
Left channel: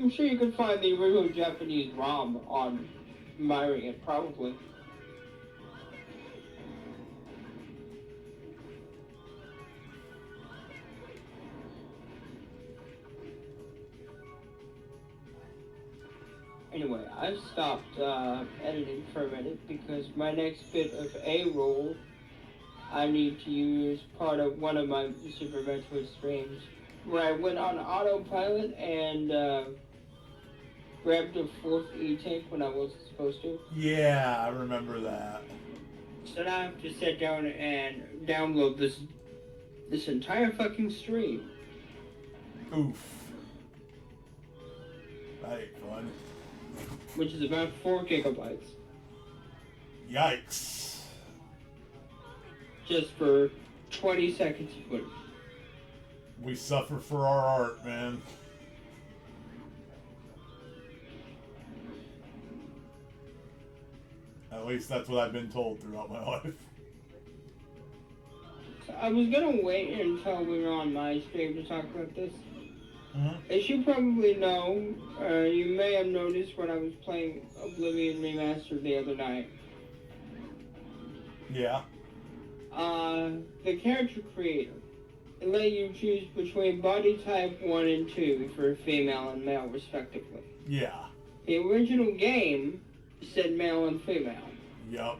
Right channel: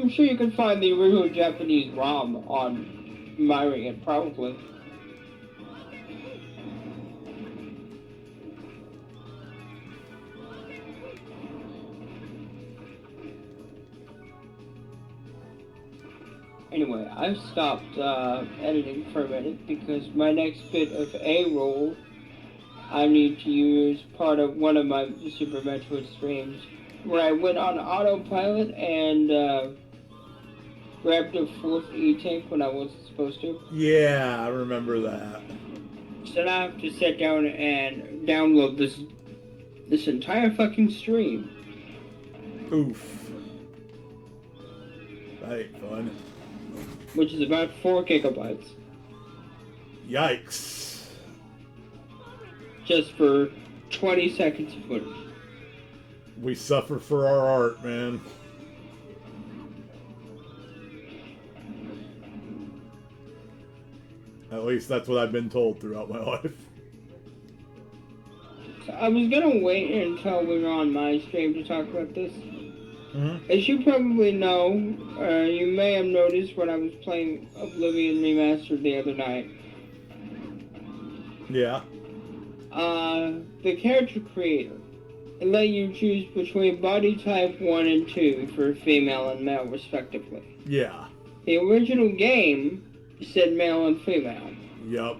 I'm sure you can find the original Japanese ROM on Myriad, probably. Anyway, I've stopped editing for a minute because my next bit of A-roll I need to use part of one of my Super Metroid streams where I went on autopilot and grabbed a fourth E-tank when I wasn't supposed to. Yeah, I remember that. So now I have to sit down and download this entire fucking stream. Oof. That ain't fun. Which is about 4 gigabytes. Yikes. Just for 20 seconds of footage. We suffer for our art, man. At least that's what I've been told throughout my life. So I was gonna wait until we were on my stream to talk about this. Mm-hmm. As you probably know, you may have noticed when I was playing Oblivion Remastered the other night. Yeah. The character creator, it let you choose between body type 1 and 2 for female and male respectively. Yeah. The original game said male and female. Yup.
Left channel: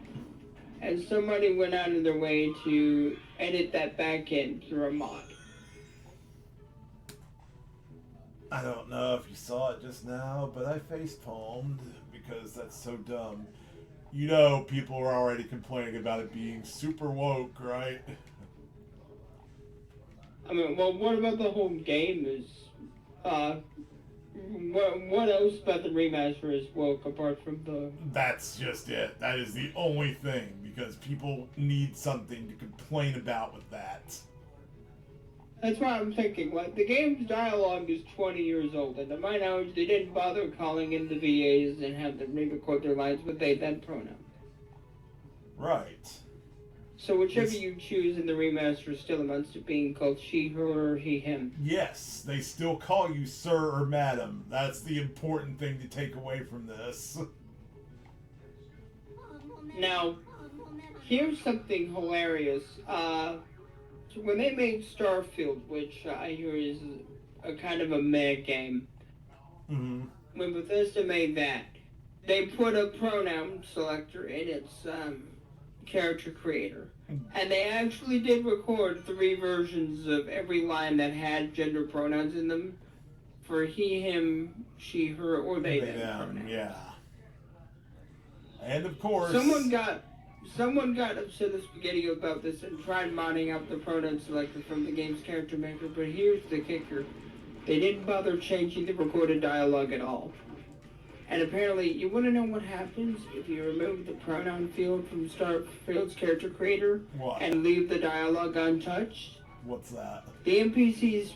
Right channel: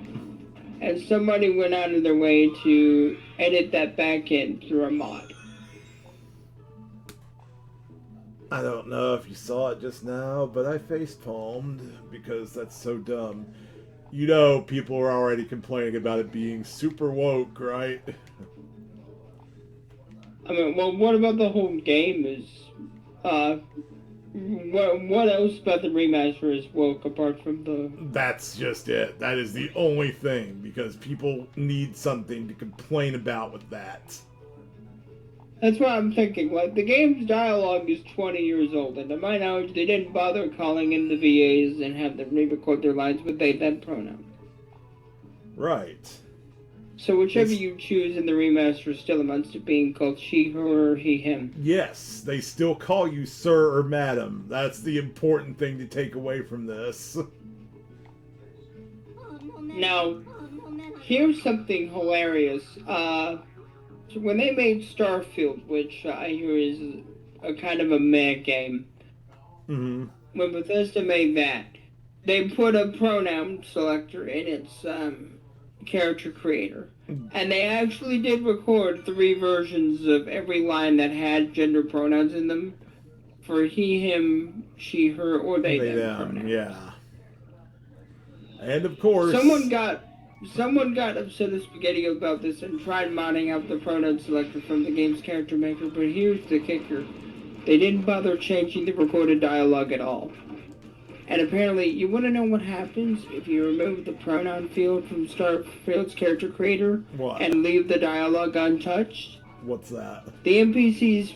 And somebody went out of their way to edit that back in through a mod. I don't know if you saw it just now, but I face-palmed because that's so dumb. You know, people are already complaining about it being super woke, right? I mean, well, what about the whole game is, what else about the remaster is woke apart from the... That's just it. That is the only thing, because people need something to complain about with that. That's what I'm thinking. Like, the game's dialogue is 20 years old, and to my knowledge, they didn't bother calling in the VAs and have them re-record their lines with they, them pronoun. Right. So whichever you choose in the remaster still amounts to being called she, her, or he, him. Yes, they still call you sir or madam. That's the important thing to take away from this. Now, here's something hilarious. When they made Starfield, which I hear is a kind of a meh game, mm-hmm. when Bethesda made that, they put a pronoun selector in its character creator. And they actually did record 3 versions of every line that had gender pronouns in them for he, him, she, her, or they them. Yeah. And of course, someone got upset at Spaghetti about this and tried modding out the pronoun selector from the game's character maker, but here's the kicker. They didn't bother changing the recorded dialogue at all. And apparently, you want to know what happens if you remove the pronoun field from Starfield's character creator and leave the dialogue untouched? What's that? The NPCs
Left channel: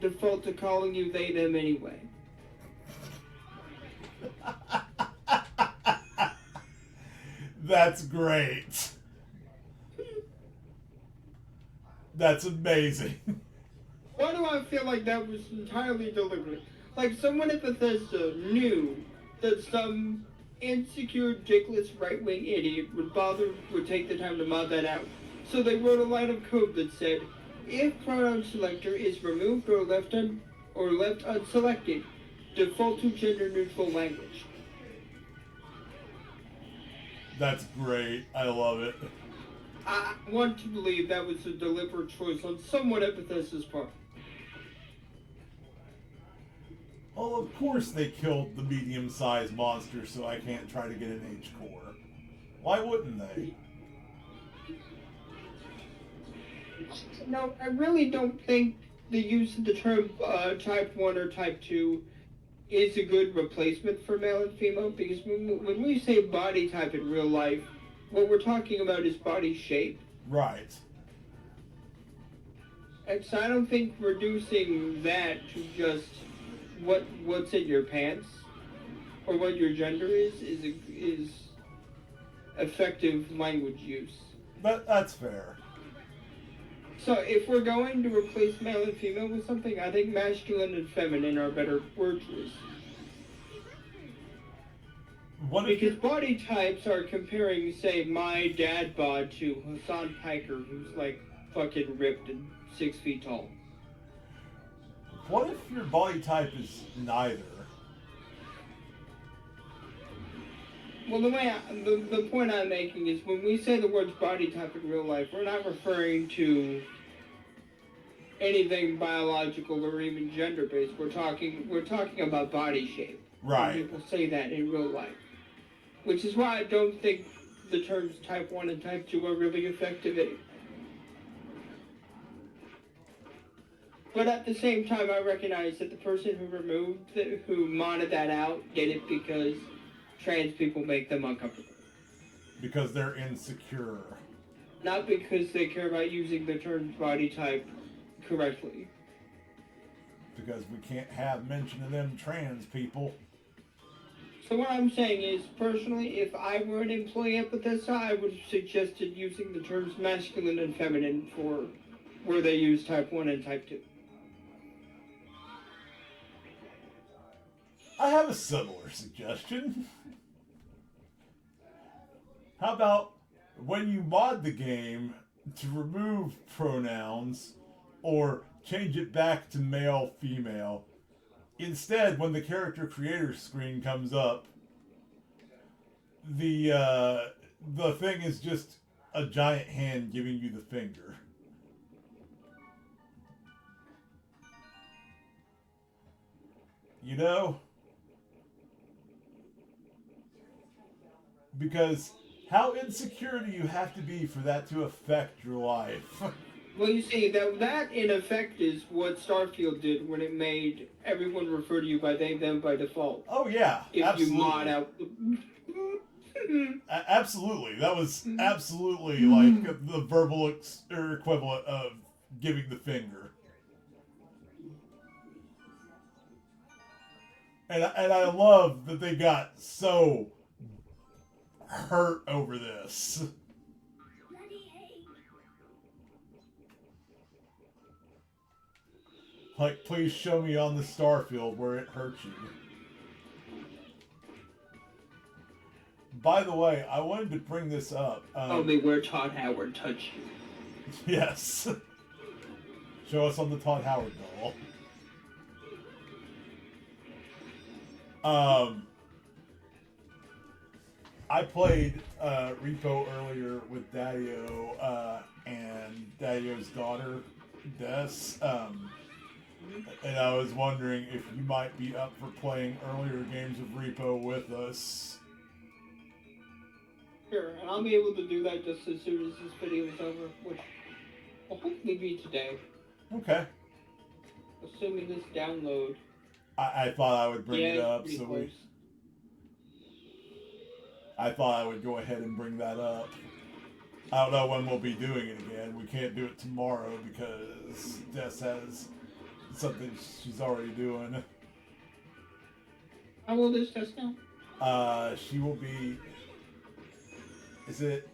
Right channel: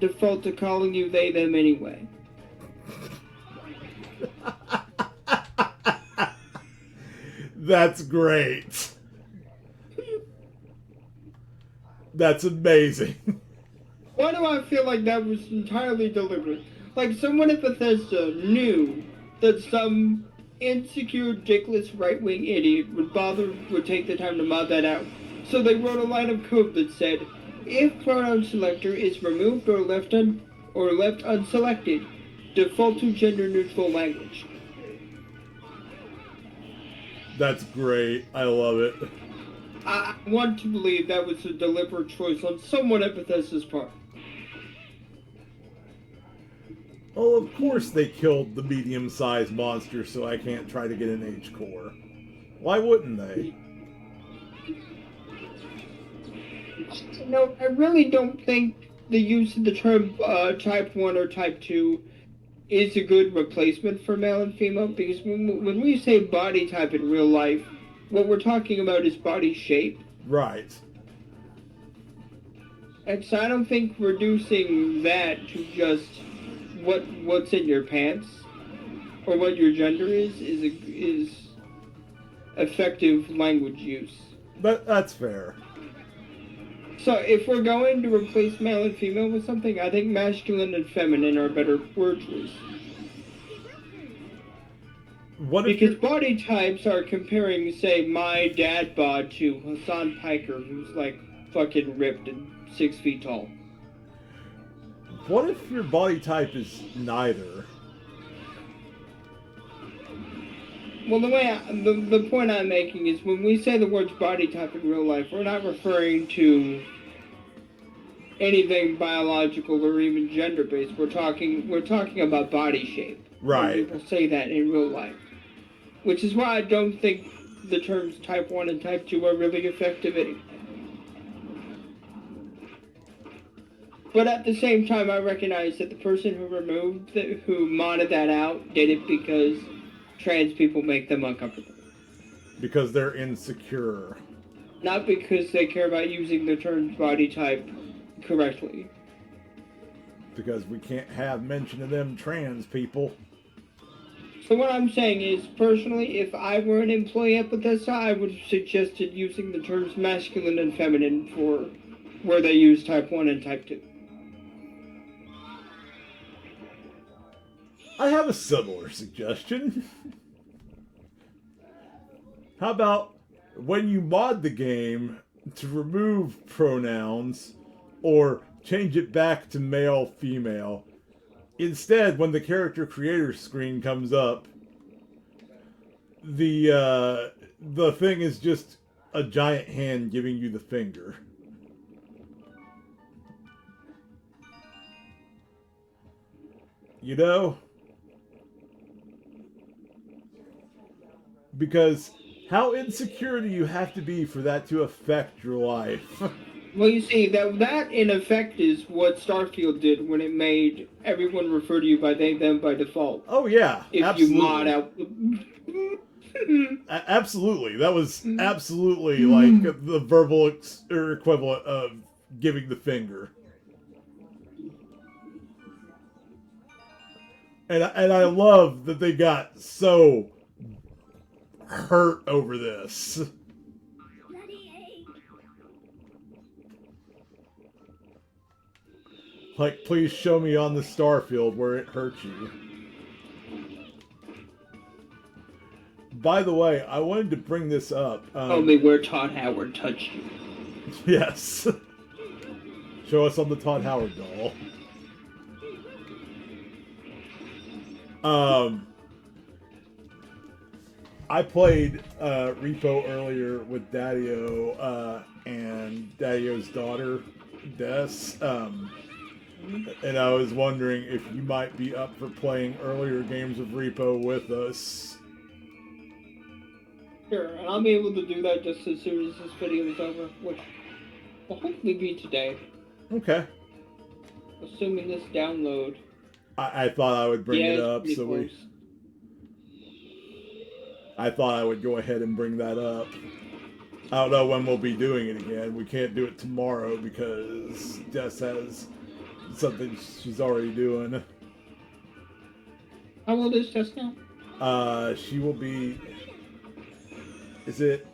default to calling you they, them anyway. That's great. That's amazing. Why do I feel like that was entirely deliberate? Like someone at Bethesda knew that some insecure, dickless right-wing idiot would take the time to mod that out. So they wrote a line of code that said, if pronoun selector is removed or left unselected, default to gender-neutral language. That's great. I love it. I want to believe that was a deliberate choice on someone at Bethesda's part. Well, of course they killed the medium-sized monster so I can't try to get an H-core. Why wouldn't they? No, I really don't think the use of the term Type 1 or Type 2 is a good replacement for male and female, because when we say body type in real life, what we're talking about is body shape. Right. And so I don't think reducing that to just what's in your pants or what your gender is effective language use. That's fair. So if we're going to replace male and female with something, I think masculine and feminine are better word choice. Because body types are comparing, say, my dad bod to Hassan Piker, who's like fucking ripped and 6 feet tall. What if your body type is neither? Well, the point I'm making is when we say the words body type in real life, we're not referring to anything biological or even gender-based. We're talking about body shape. Right. When people say that in real life. Which is why I don't think the terms Type 1 and Type 2 are really effective anyway. But at the same time, I recognize that the person who modded that out did it because trans people make them uncomfortable. Because they're insecure. Not because they care about using the term body type correctly. Because we can't have mention of them trans people. So what I'm saying is, personally, if I were an employee at Bethesda, I would have suggested using the terms masculine and feminine for where they use Type 1 and Type 2. I have a similar suggestion. How about when you mod the game to remove pronouns or change it back to male, female, instead, when the character creator screen comes up, the thing is just a giant hand giving you the finger. You know? Because how insecure do you have to be for that to affect your life? Well, you see, that in effect is what Starfield did when it made everyone refer to you by they, them by default. Oh, yeah. If absolutely. you mod out... Absolutely. That was absolutely like the verbal equivalent of giving the finger. And I love that they got so hurt over this. Like, please show me on the Starfield where it hurt you. By the way, I wanted to bring this up. Only where Todd Howard touched you. Yes. Show us on the Todd Howard doll. I played Repo earlier with Daddio and Daddio's daughter, Des. And I was wondering if you might be up for playing earlier games of Repo with us. Sure, and I'll be able to do that just as soon as this video is over, which will hopefully be today. Okay. Assuming this download. I thought I would bring it up, so I thought I would go ahead and bring that up. I don't know when we'll be doing it again. We can't do it tomorrow because Des has something she's already doing. How old is Des now? She will be... Is it...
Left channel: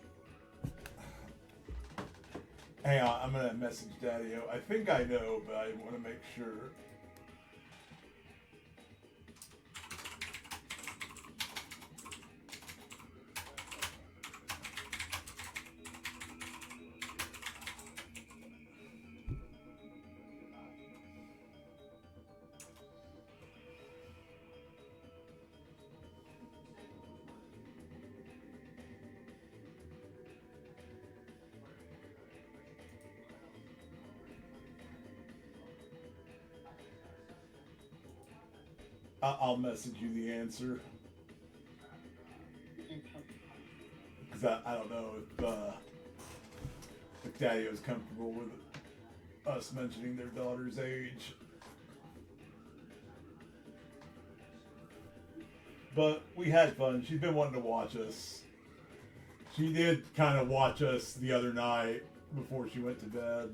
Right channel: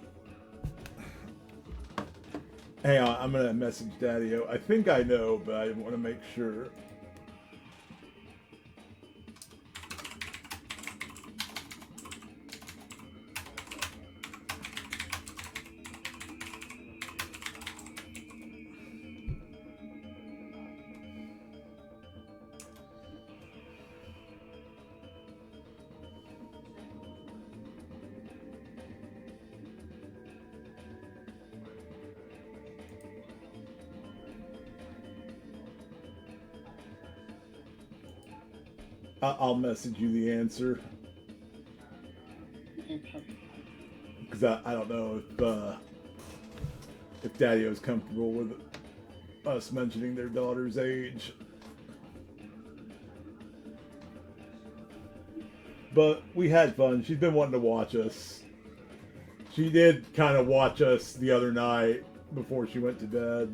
Hang on, I'm gonna message Daddio. I think I know, but I want to make sure. I'll message you the answer. Because I don't know if Daddio's comfortable with us mentioning their daughter's age. But we had fun. She's been wanting to watch us. She did kind of watch us the other night before she went to bed.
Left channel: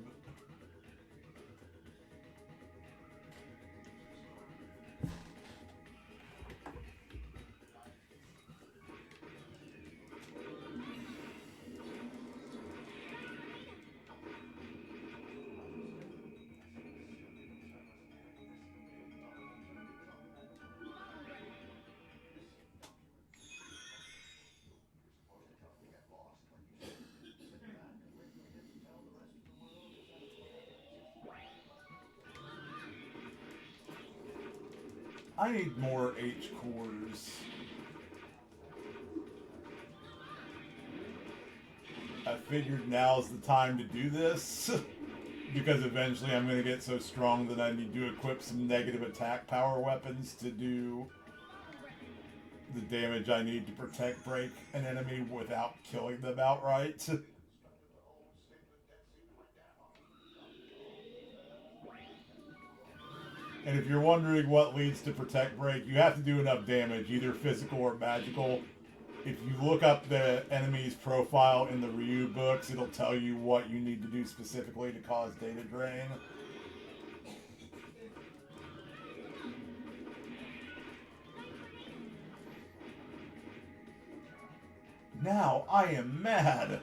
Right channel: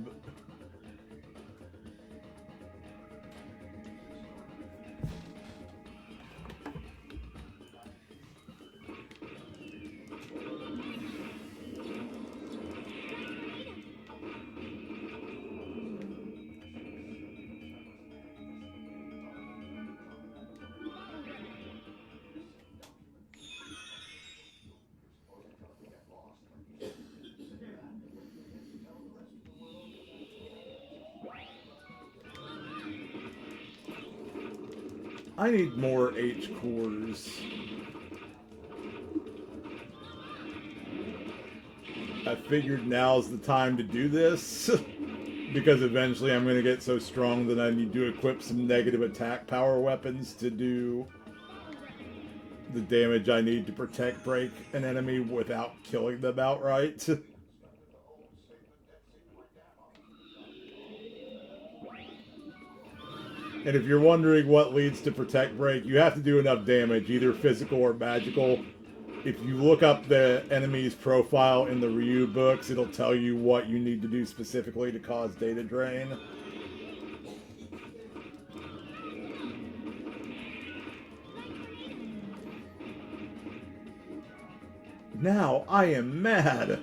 I need more H cores. I figured now's the time to do this because eventually I'm going to get so strong that I need to equip some negative attack power weapons to do the damage I need to protect break an enemy without killing them outright. And if you're wondering what leads to protect break, you have to do enough damage, either physical or magical. If you look up the enemy's profile in the Ryu books, it'll tell you what you need to do specifically to cause data drain. Now I am mad.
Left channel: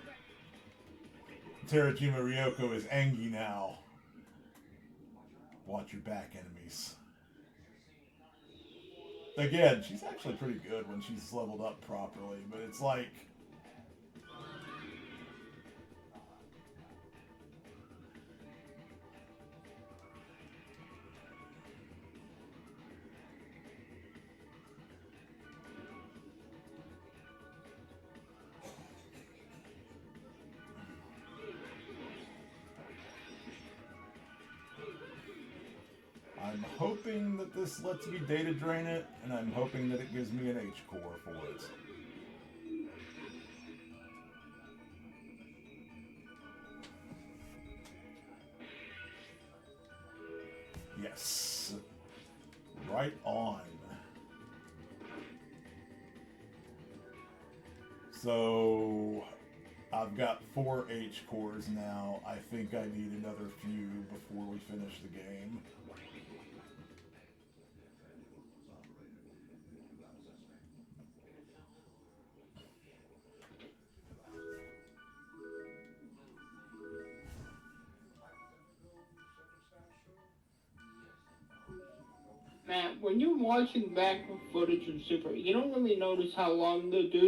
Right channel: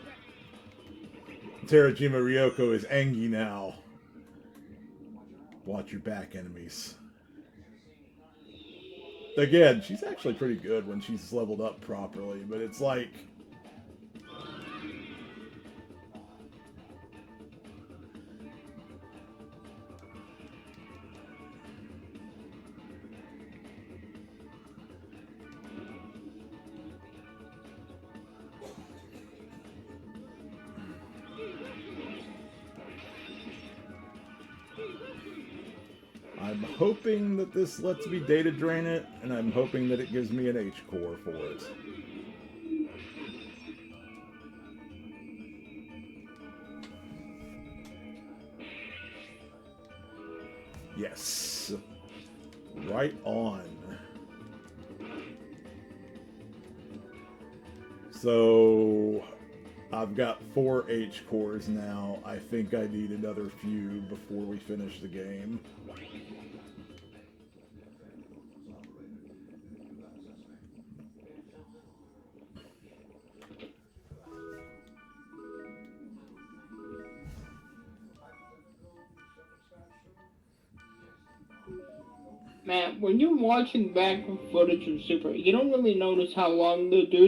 Terajima Ryoko is Angie now. Watch your back, enemies. Again, she's actually pretty good when she's leveled up properly, but it's like... I'm hoping that this lets me data drain it, and I'm hoping that it gives me an H core for it. Yes. Right on. So I've got 4 H cores now. I think I need another few before we finish the game. Man, when you're watching back footage of Super, you don't really notice how long the do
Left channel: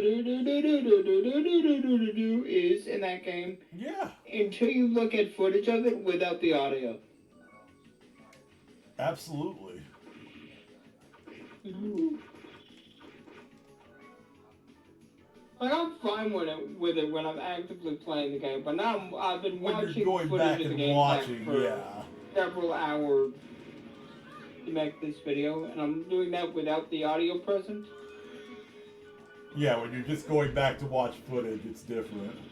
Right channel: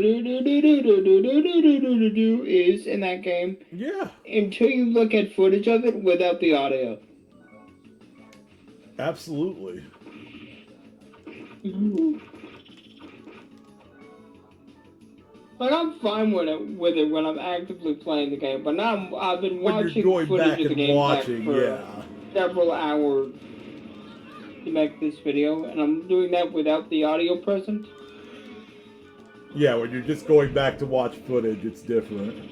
is in that game. Yeah. Until you look at footage of it without the audio. Absolutely. Like, I'm fine with it when I'm actively playing the game, but now I've been when watching you're going footage back of the and game watching, for yeah. several hours to make this video, and I'm doing that without the audio present. Yeah, when you're just going back to watch footage, it's different.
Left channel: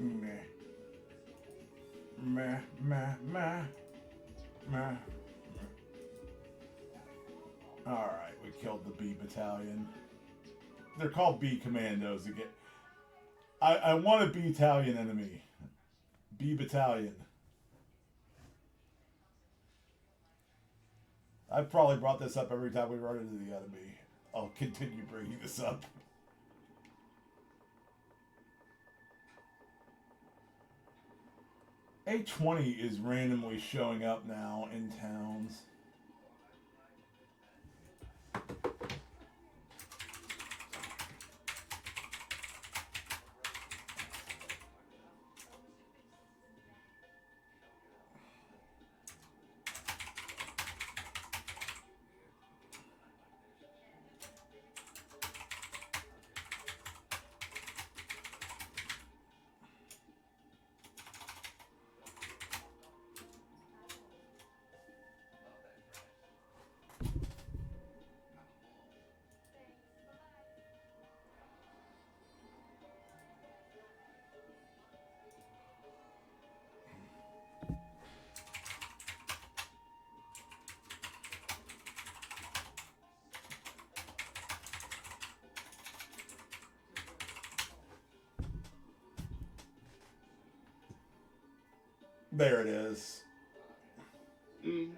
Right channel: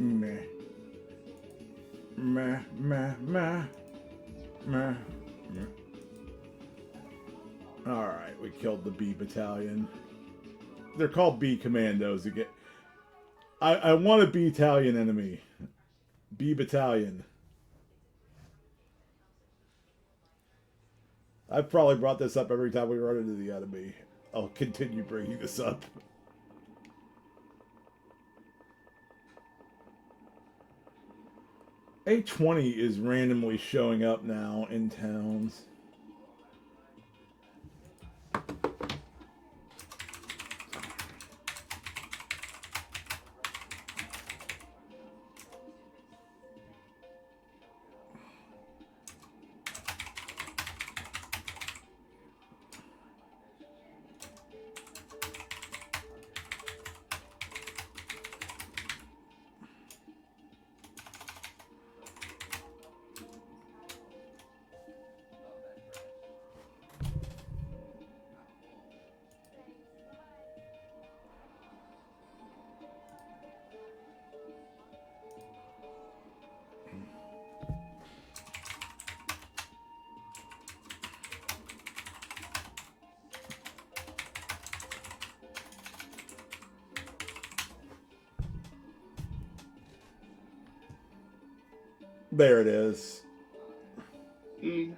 Meh. Meh, meh, meh. Meh. Alright, we killed the B Battalion. They're called B Commandos again. I want a B Battalion enemy. B Battalion. I've probably brought this up every time we run into the enemy. I'll continue bringing this up. A20 is randomly showing up now in towns. There it is. Okay.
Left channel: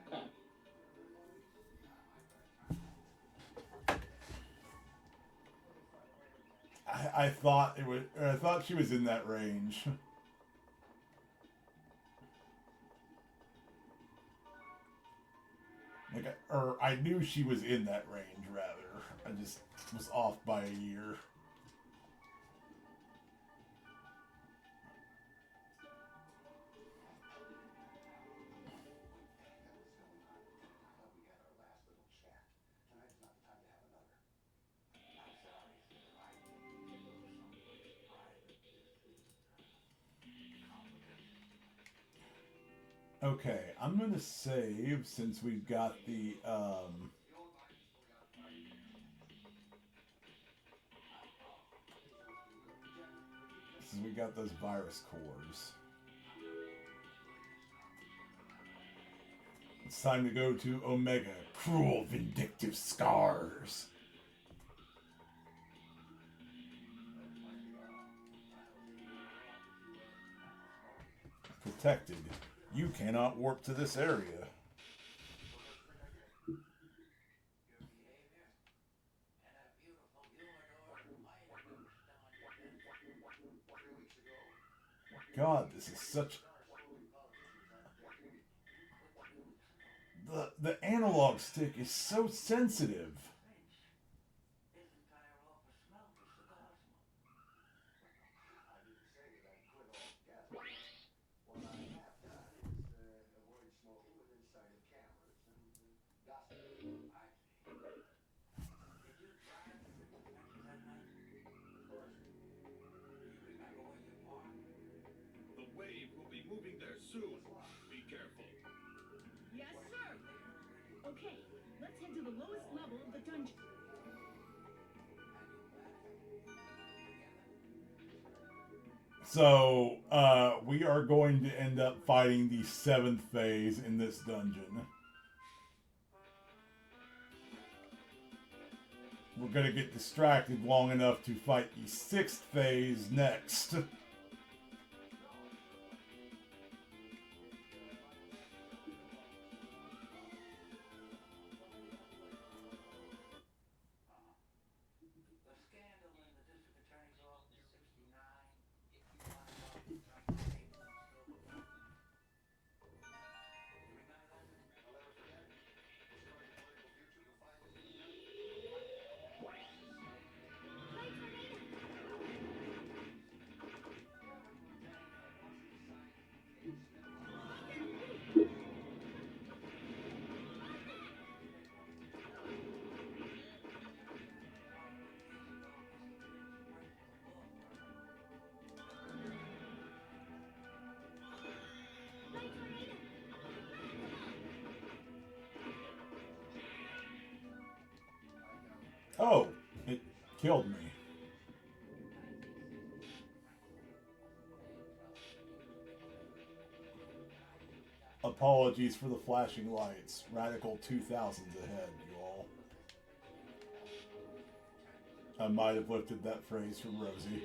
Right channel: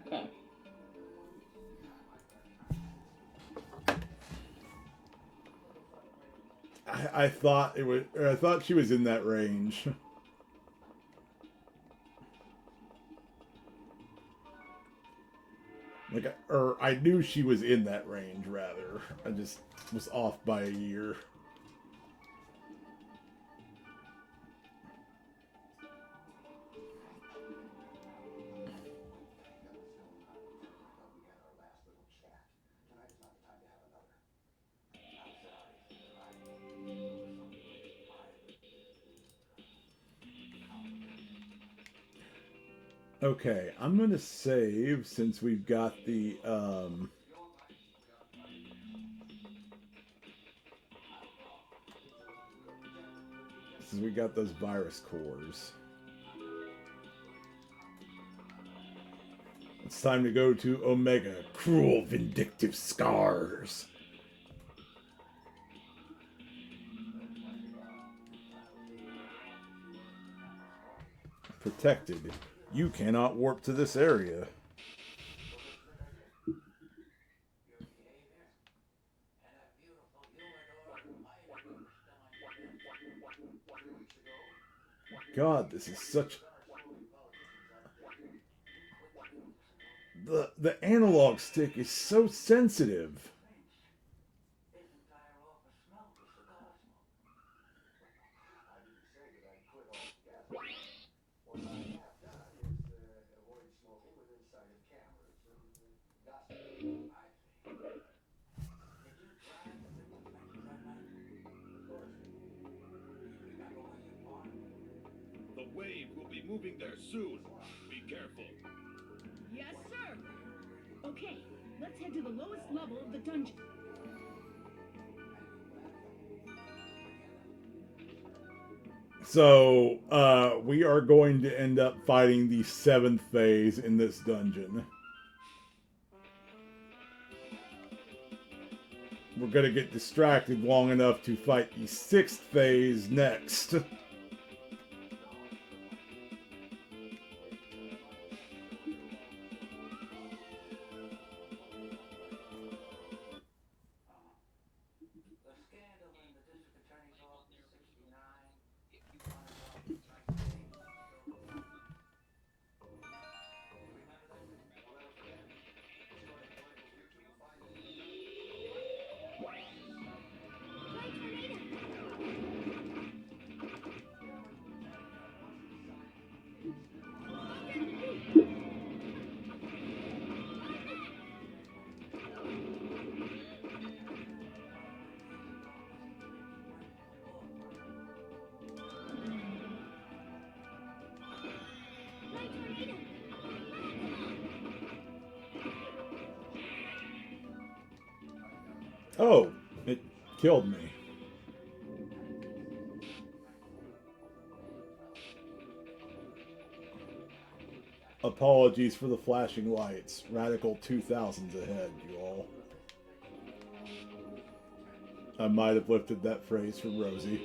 I thought it was. I thought she was in that range. Or I knew she was in that range. Rather, I just was off by a year. Okay, I'm going to save since we've got the, since we got those virus cores. It's time to go to Omega, Cruel Vindictive Scars. Protected. You cannot warp to this area. God, this is such... The analog stick is so sensitive. moving there soon. Be careful. Yes, sir. Okay, let's head to the lowest level of the dungeon. So, we are going to end up fighting the 7th phase in this dungeon. We're going to get distracted long enough to fight the 6th phase next. Oh, it killed me. Apologies for the flashing lights. Radical 2000's ahead, you all. I might have lifted that phrase from Rosie.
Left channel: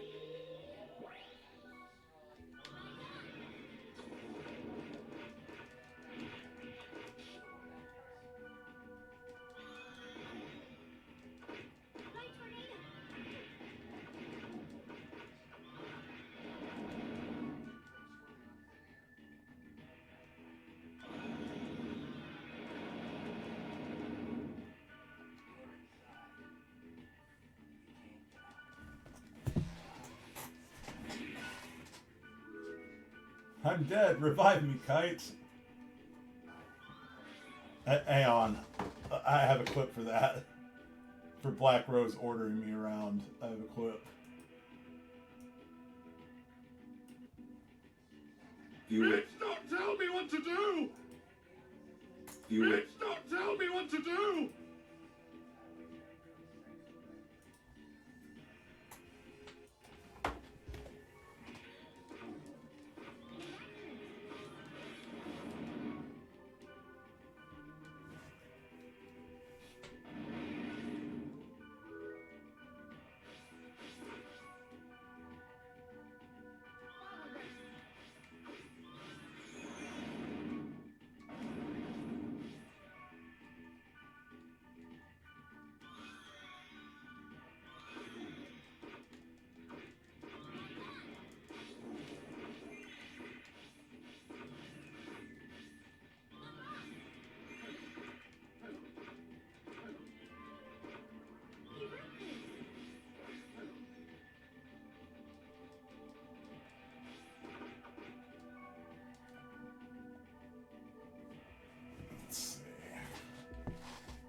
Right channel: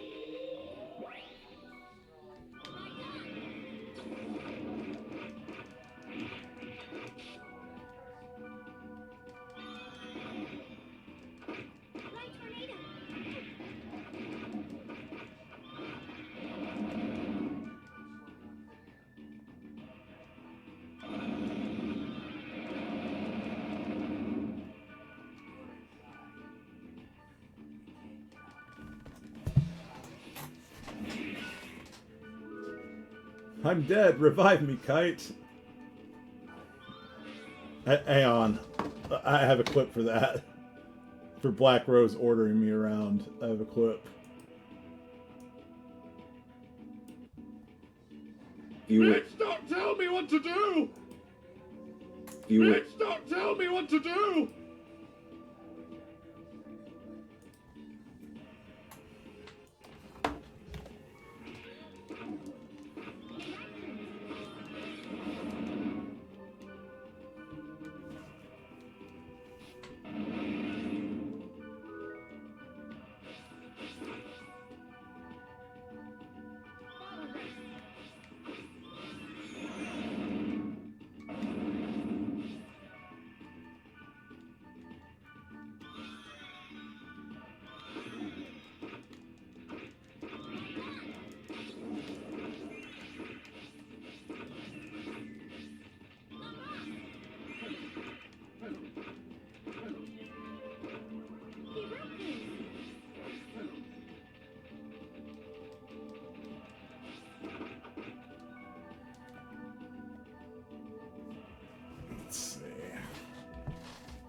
I'm dead. Revive me, Kite. Hang on. I have a clip for that. For Black Rose ordering me around. I have a clip. Bitch, don't tell me what to do! Bitch, don't tell me what to do!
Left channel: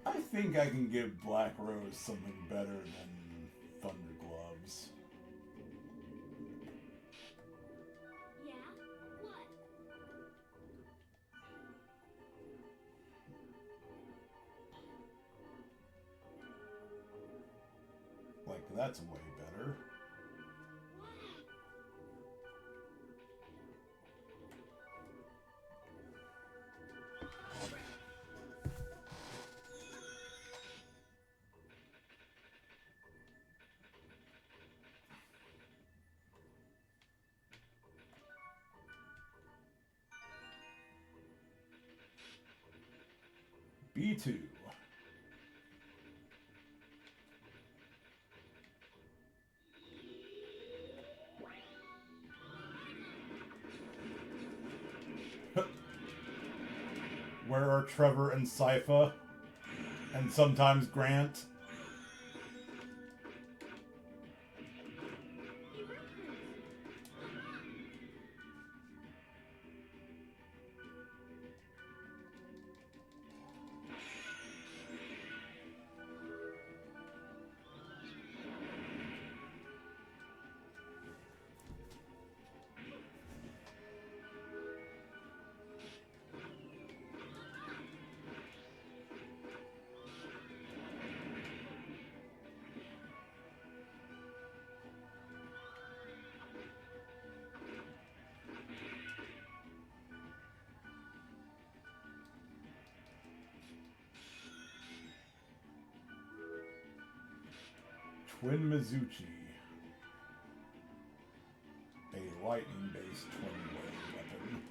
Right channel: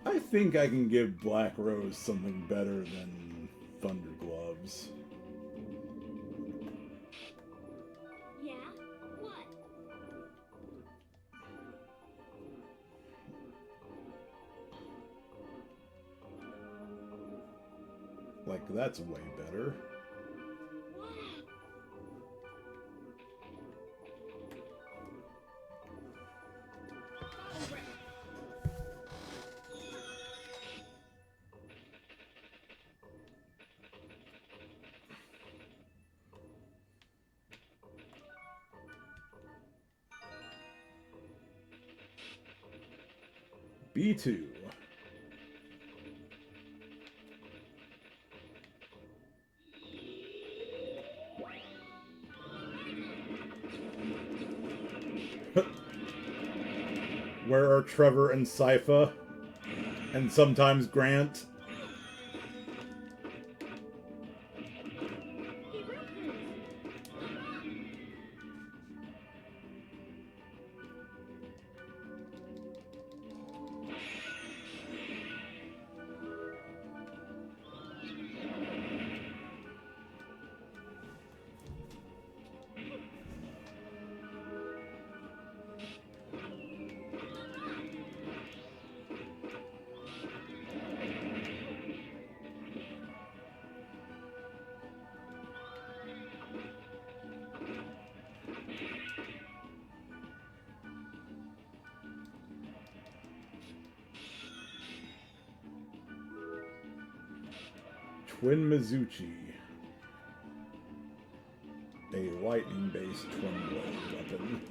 I think I can give Black Rose something better than Thunder Gloves. Yeah? What? Like, that's way better. B2. Where are Trevor and Sypha? And sometimes Grant? Twin Mizuchi. A lightning-based twin blade weapon.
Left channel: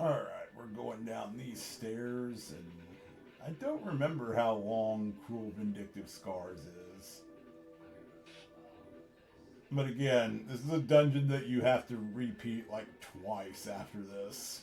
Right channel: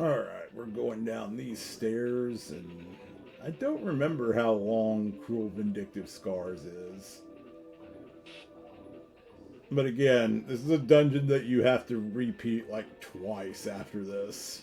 Alright, we're going down these stairs, and I don't remember how long Cruel Vindictive Scars is. But again, this is a dungeon that you have to repeat like twice after this.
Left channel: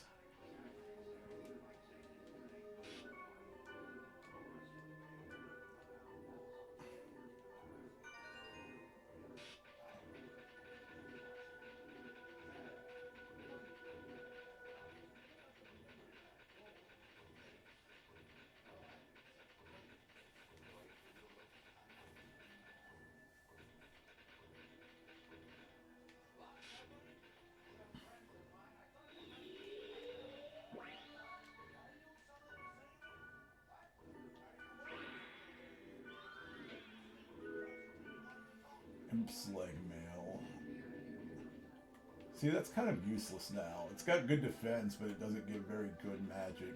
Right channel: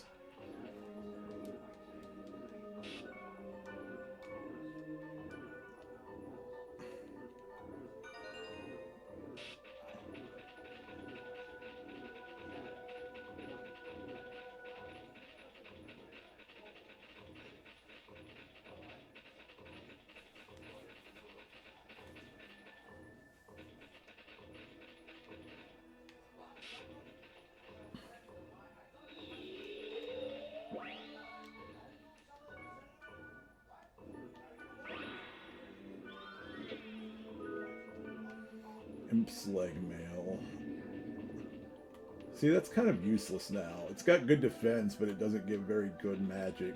Imp's leg mail. See, that's kind of useless now. It's got good defense, but it doesn't give very good magic.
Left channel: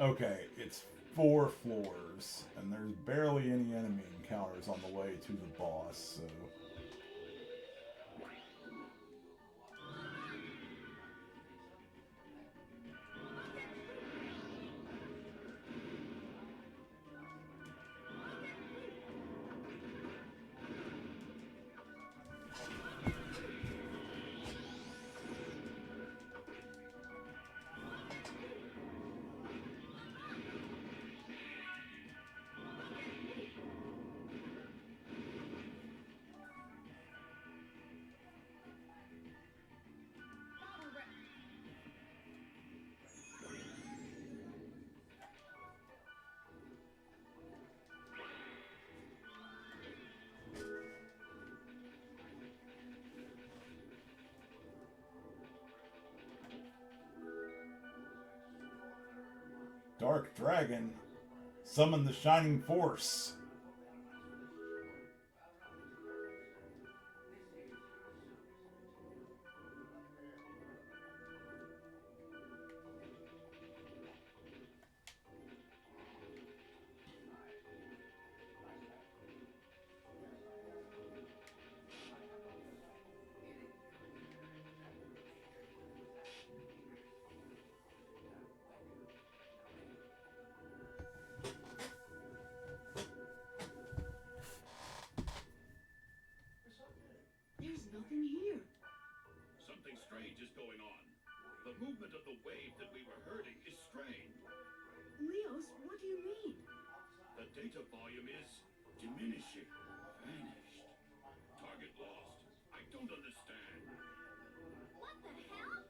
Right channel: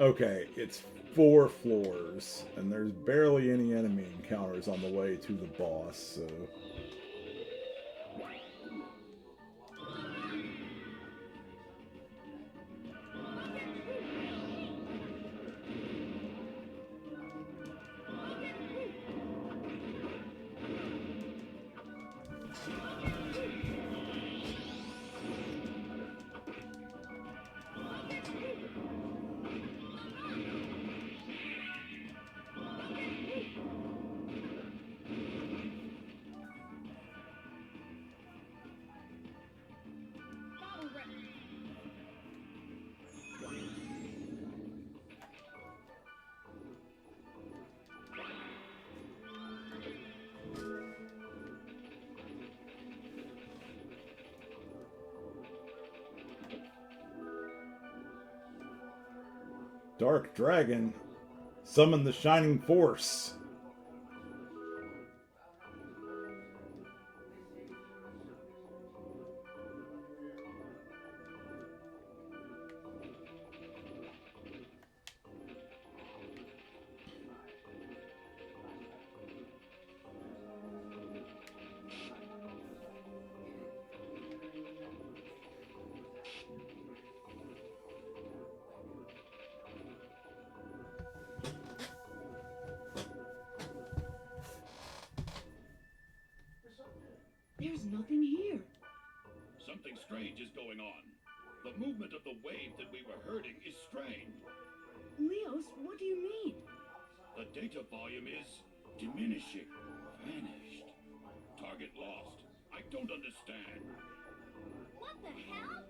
Okay, it's 4 floors, and there's barely any enemy encounters on the way to the boss, so... Dark Dragon, summon the Shining Force. There's nothing here. Something strange is going on. The movement of the wave that we were herding is strange. Leos, what do you mean? The data volume is diminishing. Vanished. Target lost. I don't understand. What the hell?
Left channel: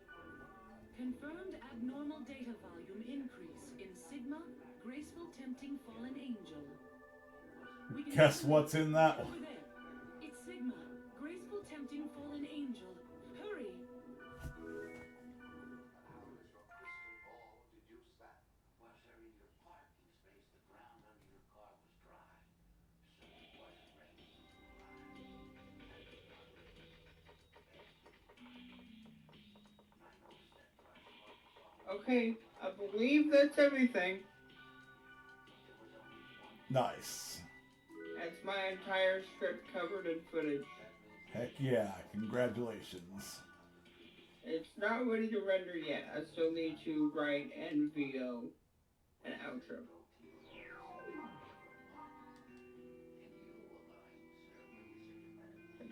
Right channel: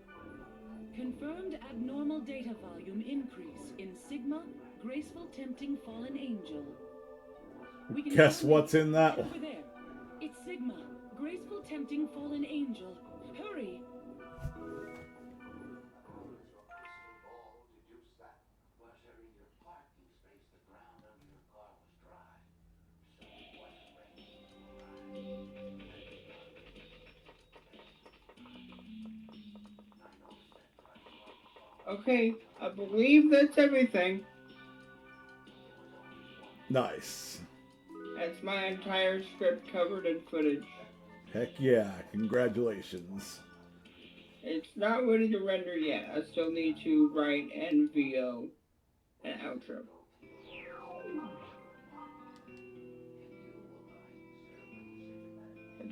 Confirmed abnormal data volume increase in Sigma, Graceful Tempting Fallen Angel. We can Guess what's in that one? over there. It's Sigma, Graceful Tempting Fallen Angel. Hurry! Okay, I believe that's everything. Nice. That's my entire script covered in footage. Heck yeah, congratulations. It's not ready to render yet. I still need to write and VO an outro.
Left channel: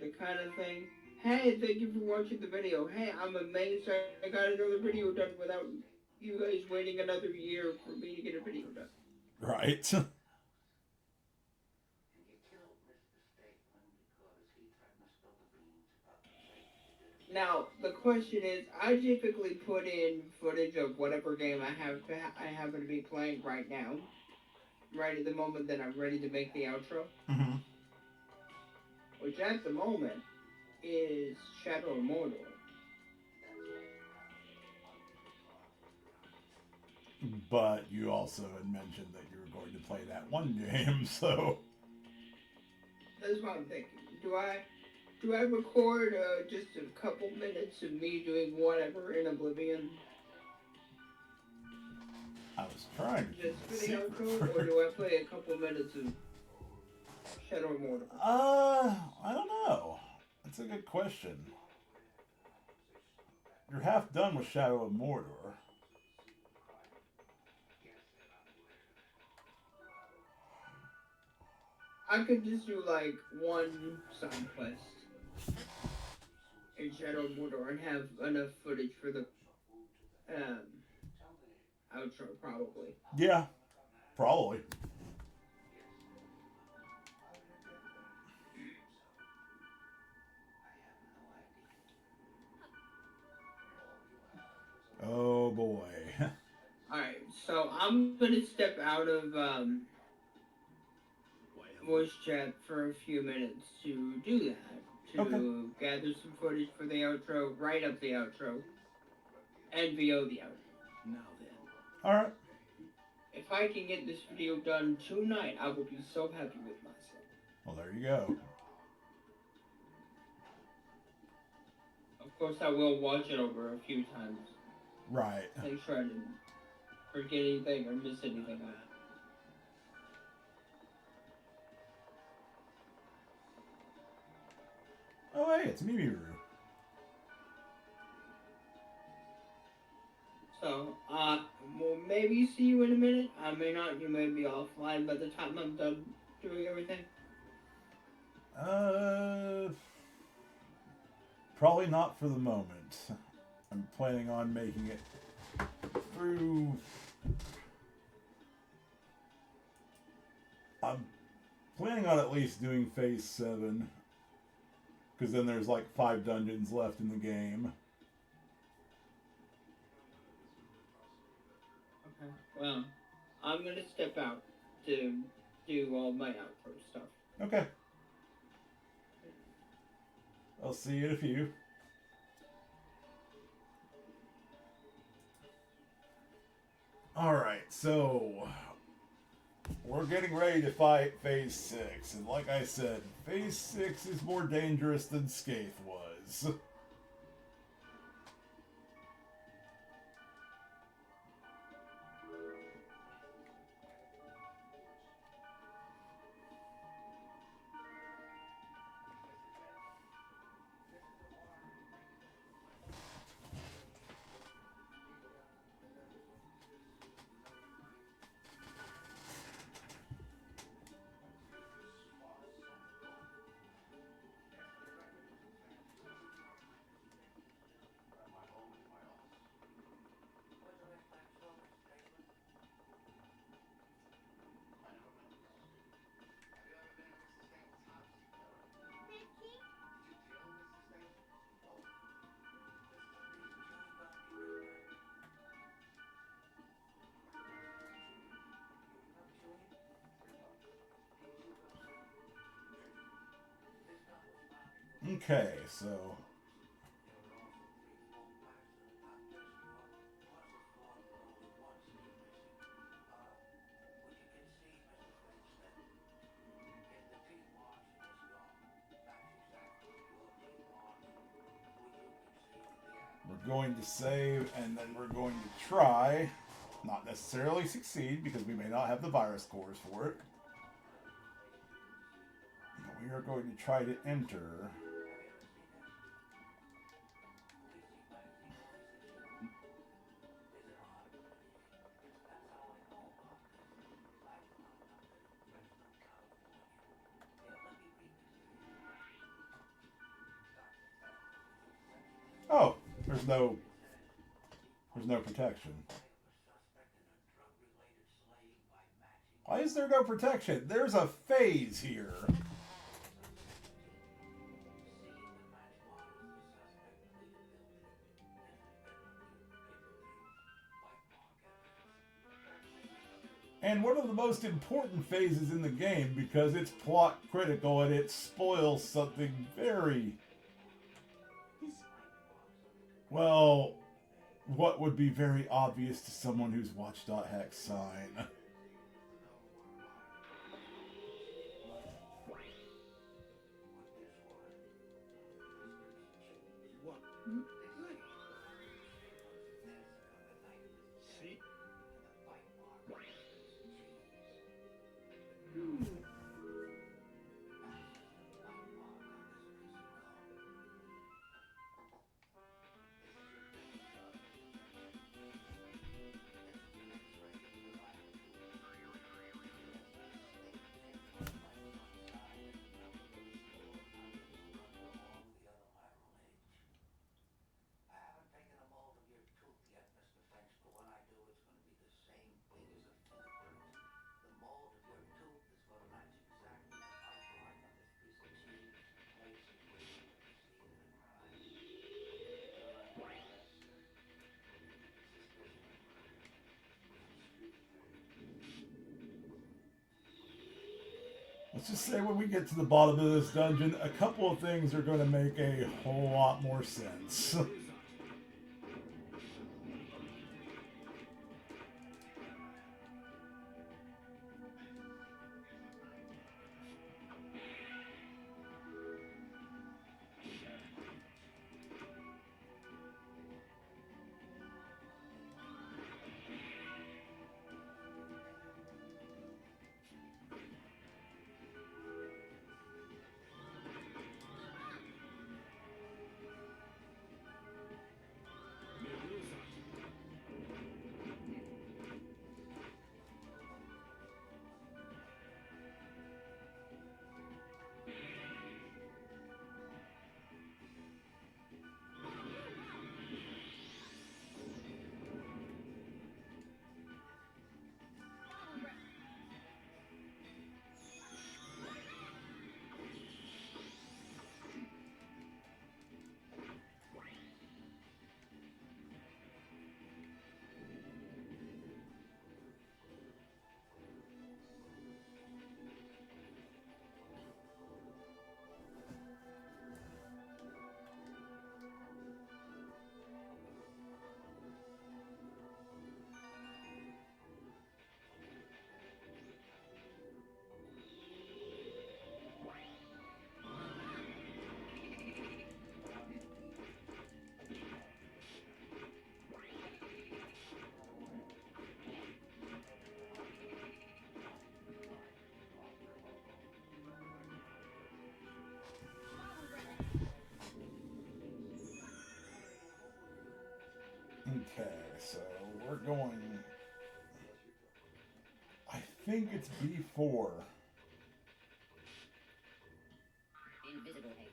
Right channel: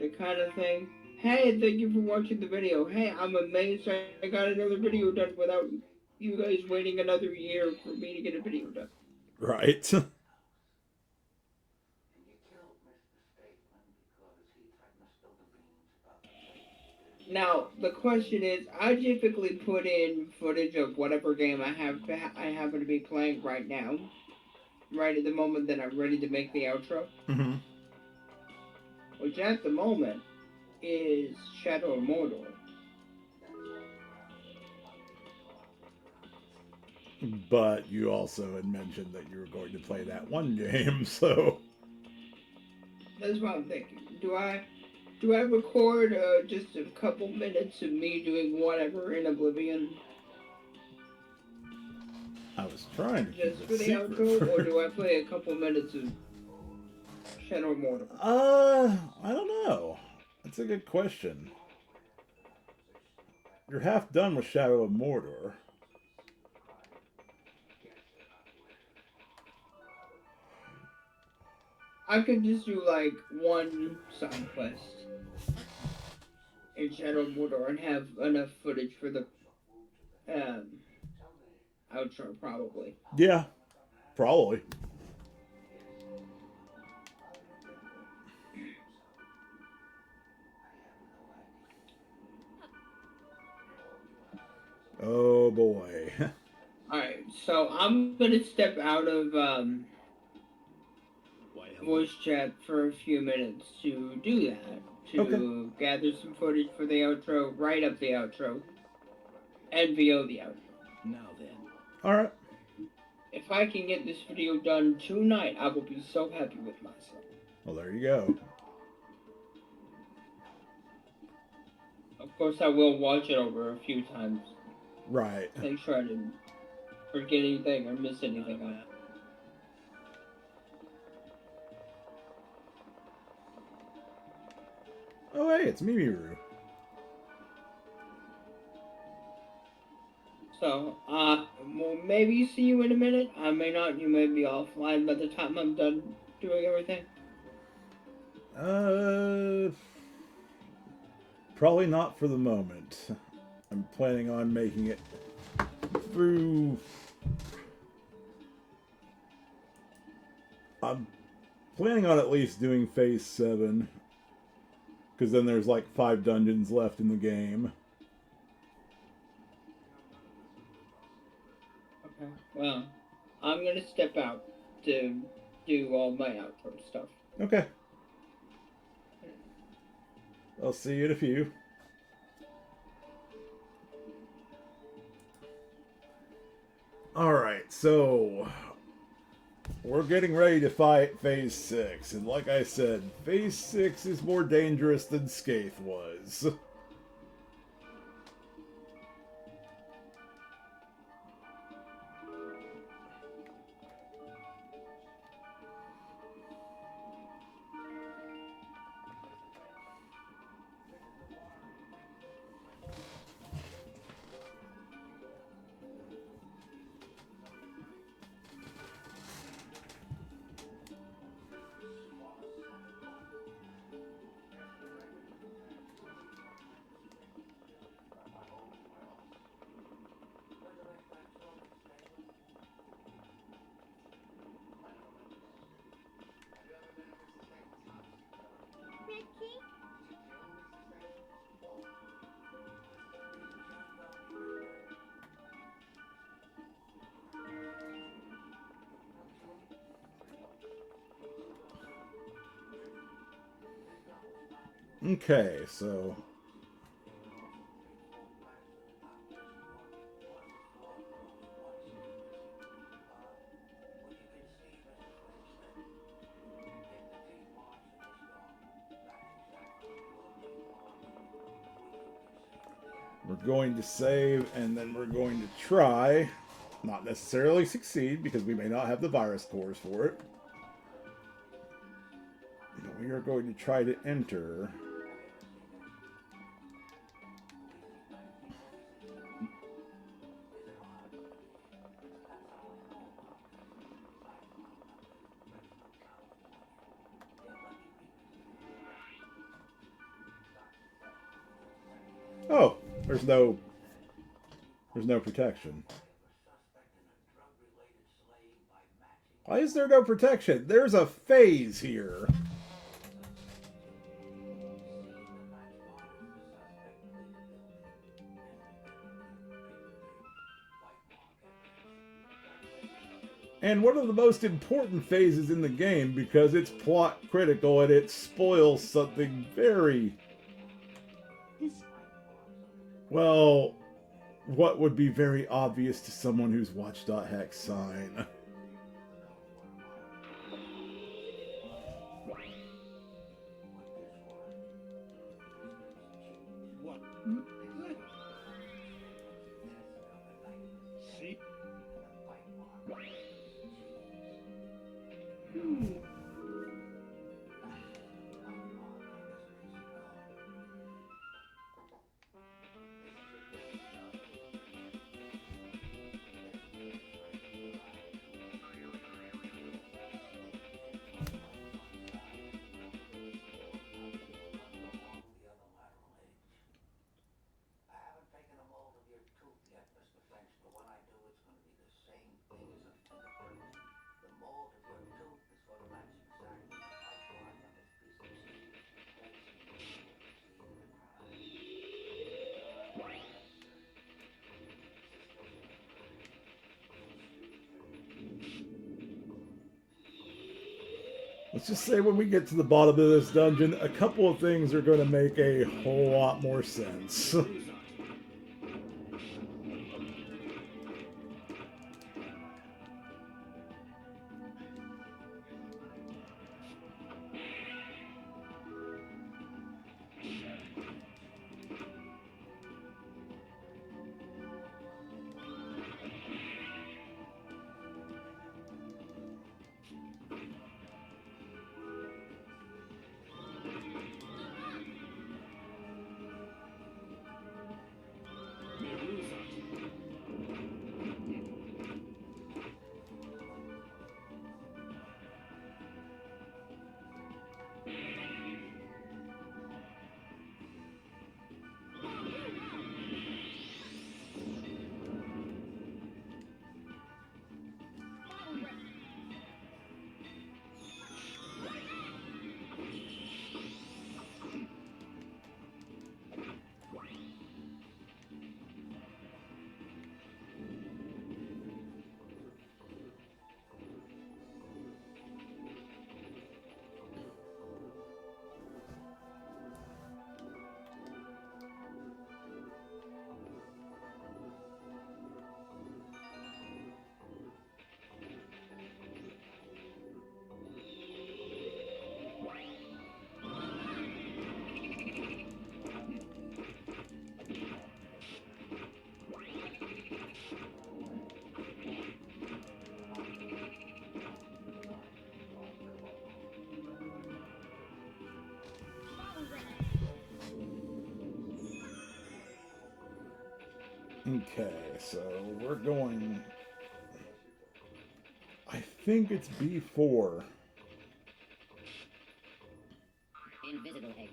The kind of thing. Hey, thank you for watching the video. Hey, I'm amazed I got another video done without you guys waiting another year for me to get a video done. Right. Now, the question is, I typically put in footage of whatever game I happen to be playing right now. Right at the moment that I'm ready to make the outro. Mm-hmm. Which at the moment is Shadow of Mordor. But you also had mentioned that you were going to play that one game, so... That's what I'm thinking. Do I record just a couple minutes of me doing whatever in Oblivion? I was trying to just for the outro, or do I play a couple minutes of Shadow of Mordor? I don't know. That's a good question. You're half done with Shadow of Mordor. I could just do like one side quest in Shadow of Mordor and have enough footage for the outro, probably. Yeah, probably. Oh boy. Alright, so I'm gonna step out of voice chat for a few minutes to do that. To gather some footage for the outro, write up the outro, and VO the outro. Now then. Alright. If I can get this video done tonight, I will be so happy with myself. Well, there you go. Of course, I will watch it over a few times. Right. Make sure I didn't forget anything or miss anything on it. Oh, hey, it's Mimiru. So, we'll maybe see you in a minute. I may not. You may be offline by the time I'm done doing everything. Probably not for the moment. I'm planning on making it through... I'm planning on at least doing Phase 7. Because then there's like 5 dungeons left in the game. Okay. Well, I'm gonna step out to do all my outro stuff. Okay. I'll see you in a few. Alright, so... we're getting ready to fight Phase 6, and like I said, Phase 6 is more dangerous than Skaith was. Okay, so... we're going to save, and then we're going to try, not necessarily succeed, because we may not have the virus cores for it. But we are going to try to enter... Oh, there's no protection. Why is there no protection? There's a phase here. And one of the most important phases in the game because it's plot critical and it spoils something very, Well, what would be very obvious to someone who's watched .hex sign? Let's just say when we get to the bottom of this dungeon, a couple of things are going to make a whole lot more sense. Okay, so we're going... I think it's B4. Invisible egg.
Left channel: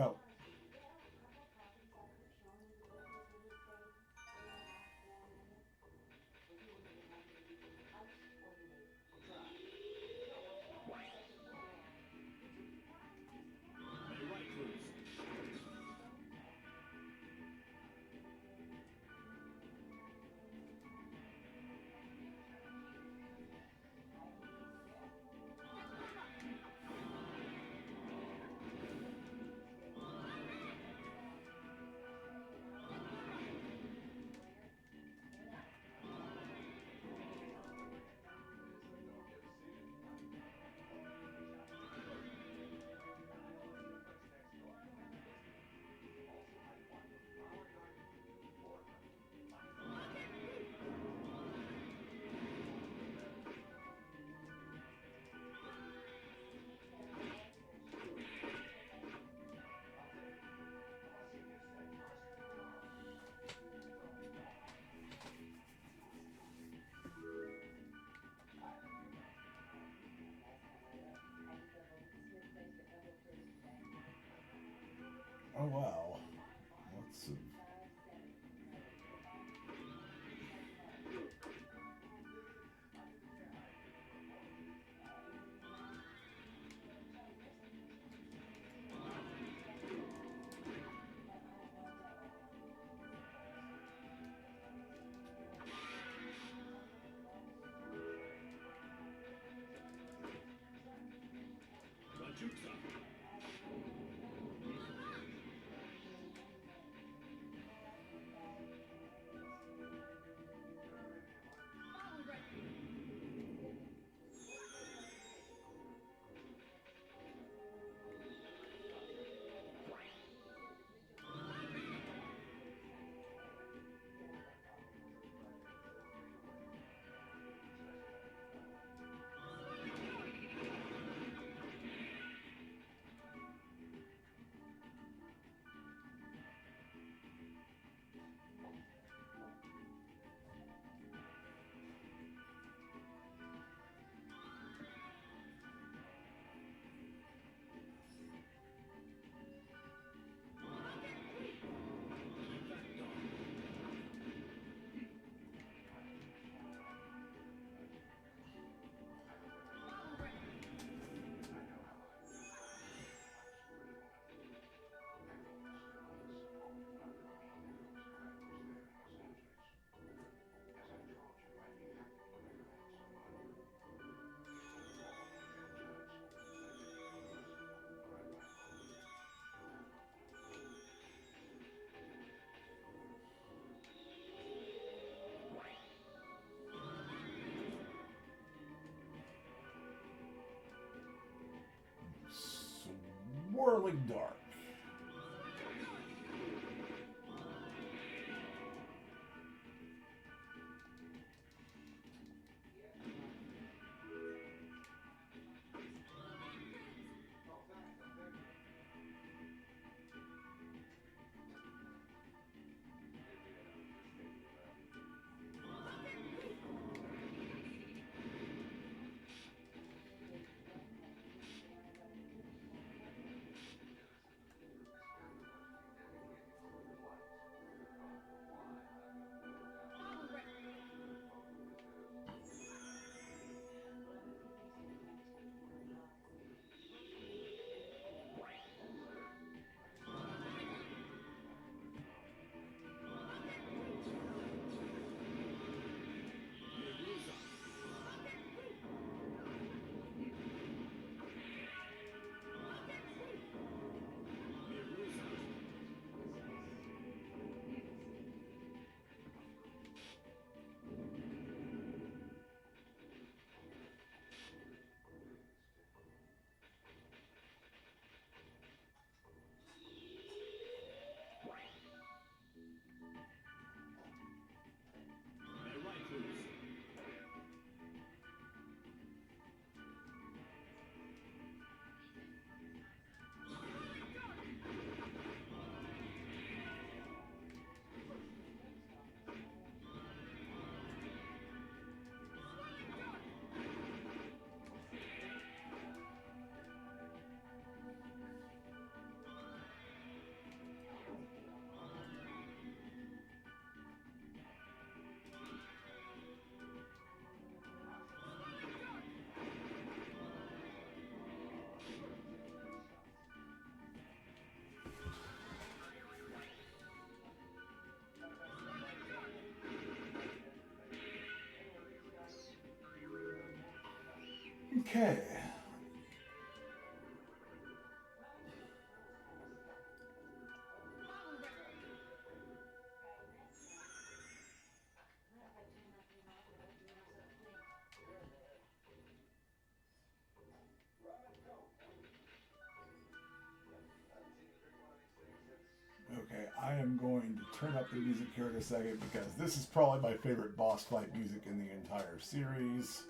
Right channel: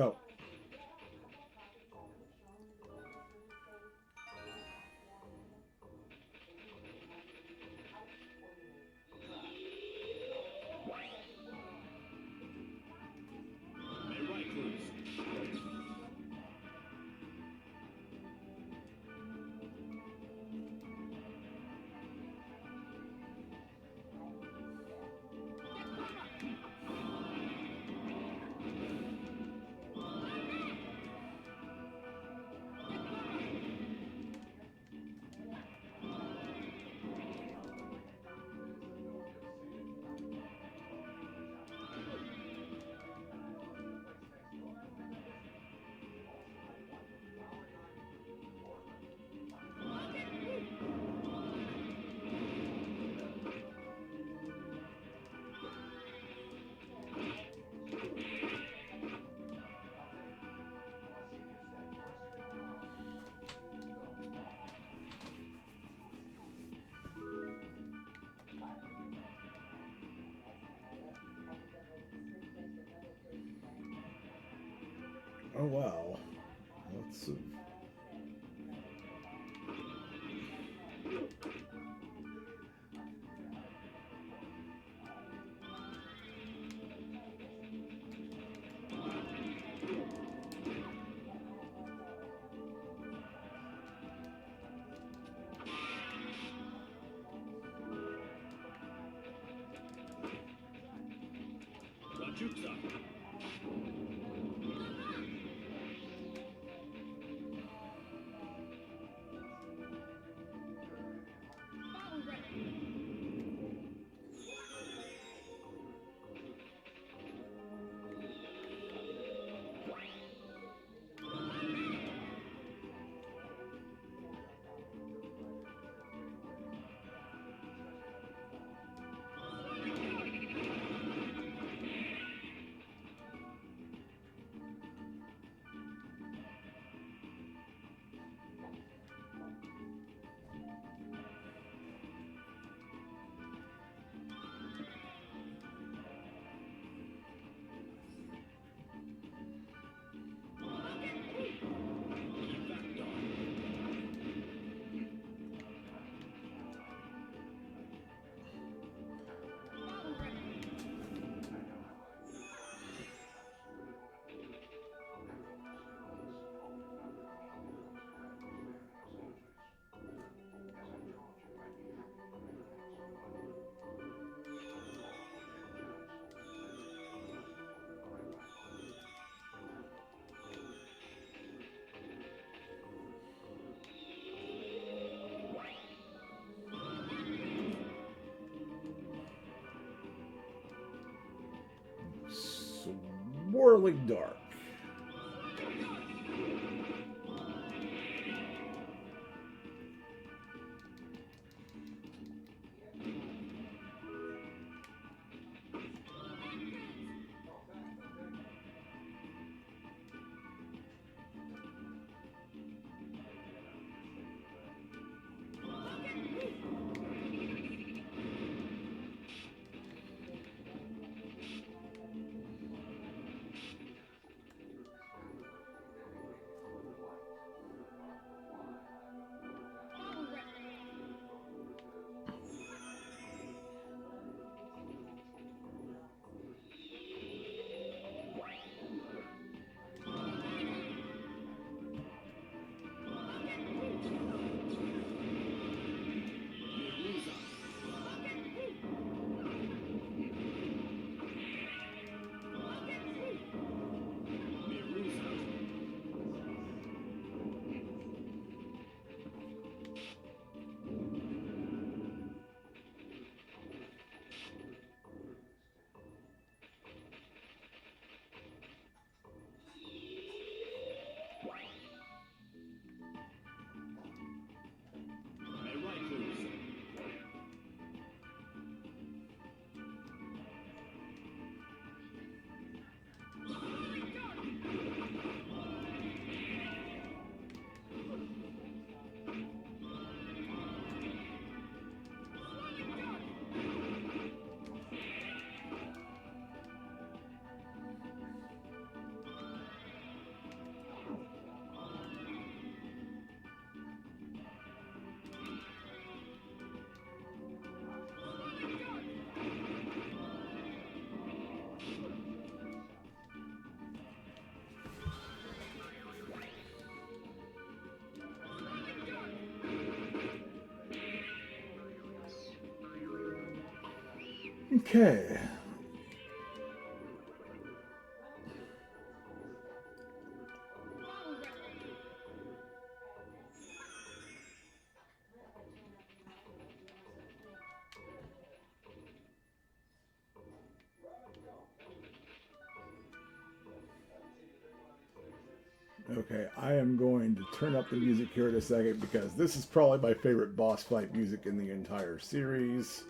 Oh. Oh wow. Let's see. Swirling dark. Okay. Okay, I am going to turn up the music here in a second because this is probably my favorite boss fight music in the entire series.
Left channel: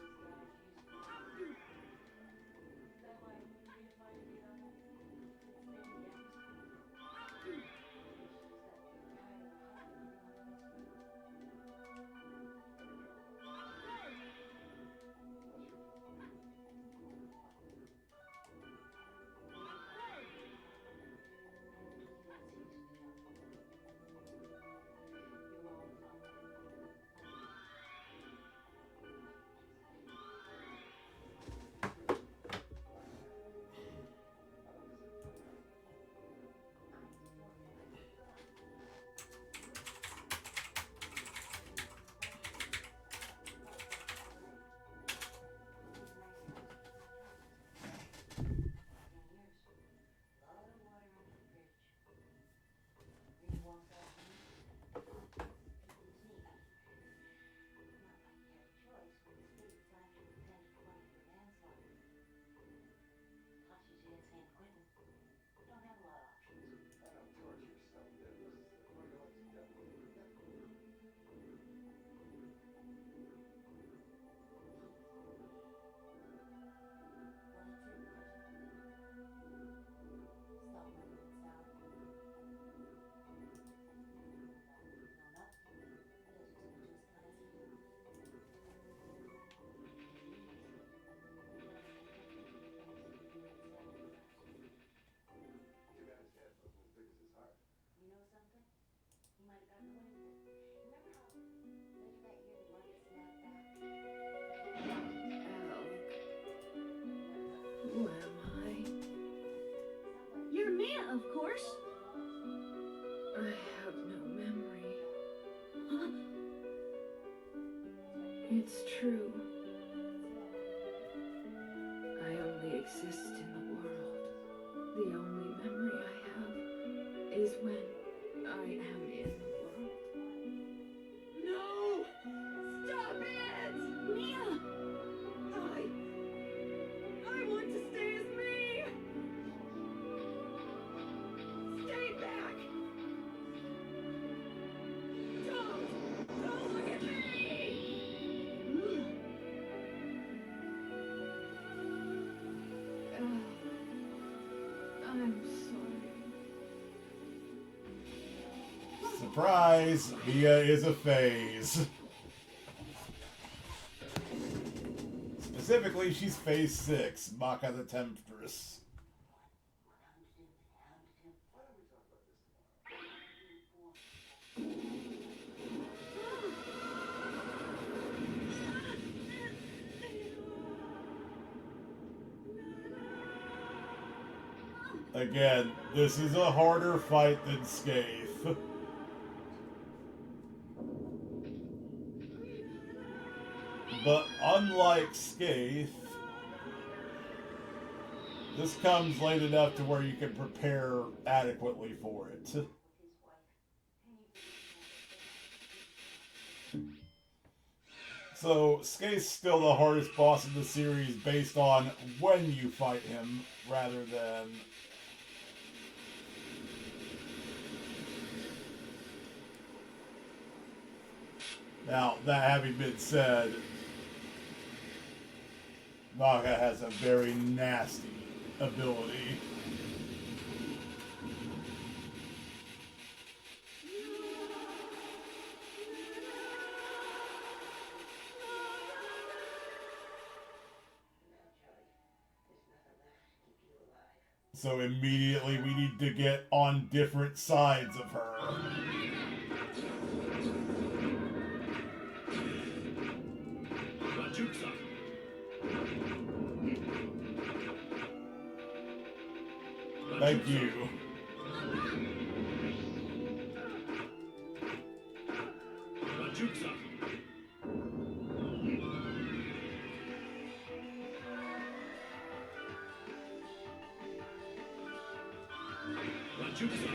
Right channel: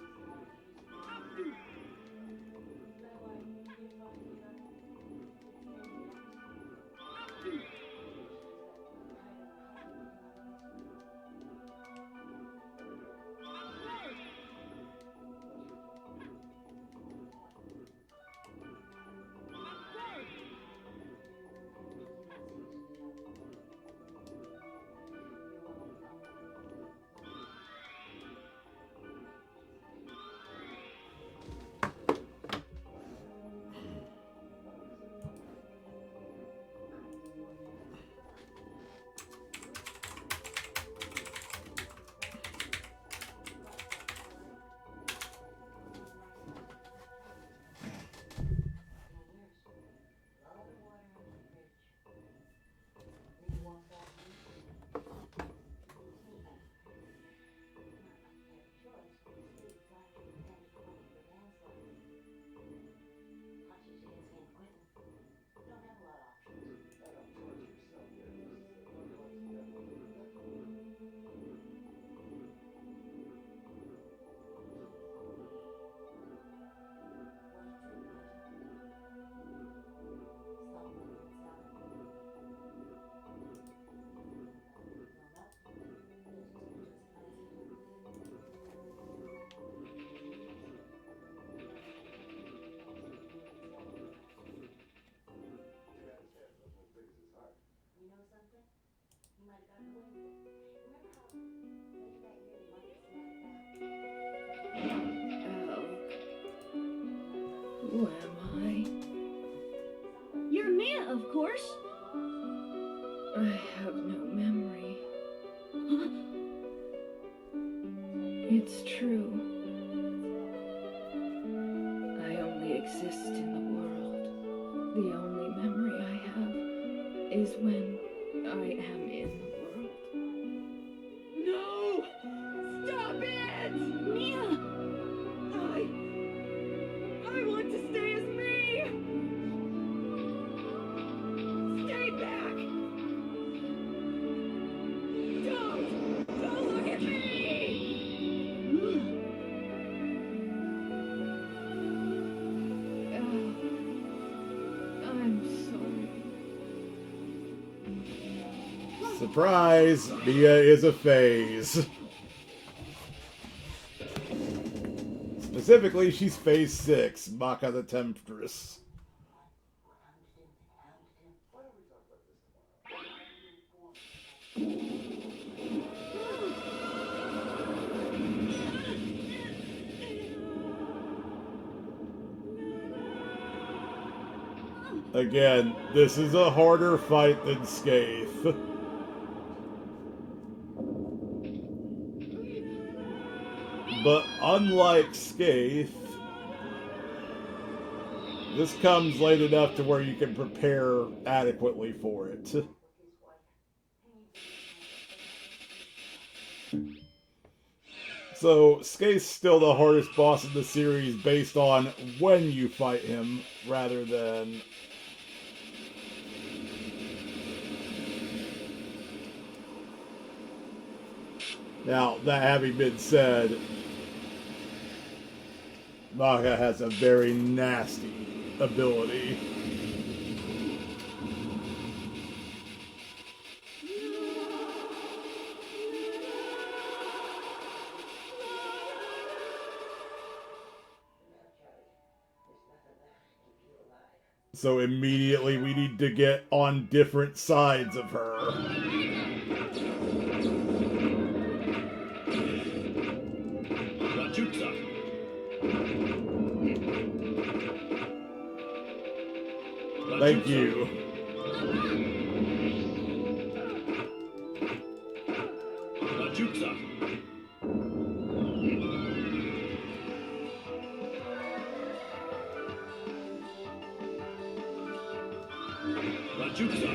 Who am I? You're Mia, of course. I have no memory. Huh? It's true. I only exist in the world. The only memory I have is when I am in the world. No! Stop it! Mia! I want to stay as me! Stay back! Don't look at me! I'm sorry. Surprise! Mia is a phase. Specifically, she's phase 6, Maka the Temptress. Again, this is a harder fight than Scathe. But unlike Scathe, this comes late enough to where you can prepare adequately for it. So, Scathe's still the hardest boss in the series based on when you fight him, rather than... Now, that having been said, Maka has a very nasty ability. So immediately we need to get on different sides of her. Thank you. Majutsu.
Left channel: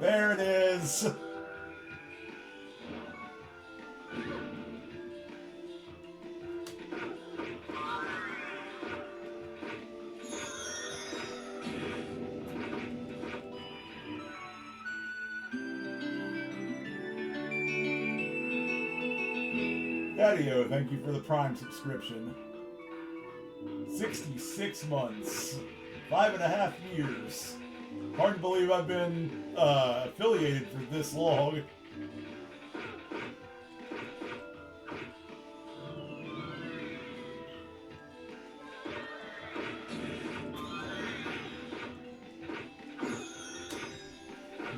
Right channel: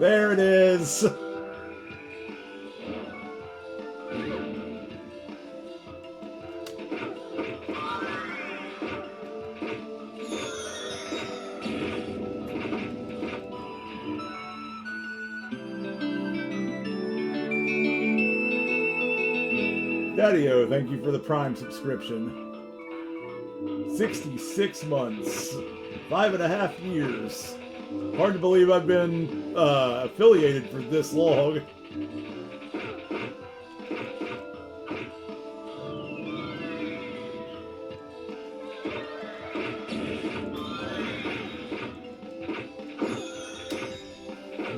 There it is. Daddy-O, thank you for the Prime subscription. 66 months. 5.5 years. Hard to believe I've been affiliated for this long.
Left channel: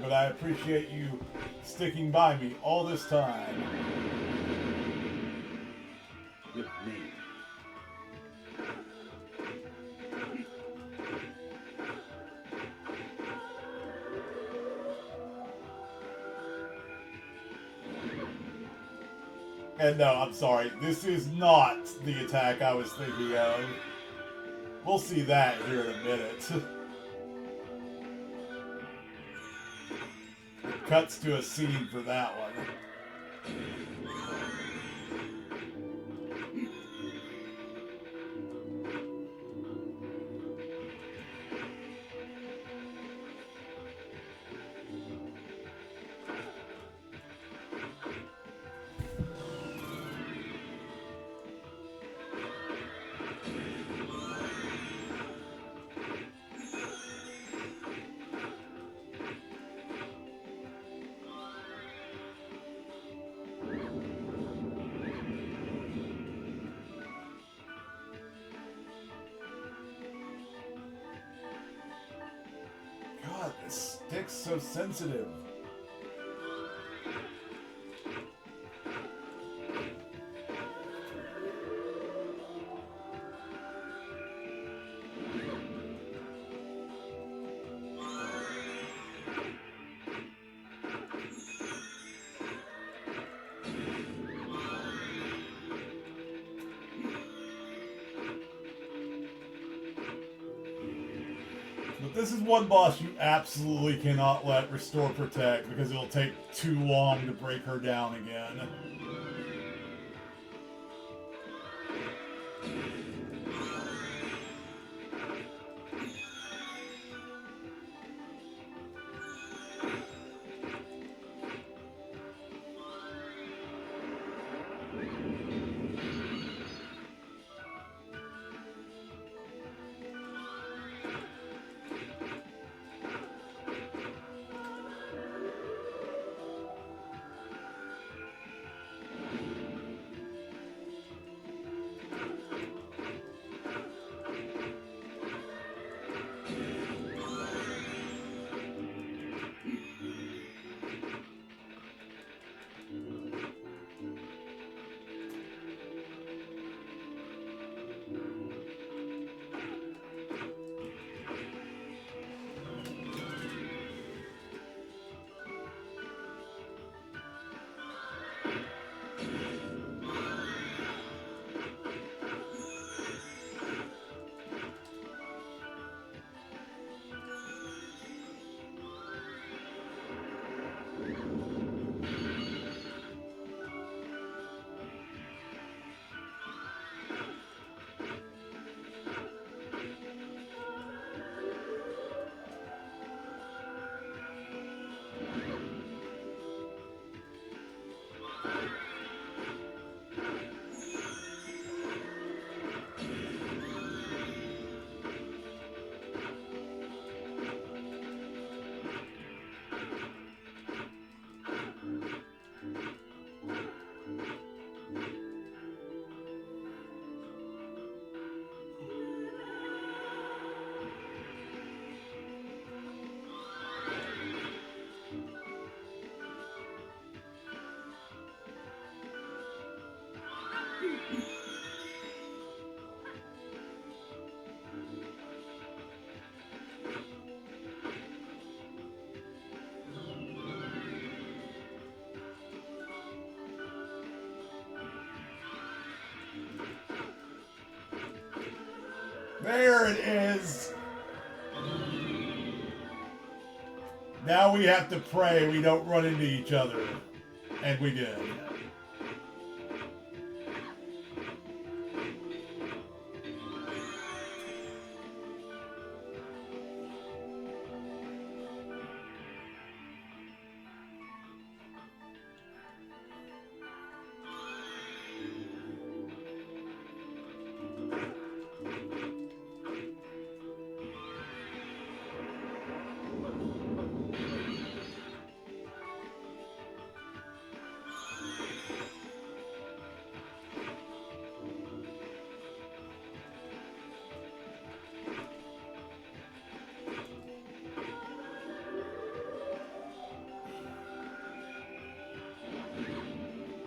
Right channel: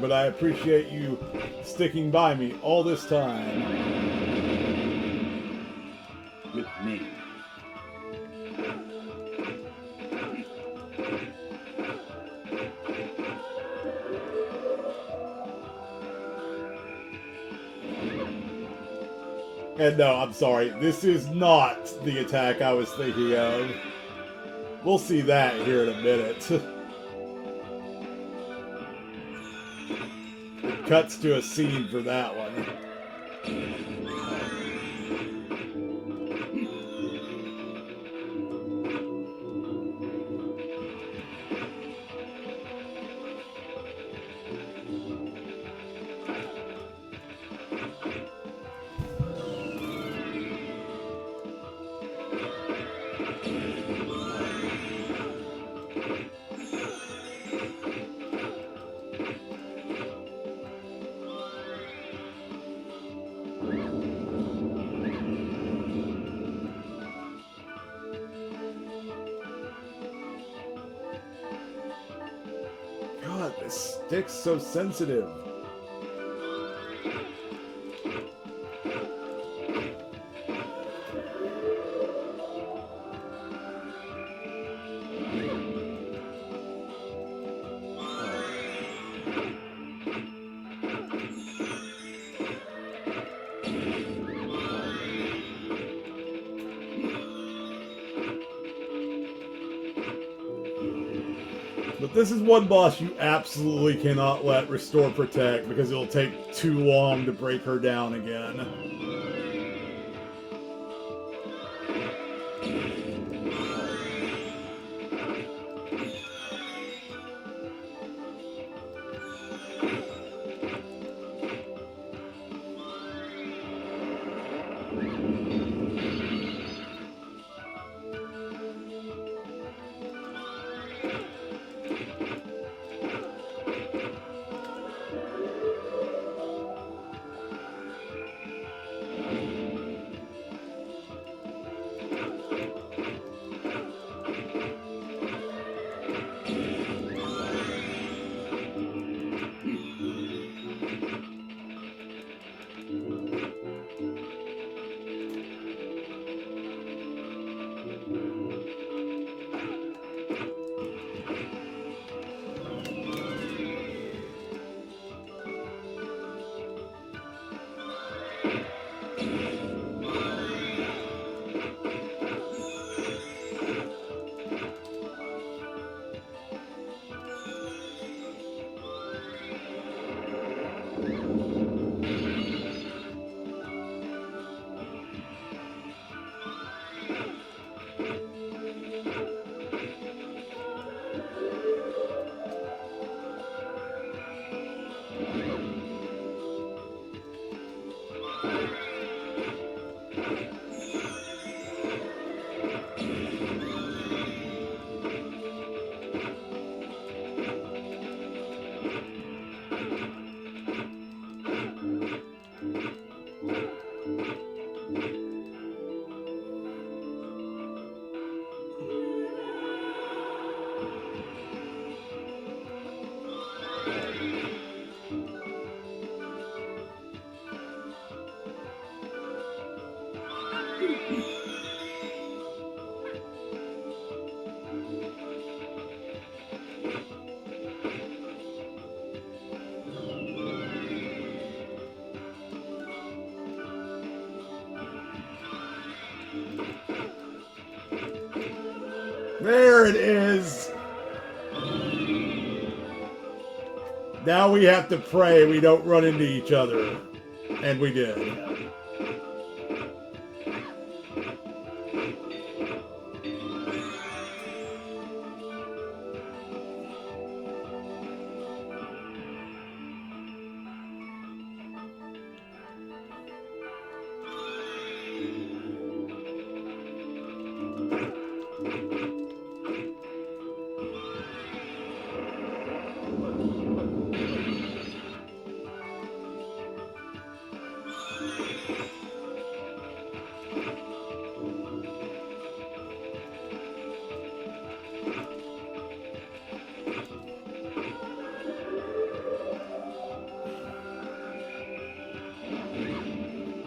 But I appreciate you sticking by me all this time. With me. And no, I'm sorry, this is not the attack I was thinking of. We'll see that here in a minute. It cuts to a scene for that one. God, this stick's so sensitive. But this is one boss you absolutely cannot let Restore Protect because it'll take too long to break her down again. There it is. Now we have to pray we don't run into each other. And we did.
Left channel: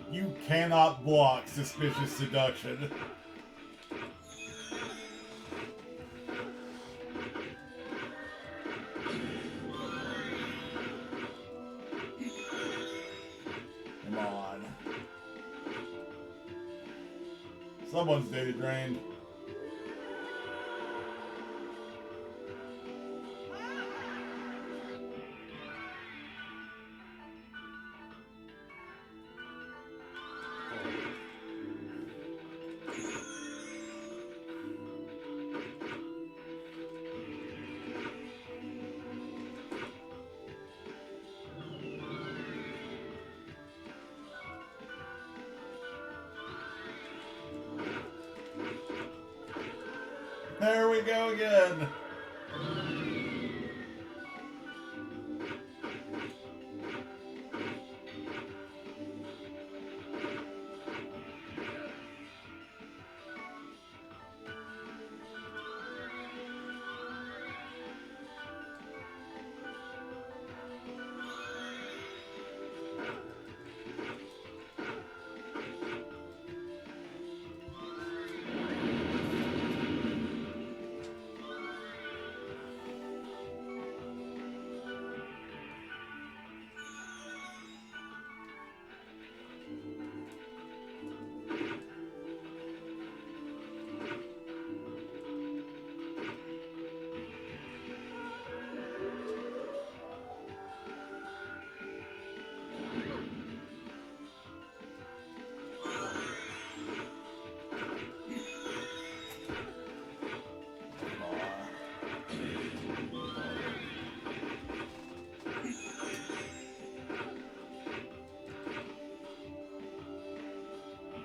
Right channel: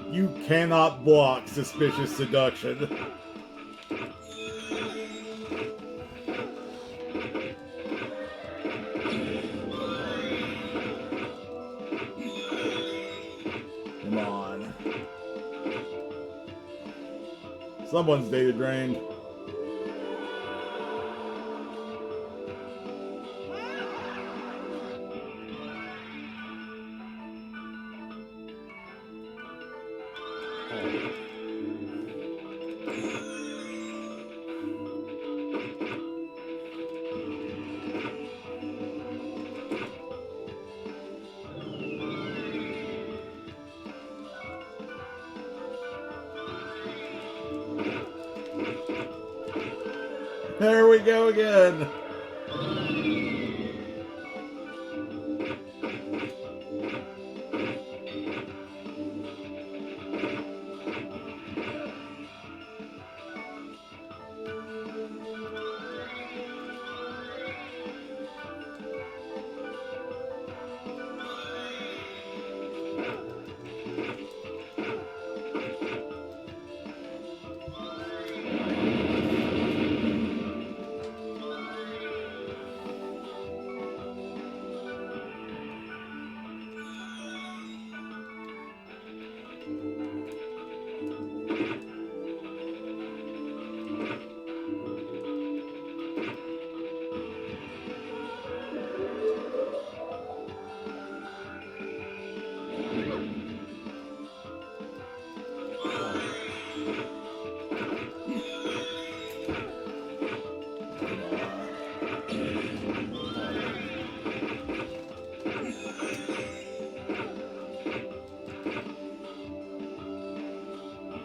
You cannot block suspicious seduction. Come on. Someone's data drained. There we go again.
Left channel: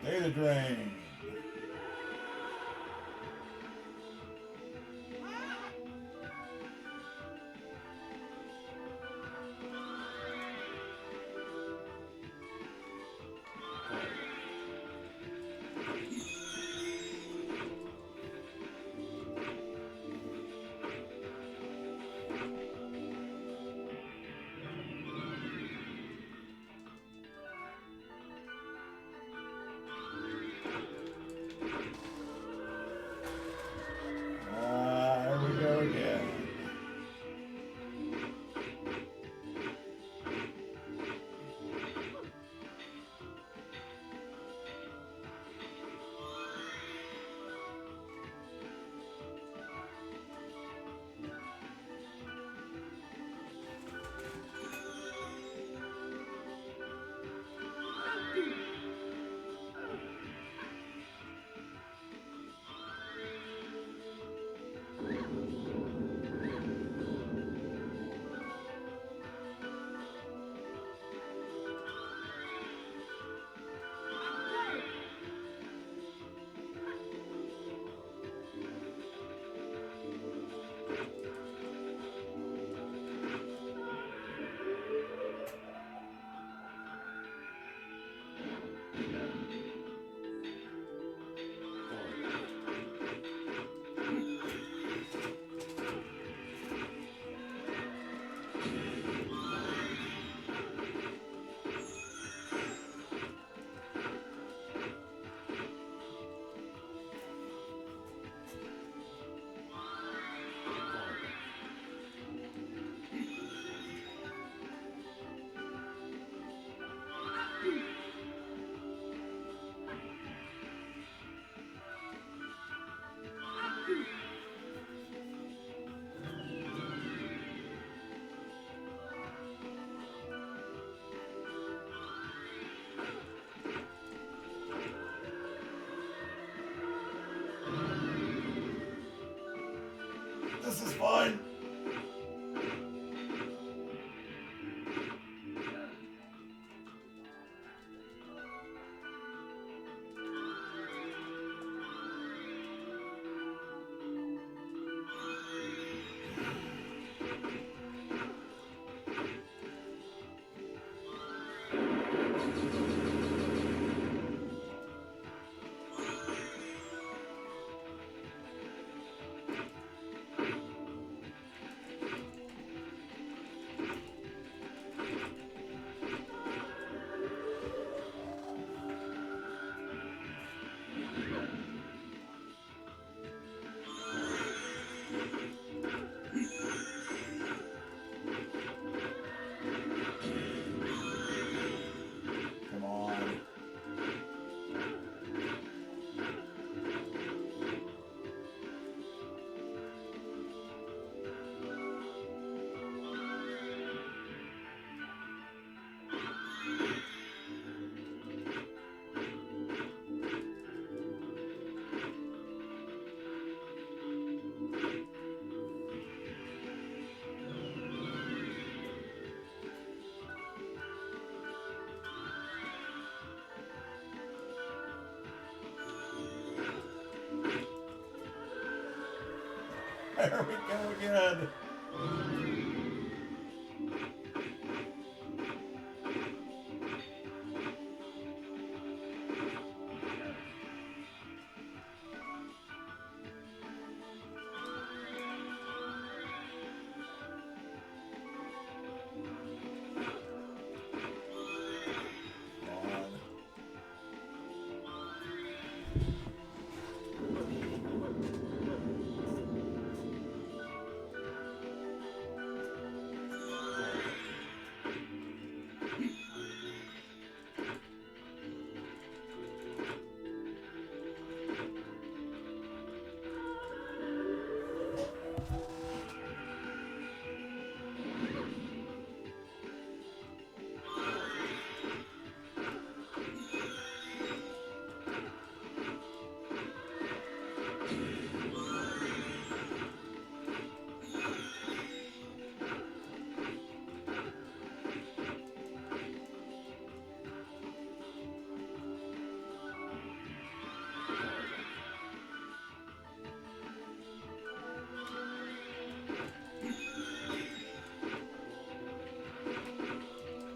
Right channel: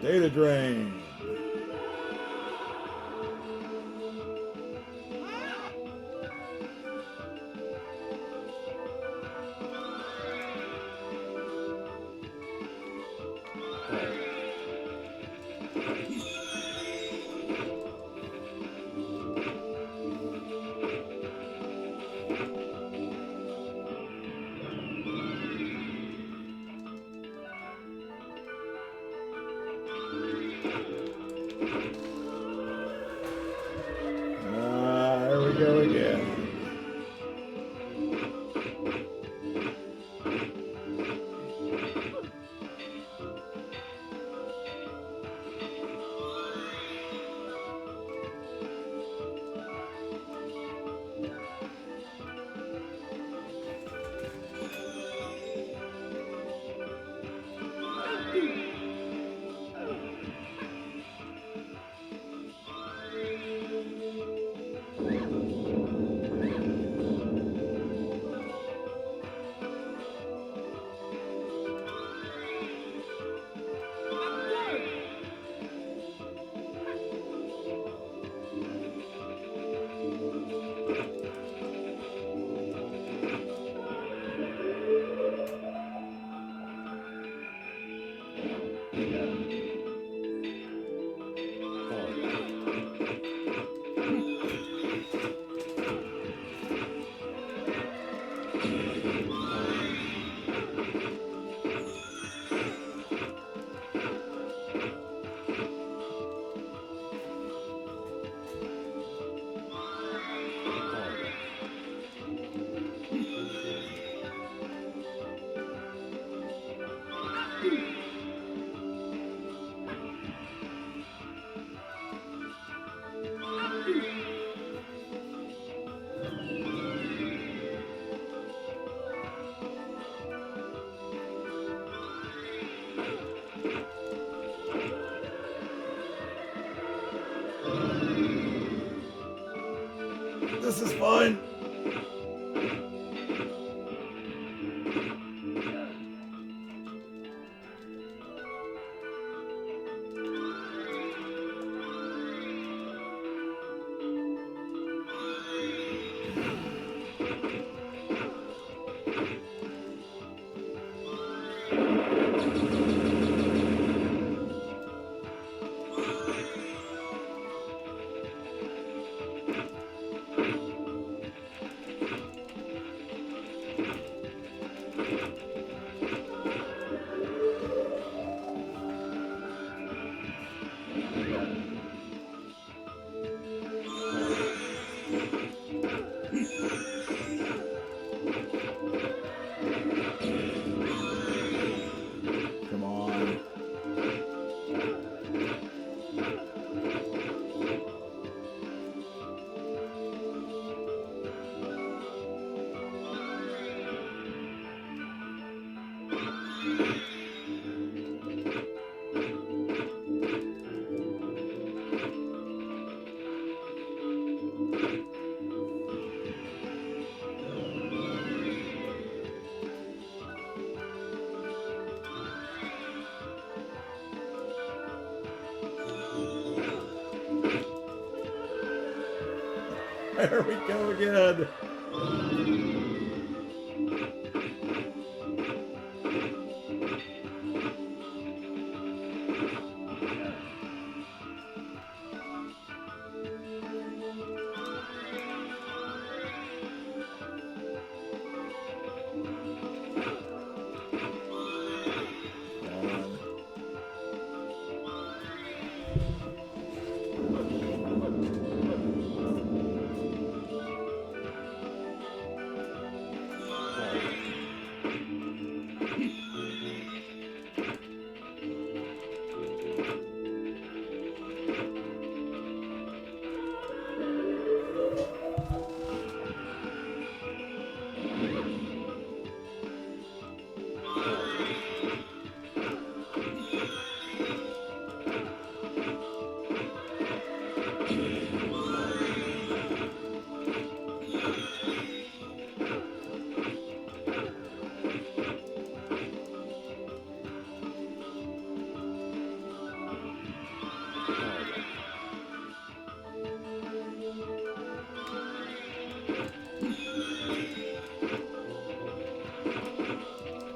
Data drain. Here we go again. This is fun. Come on. There we go again.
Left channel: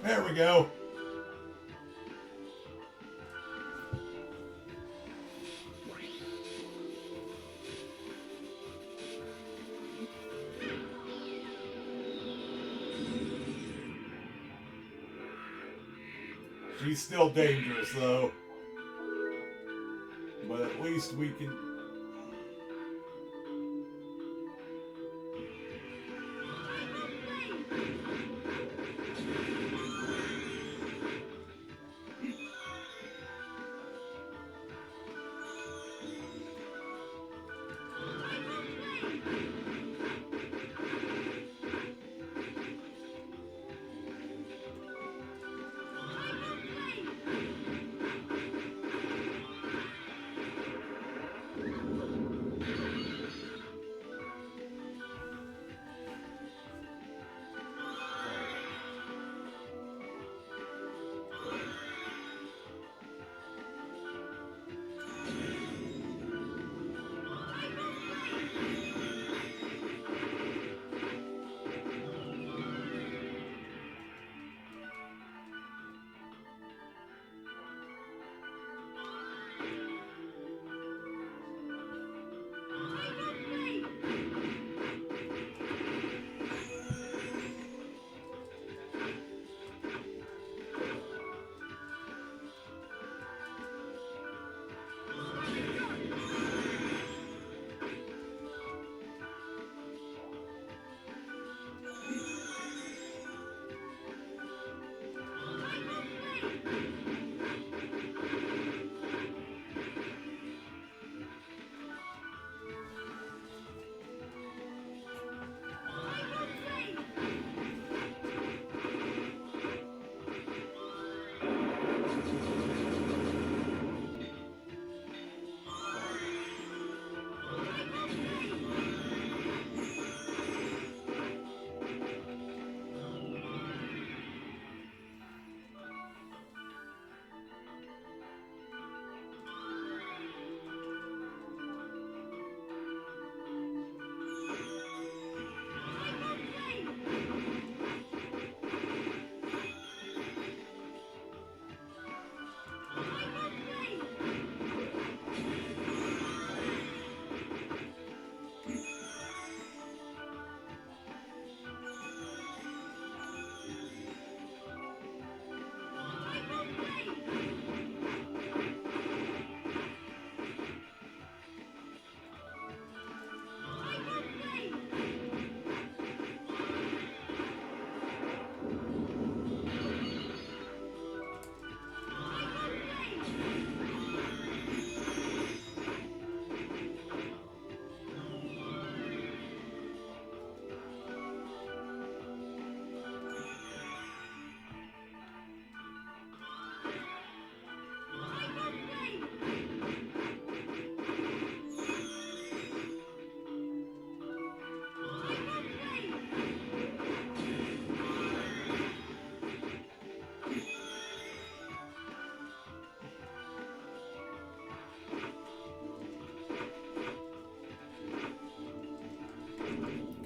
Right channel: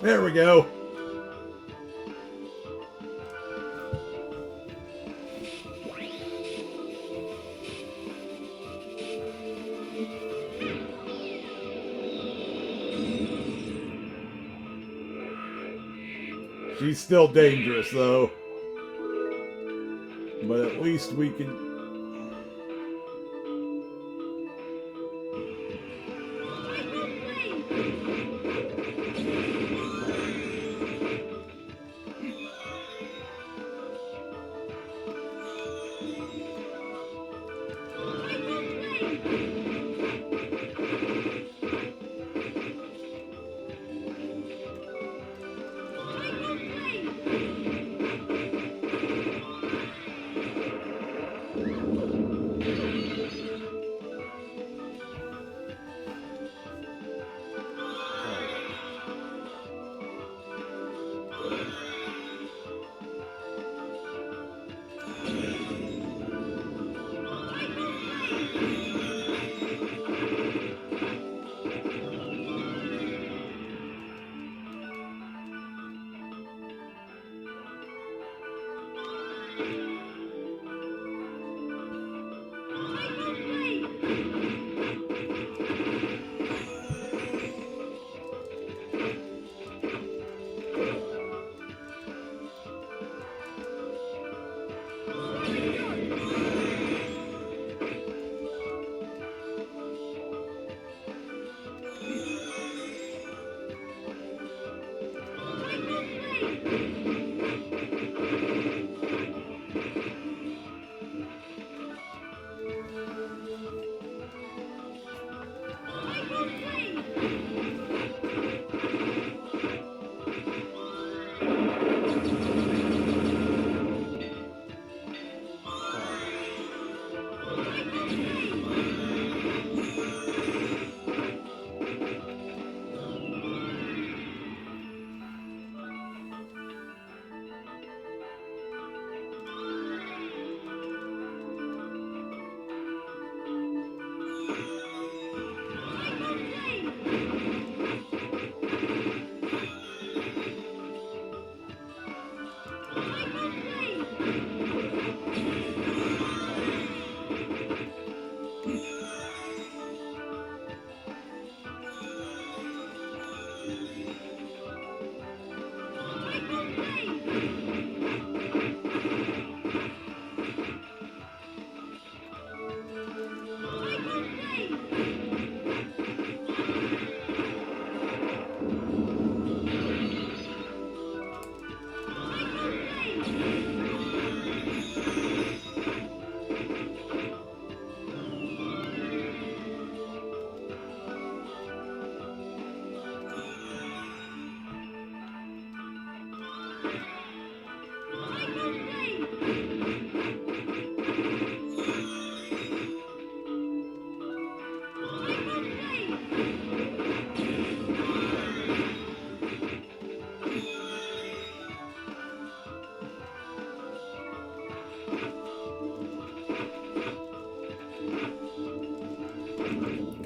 There we go. She's still dangerous, though. But at least we can...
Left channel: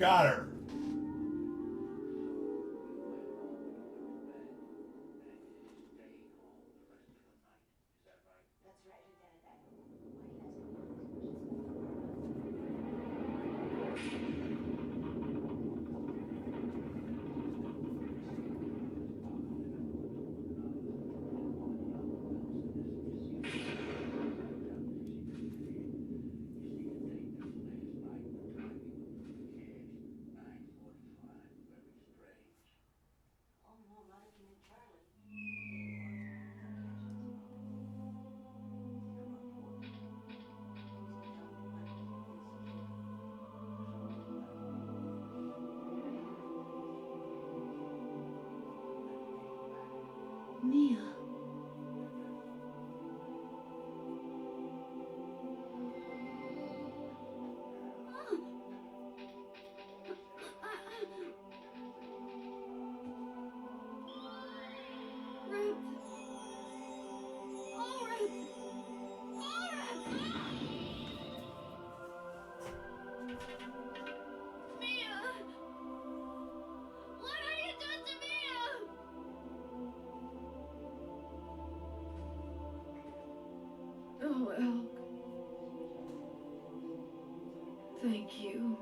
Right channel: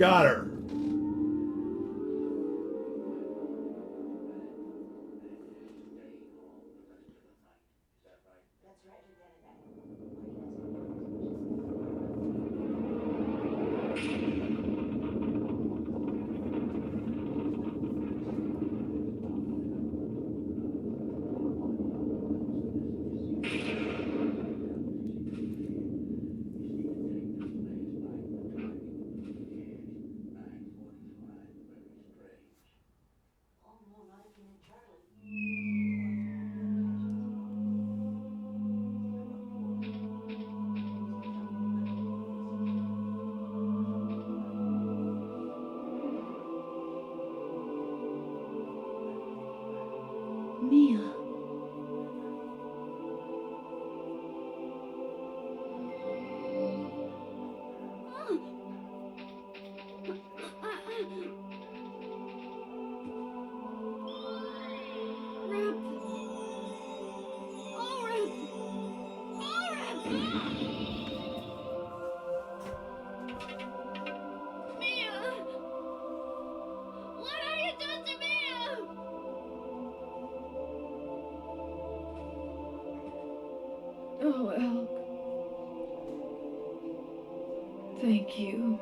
Got her. Mia. Oh, Elk. Thank you.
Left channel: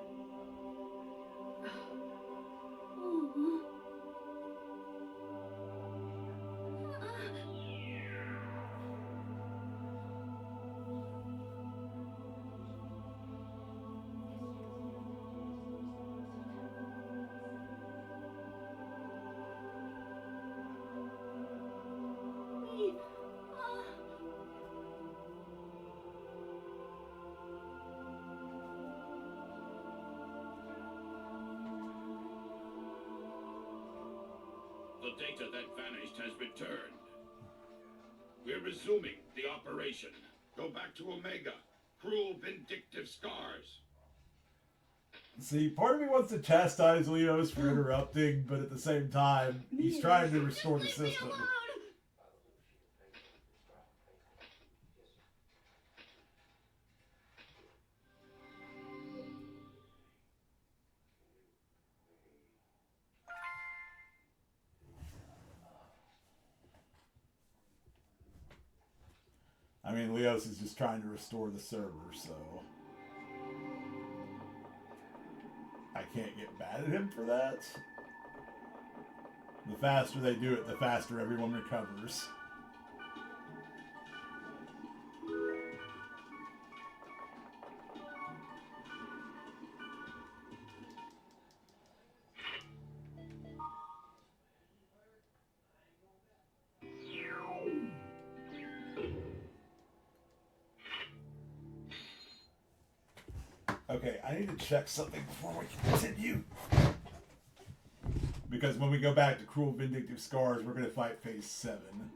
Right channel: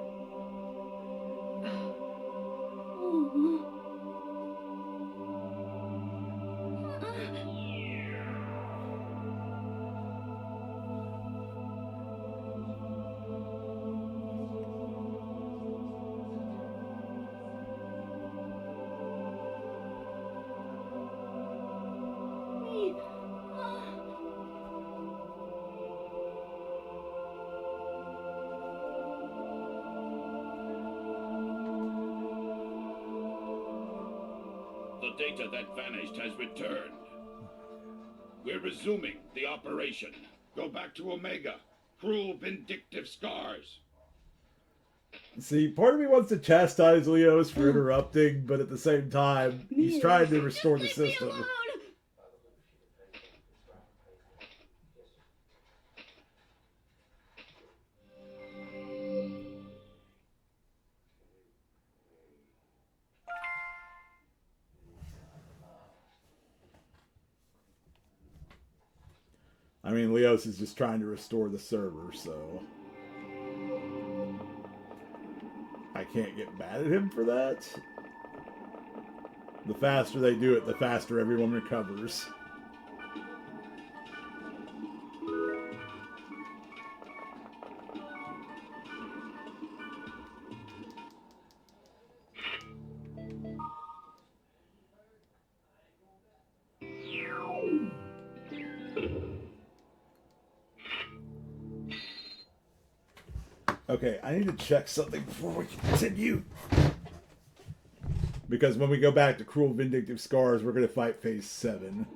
The data that vanished has returned. We're resuming the operation. Go back to Omega. Cruel, vindictive scars. See, part of me wants to chastise Leos for interrupting, but at the same time, he's trying to restore the system. I mean, Leos is just trying to restore the server, so I can't get mad at him for that. The faster they do it, the faster everyone recovers. Okay, I need to check something before we continue. Because when we go back to Cruel Vindictive Scars, we're going to fight Phase 7.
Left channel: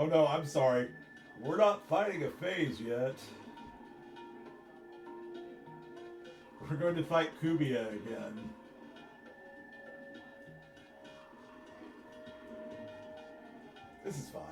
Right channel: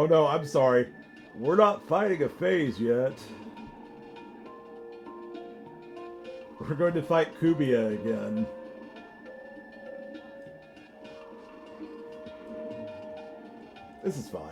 Oh no, I'm sorry. We're not fighting a phase yet. We're going to fight Kubia again. This is fine.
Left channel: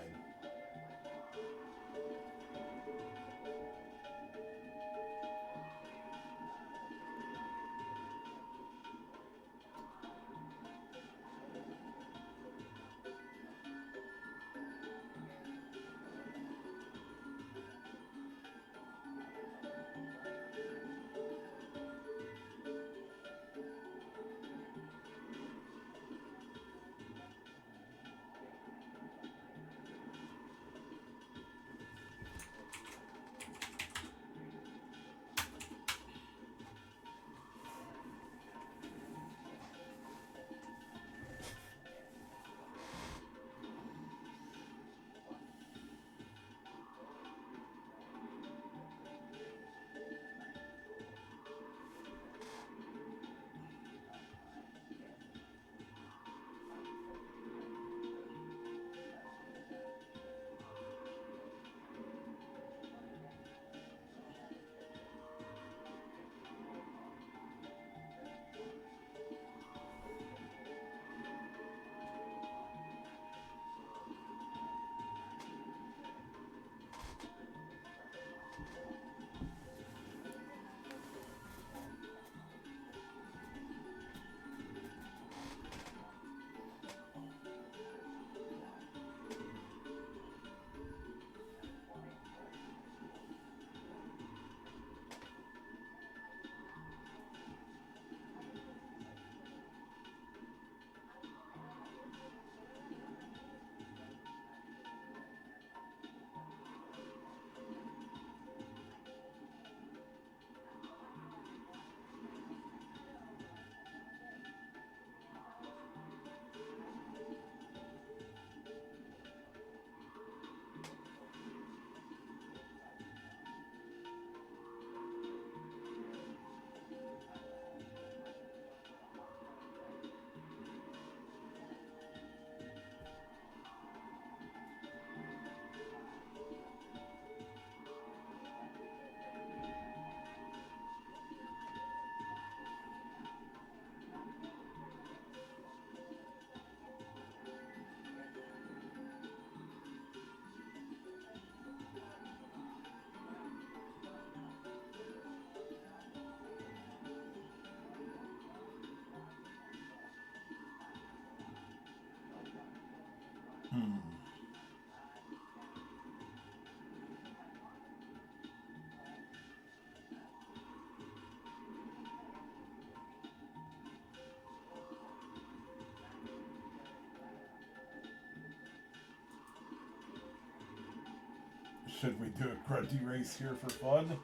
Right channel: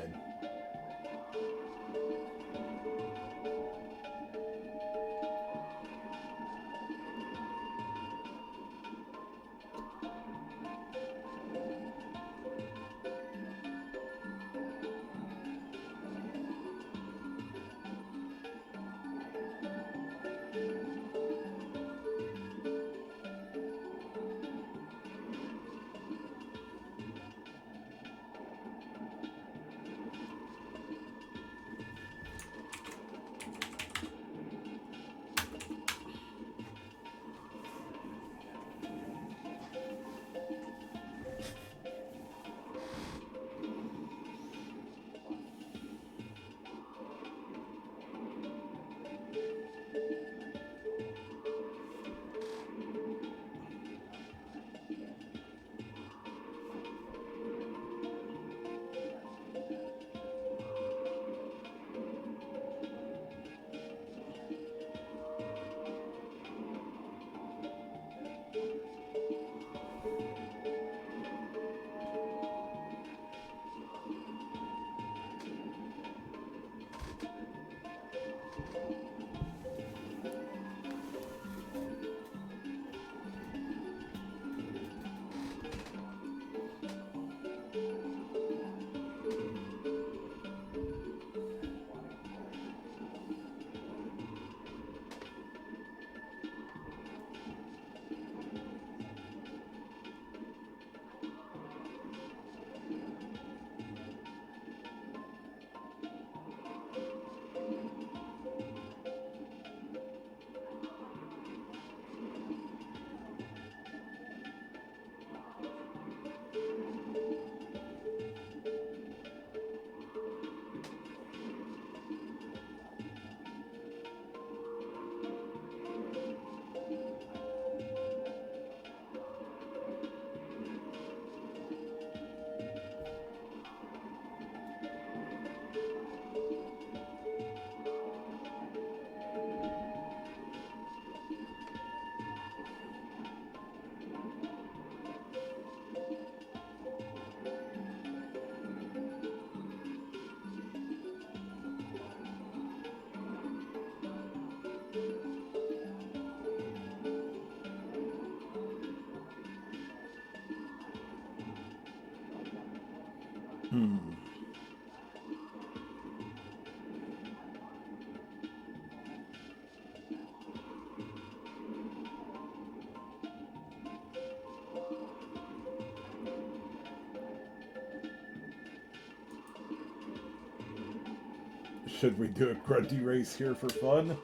Should we do a grunty race here for fun?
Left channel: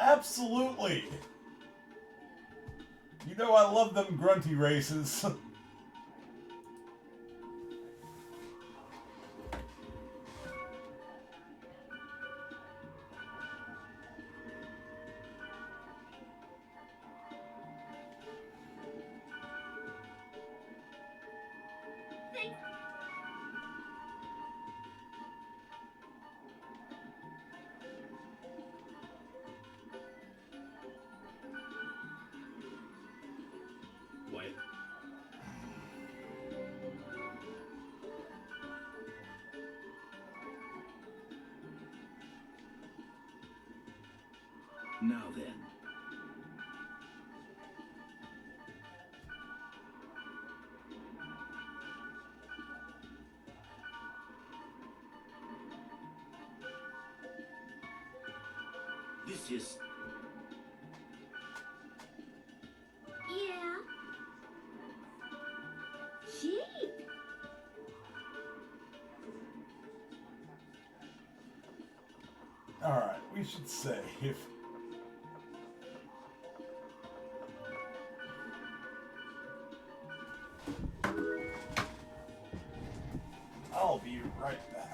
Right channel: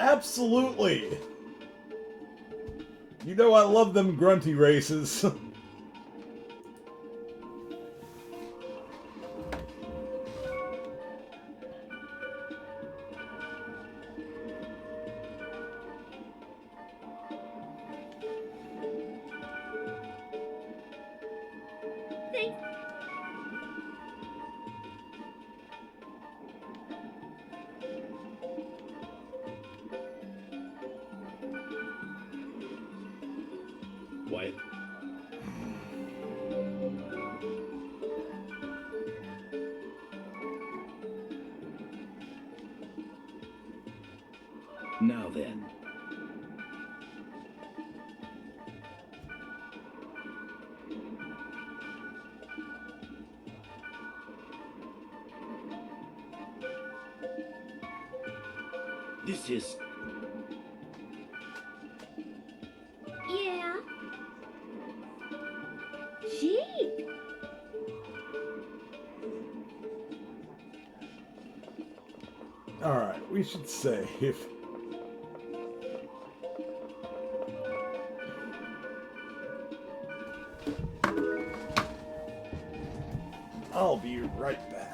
Absolutely! You know I love them grunty races. Wyatt. Now then. This is... Yeah. Gee. Alright, we should say if... I'll be right back.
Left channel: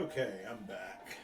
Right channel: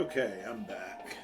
Okay, I'm back.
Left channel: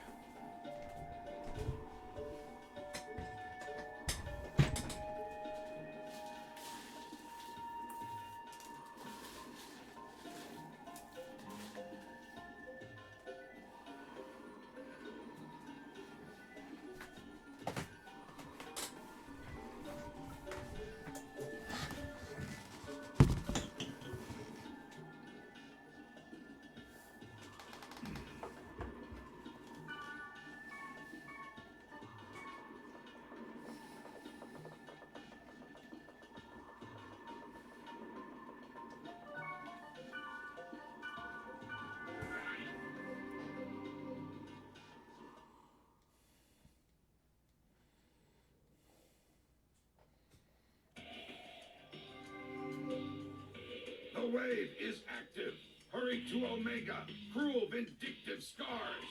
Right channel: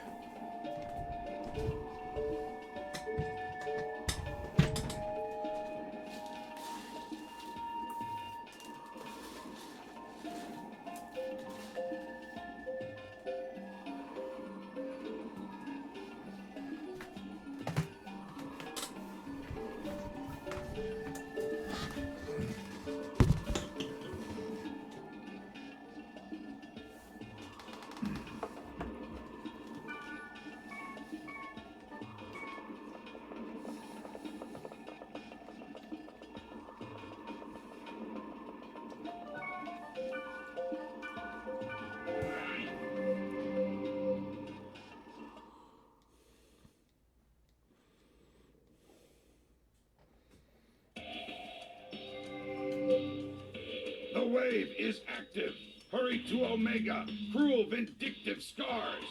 The wave is active. Hurry to Omega. Cruel, vindictive scars.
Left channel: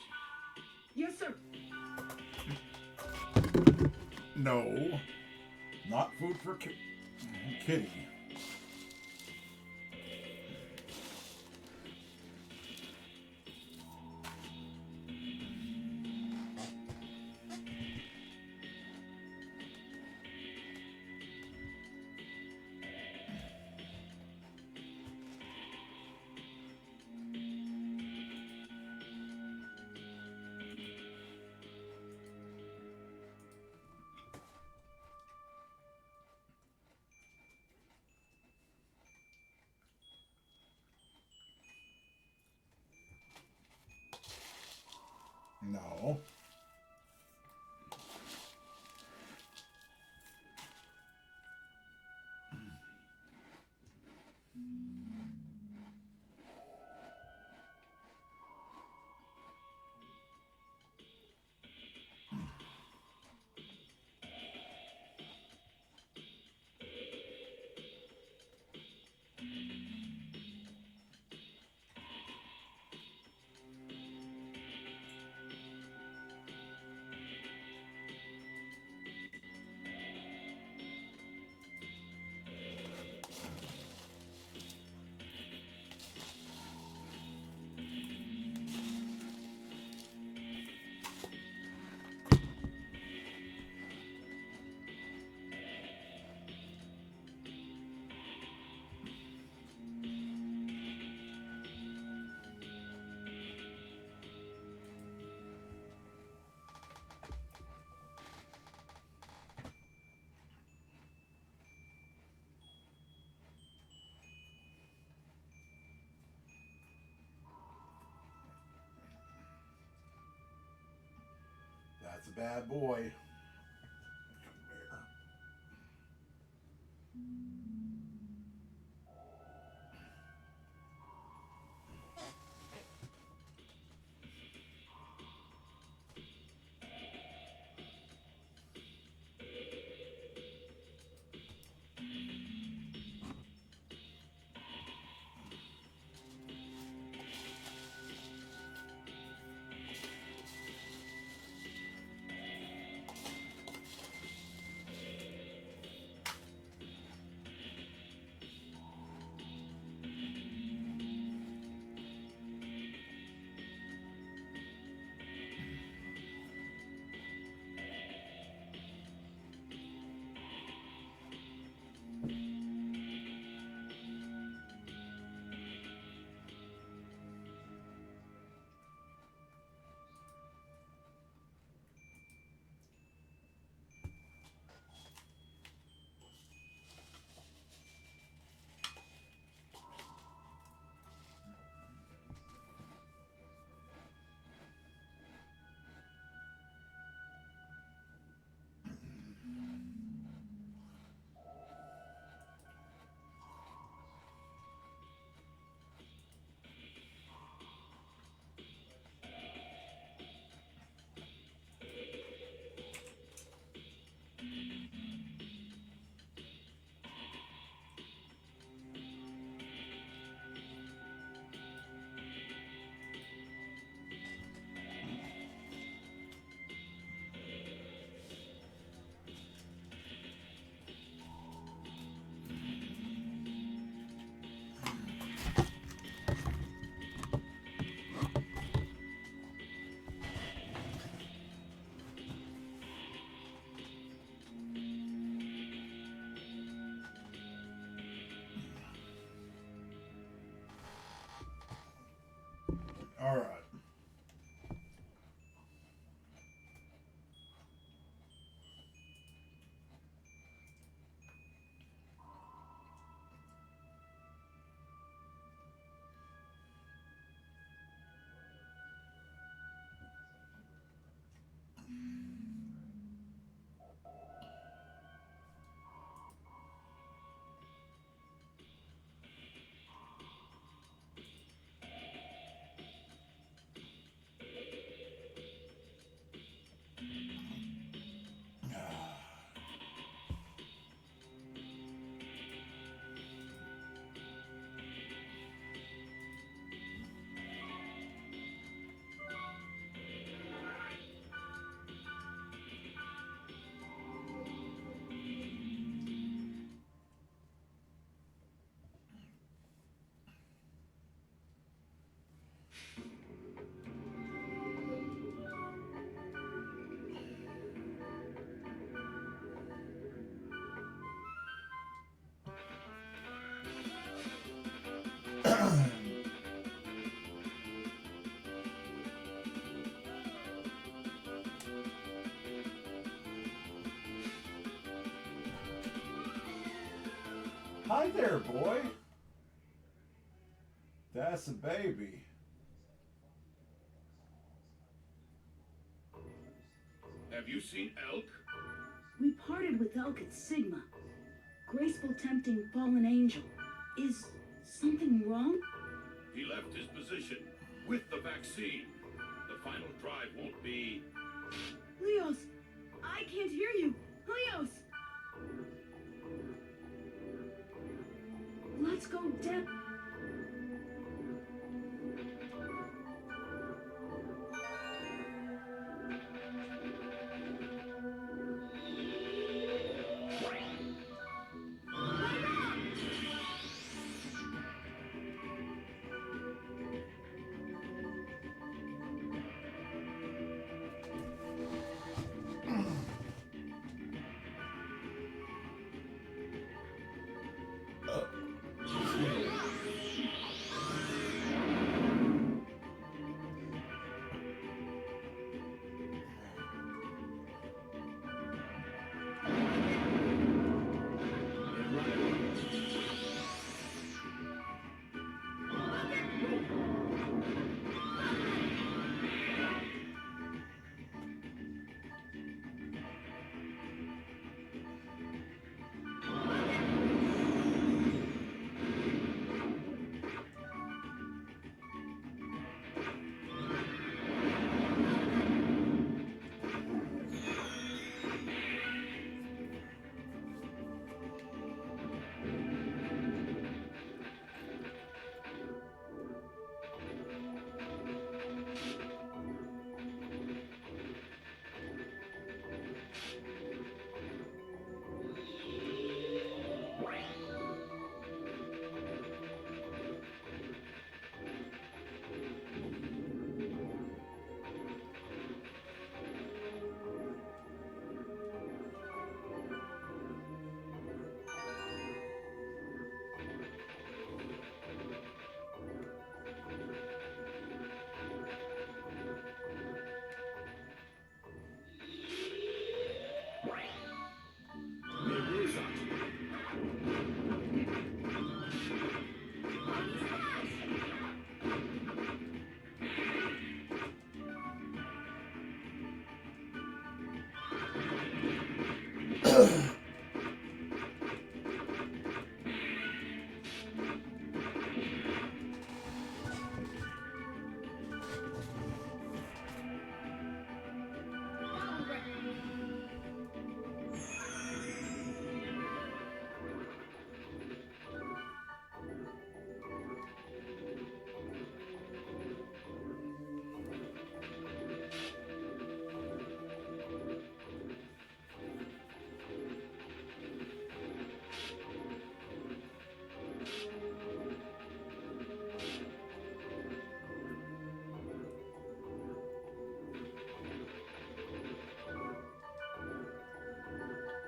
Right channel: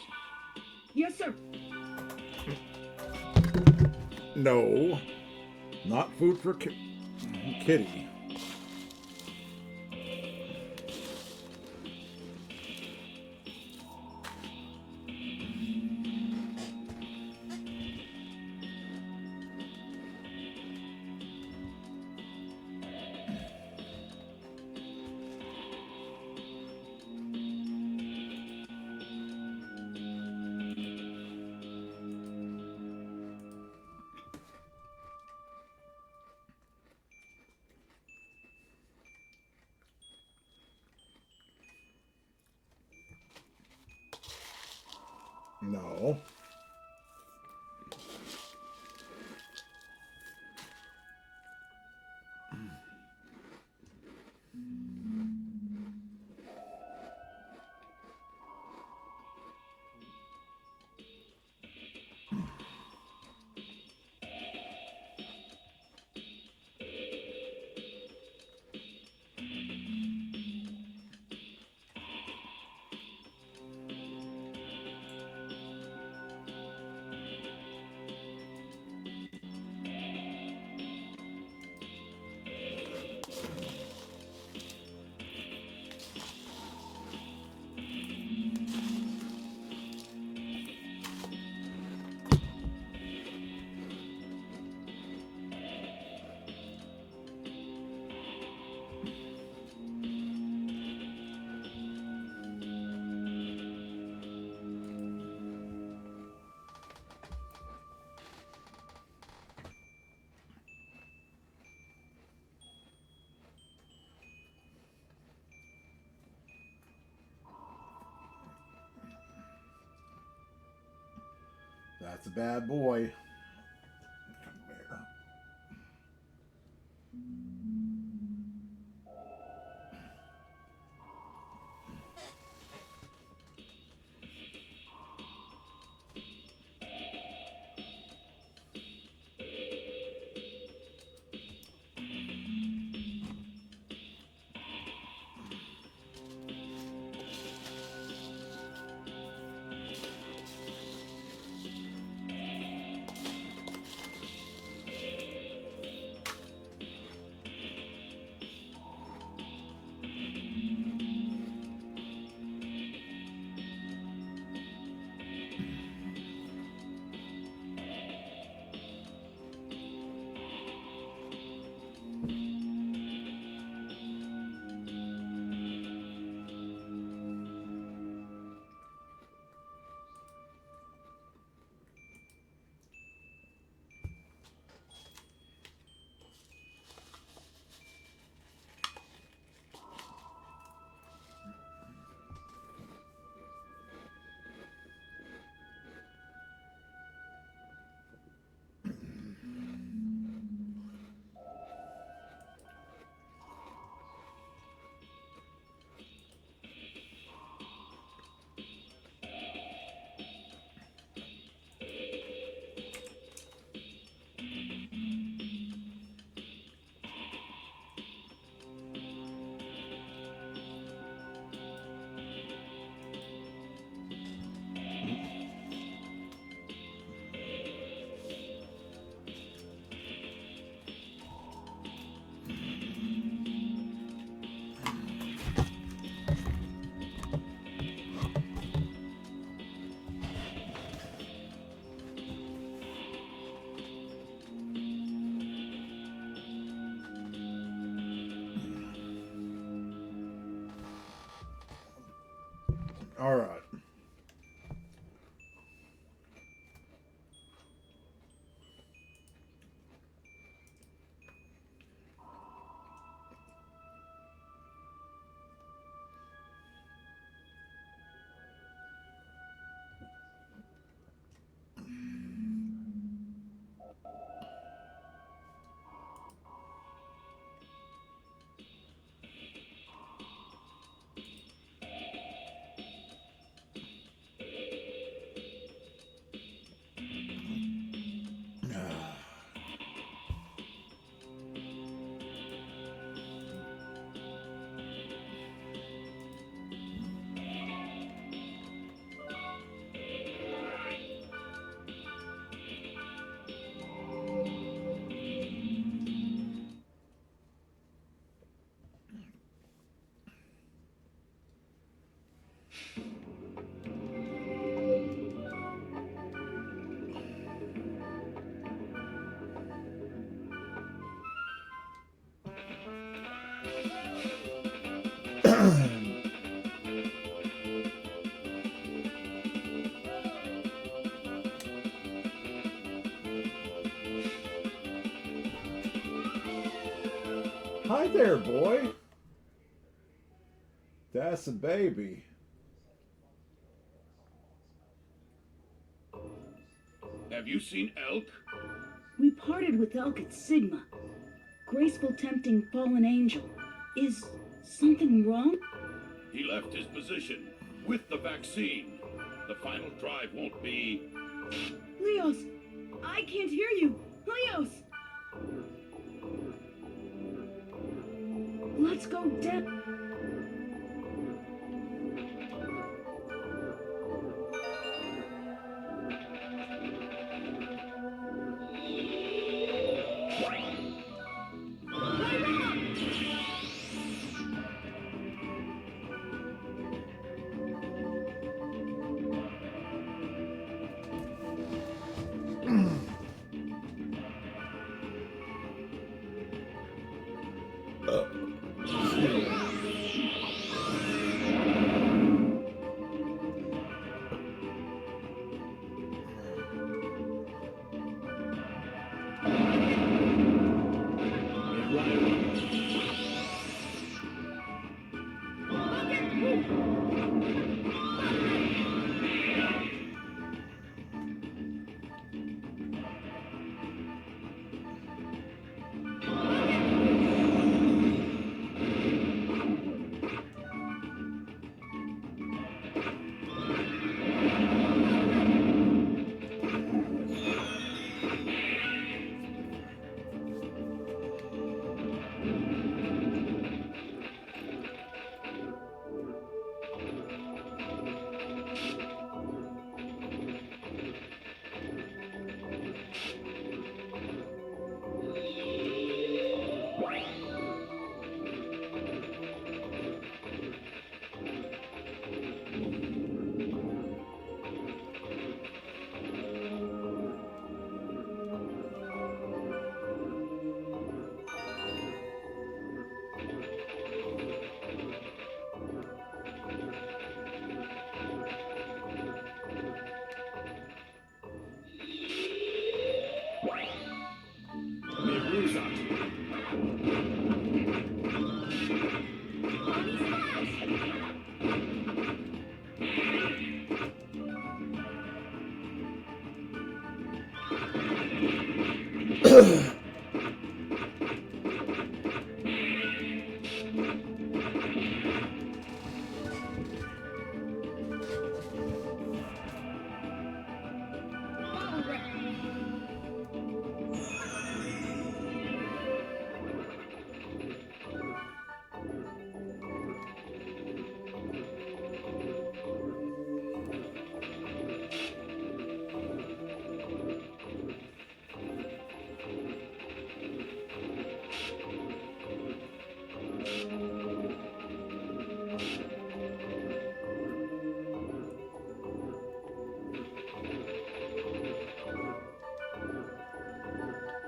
Yes, sir. No, not food for Kitty. No. That's a bad boy. All right. Hi there, boy. That's a baby. Have you seen Elk? We parted with Elk at Sigma. Graceful, tempting, fallen angel. Is something wrong? He left his position with the vaccine. The final drive won't be... Leos! I can't hear you! Leos! Let's go, Deb.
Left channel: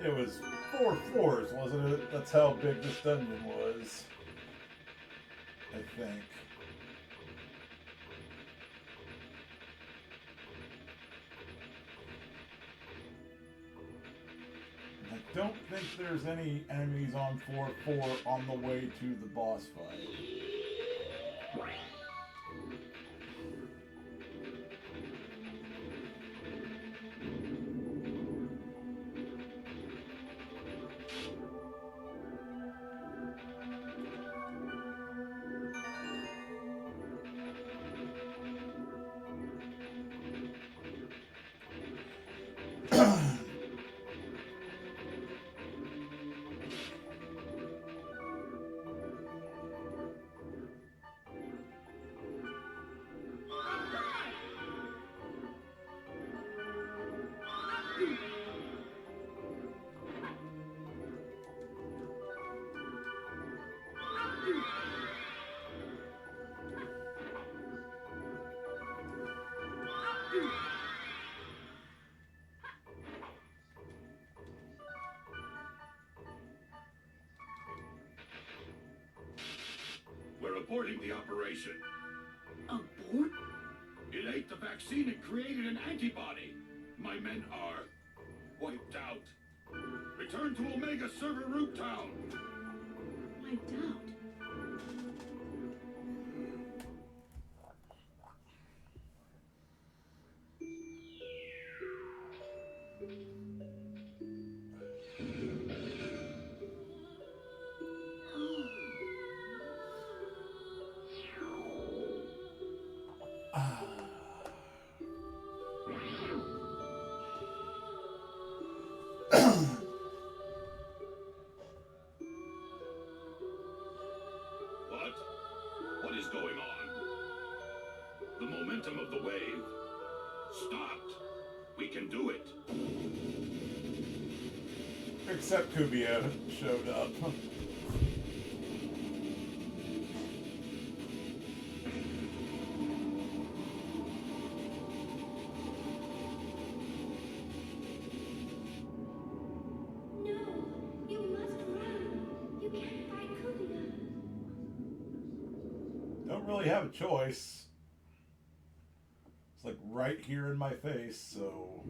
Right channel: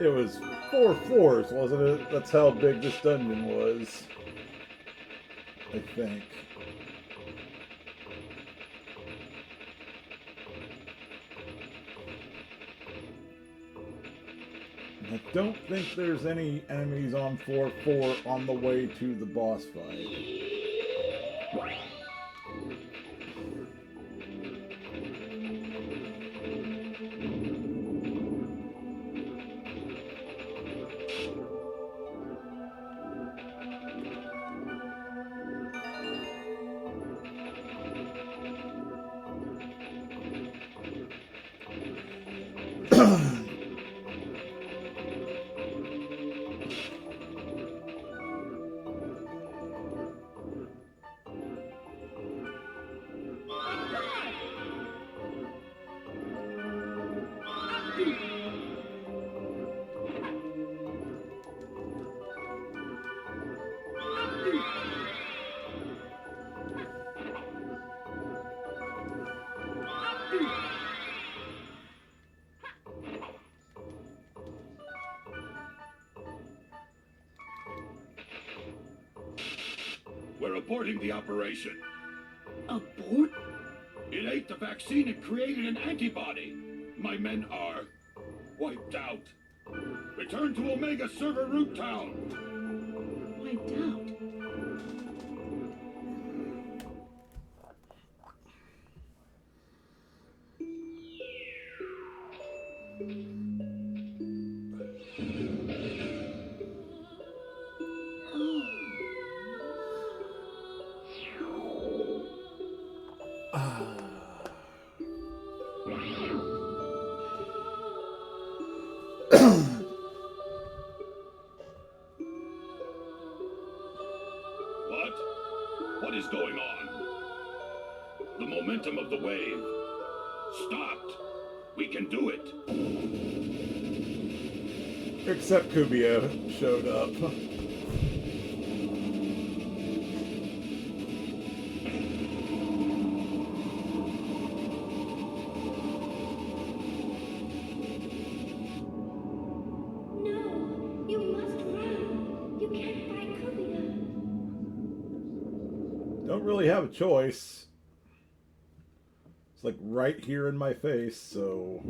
It was 4 floors, wasn't it? That's how big this dungeon was. I think. I don't think there's any enemies on floor 4 on the way to the boss fight. We're aborting the operation. Abort? It ate the vaccine and created an antibody. My men are wiped out. Return to Omega Server Root Town. Wiped out? What is going on? The momentum of the wave stopped. We can do it. Except Kubia showed up. Don't really have a choice. It's like right here in my face, so...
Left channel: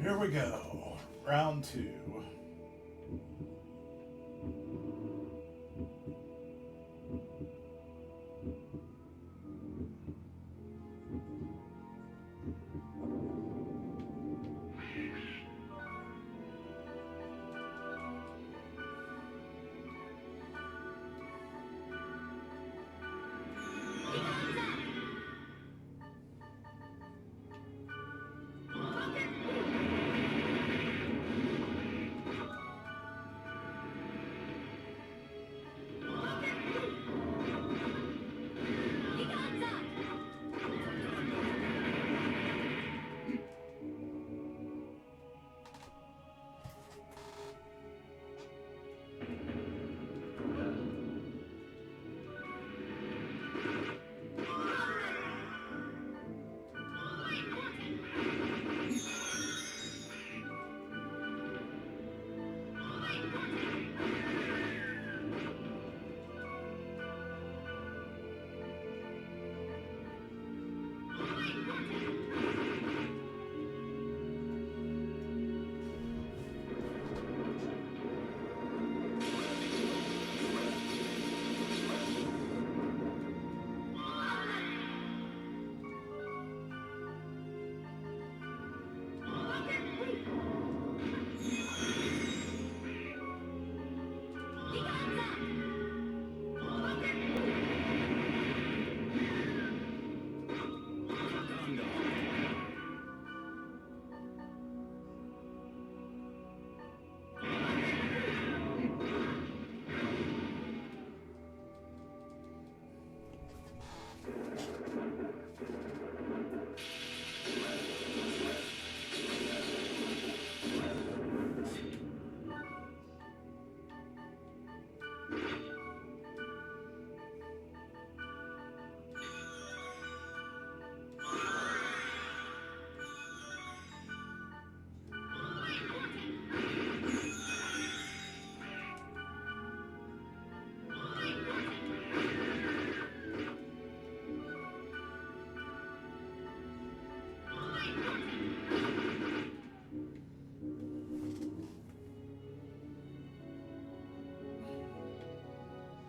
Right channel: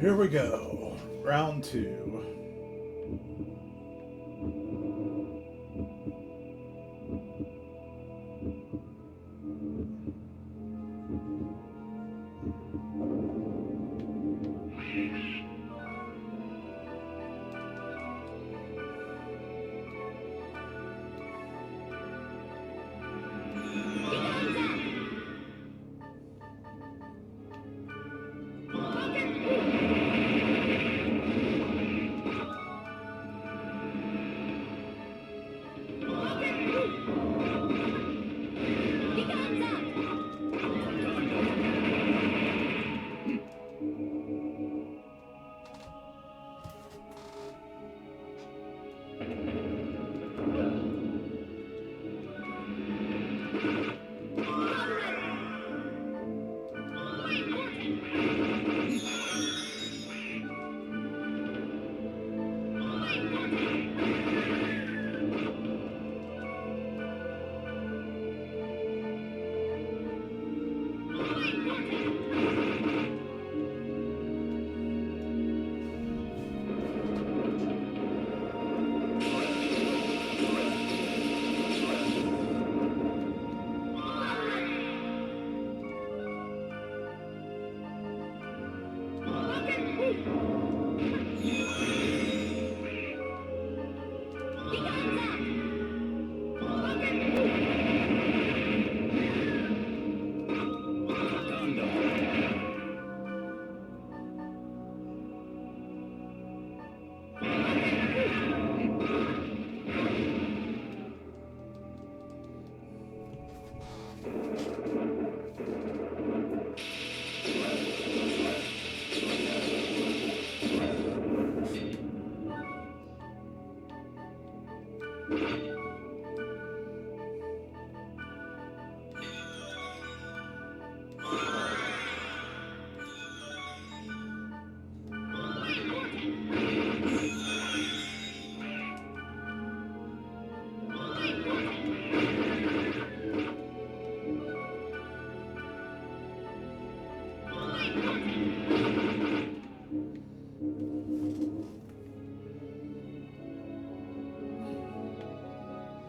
Here we go. Round 2.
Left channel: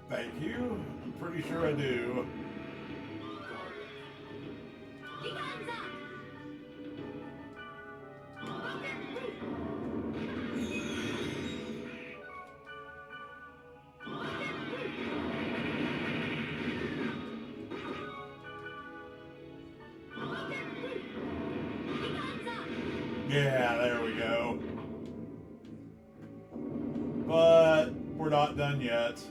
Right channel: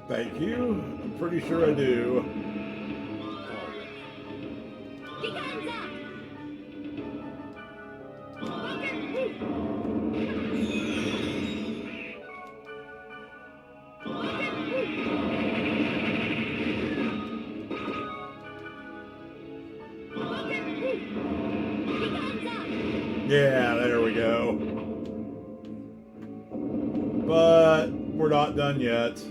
Thank you. I'm pretty sure I do. Yeah, there we go. But we're not done yet.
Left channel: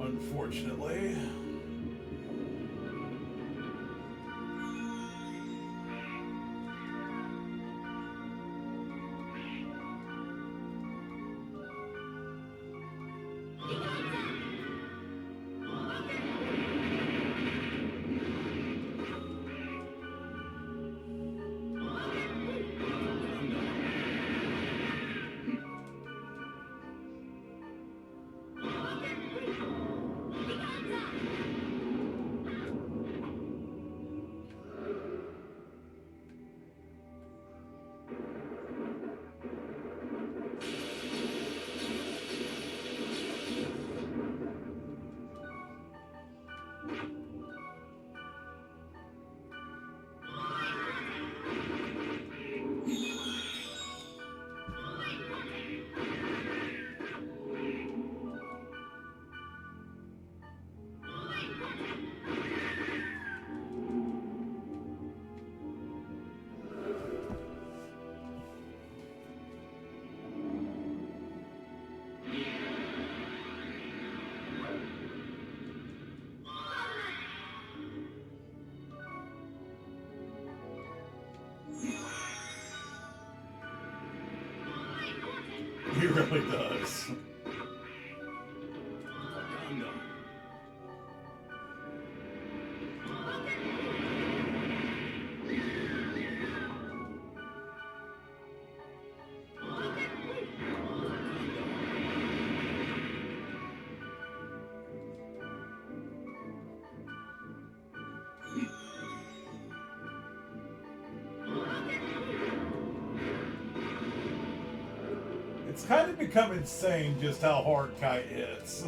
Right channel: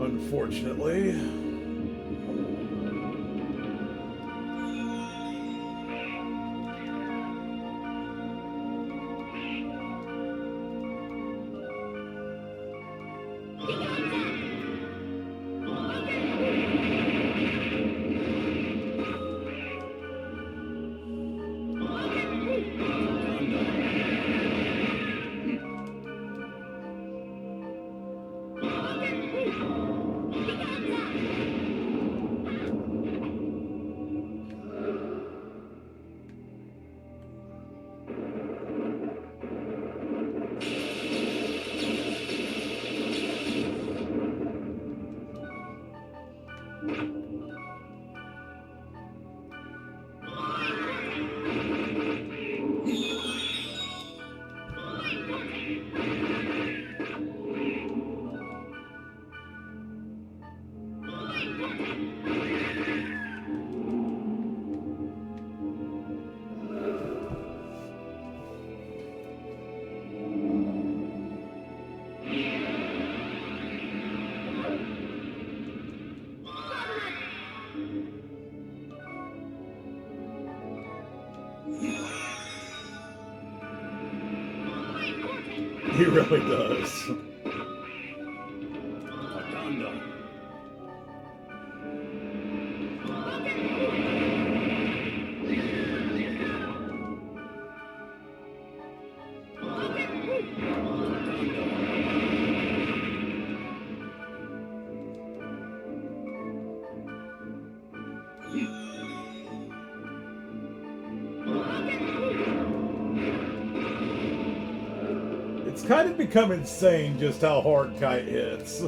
Unfortunately. He really does. It's kind of become insane just how hard Kite hits.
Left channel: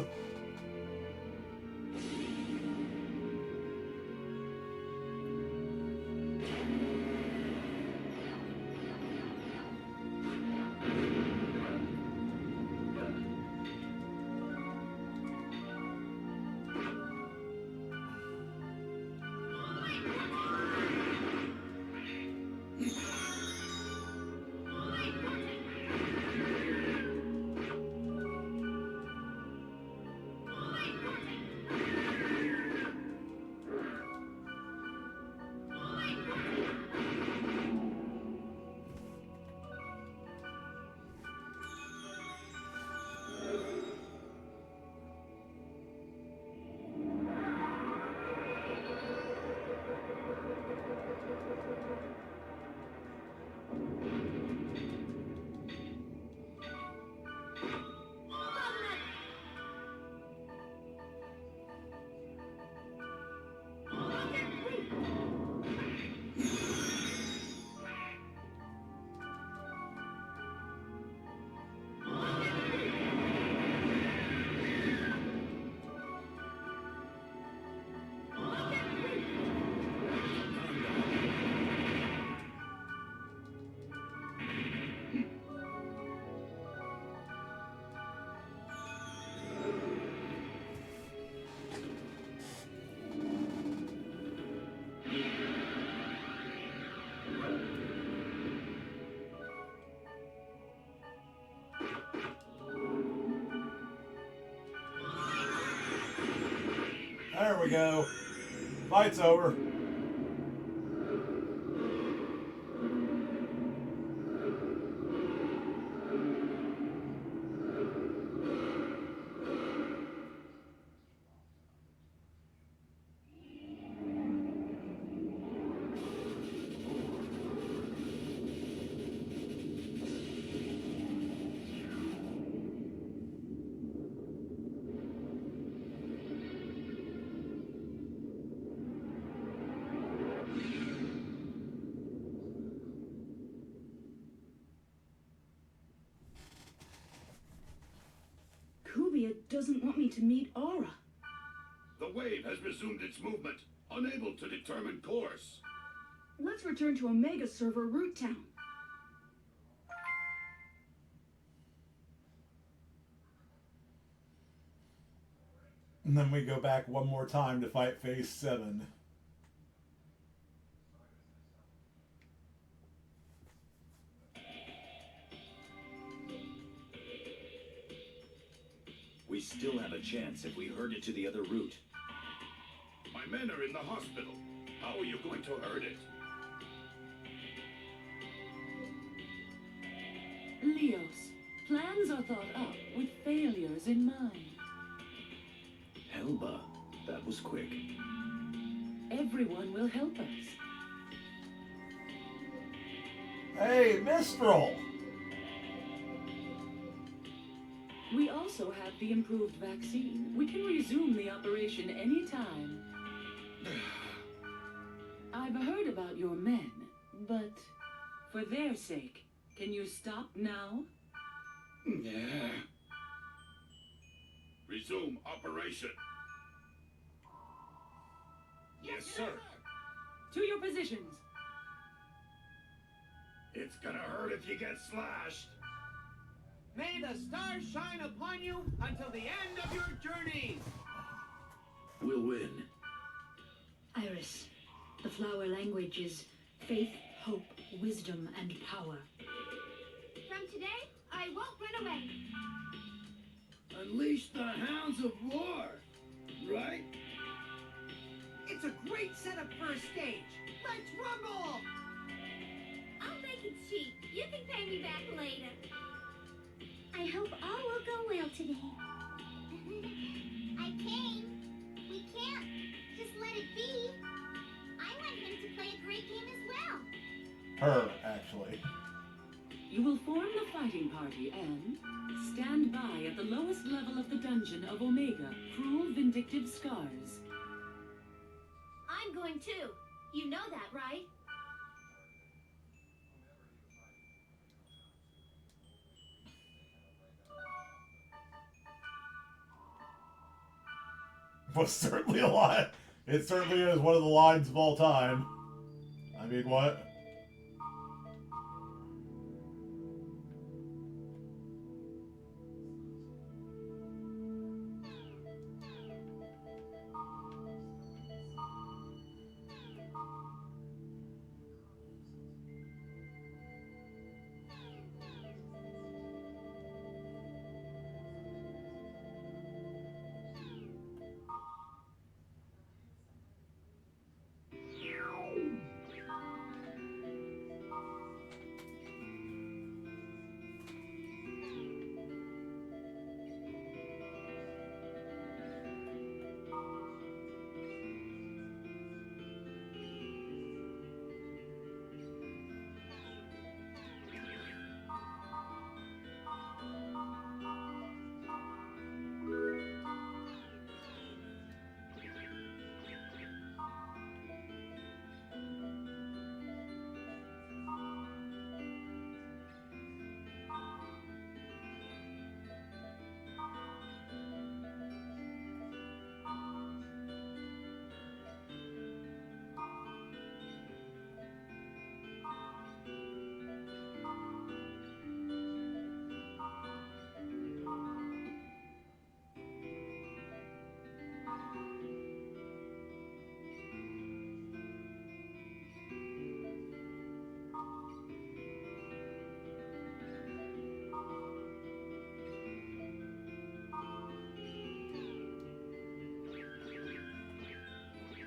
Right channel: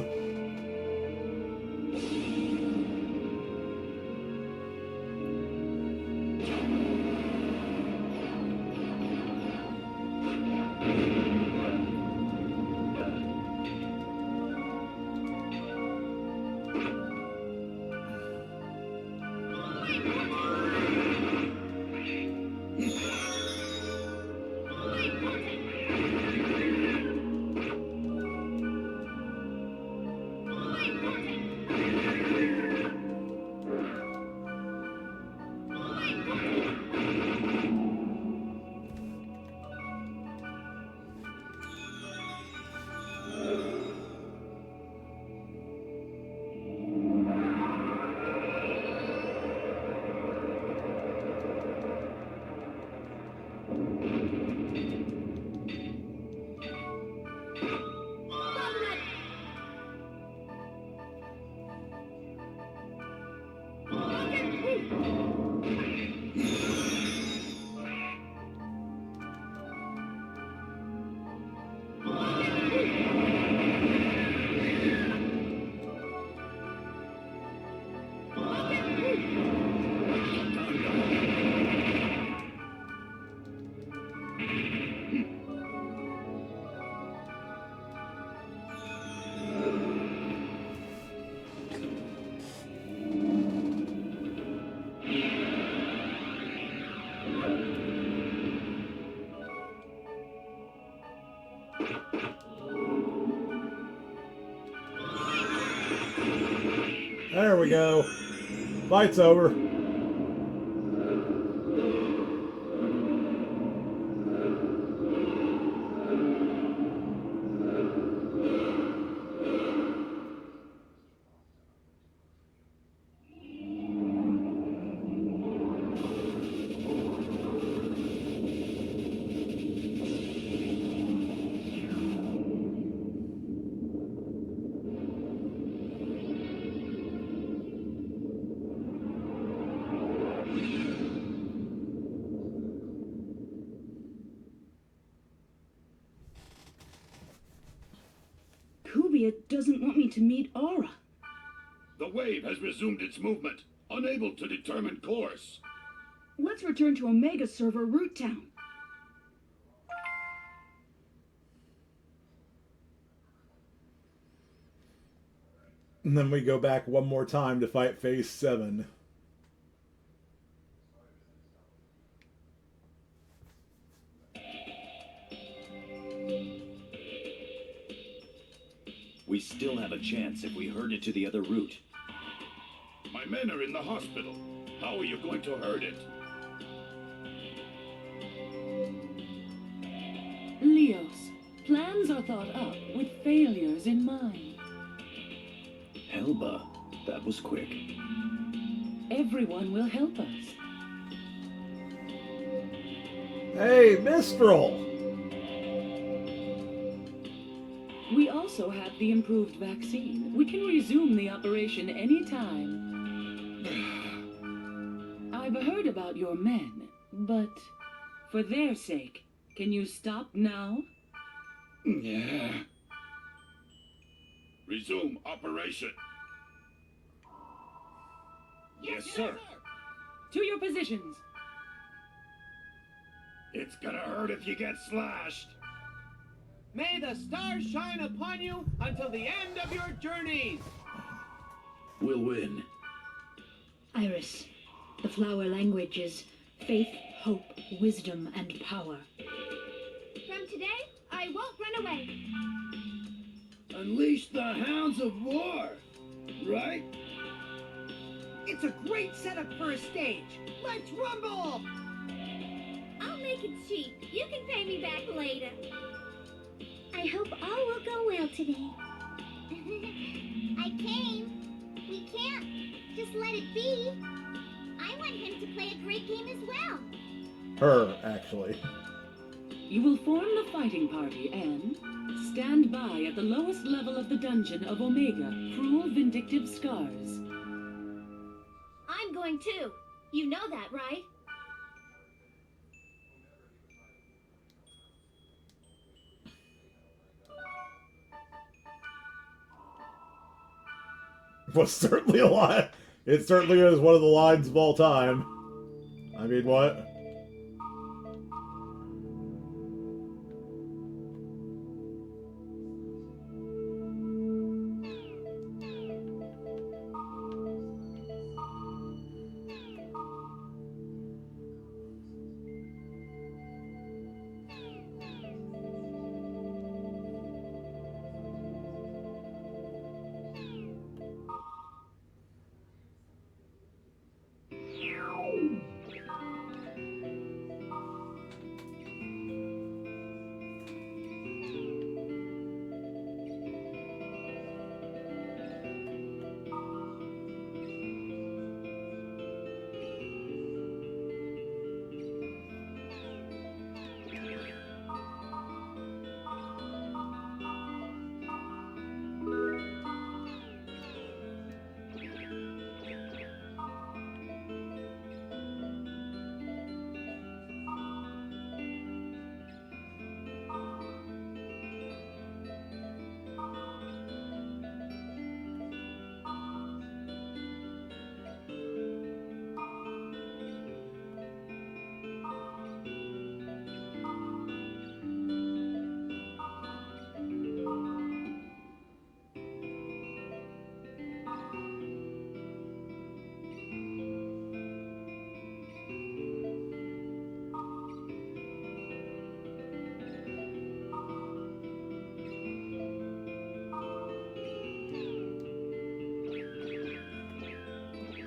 There we go. Fight's over. Maybe it doesn't want me to meet Aura. The wave has resumed its movement, unable to determine course. Let's return to Omega server Root Town. And then we go back one more time to fight Phase 7. We still have a chance if we herd it to the other route. My men are in the hospital. How are you going to herd it? Leos, plans are thought up with failures in mind. Helba, that was quick. Everyone will help us. Hey, Mistral! We also have the improved vaccine. We can resume the operation anytime. I've heard about your men, but for their sake, can you stop now? Yeah. Resume operation. Yes, sir. To your positions. It's gonna hurt if you get slashed. May the stars shine upon you until the end of your journeys. We'll win. Iris, the flower language is faith, hope, wisdom, and power. From today, I won't run away. Unleash the hounds of war, right? It's a great setup for a stage. Let's rumble! I'll make it cheap. You can pay me back later. I hope all will go well today. I came. We can't just let it be. I want him to play a great game as well. Her, actually. You will form the fighting party and stand by at the lowest level of the dungeon of Omega, Cruel Vindictive Scars. I'm going too. You know that, right? Was certainly a line. It certainly is one of the lines of all time. I mean, what?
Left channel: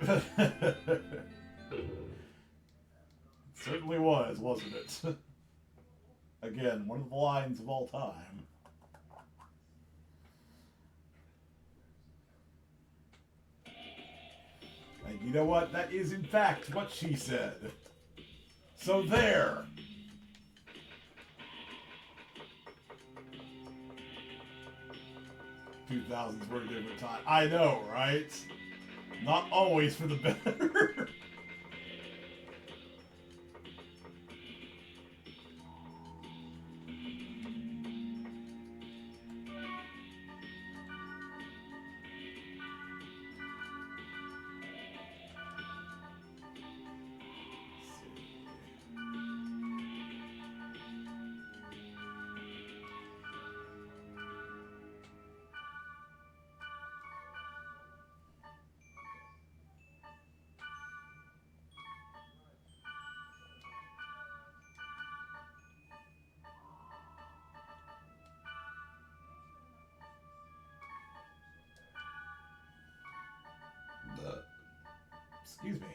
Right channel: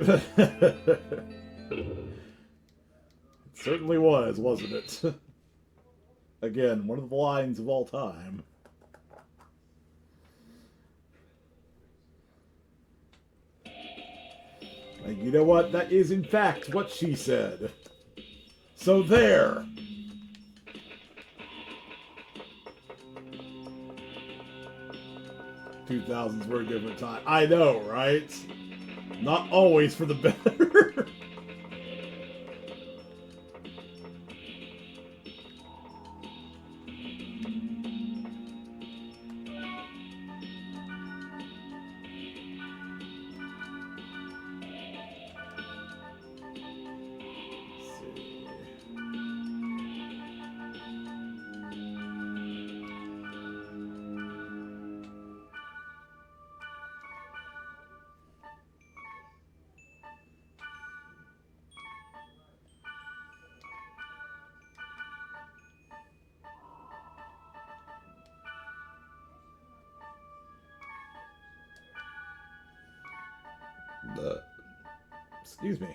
It certainly was, wasn't it? Again, one of the lines of all time. And you know what? That is in fact what she said. So there! 2000s were a different time. I know, right? Not always for the better. Excuse me.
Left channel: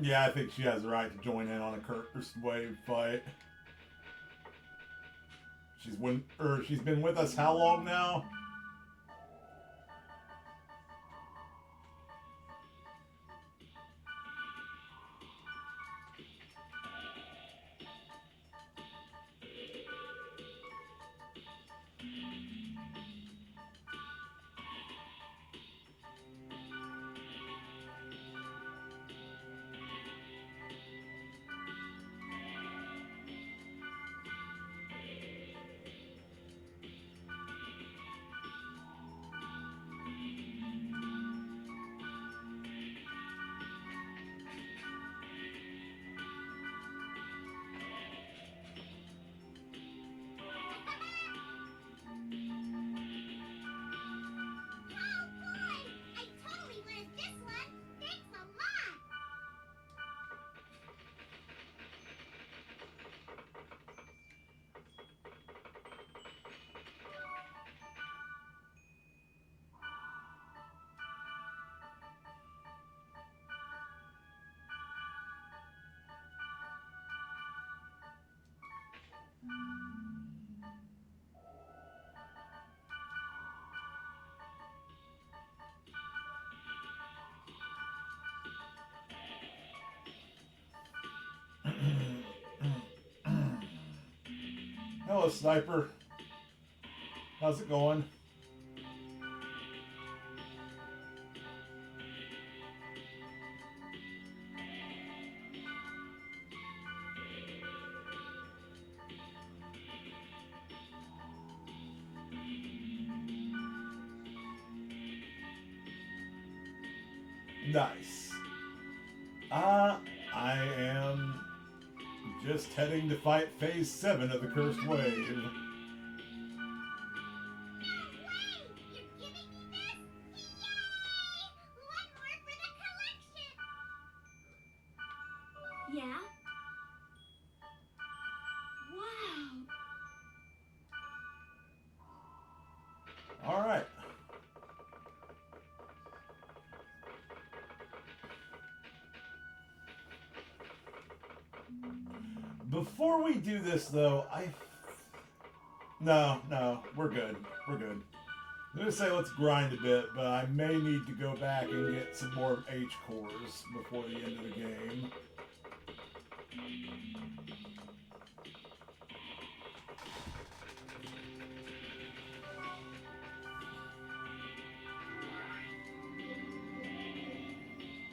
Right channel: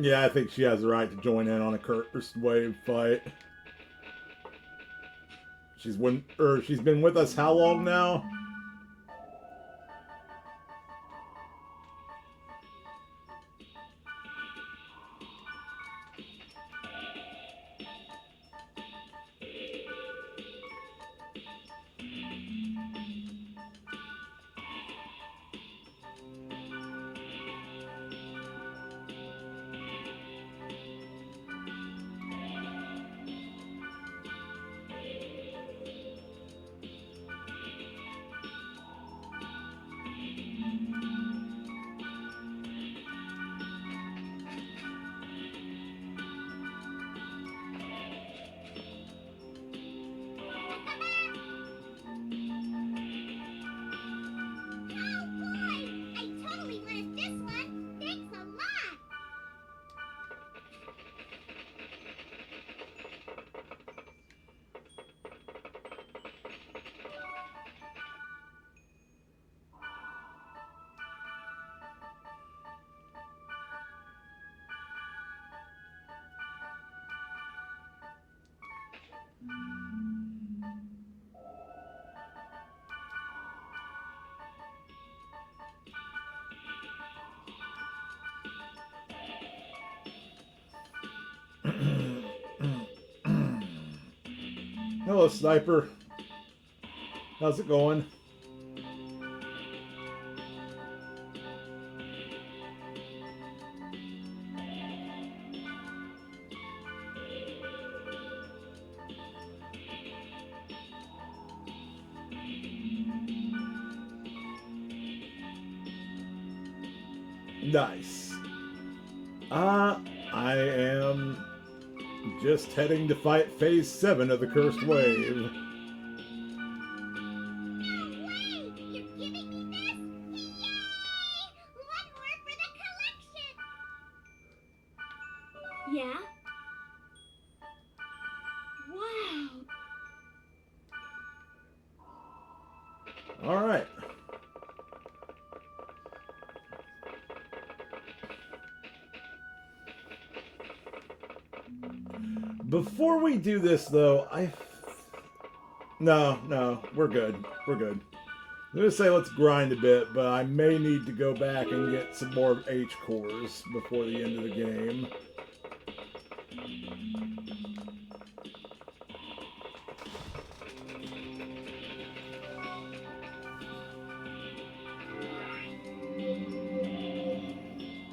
Yeah, I think she has the right to join in on a cursed wave fight. She's been with us how long now? Hello, Sniper. How's it going? Nice. I am just heading to fight Phase 7 of the Cursed Wave. Yeah? Wow. All right. Before we do this, though, No, we're good. We're good. I'm going to say let's grind a bit, but I may need to go back and get some more H cores before the end of the game.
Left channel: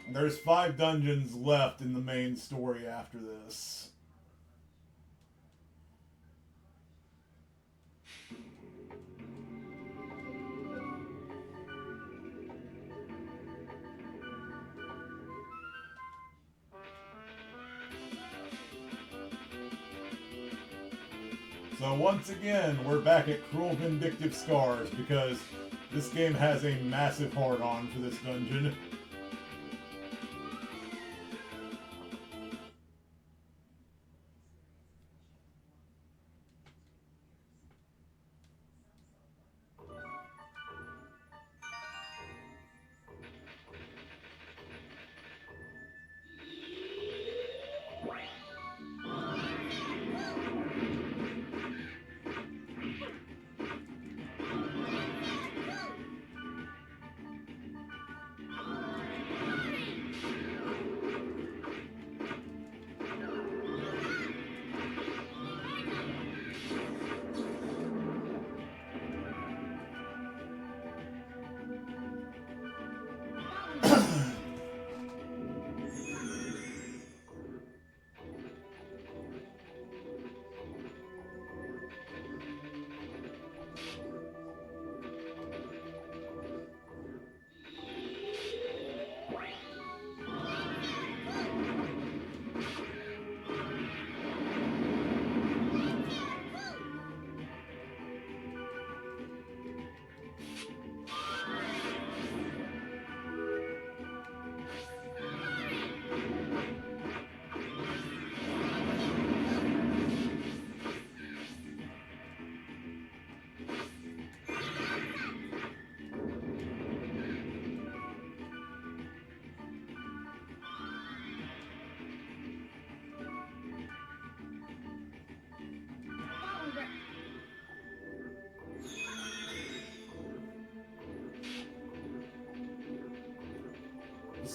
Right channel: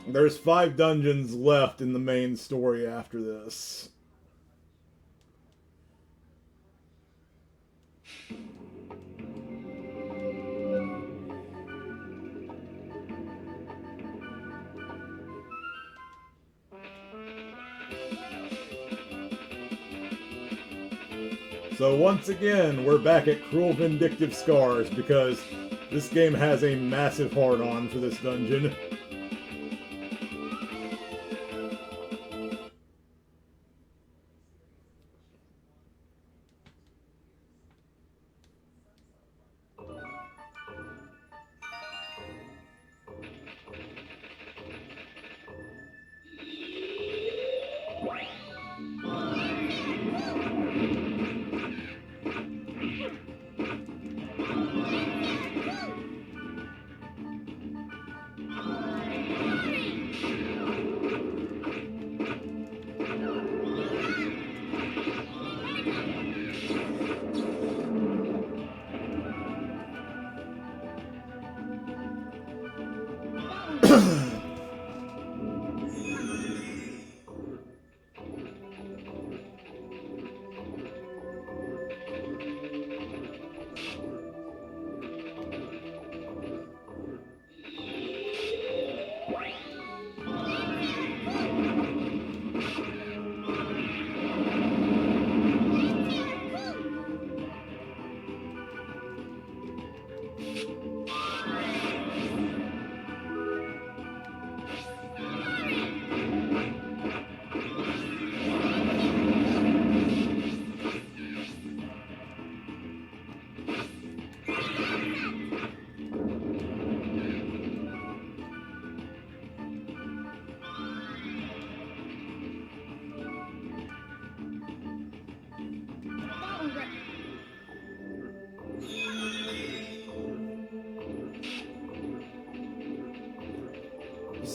There's 5 dungeons left in the main story after this. So once again, we're back at Cruel Vindictive Scars because this game has a massive hard-on for this dungeon.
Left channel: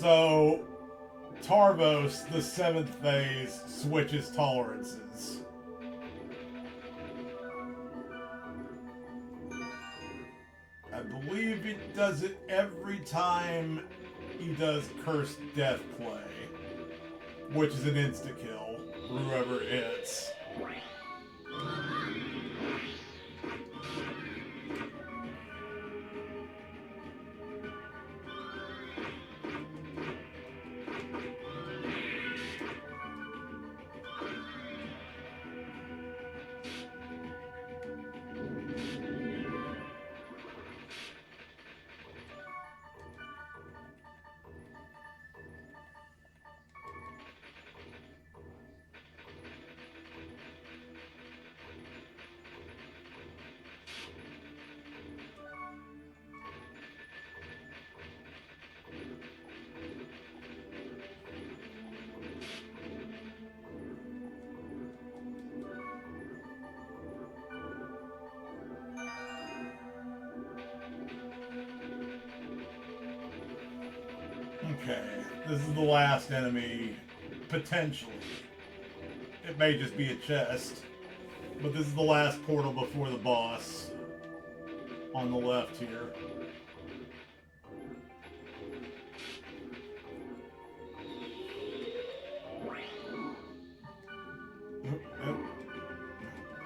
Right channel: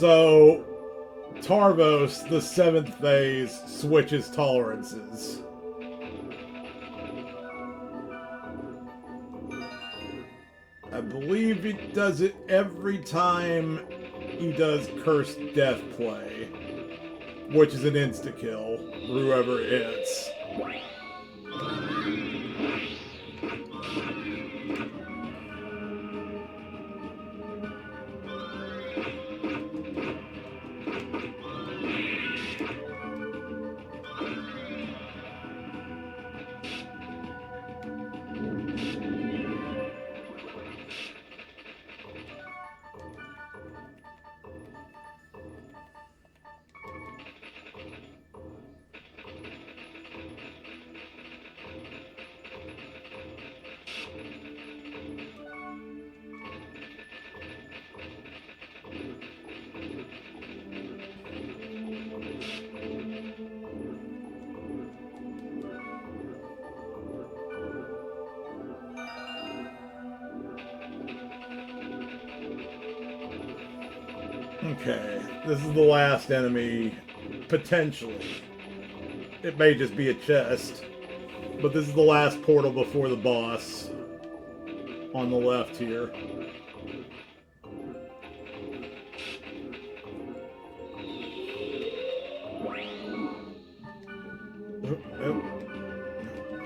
So, Tarvos, the 7th phase, switches tolerances. I believe he does it every time he does Cursed Death play, which is an insta-kill, whoever it hits. Okay, this is the last enemy, potentially. It may just be a chest, but this is the last portal before the boss on the left here.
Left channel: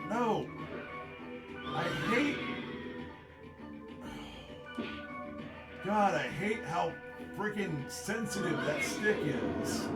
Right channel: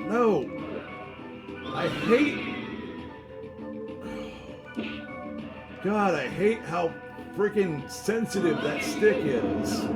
No! I hate... God, I hate how freaking sensitive that stick is.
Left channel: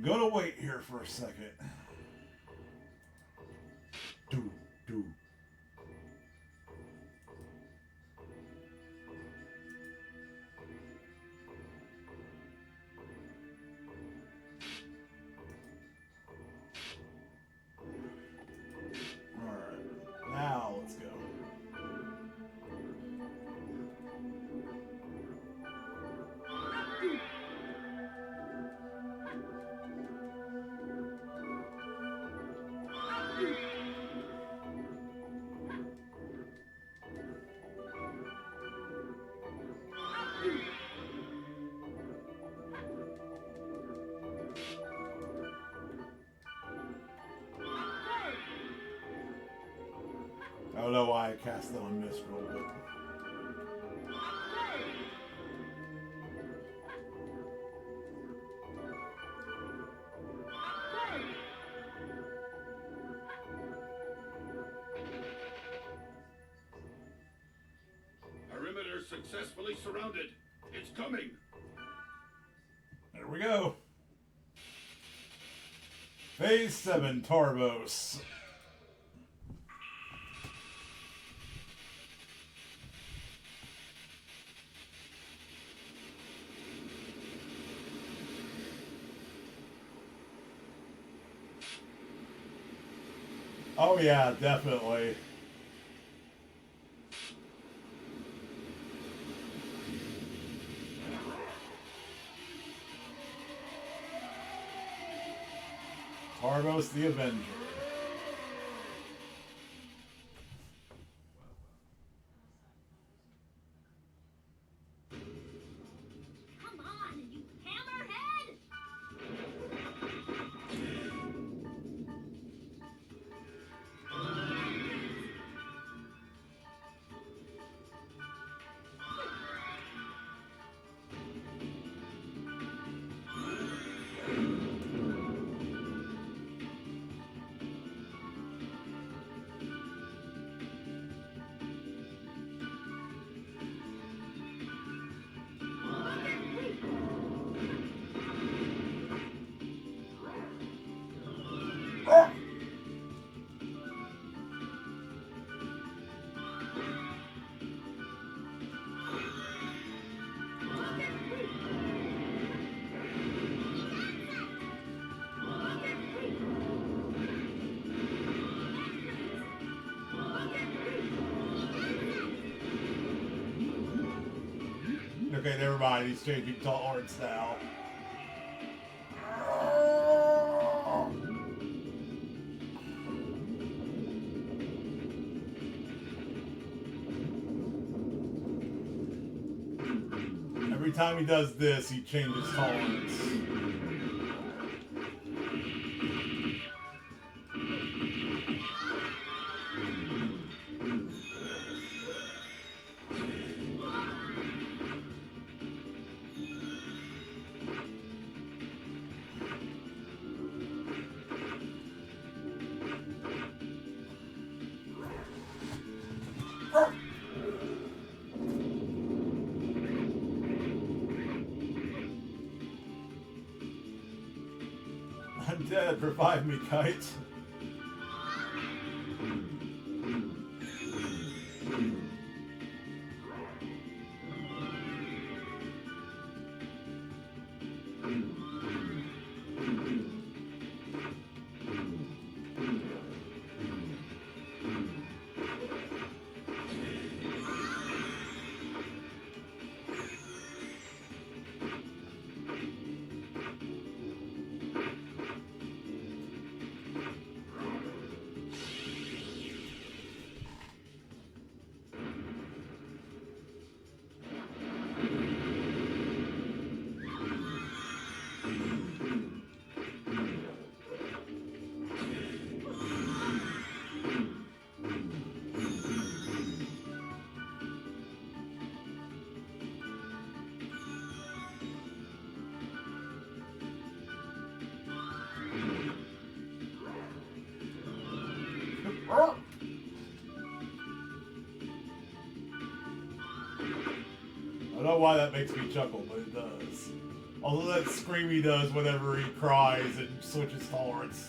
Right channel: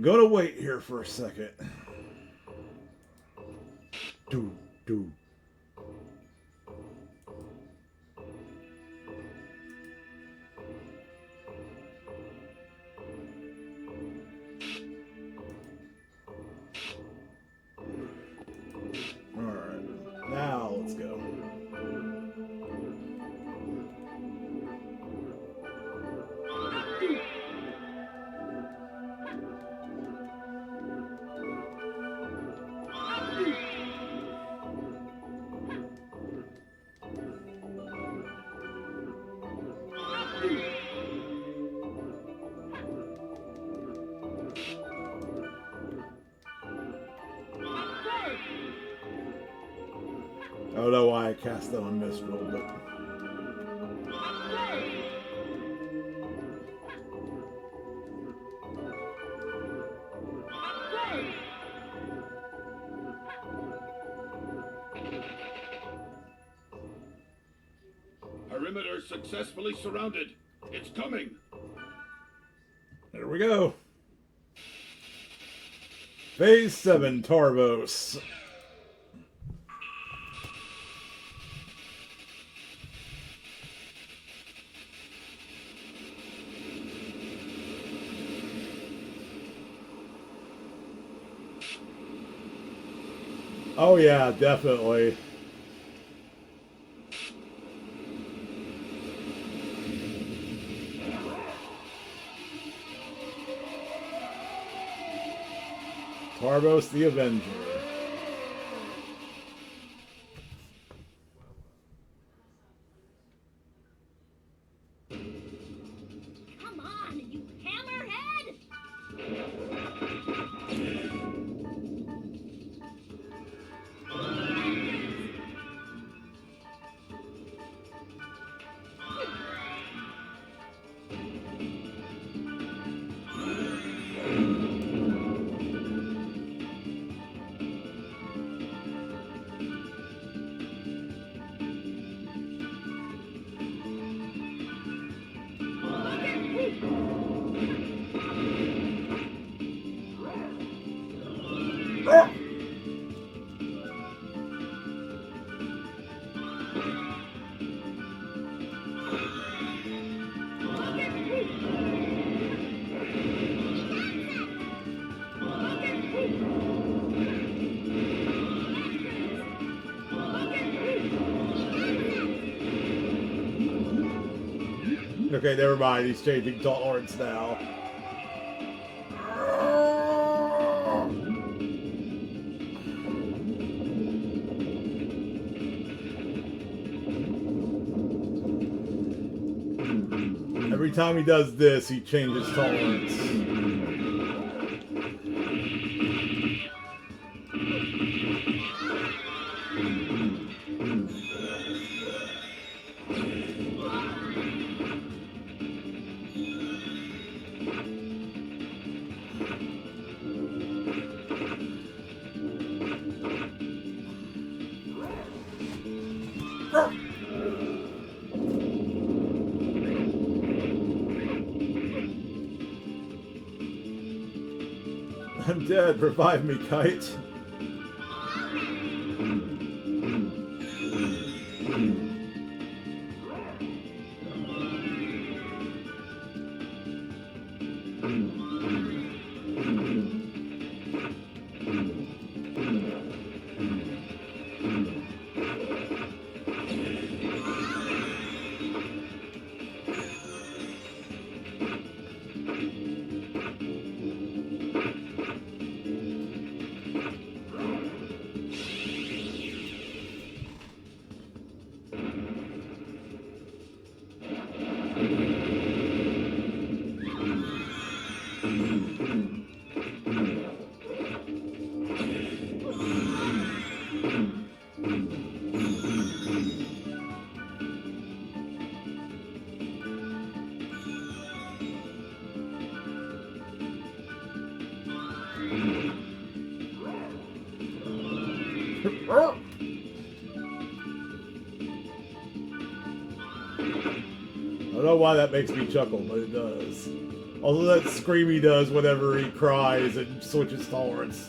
Gonna wait here for a second. Do. Alright, now let's go. I don't know why I cast that on Mistral, but... Perimeter successfully surrounded. It's coming. There we go. Phase 7, Tarvos. Oh yeah, definitely. Tarvos the Avenger. Come on, you hammerhead! Okay, never mind. He's changing tolerance now. Every time he does this, he changes tolerance. I'm dead. Revive me, Kite. I don't know why that makes me chuckle, but it does. Also, that scream he does whenever he cries and switches tolerance.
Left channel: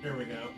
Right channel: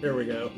Here we go.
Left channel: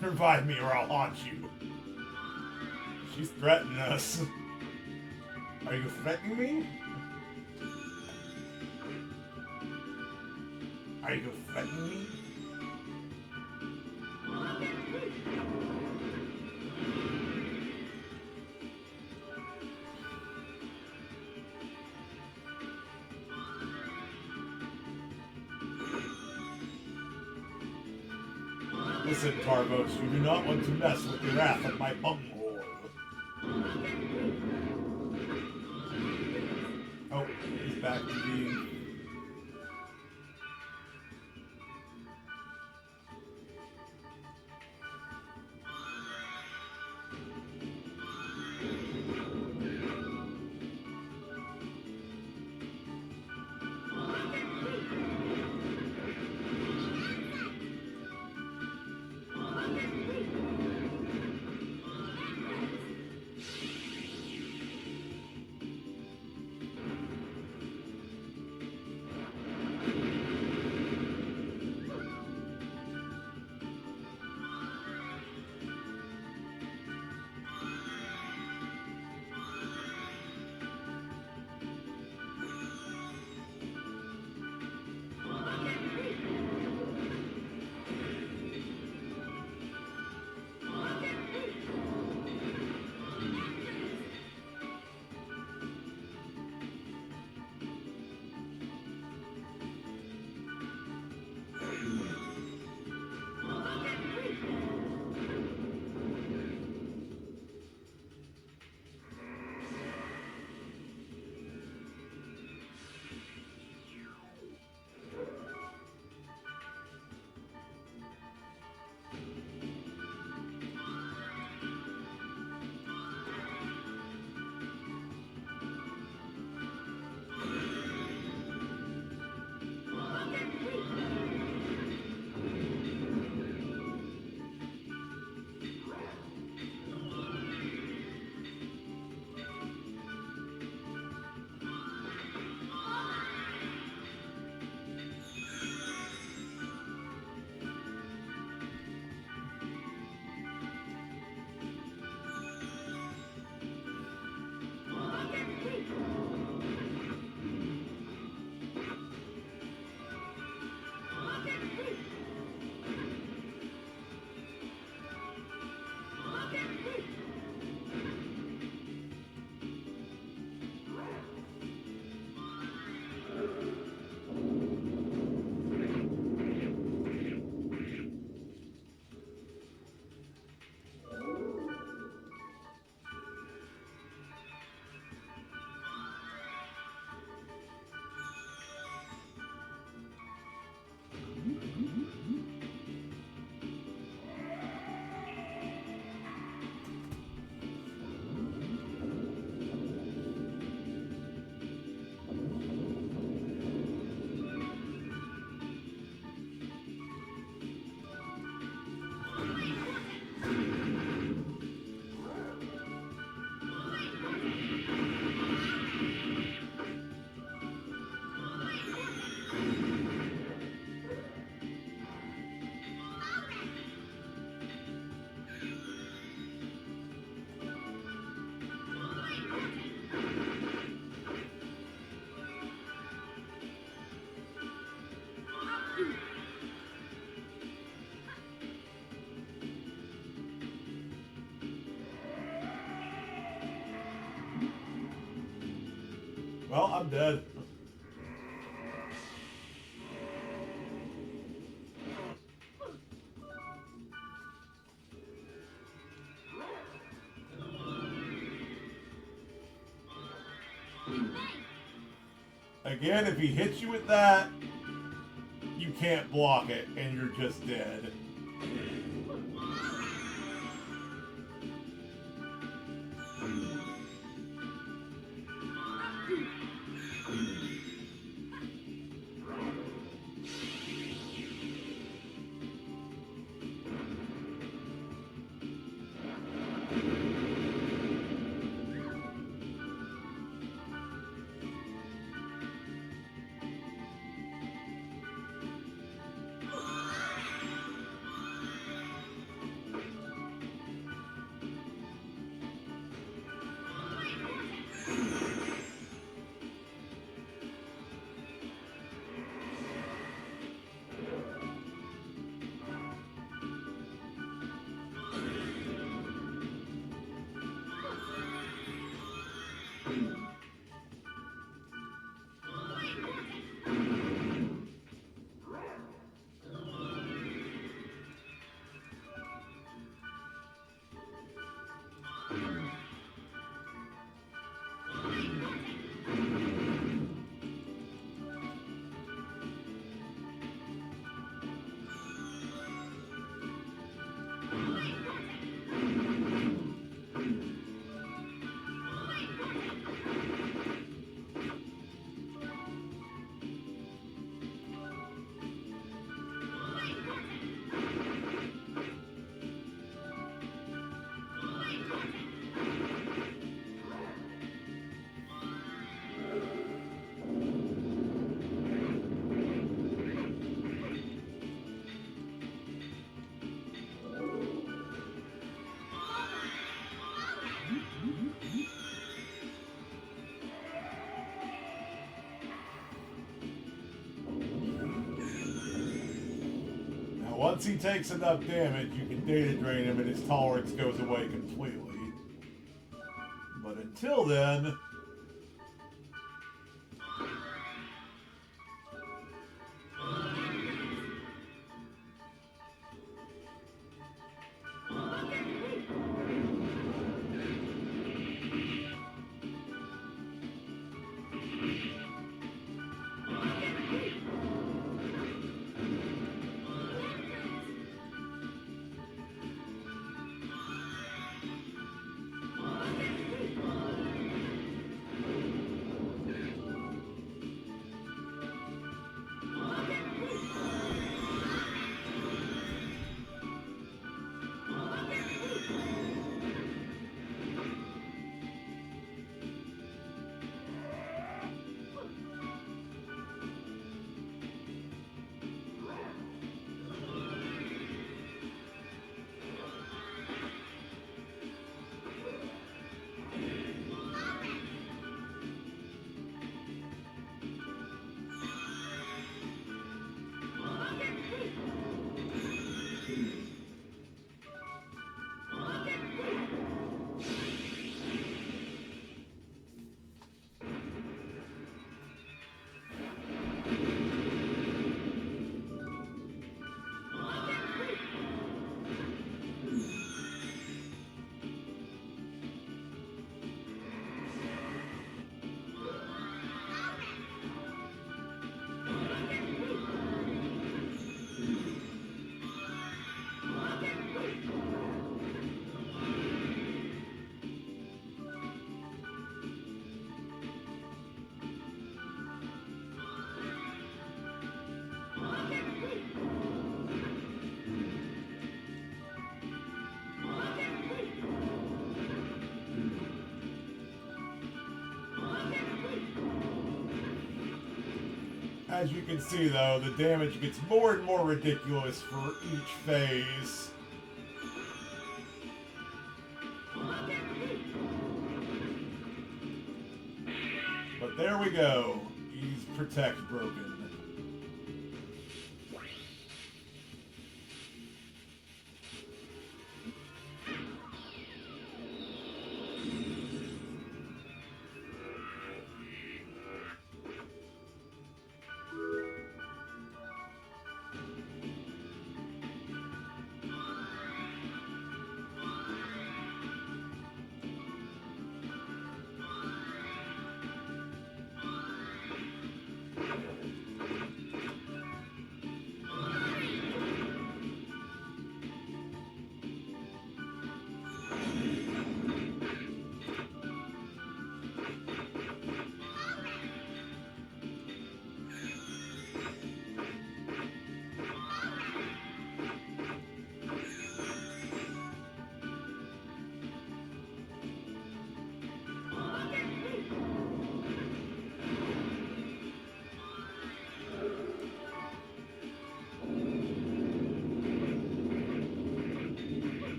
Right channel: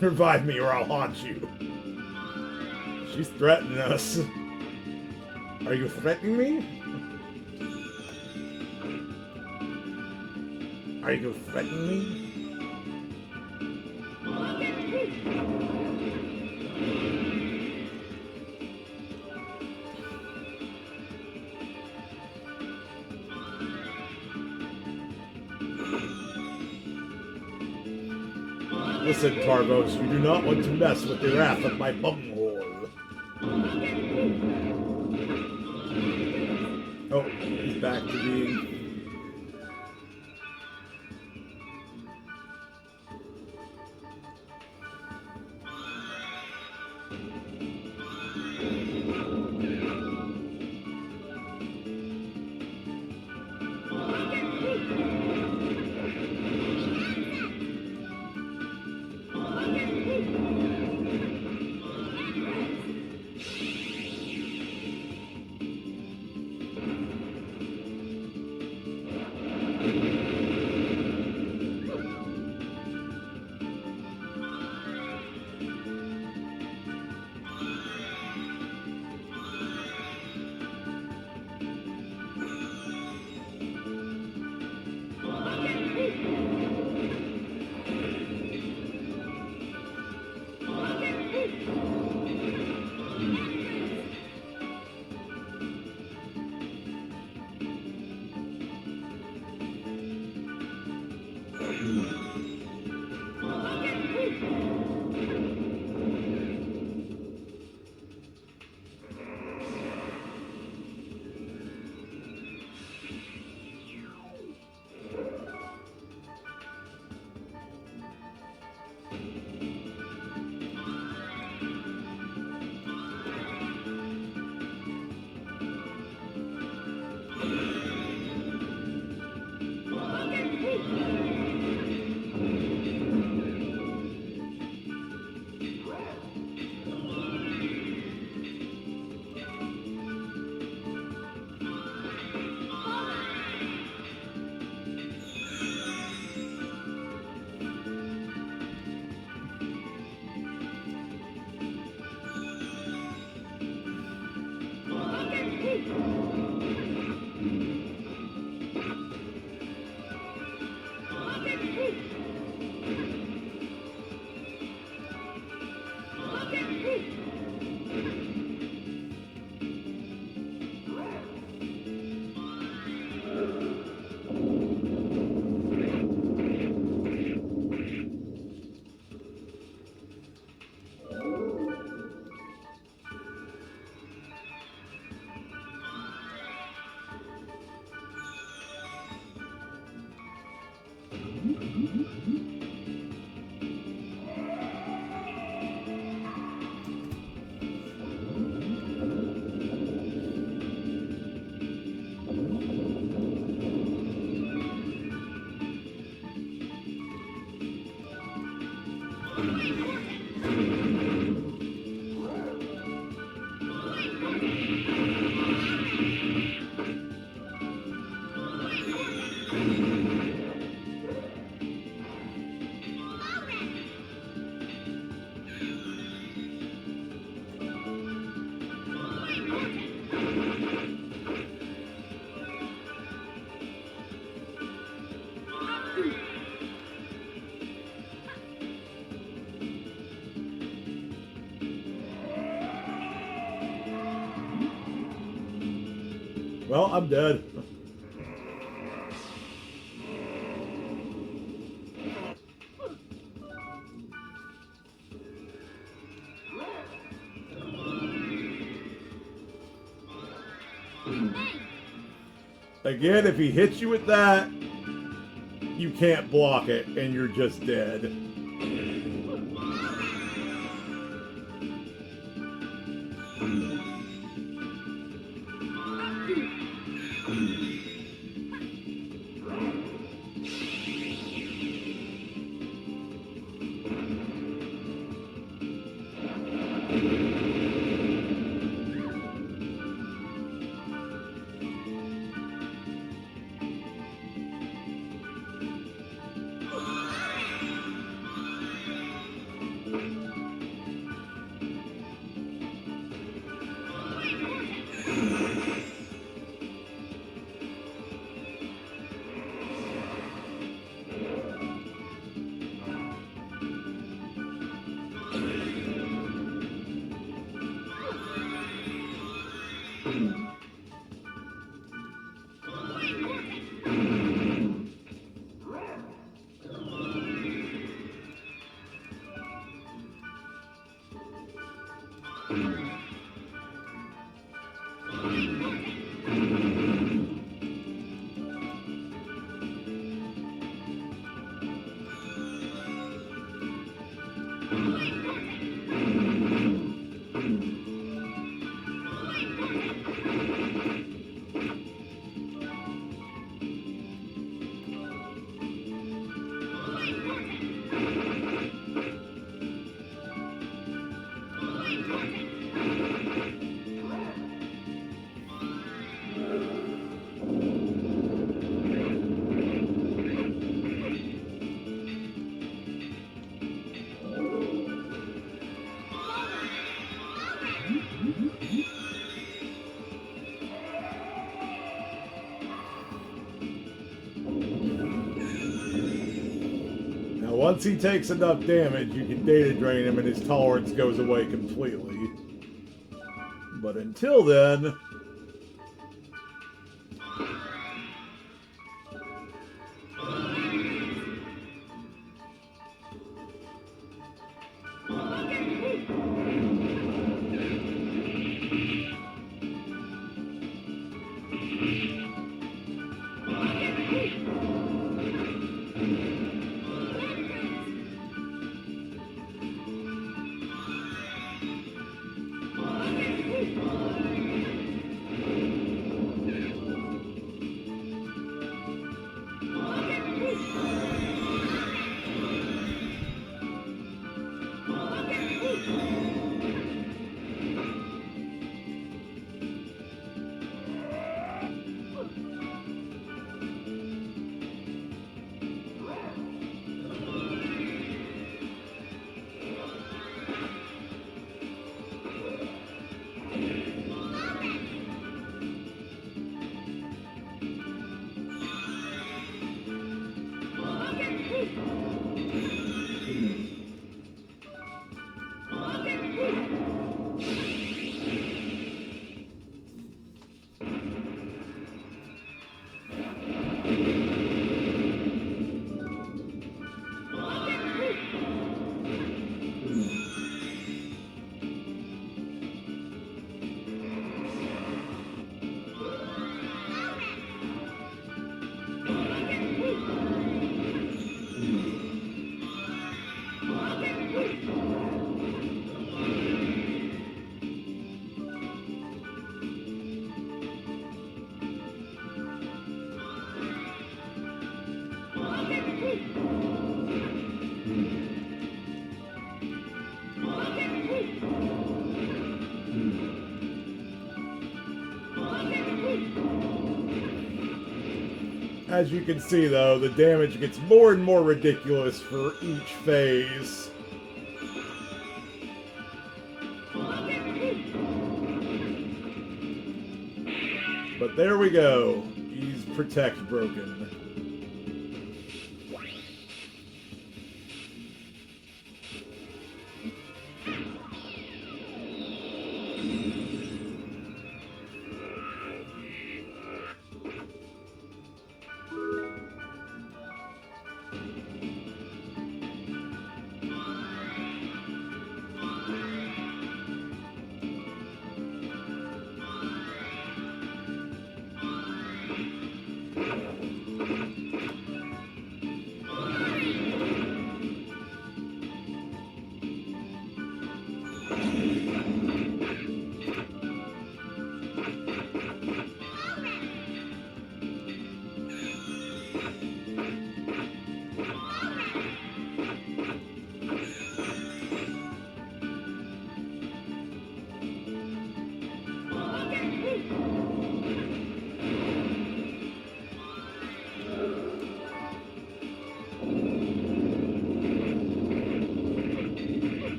Revive me or I'll haunt you. She's threatening us. Are you threatening me? Are you threatening me? Listen, Tarvos, you do not want to mess with the wrath of my bunghole. Oh, he's back to being... Well, I'm dead. Again, if he hits you with that, you can't block it, and you're just dead. Once he takes enough damage, you can data drain him and his tolerance goes away completely. But until then... As you can see, though, the damage gets more and more ridiculous for each phase. But there we go. He's protect broken.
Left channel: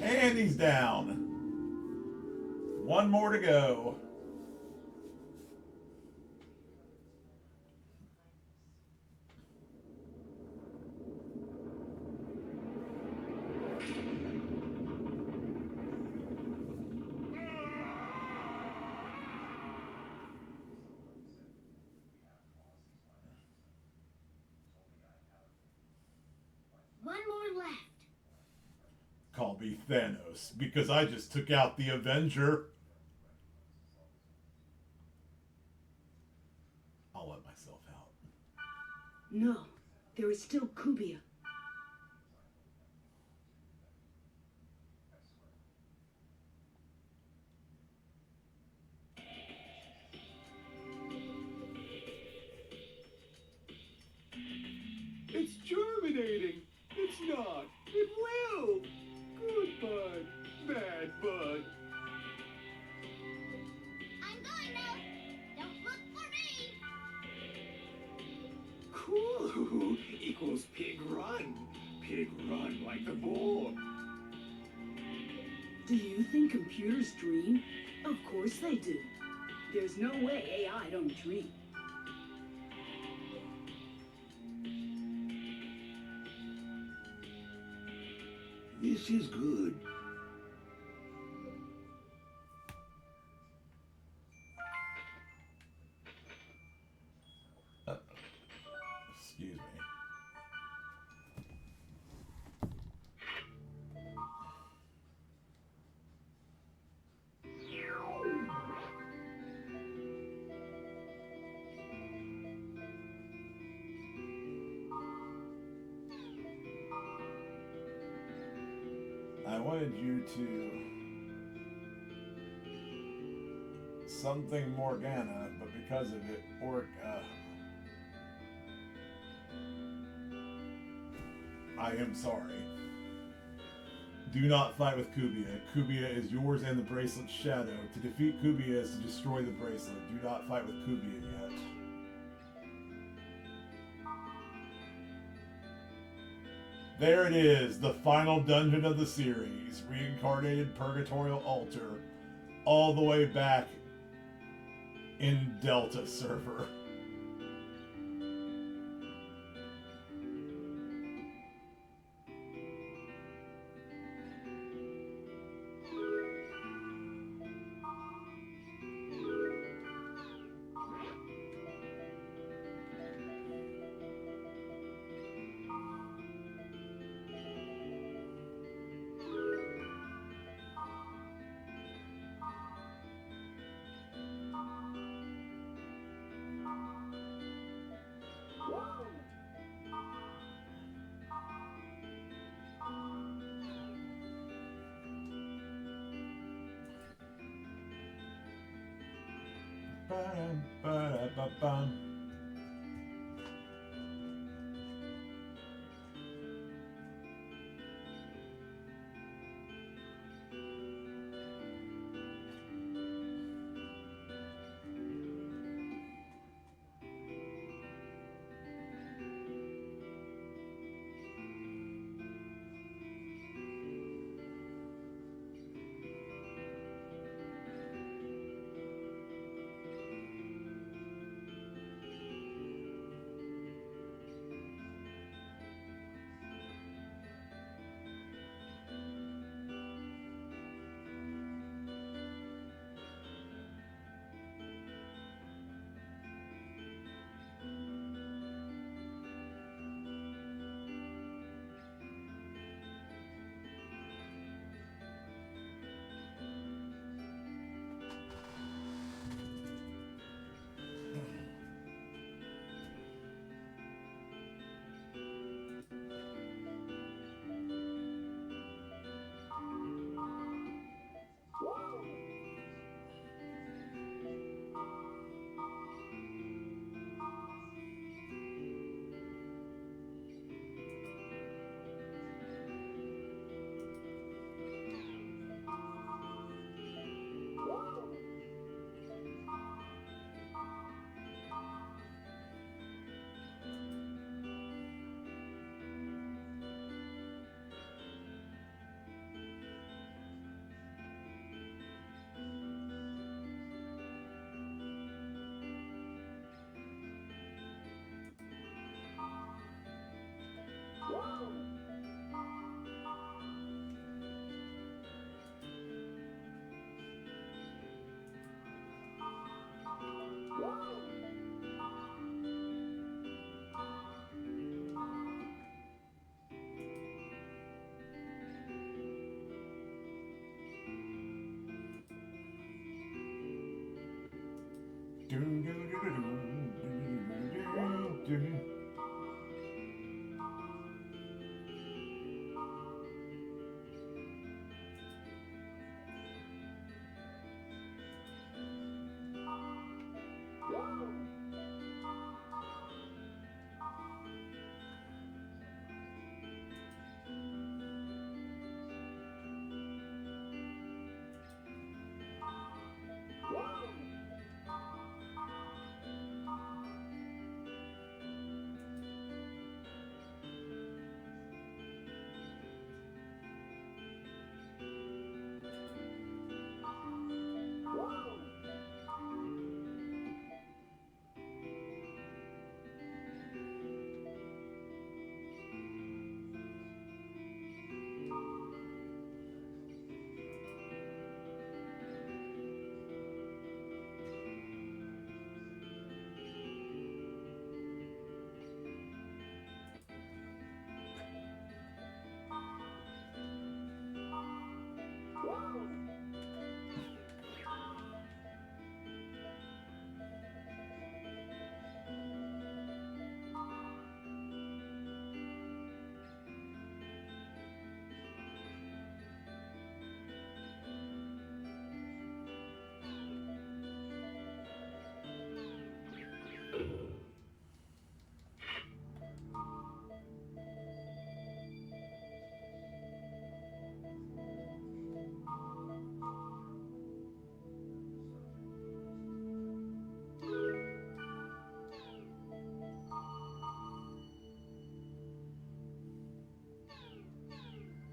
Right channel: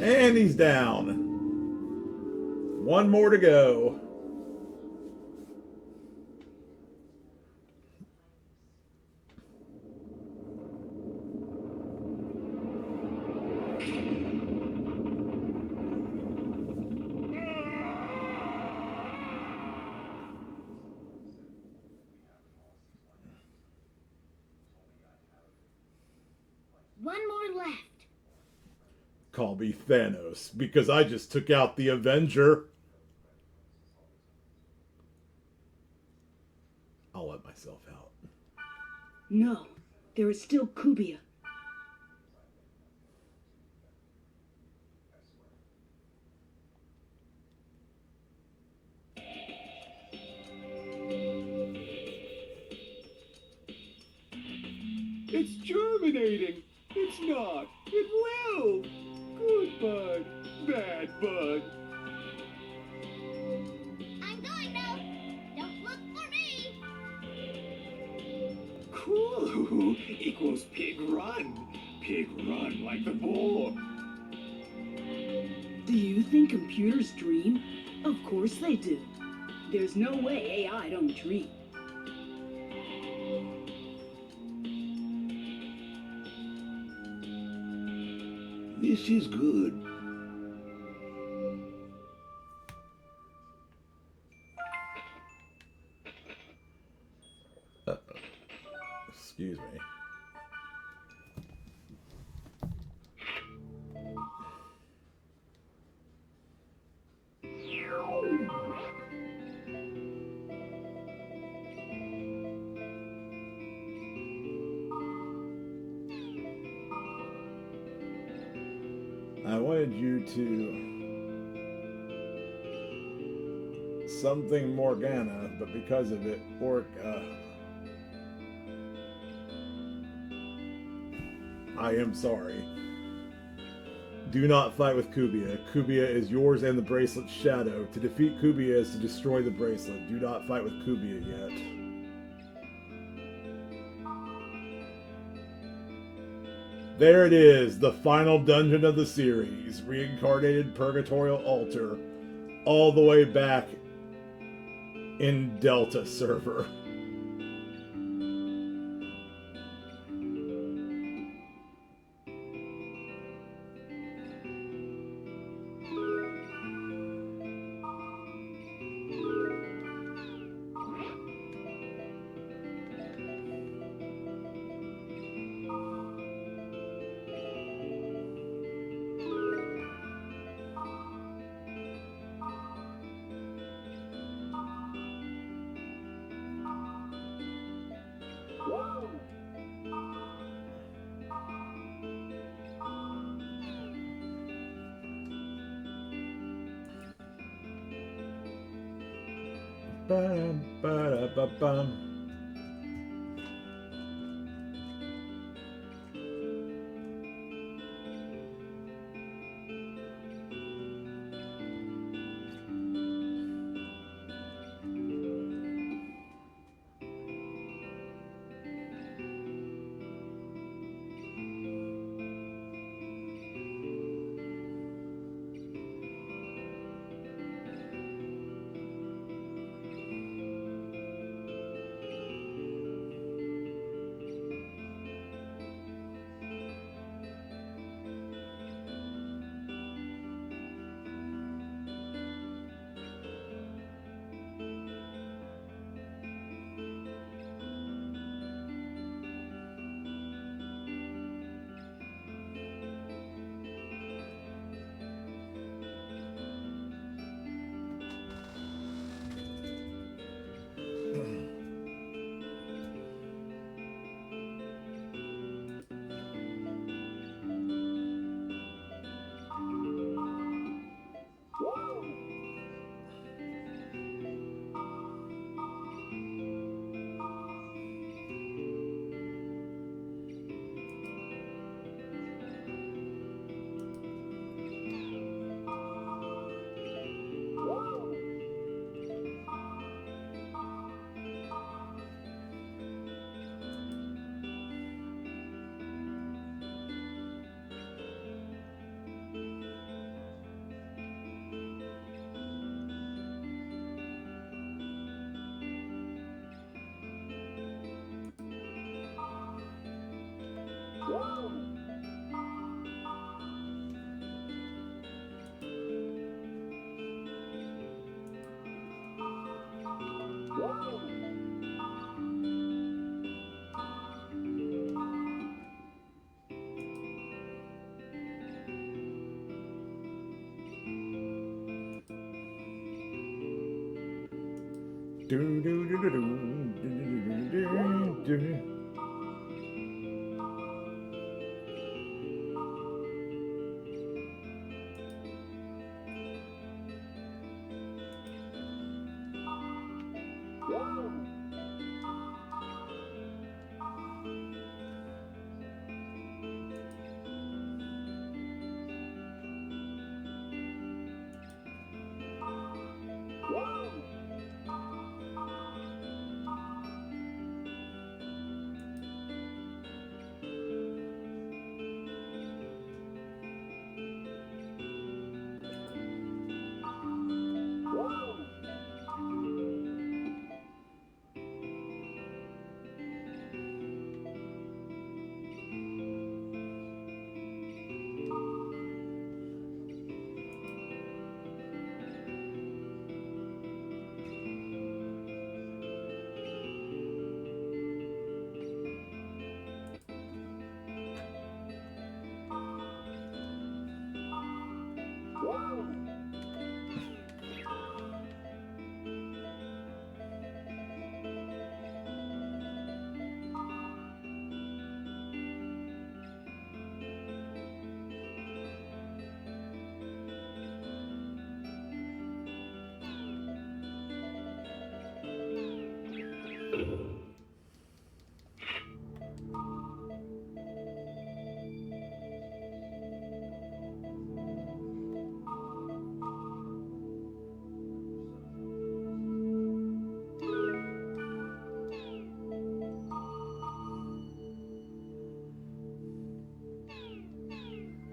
And he's down. One more to go. One more left. Call me Thanos, because I just took out the Avenger. I'll let myself out. No, there is still Kubia. It's germinating. It's not. It will. Good bud. Bad bud. I'm going now. Don't look for me. Cool equals pig run. Pig run like the bull. Do you think computers dream? Of course they do. There's no way AI don't dream. This is good. Excuse me. I wanted you to something Morgana, but because of it, Orca. I am sorry. Do not fight with Kubia. Kubia is yours and the bracelet's shadow. To defeat Kubia is to destroy the bracelet. Do not fight with Kubia yet. There it is, the final dungeon of the series. Reincarnated Purgatorial Altar. All the way back in Delta server. Ba-da-ba-da-ba-bum.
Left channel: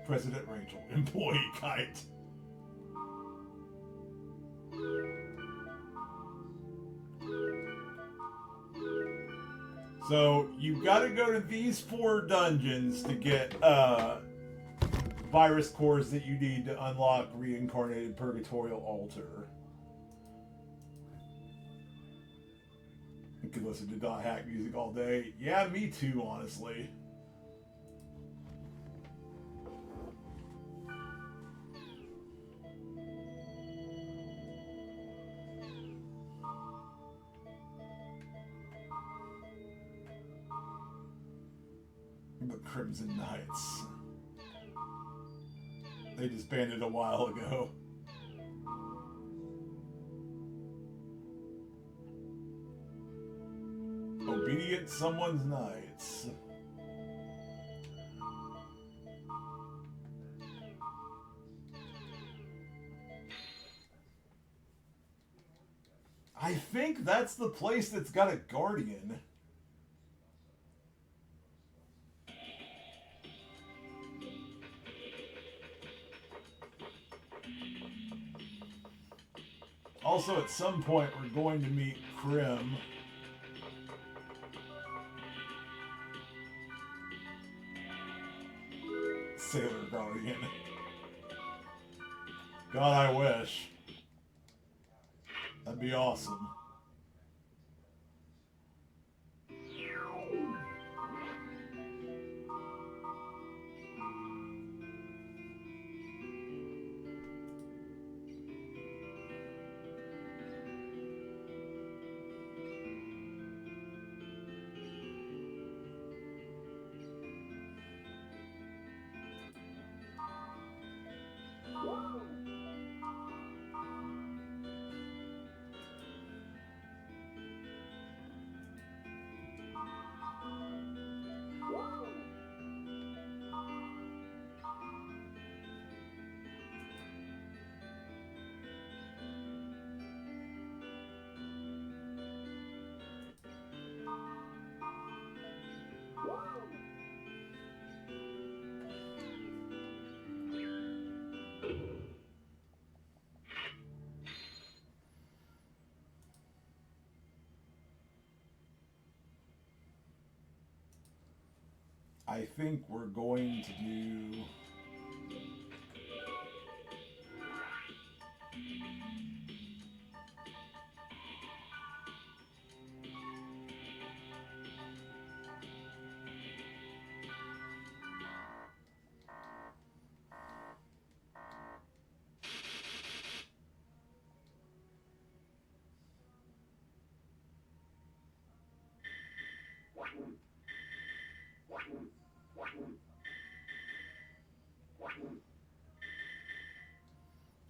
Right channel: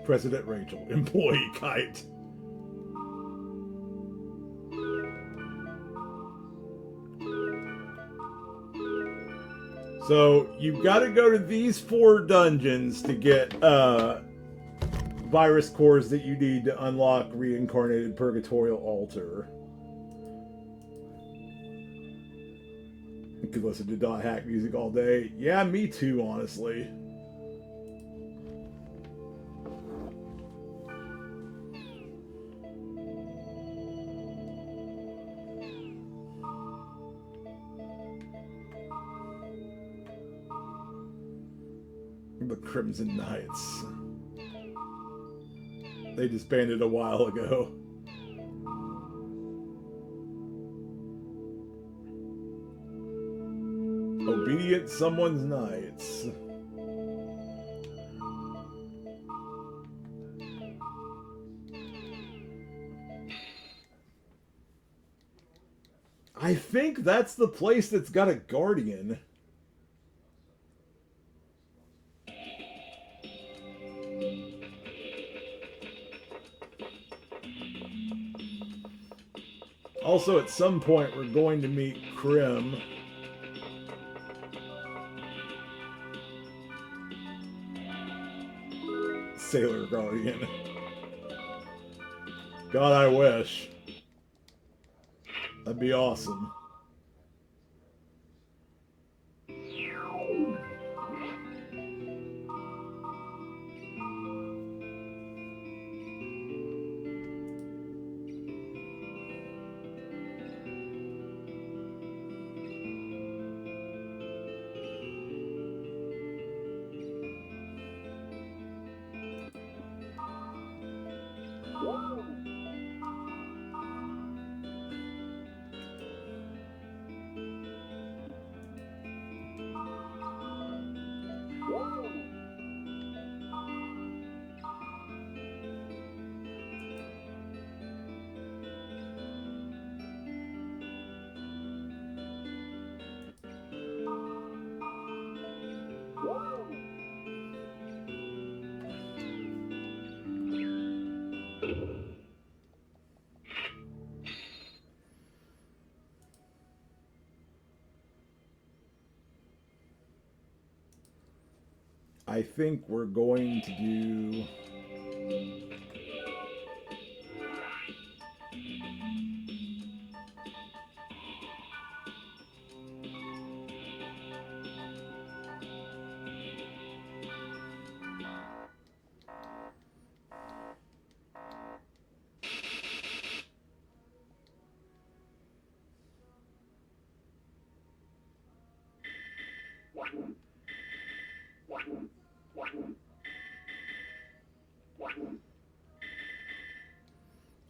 President Rachel, employee kite. So you've got to go to these 4 dungeons to get virus cores that you need to unlock Reincarnated Purgatorial Altar. You could listen to Dot Hack music all day. Yeah, me too, honestly. The Crimson Knights. They disbanded a while ago. Obedient Someone's Knights. I think that's the place that's got a guardian. Also, at some point, we're going to meet Krim. Sailor Guardian. God, I wish. That'd be awesome. I think we're going to do...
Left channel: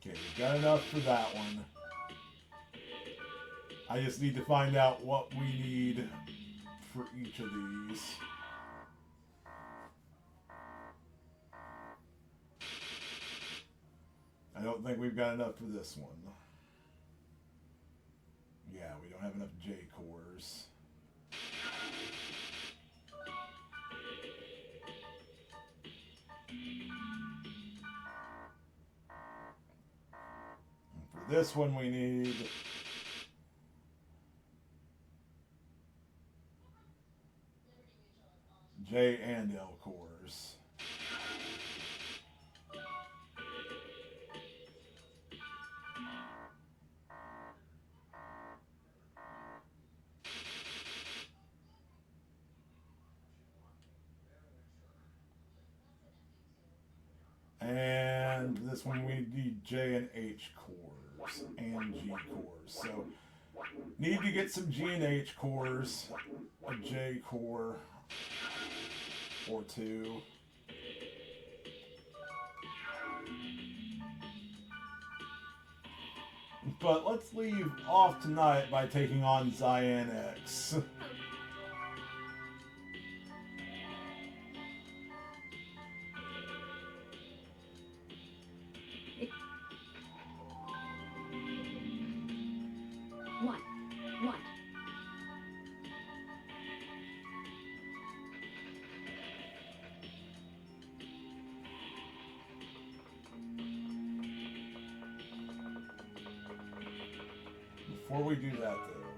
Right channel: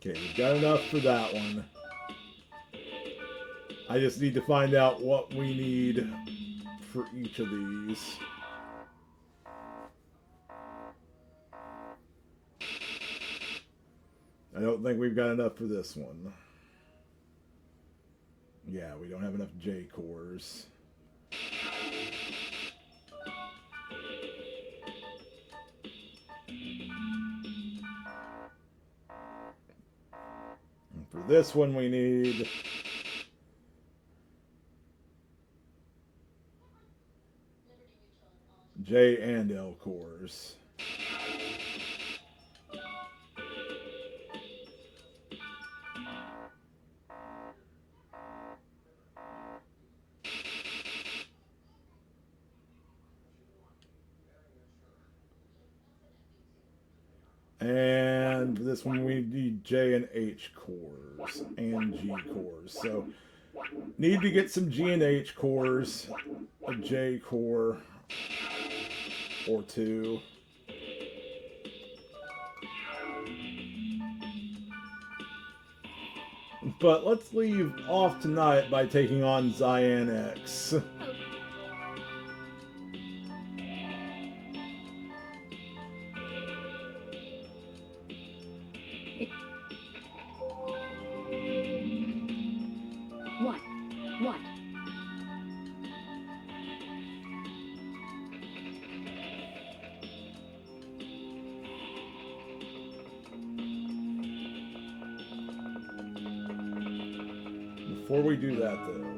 Okay, we've got enough for that one. I just need to find out what we need for each of these. I don't think we've got enough for this one. Yeah, we don't have enough J cores. For this one we need J and L cores. And for this one we need J and H cores and G cores. So need to get some G and H cores, a J core or two. But let's leave off tonight by taking on Cyan X. What? Before we do that, though,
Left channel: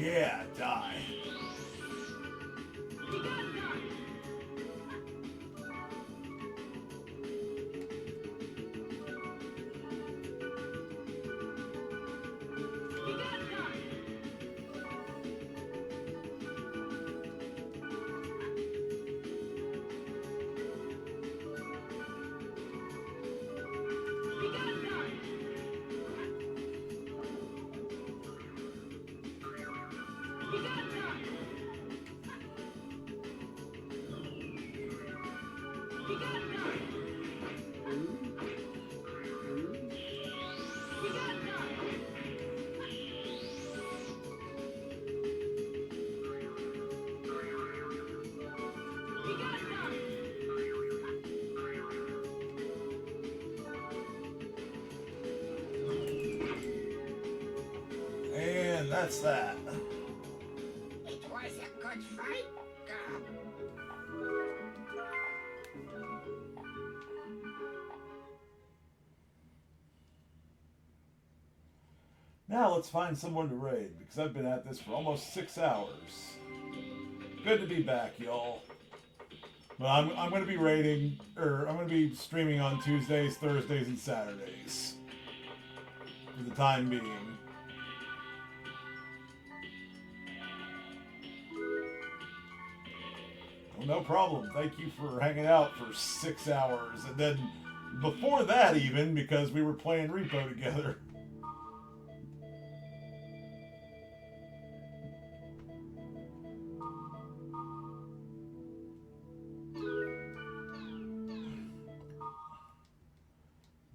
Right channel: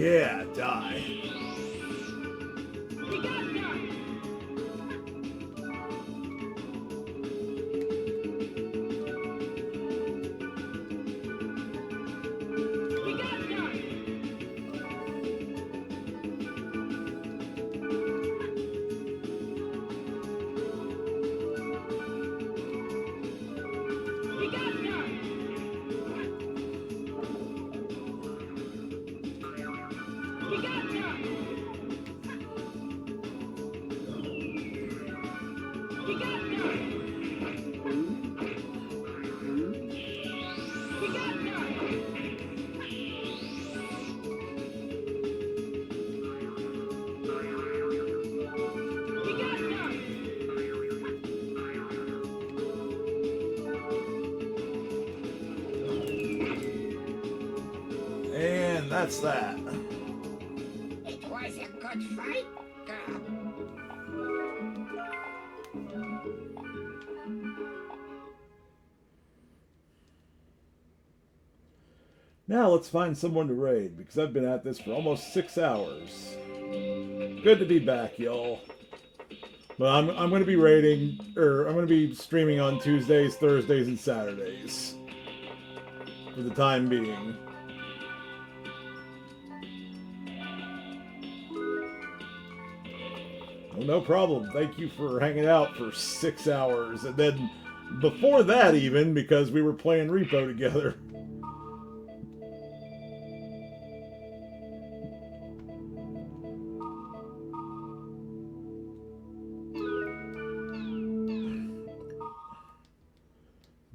yeah, die. We got none! And that's that. It was a good fight, girl. Now let's find someone to raid, because I've been at this for almost 6 hours. Good to be back, y'all. But I'm going to be raiding, or I'm going to be streaming on Tuesdays, Thursdays, and Saturdays. For the time being. Well, no problem. Thank you for hanging out for 6 hours. And then before that even, because we were playing Repo together.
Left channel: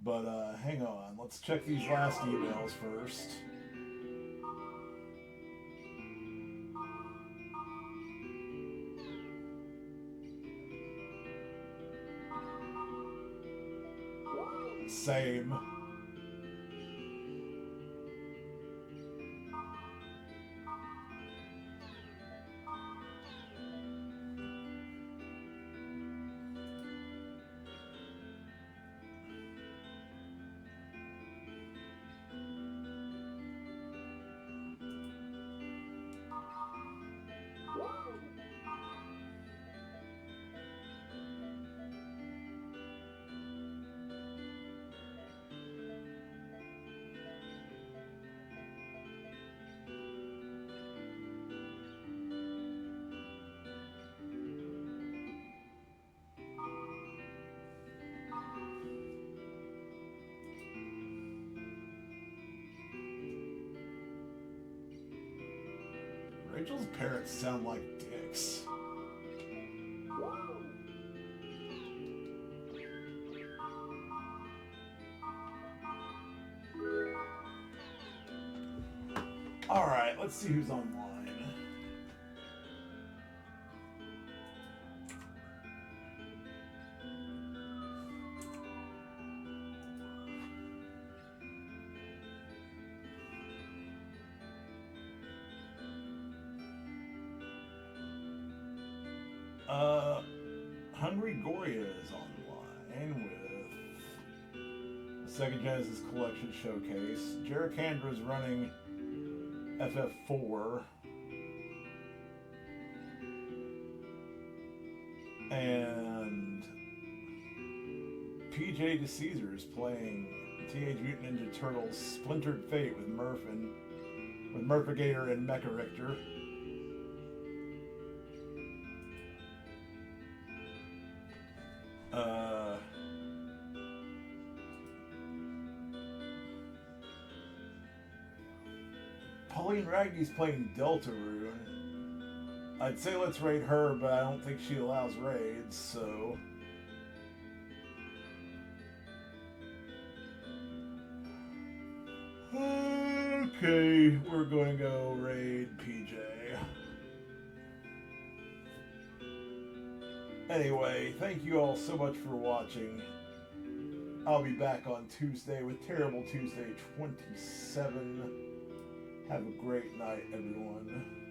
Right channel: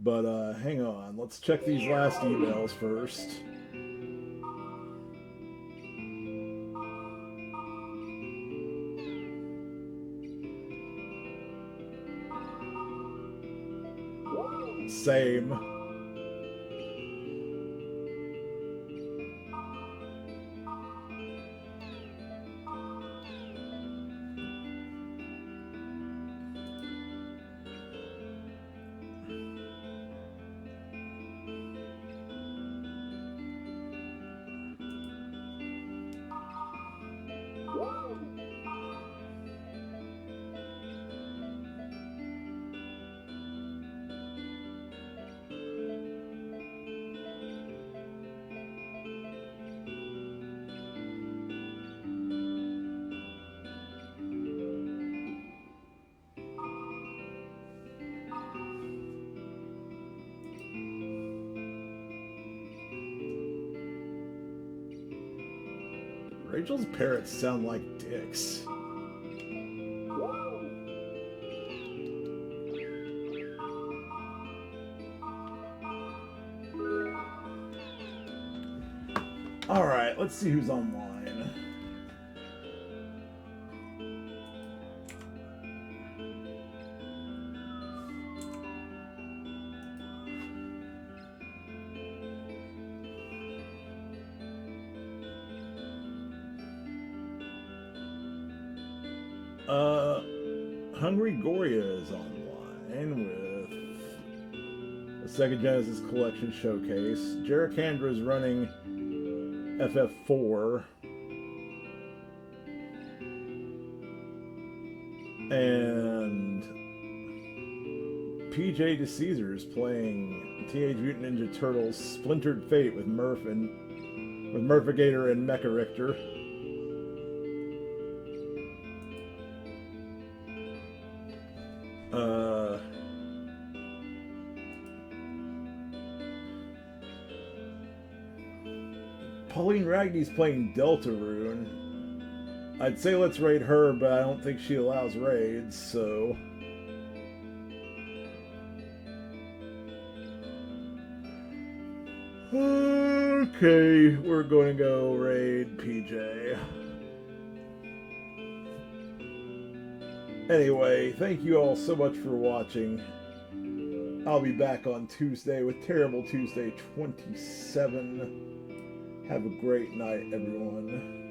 But, hang on. Let's check these last emails first. Same. Rachel's parrots sound like dicks. Alright, let's see who's online. Hungry Goria is online with the Sega Genesis Collection Showcase. Jerricandra is running FF4. And PJ DeCaesar is playing Teenage Mutant Ninja Turtles Splintered Fate with Murphigator and Mecha Richter. Pauline Ragney's playing Deltarune. I'd say let's raid her, but I don't think she allows raids, so... Okay, we're going to go raid PJ. Anyway, thank you all so much for watching. I'll be back on Tuesday with Terrible Tuesday 27. Have a great night, everyone.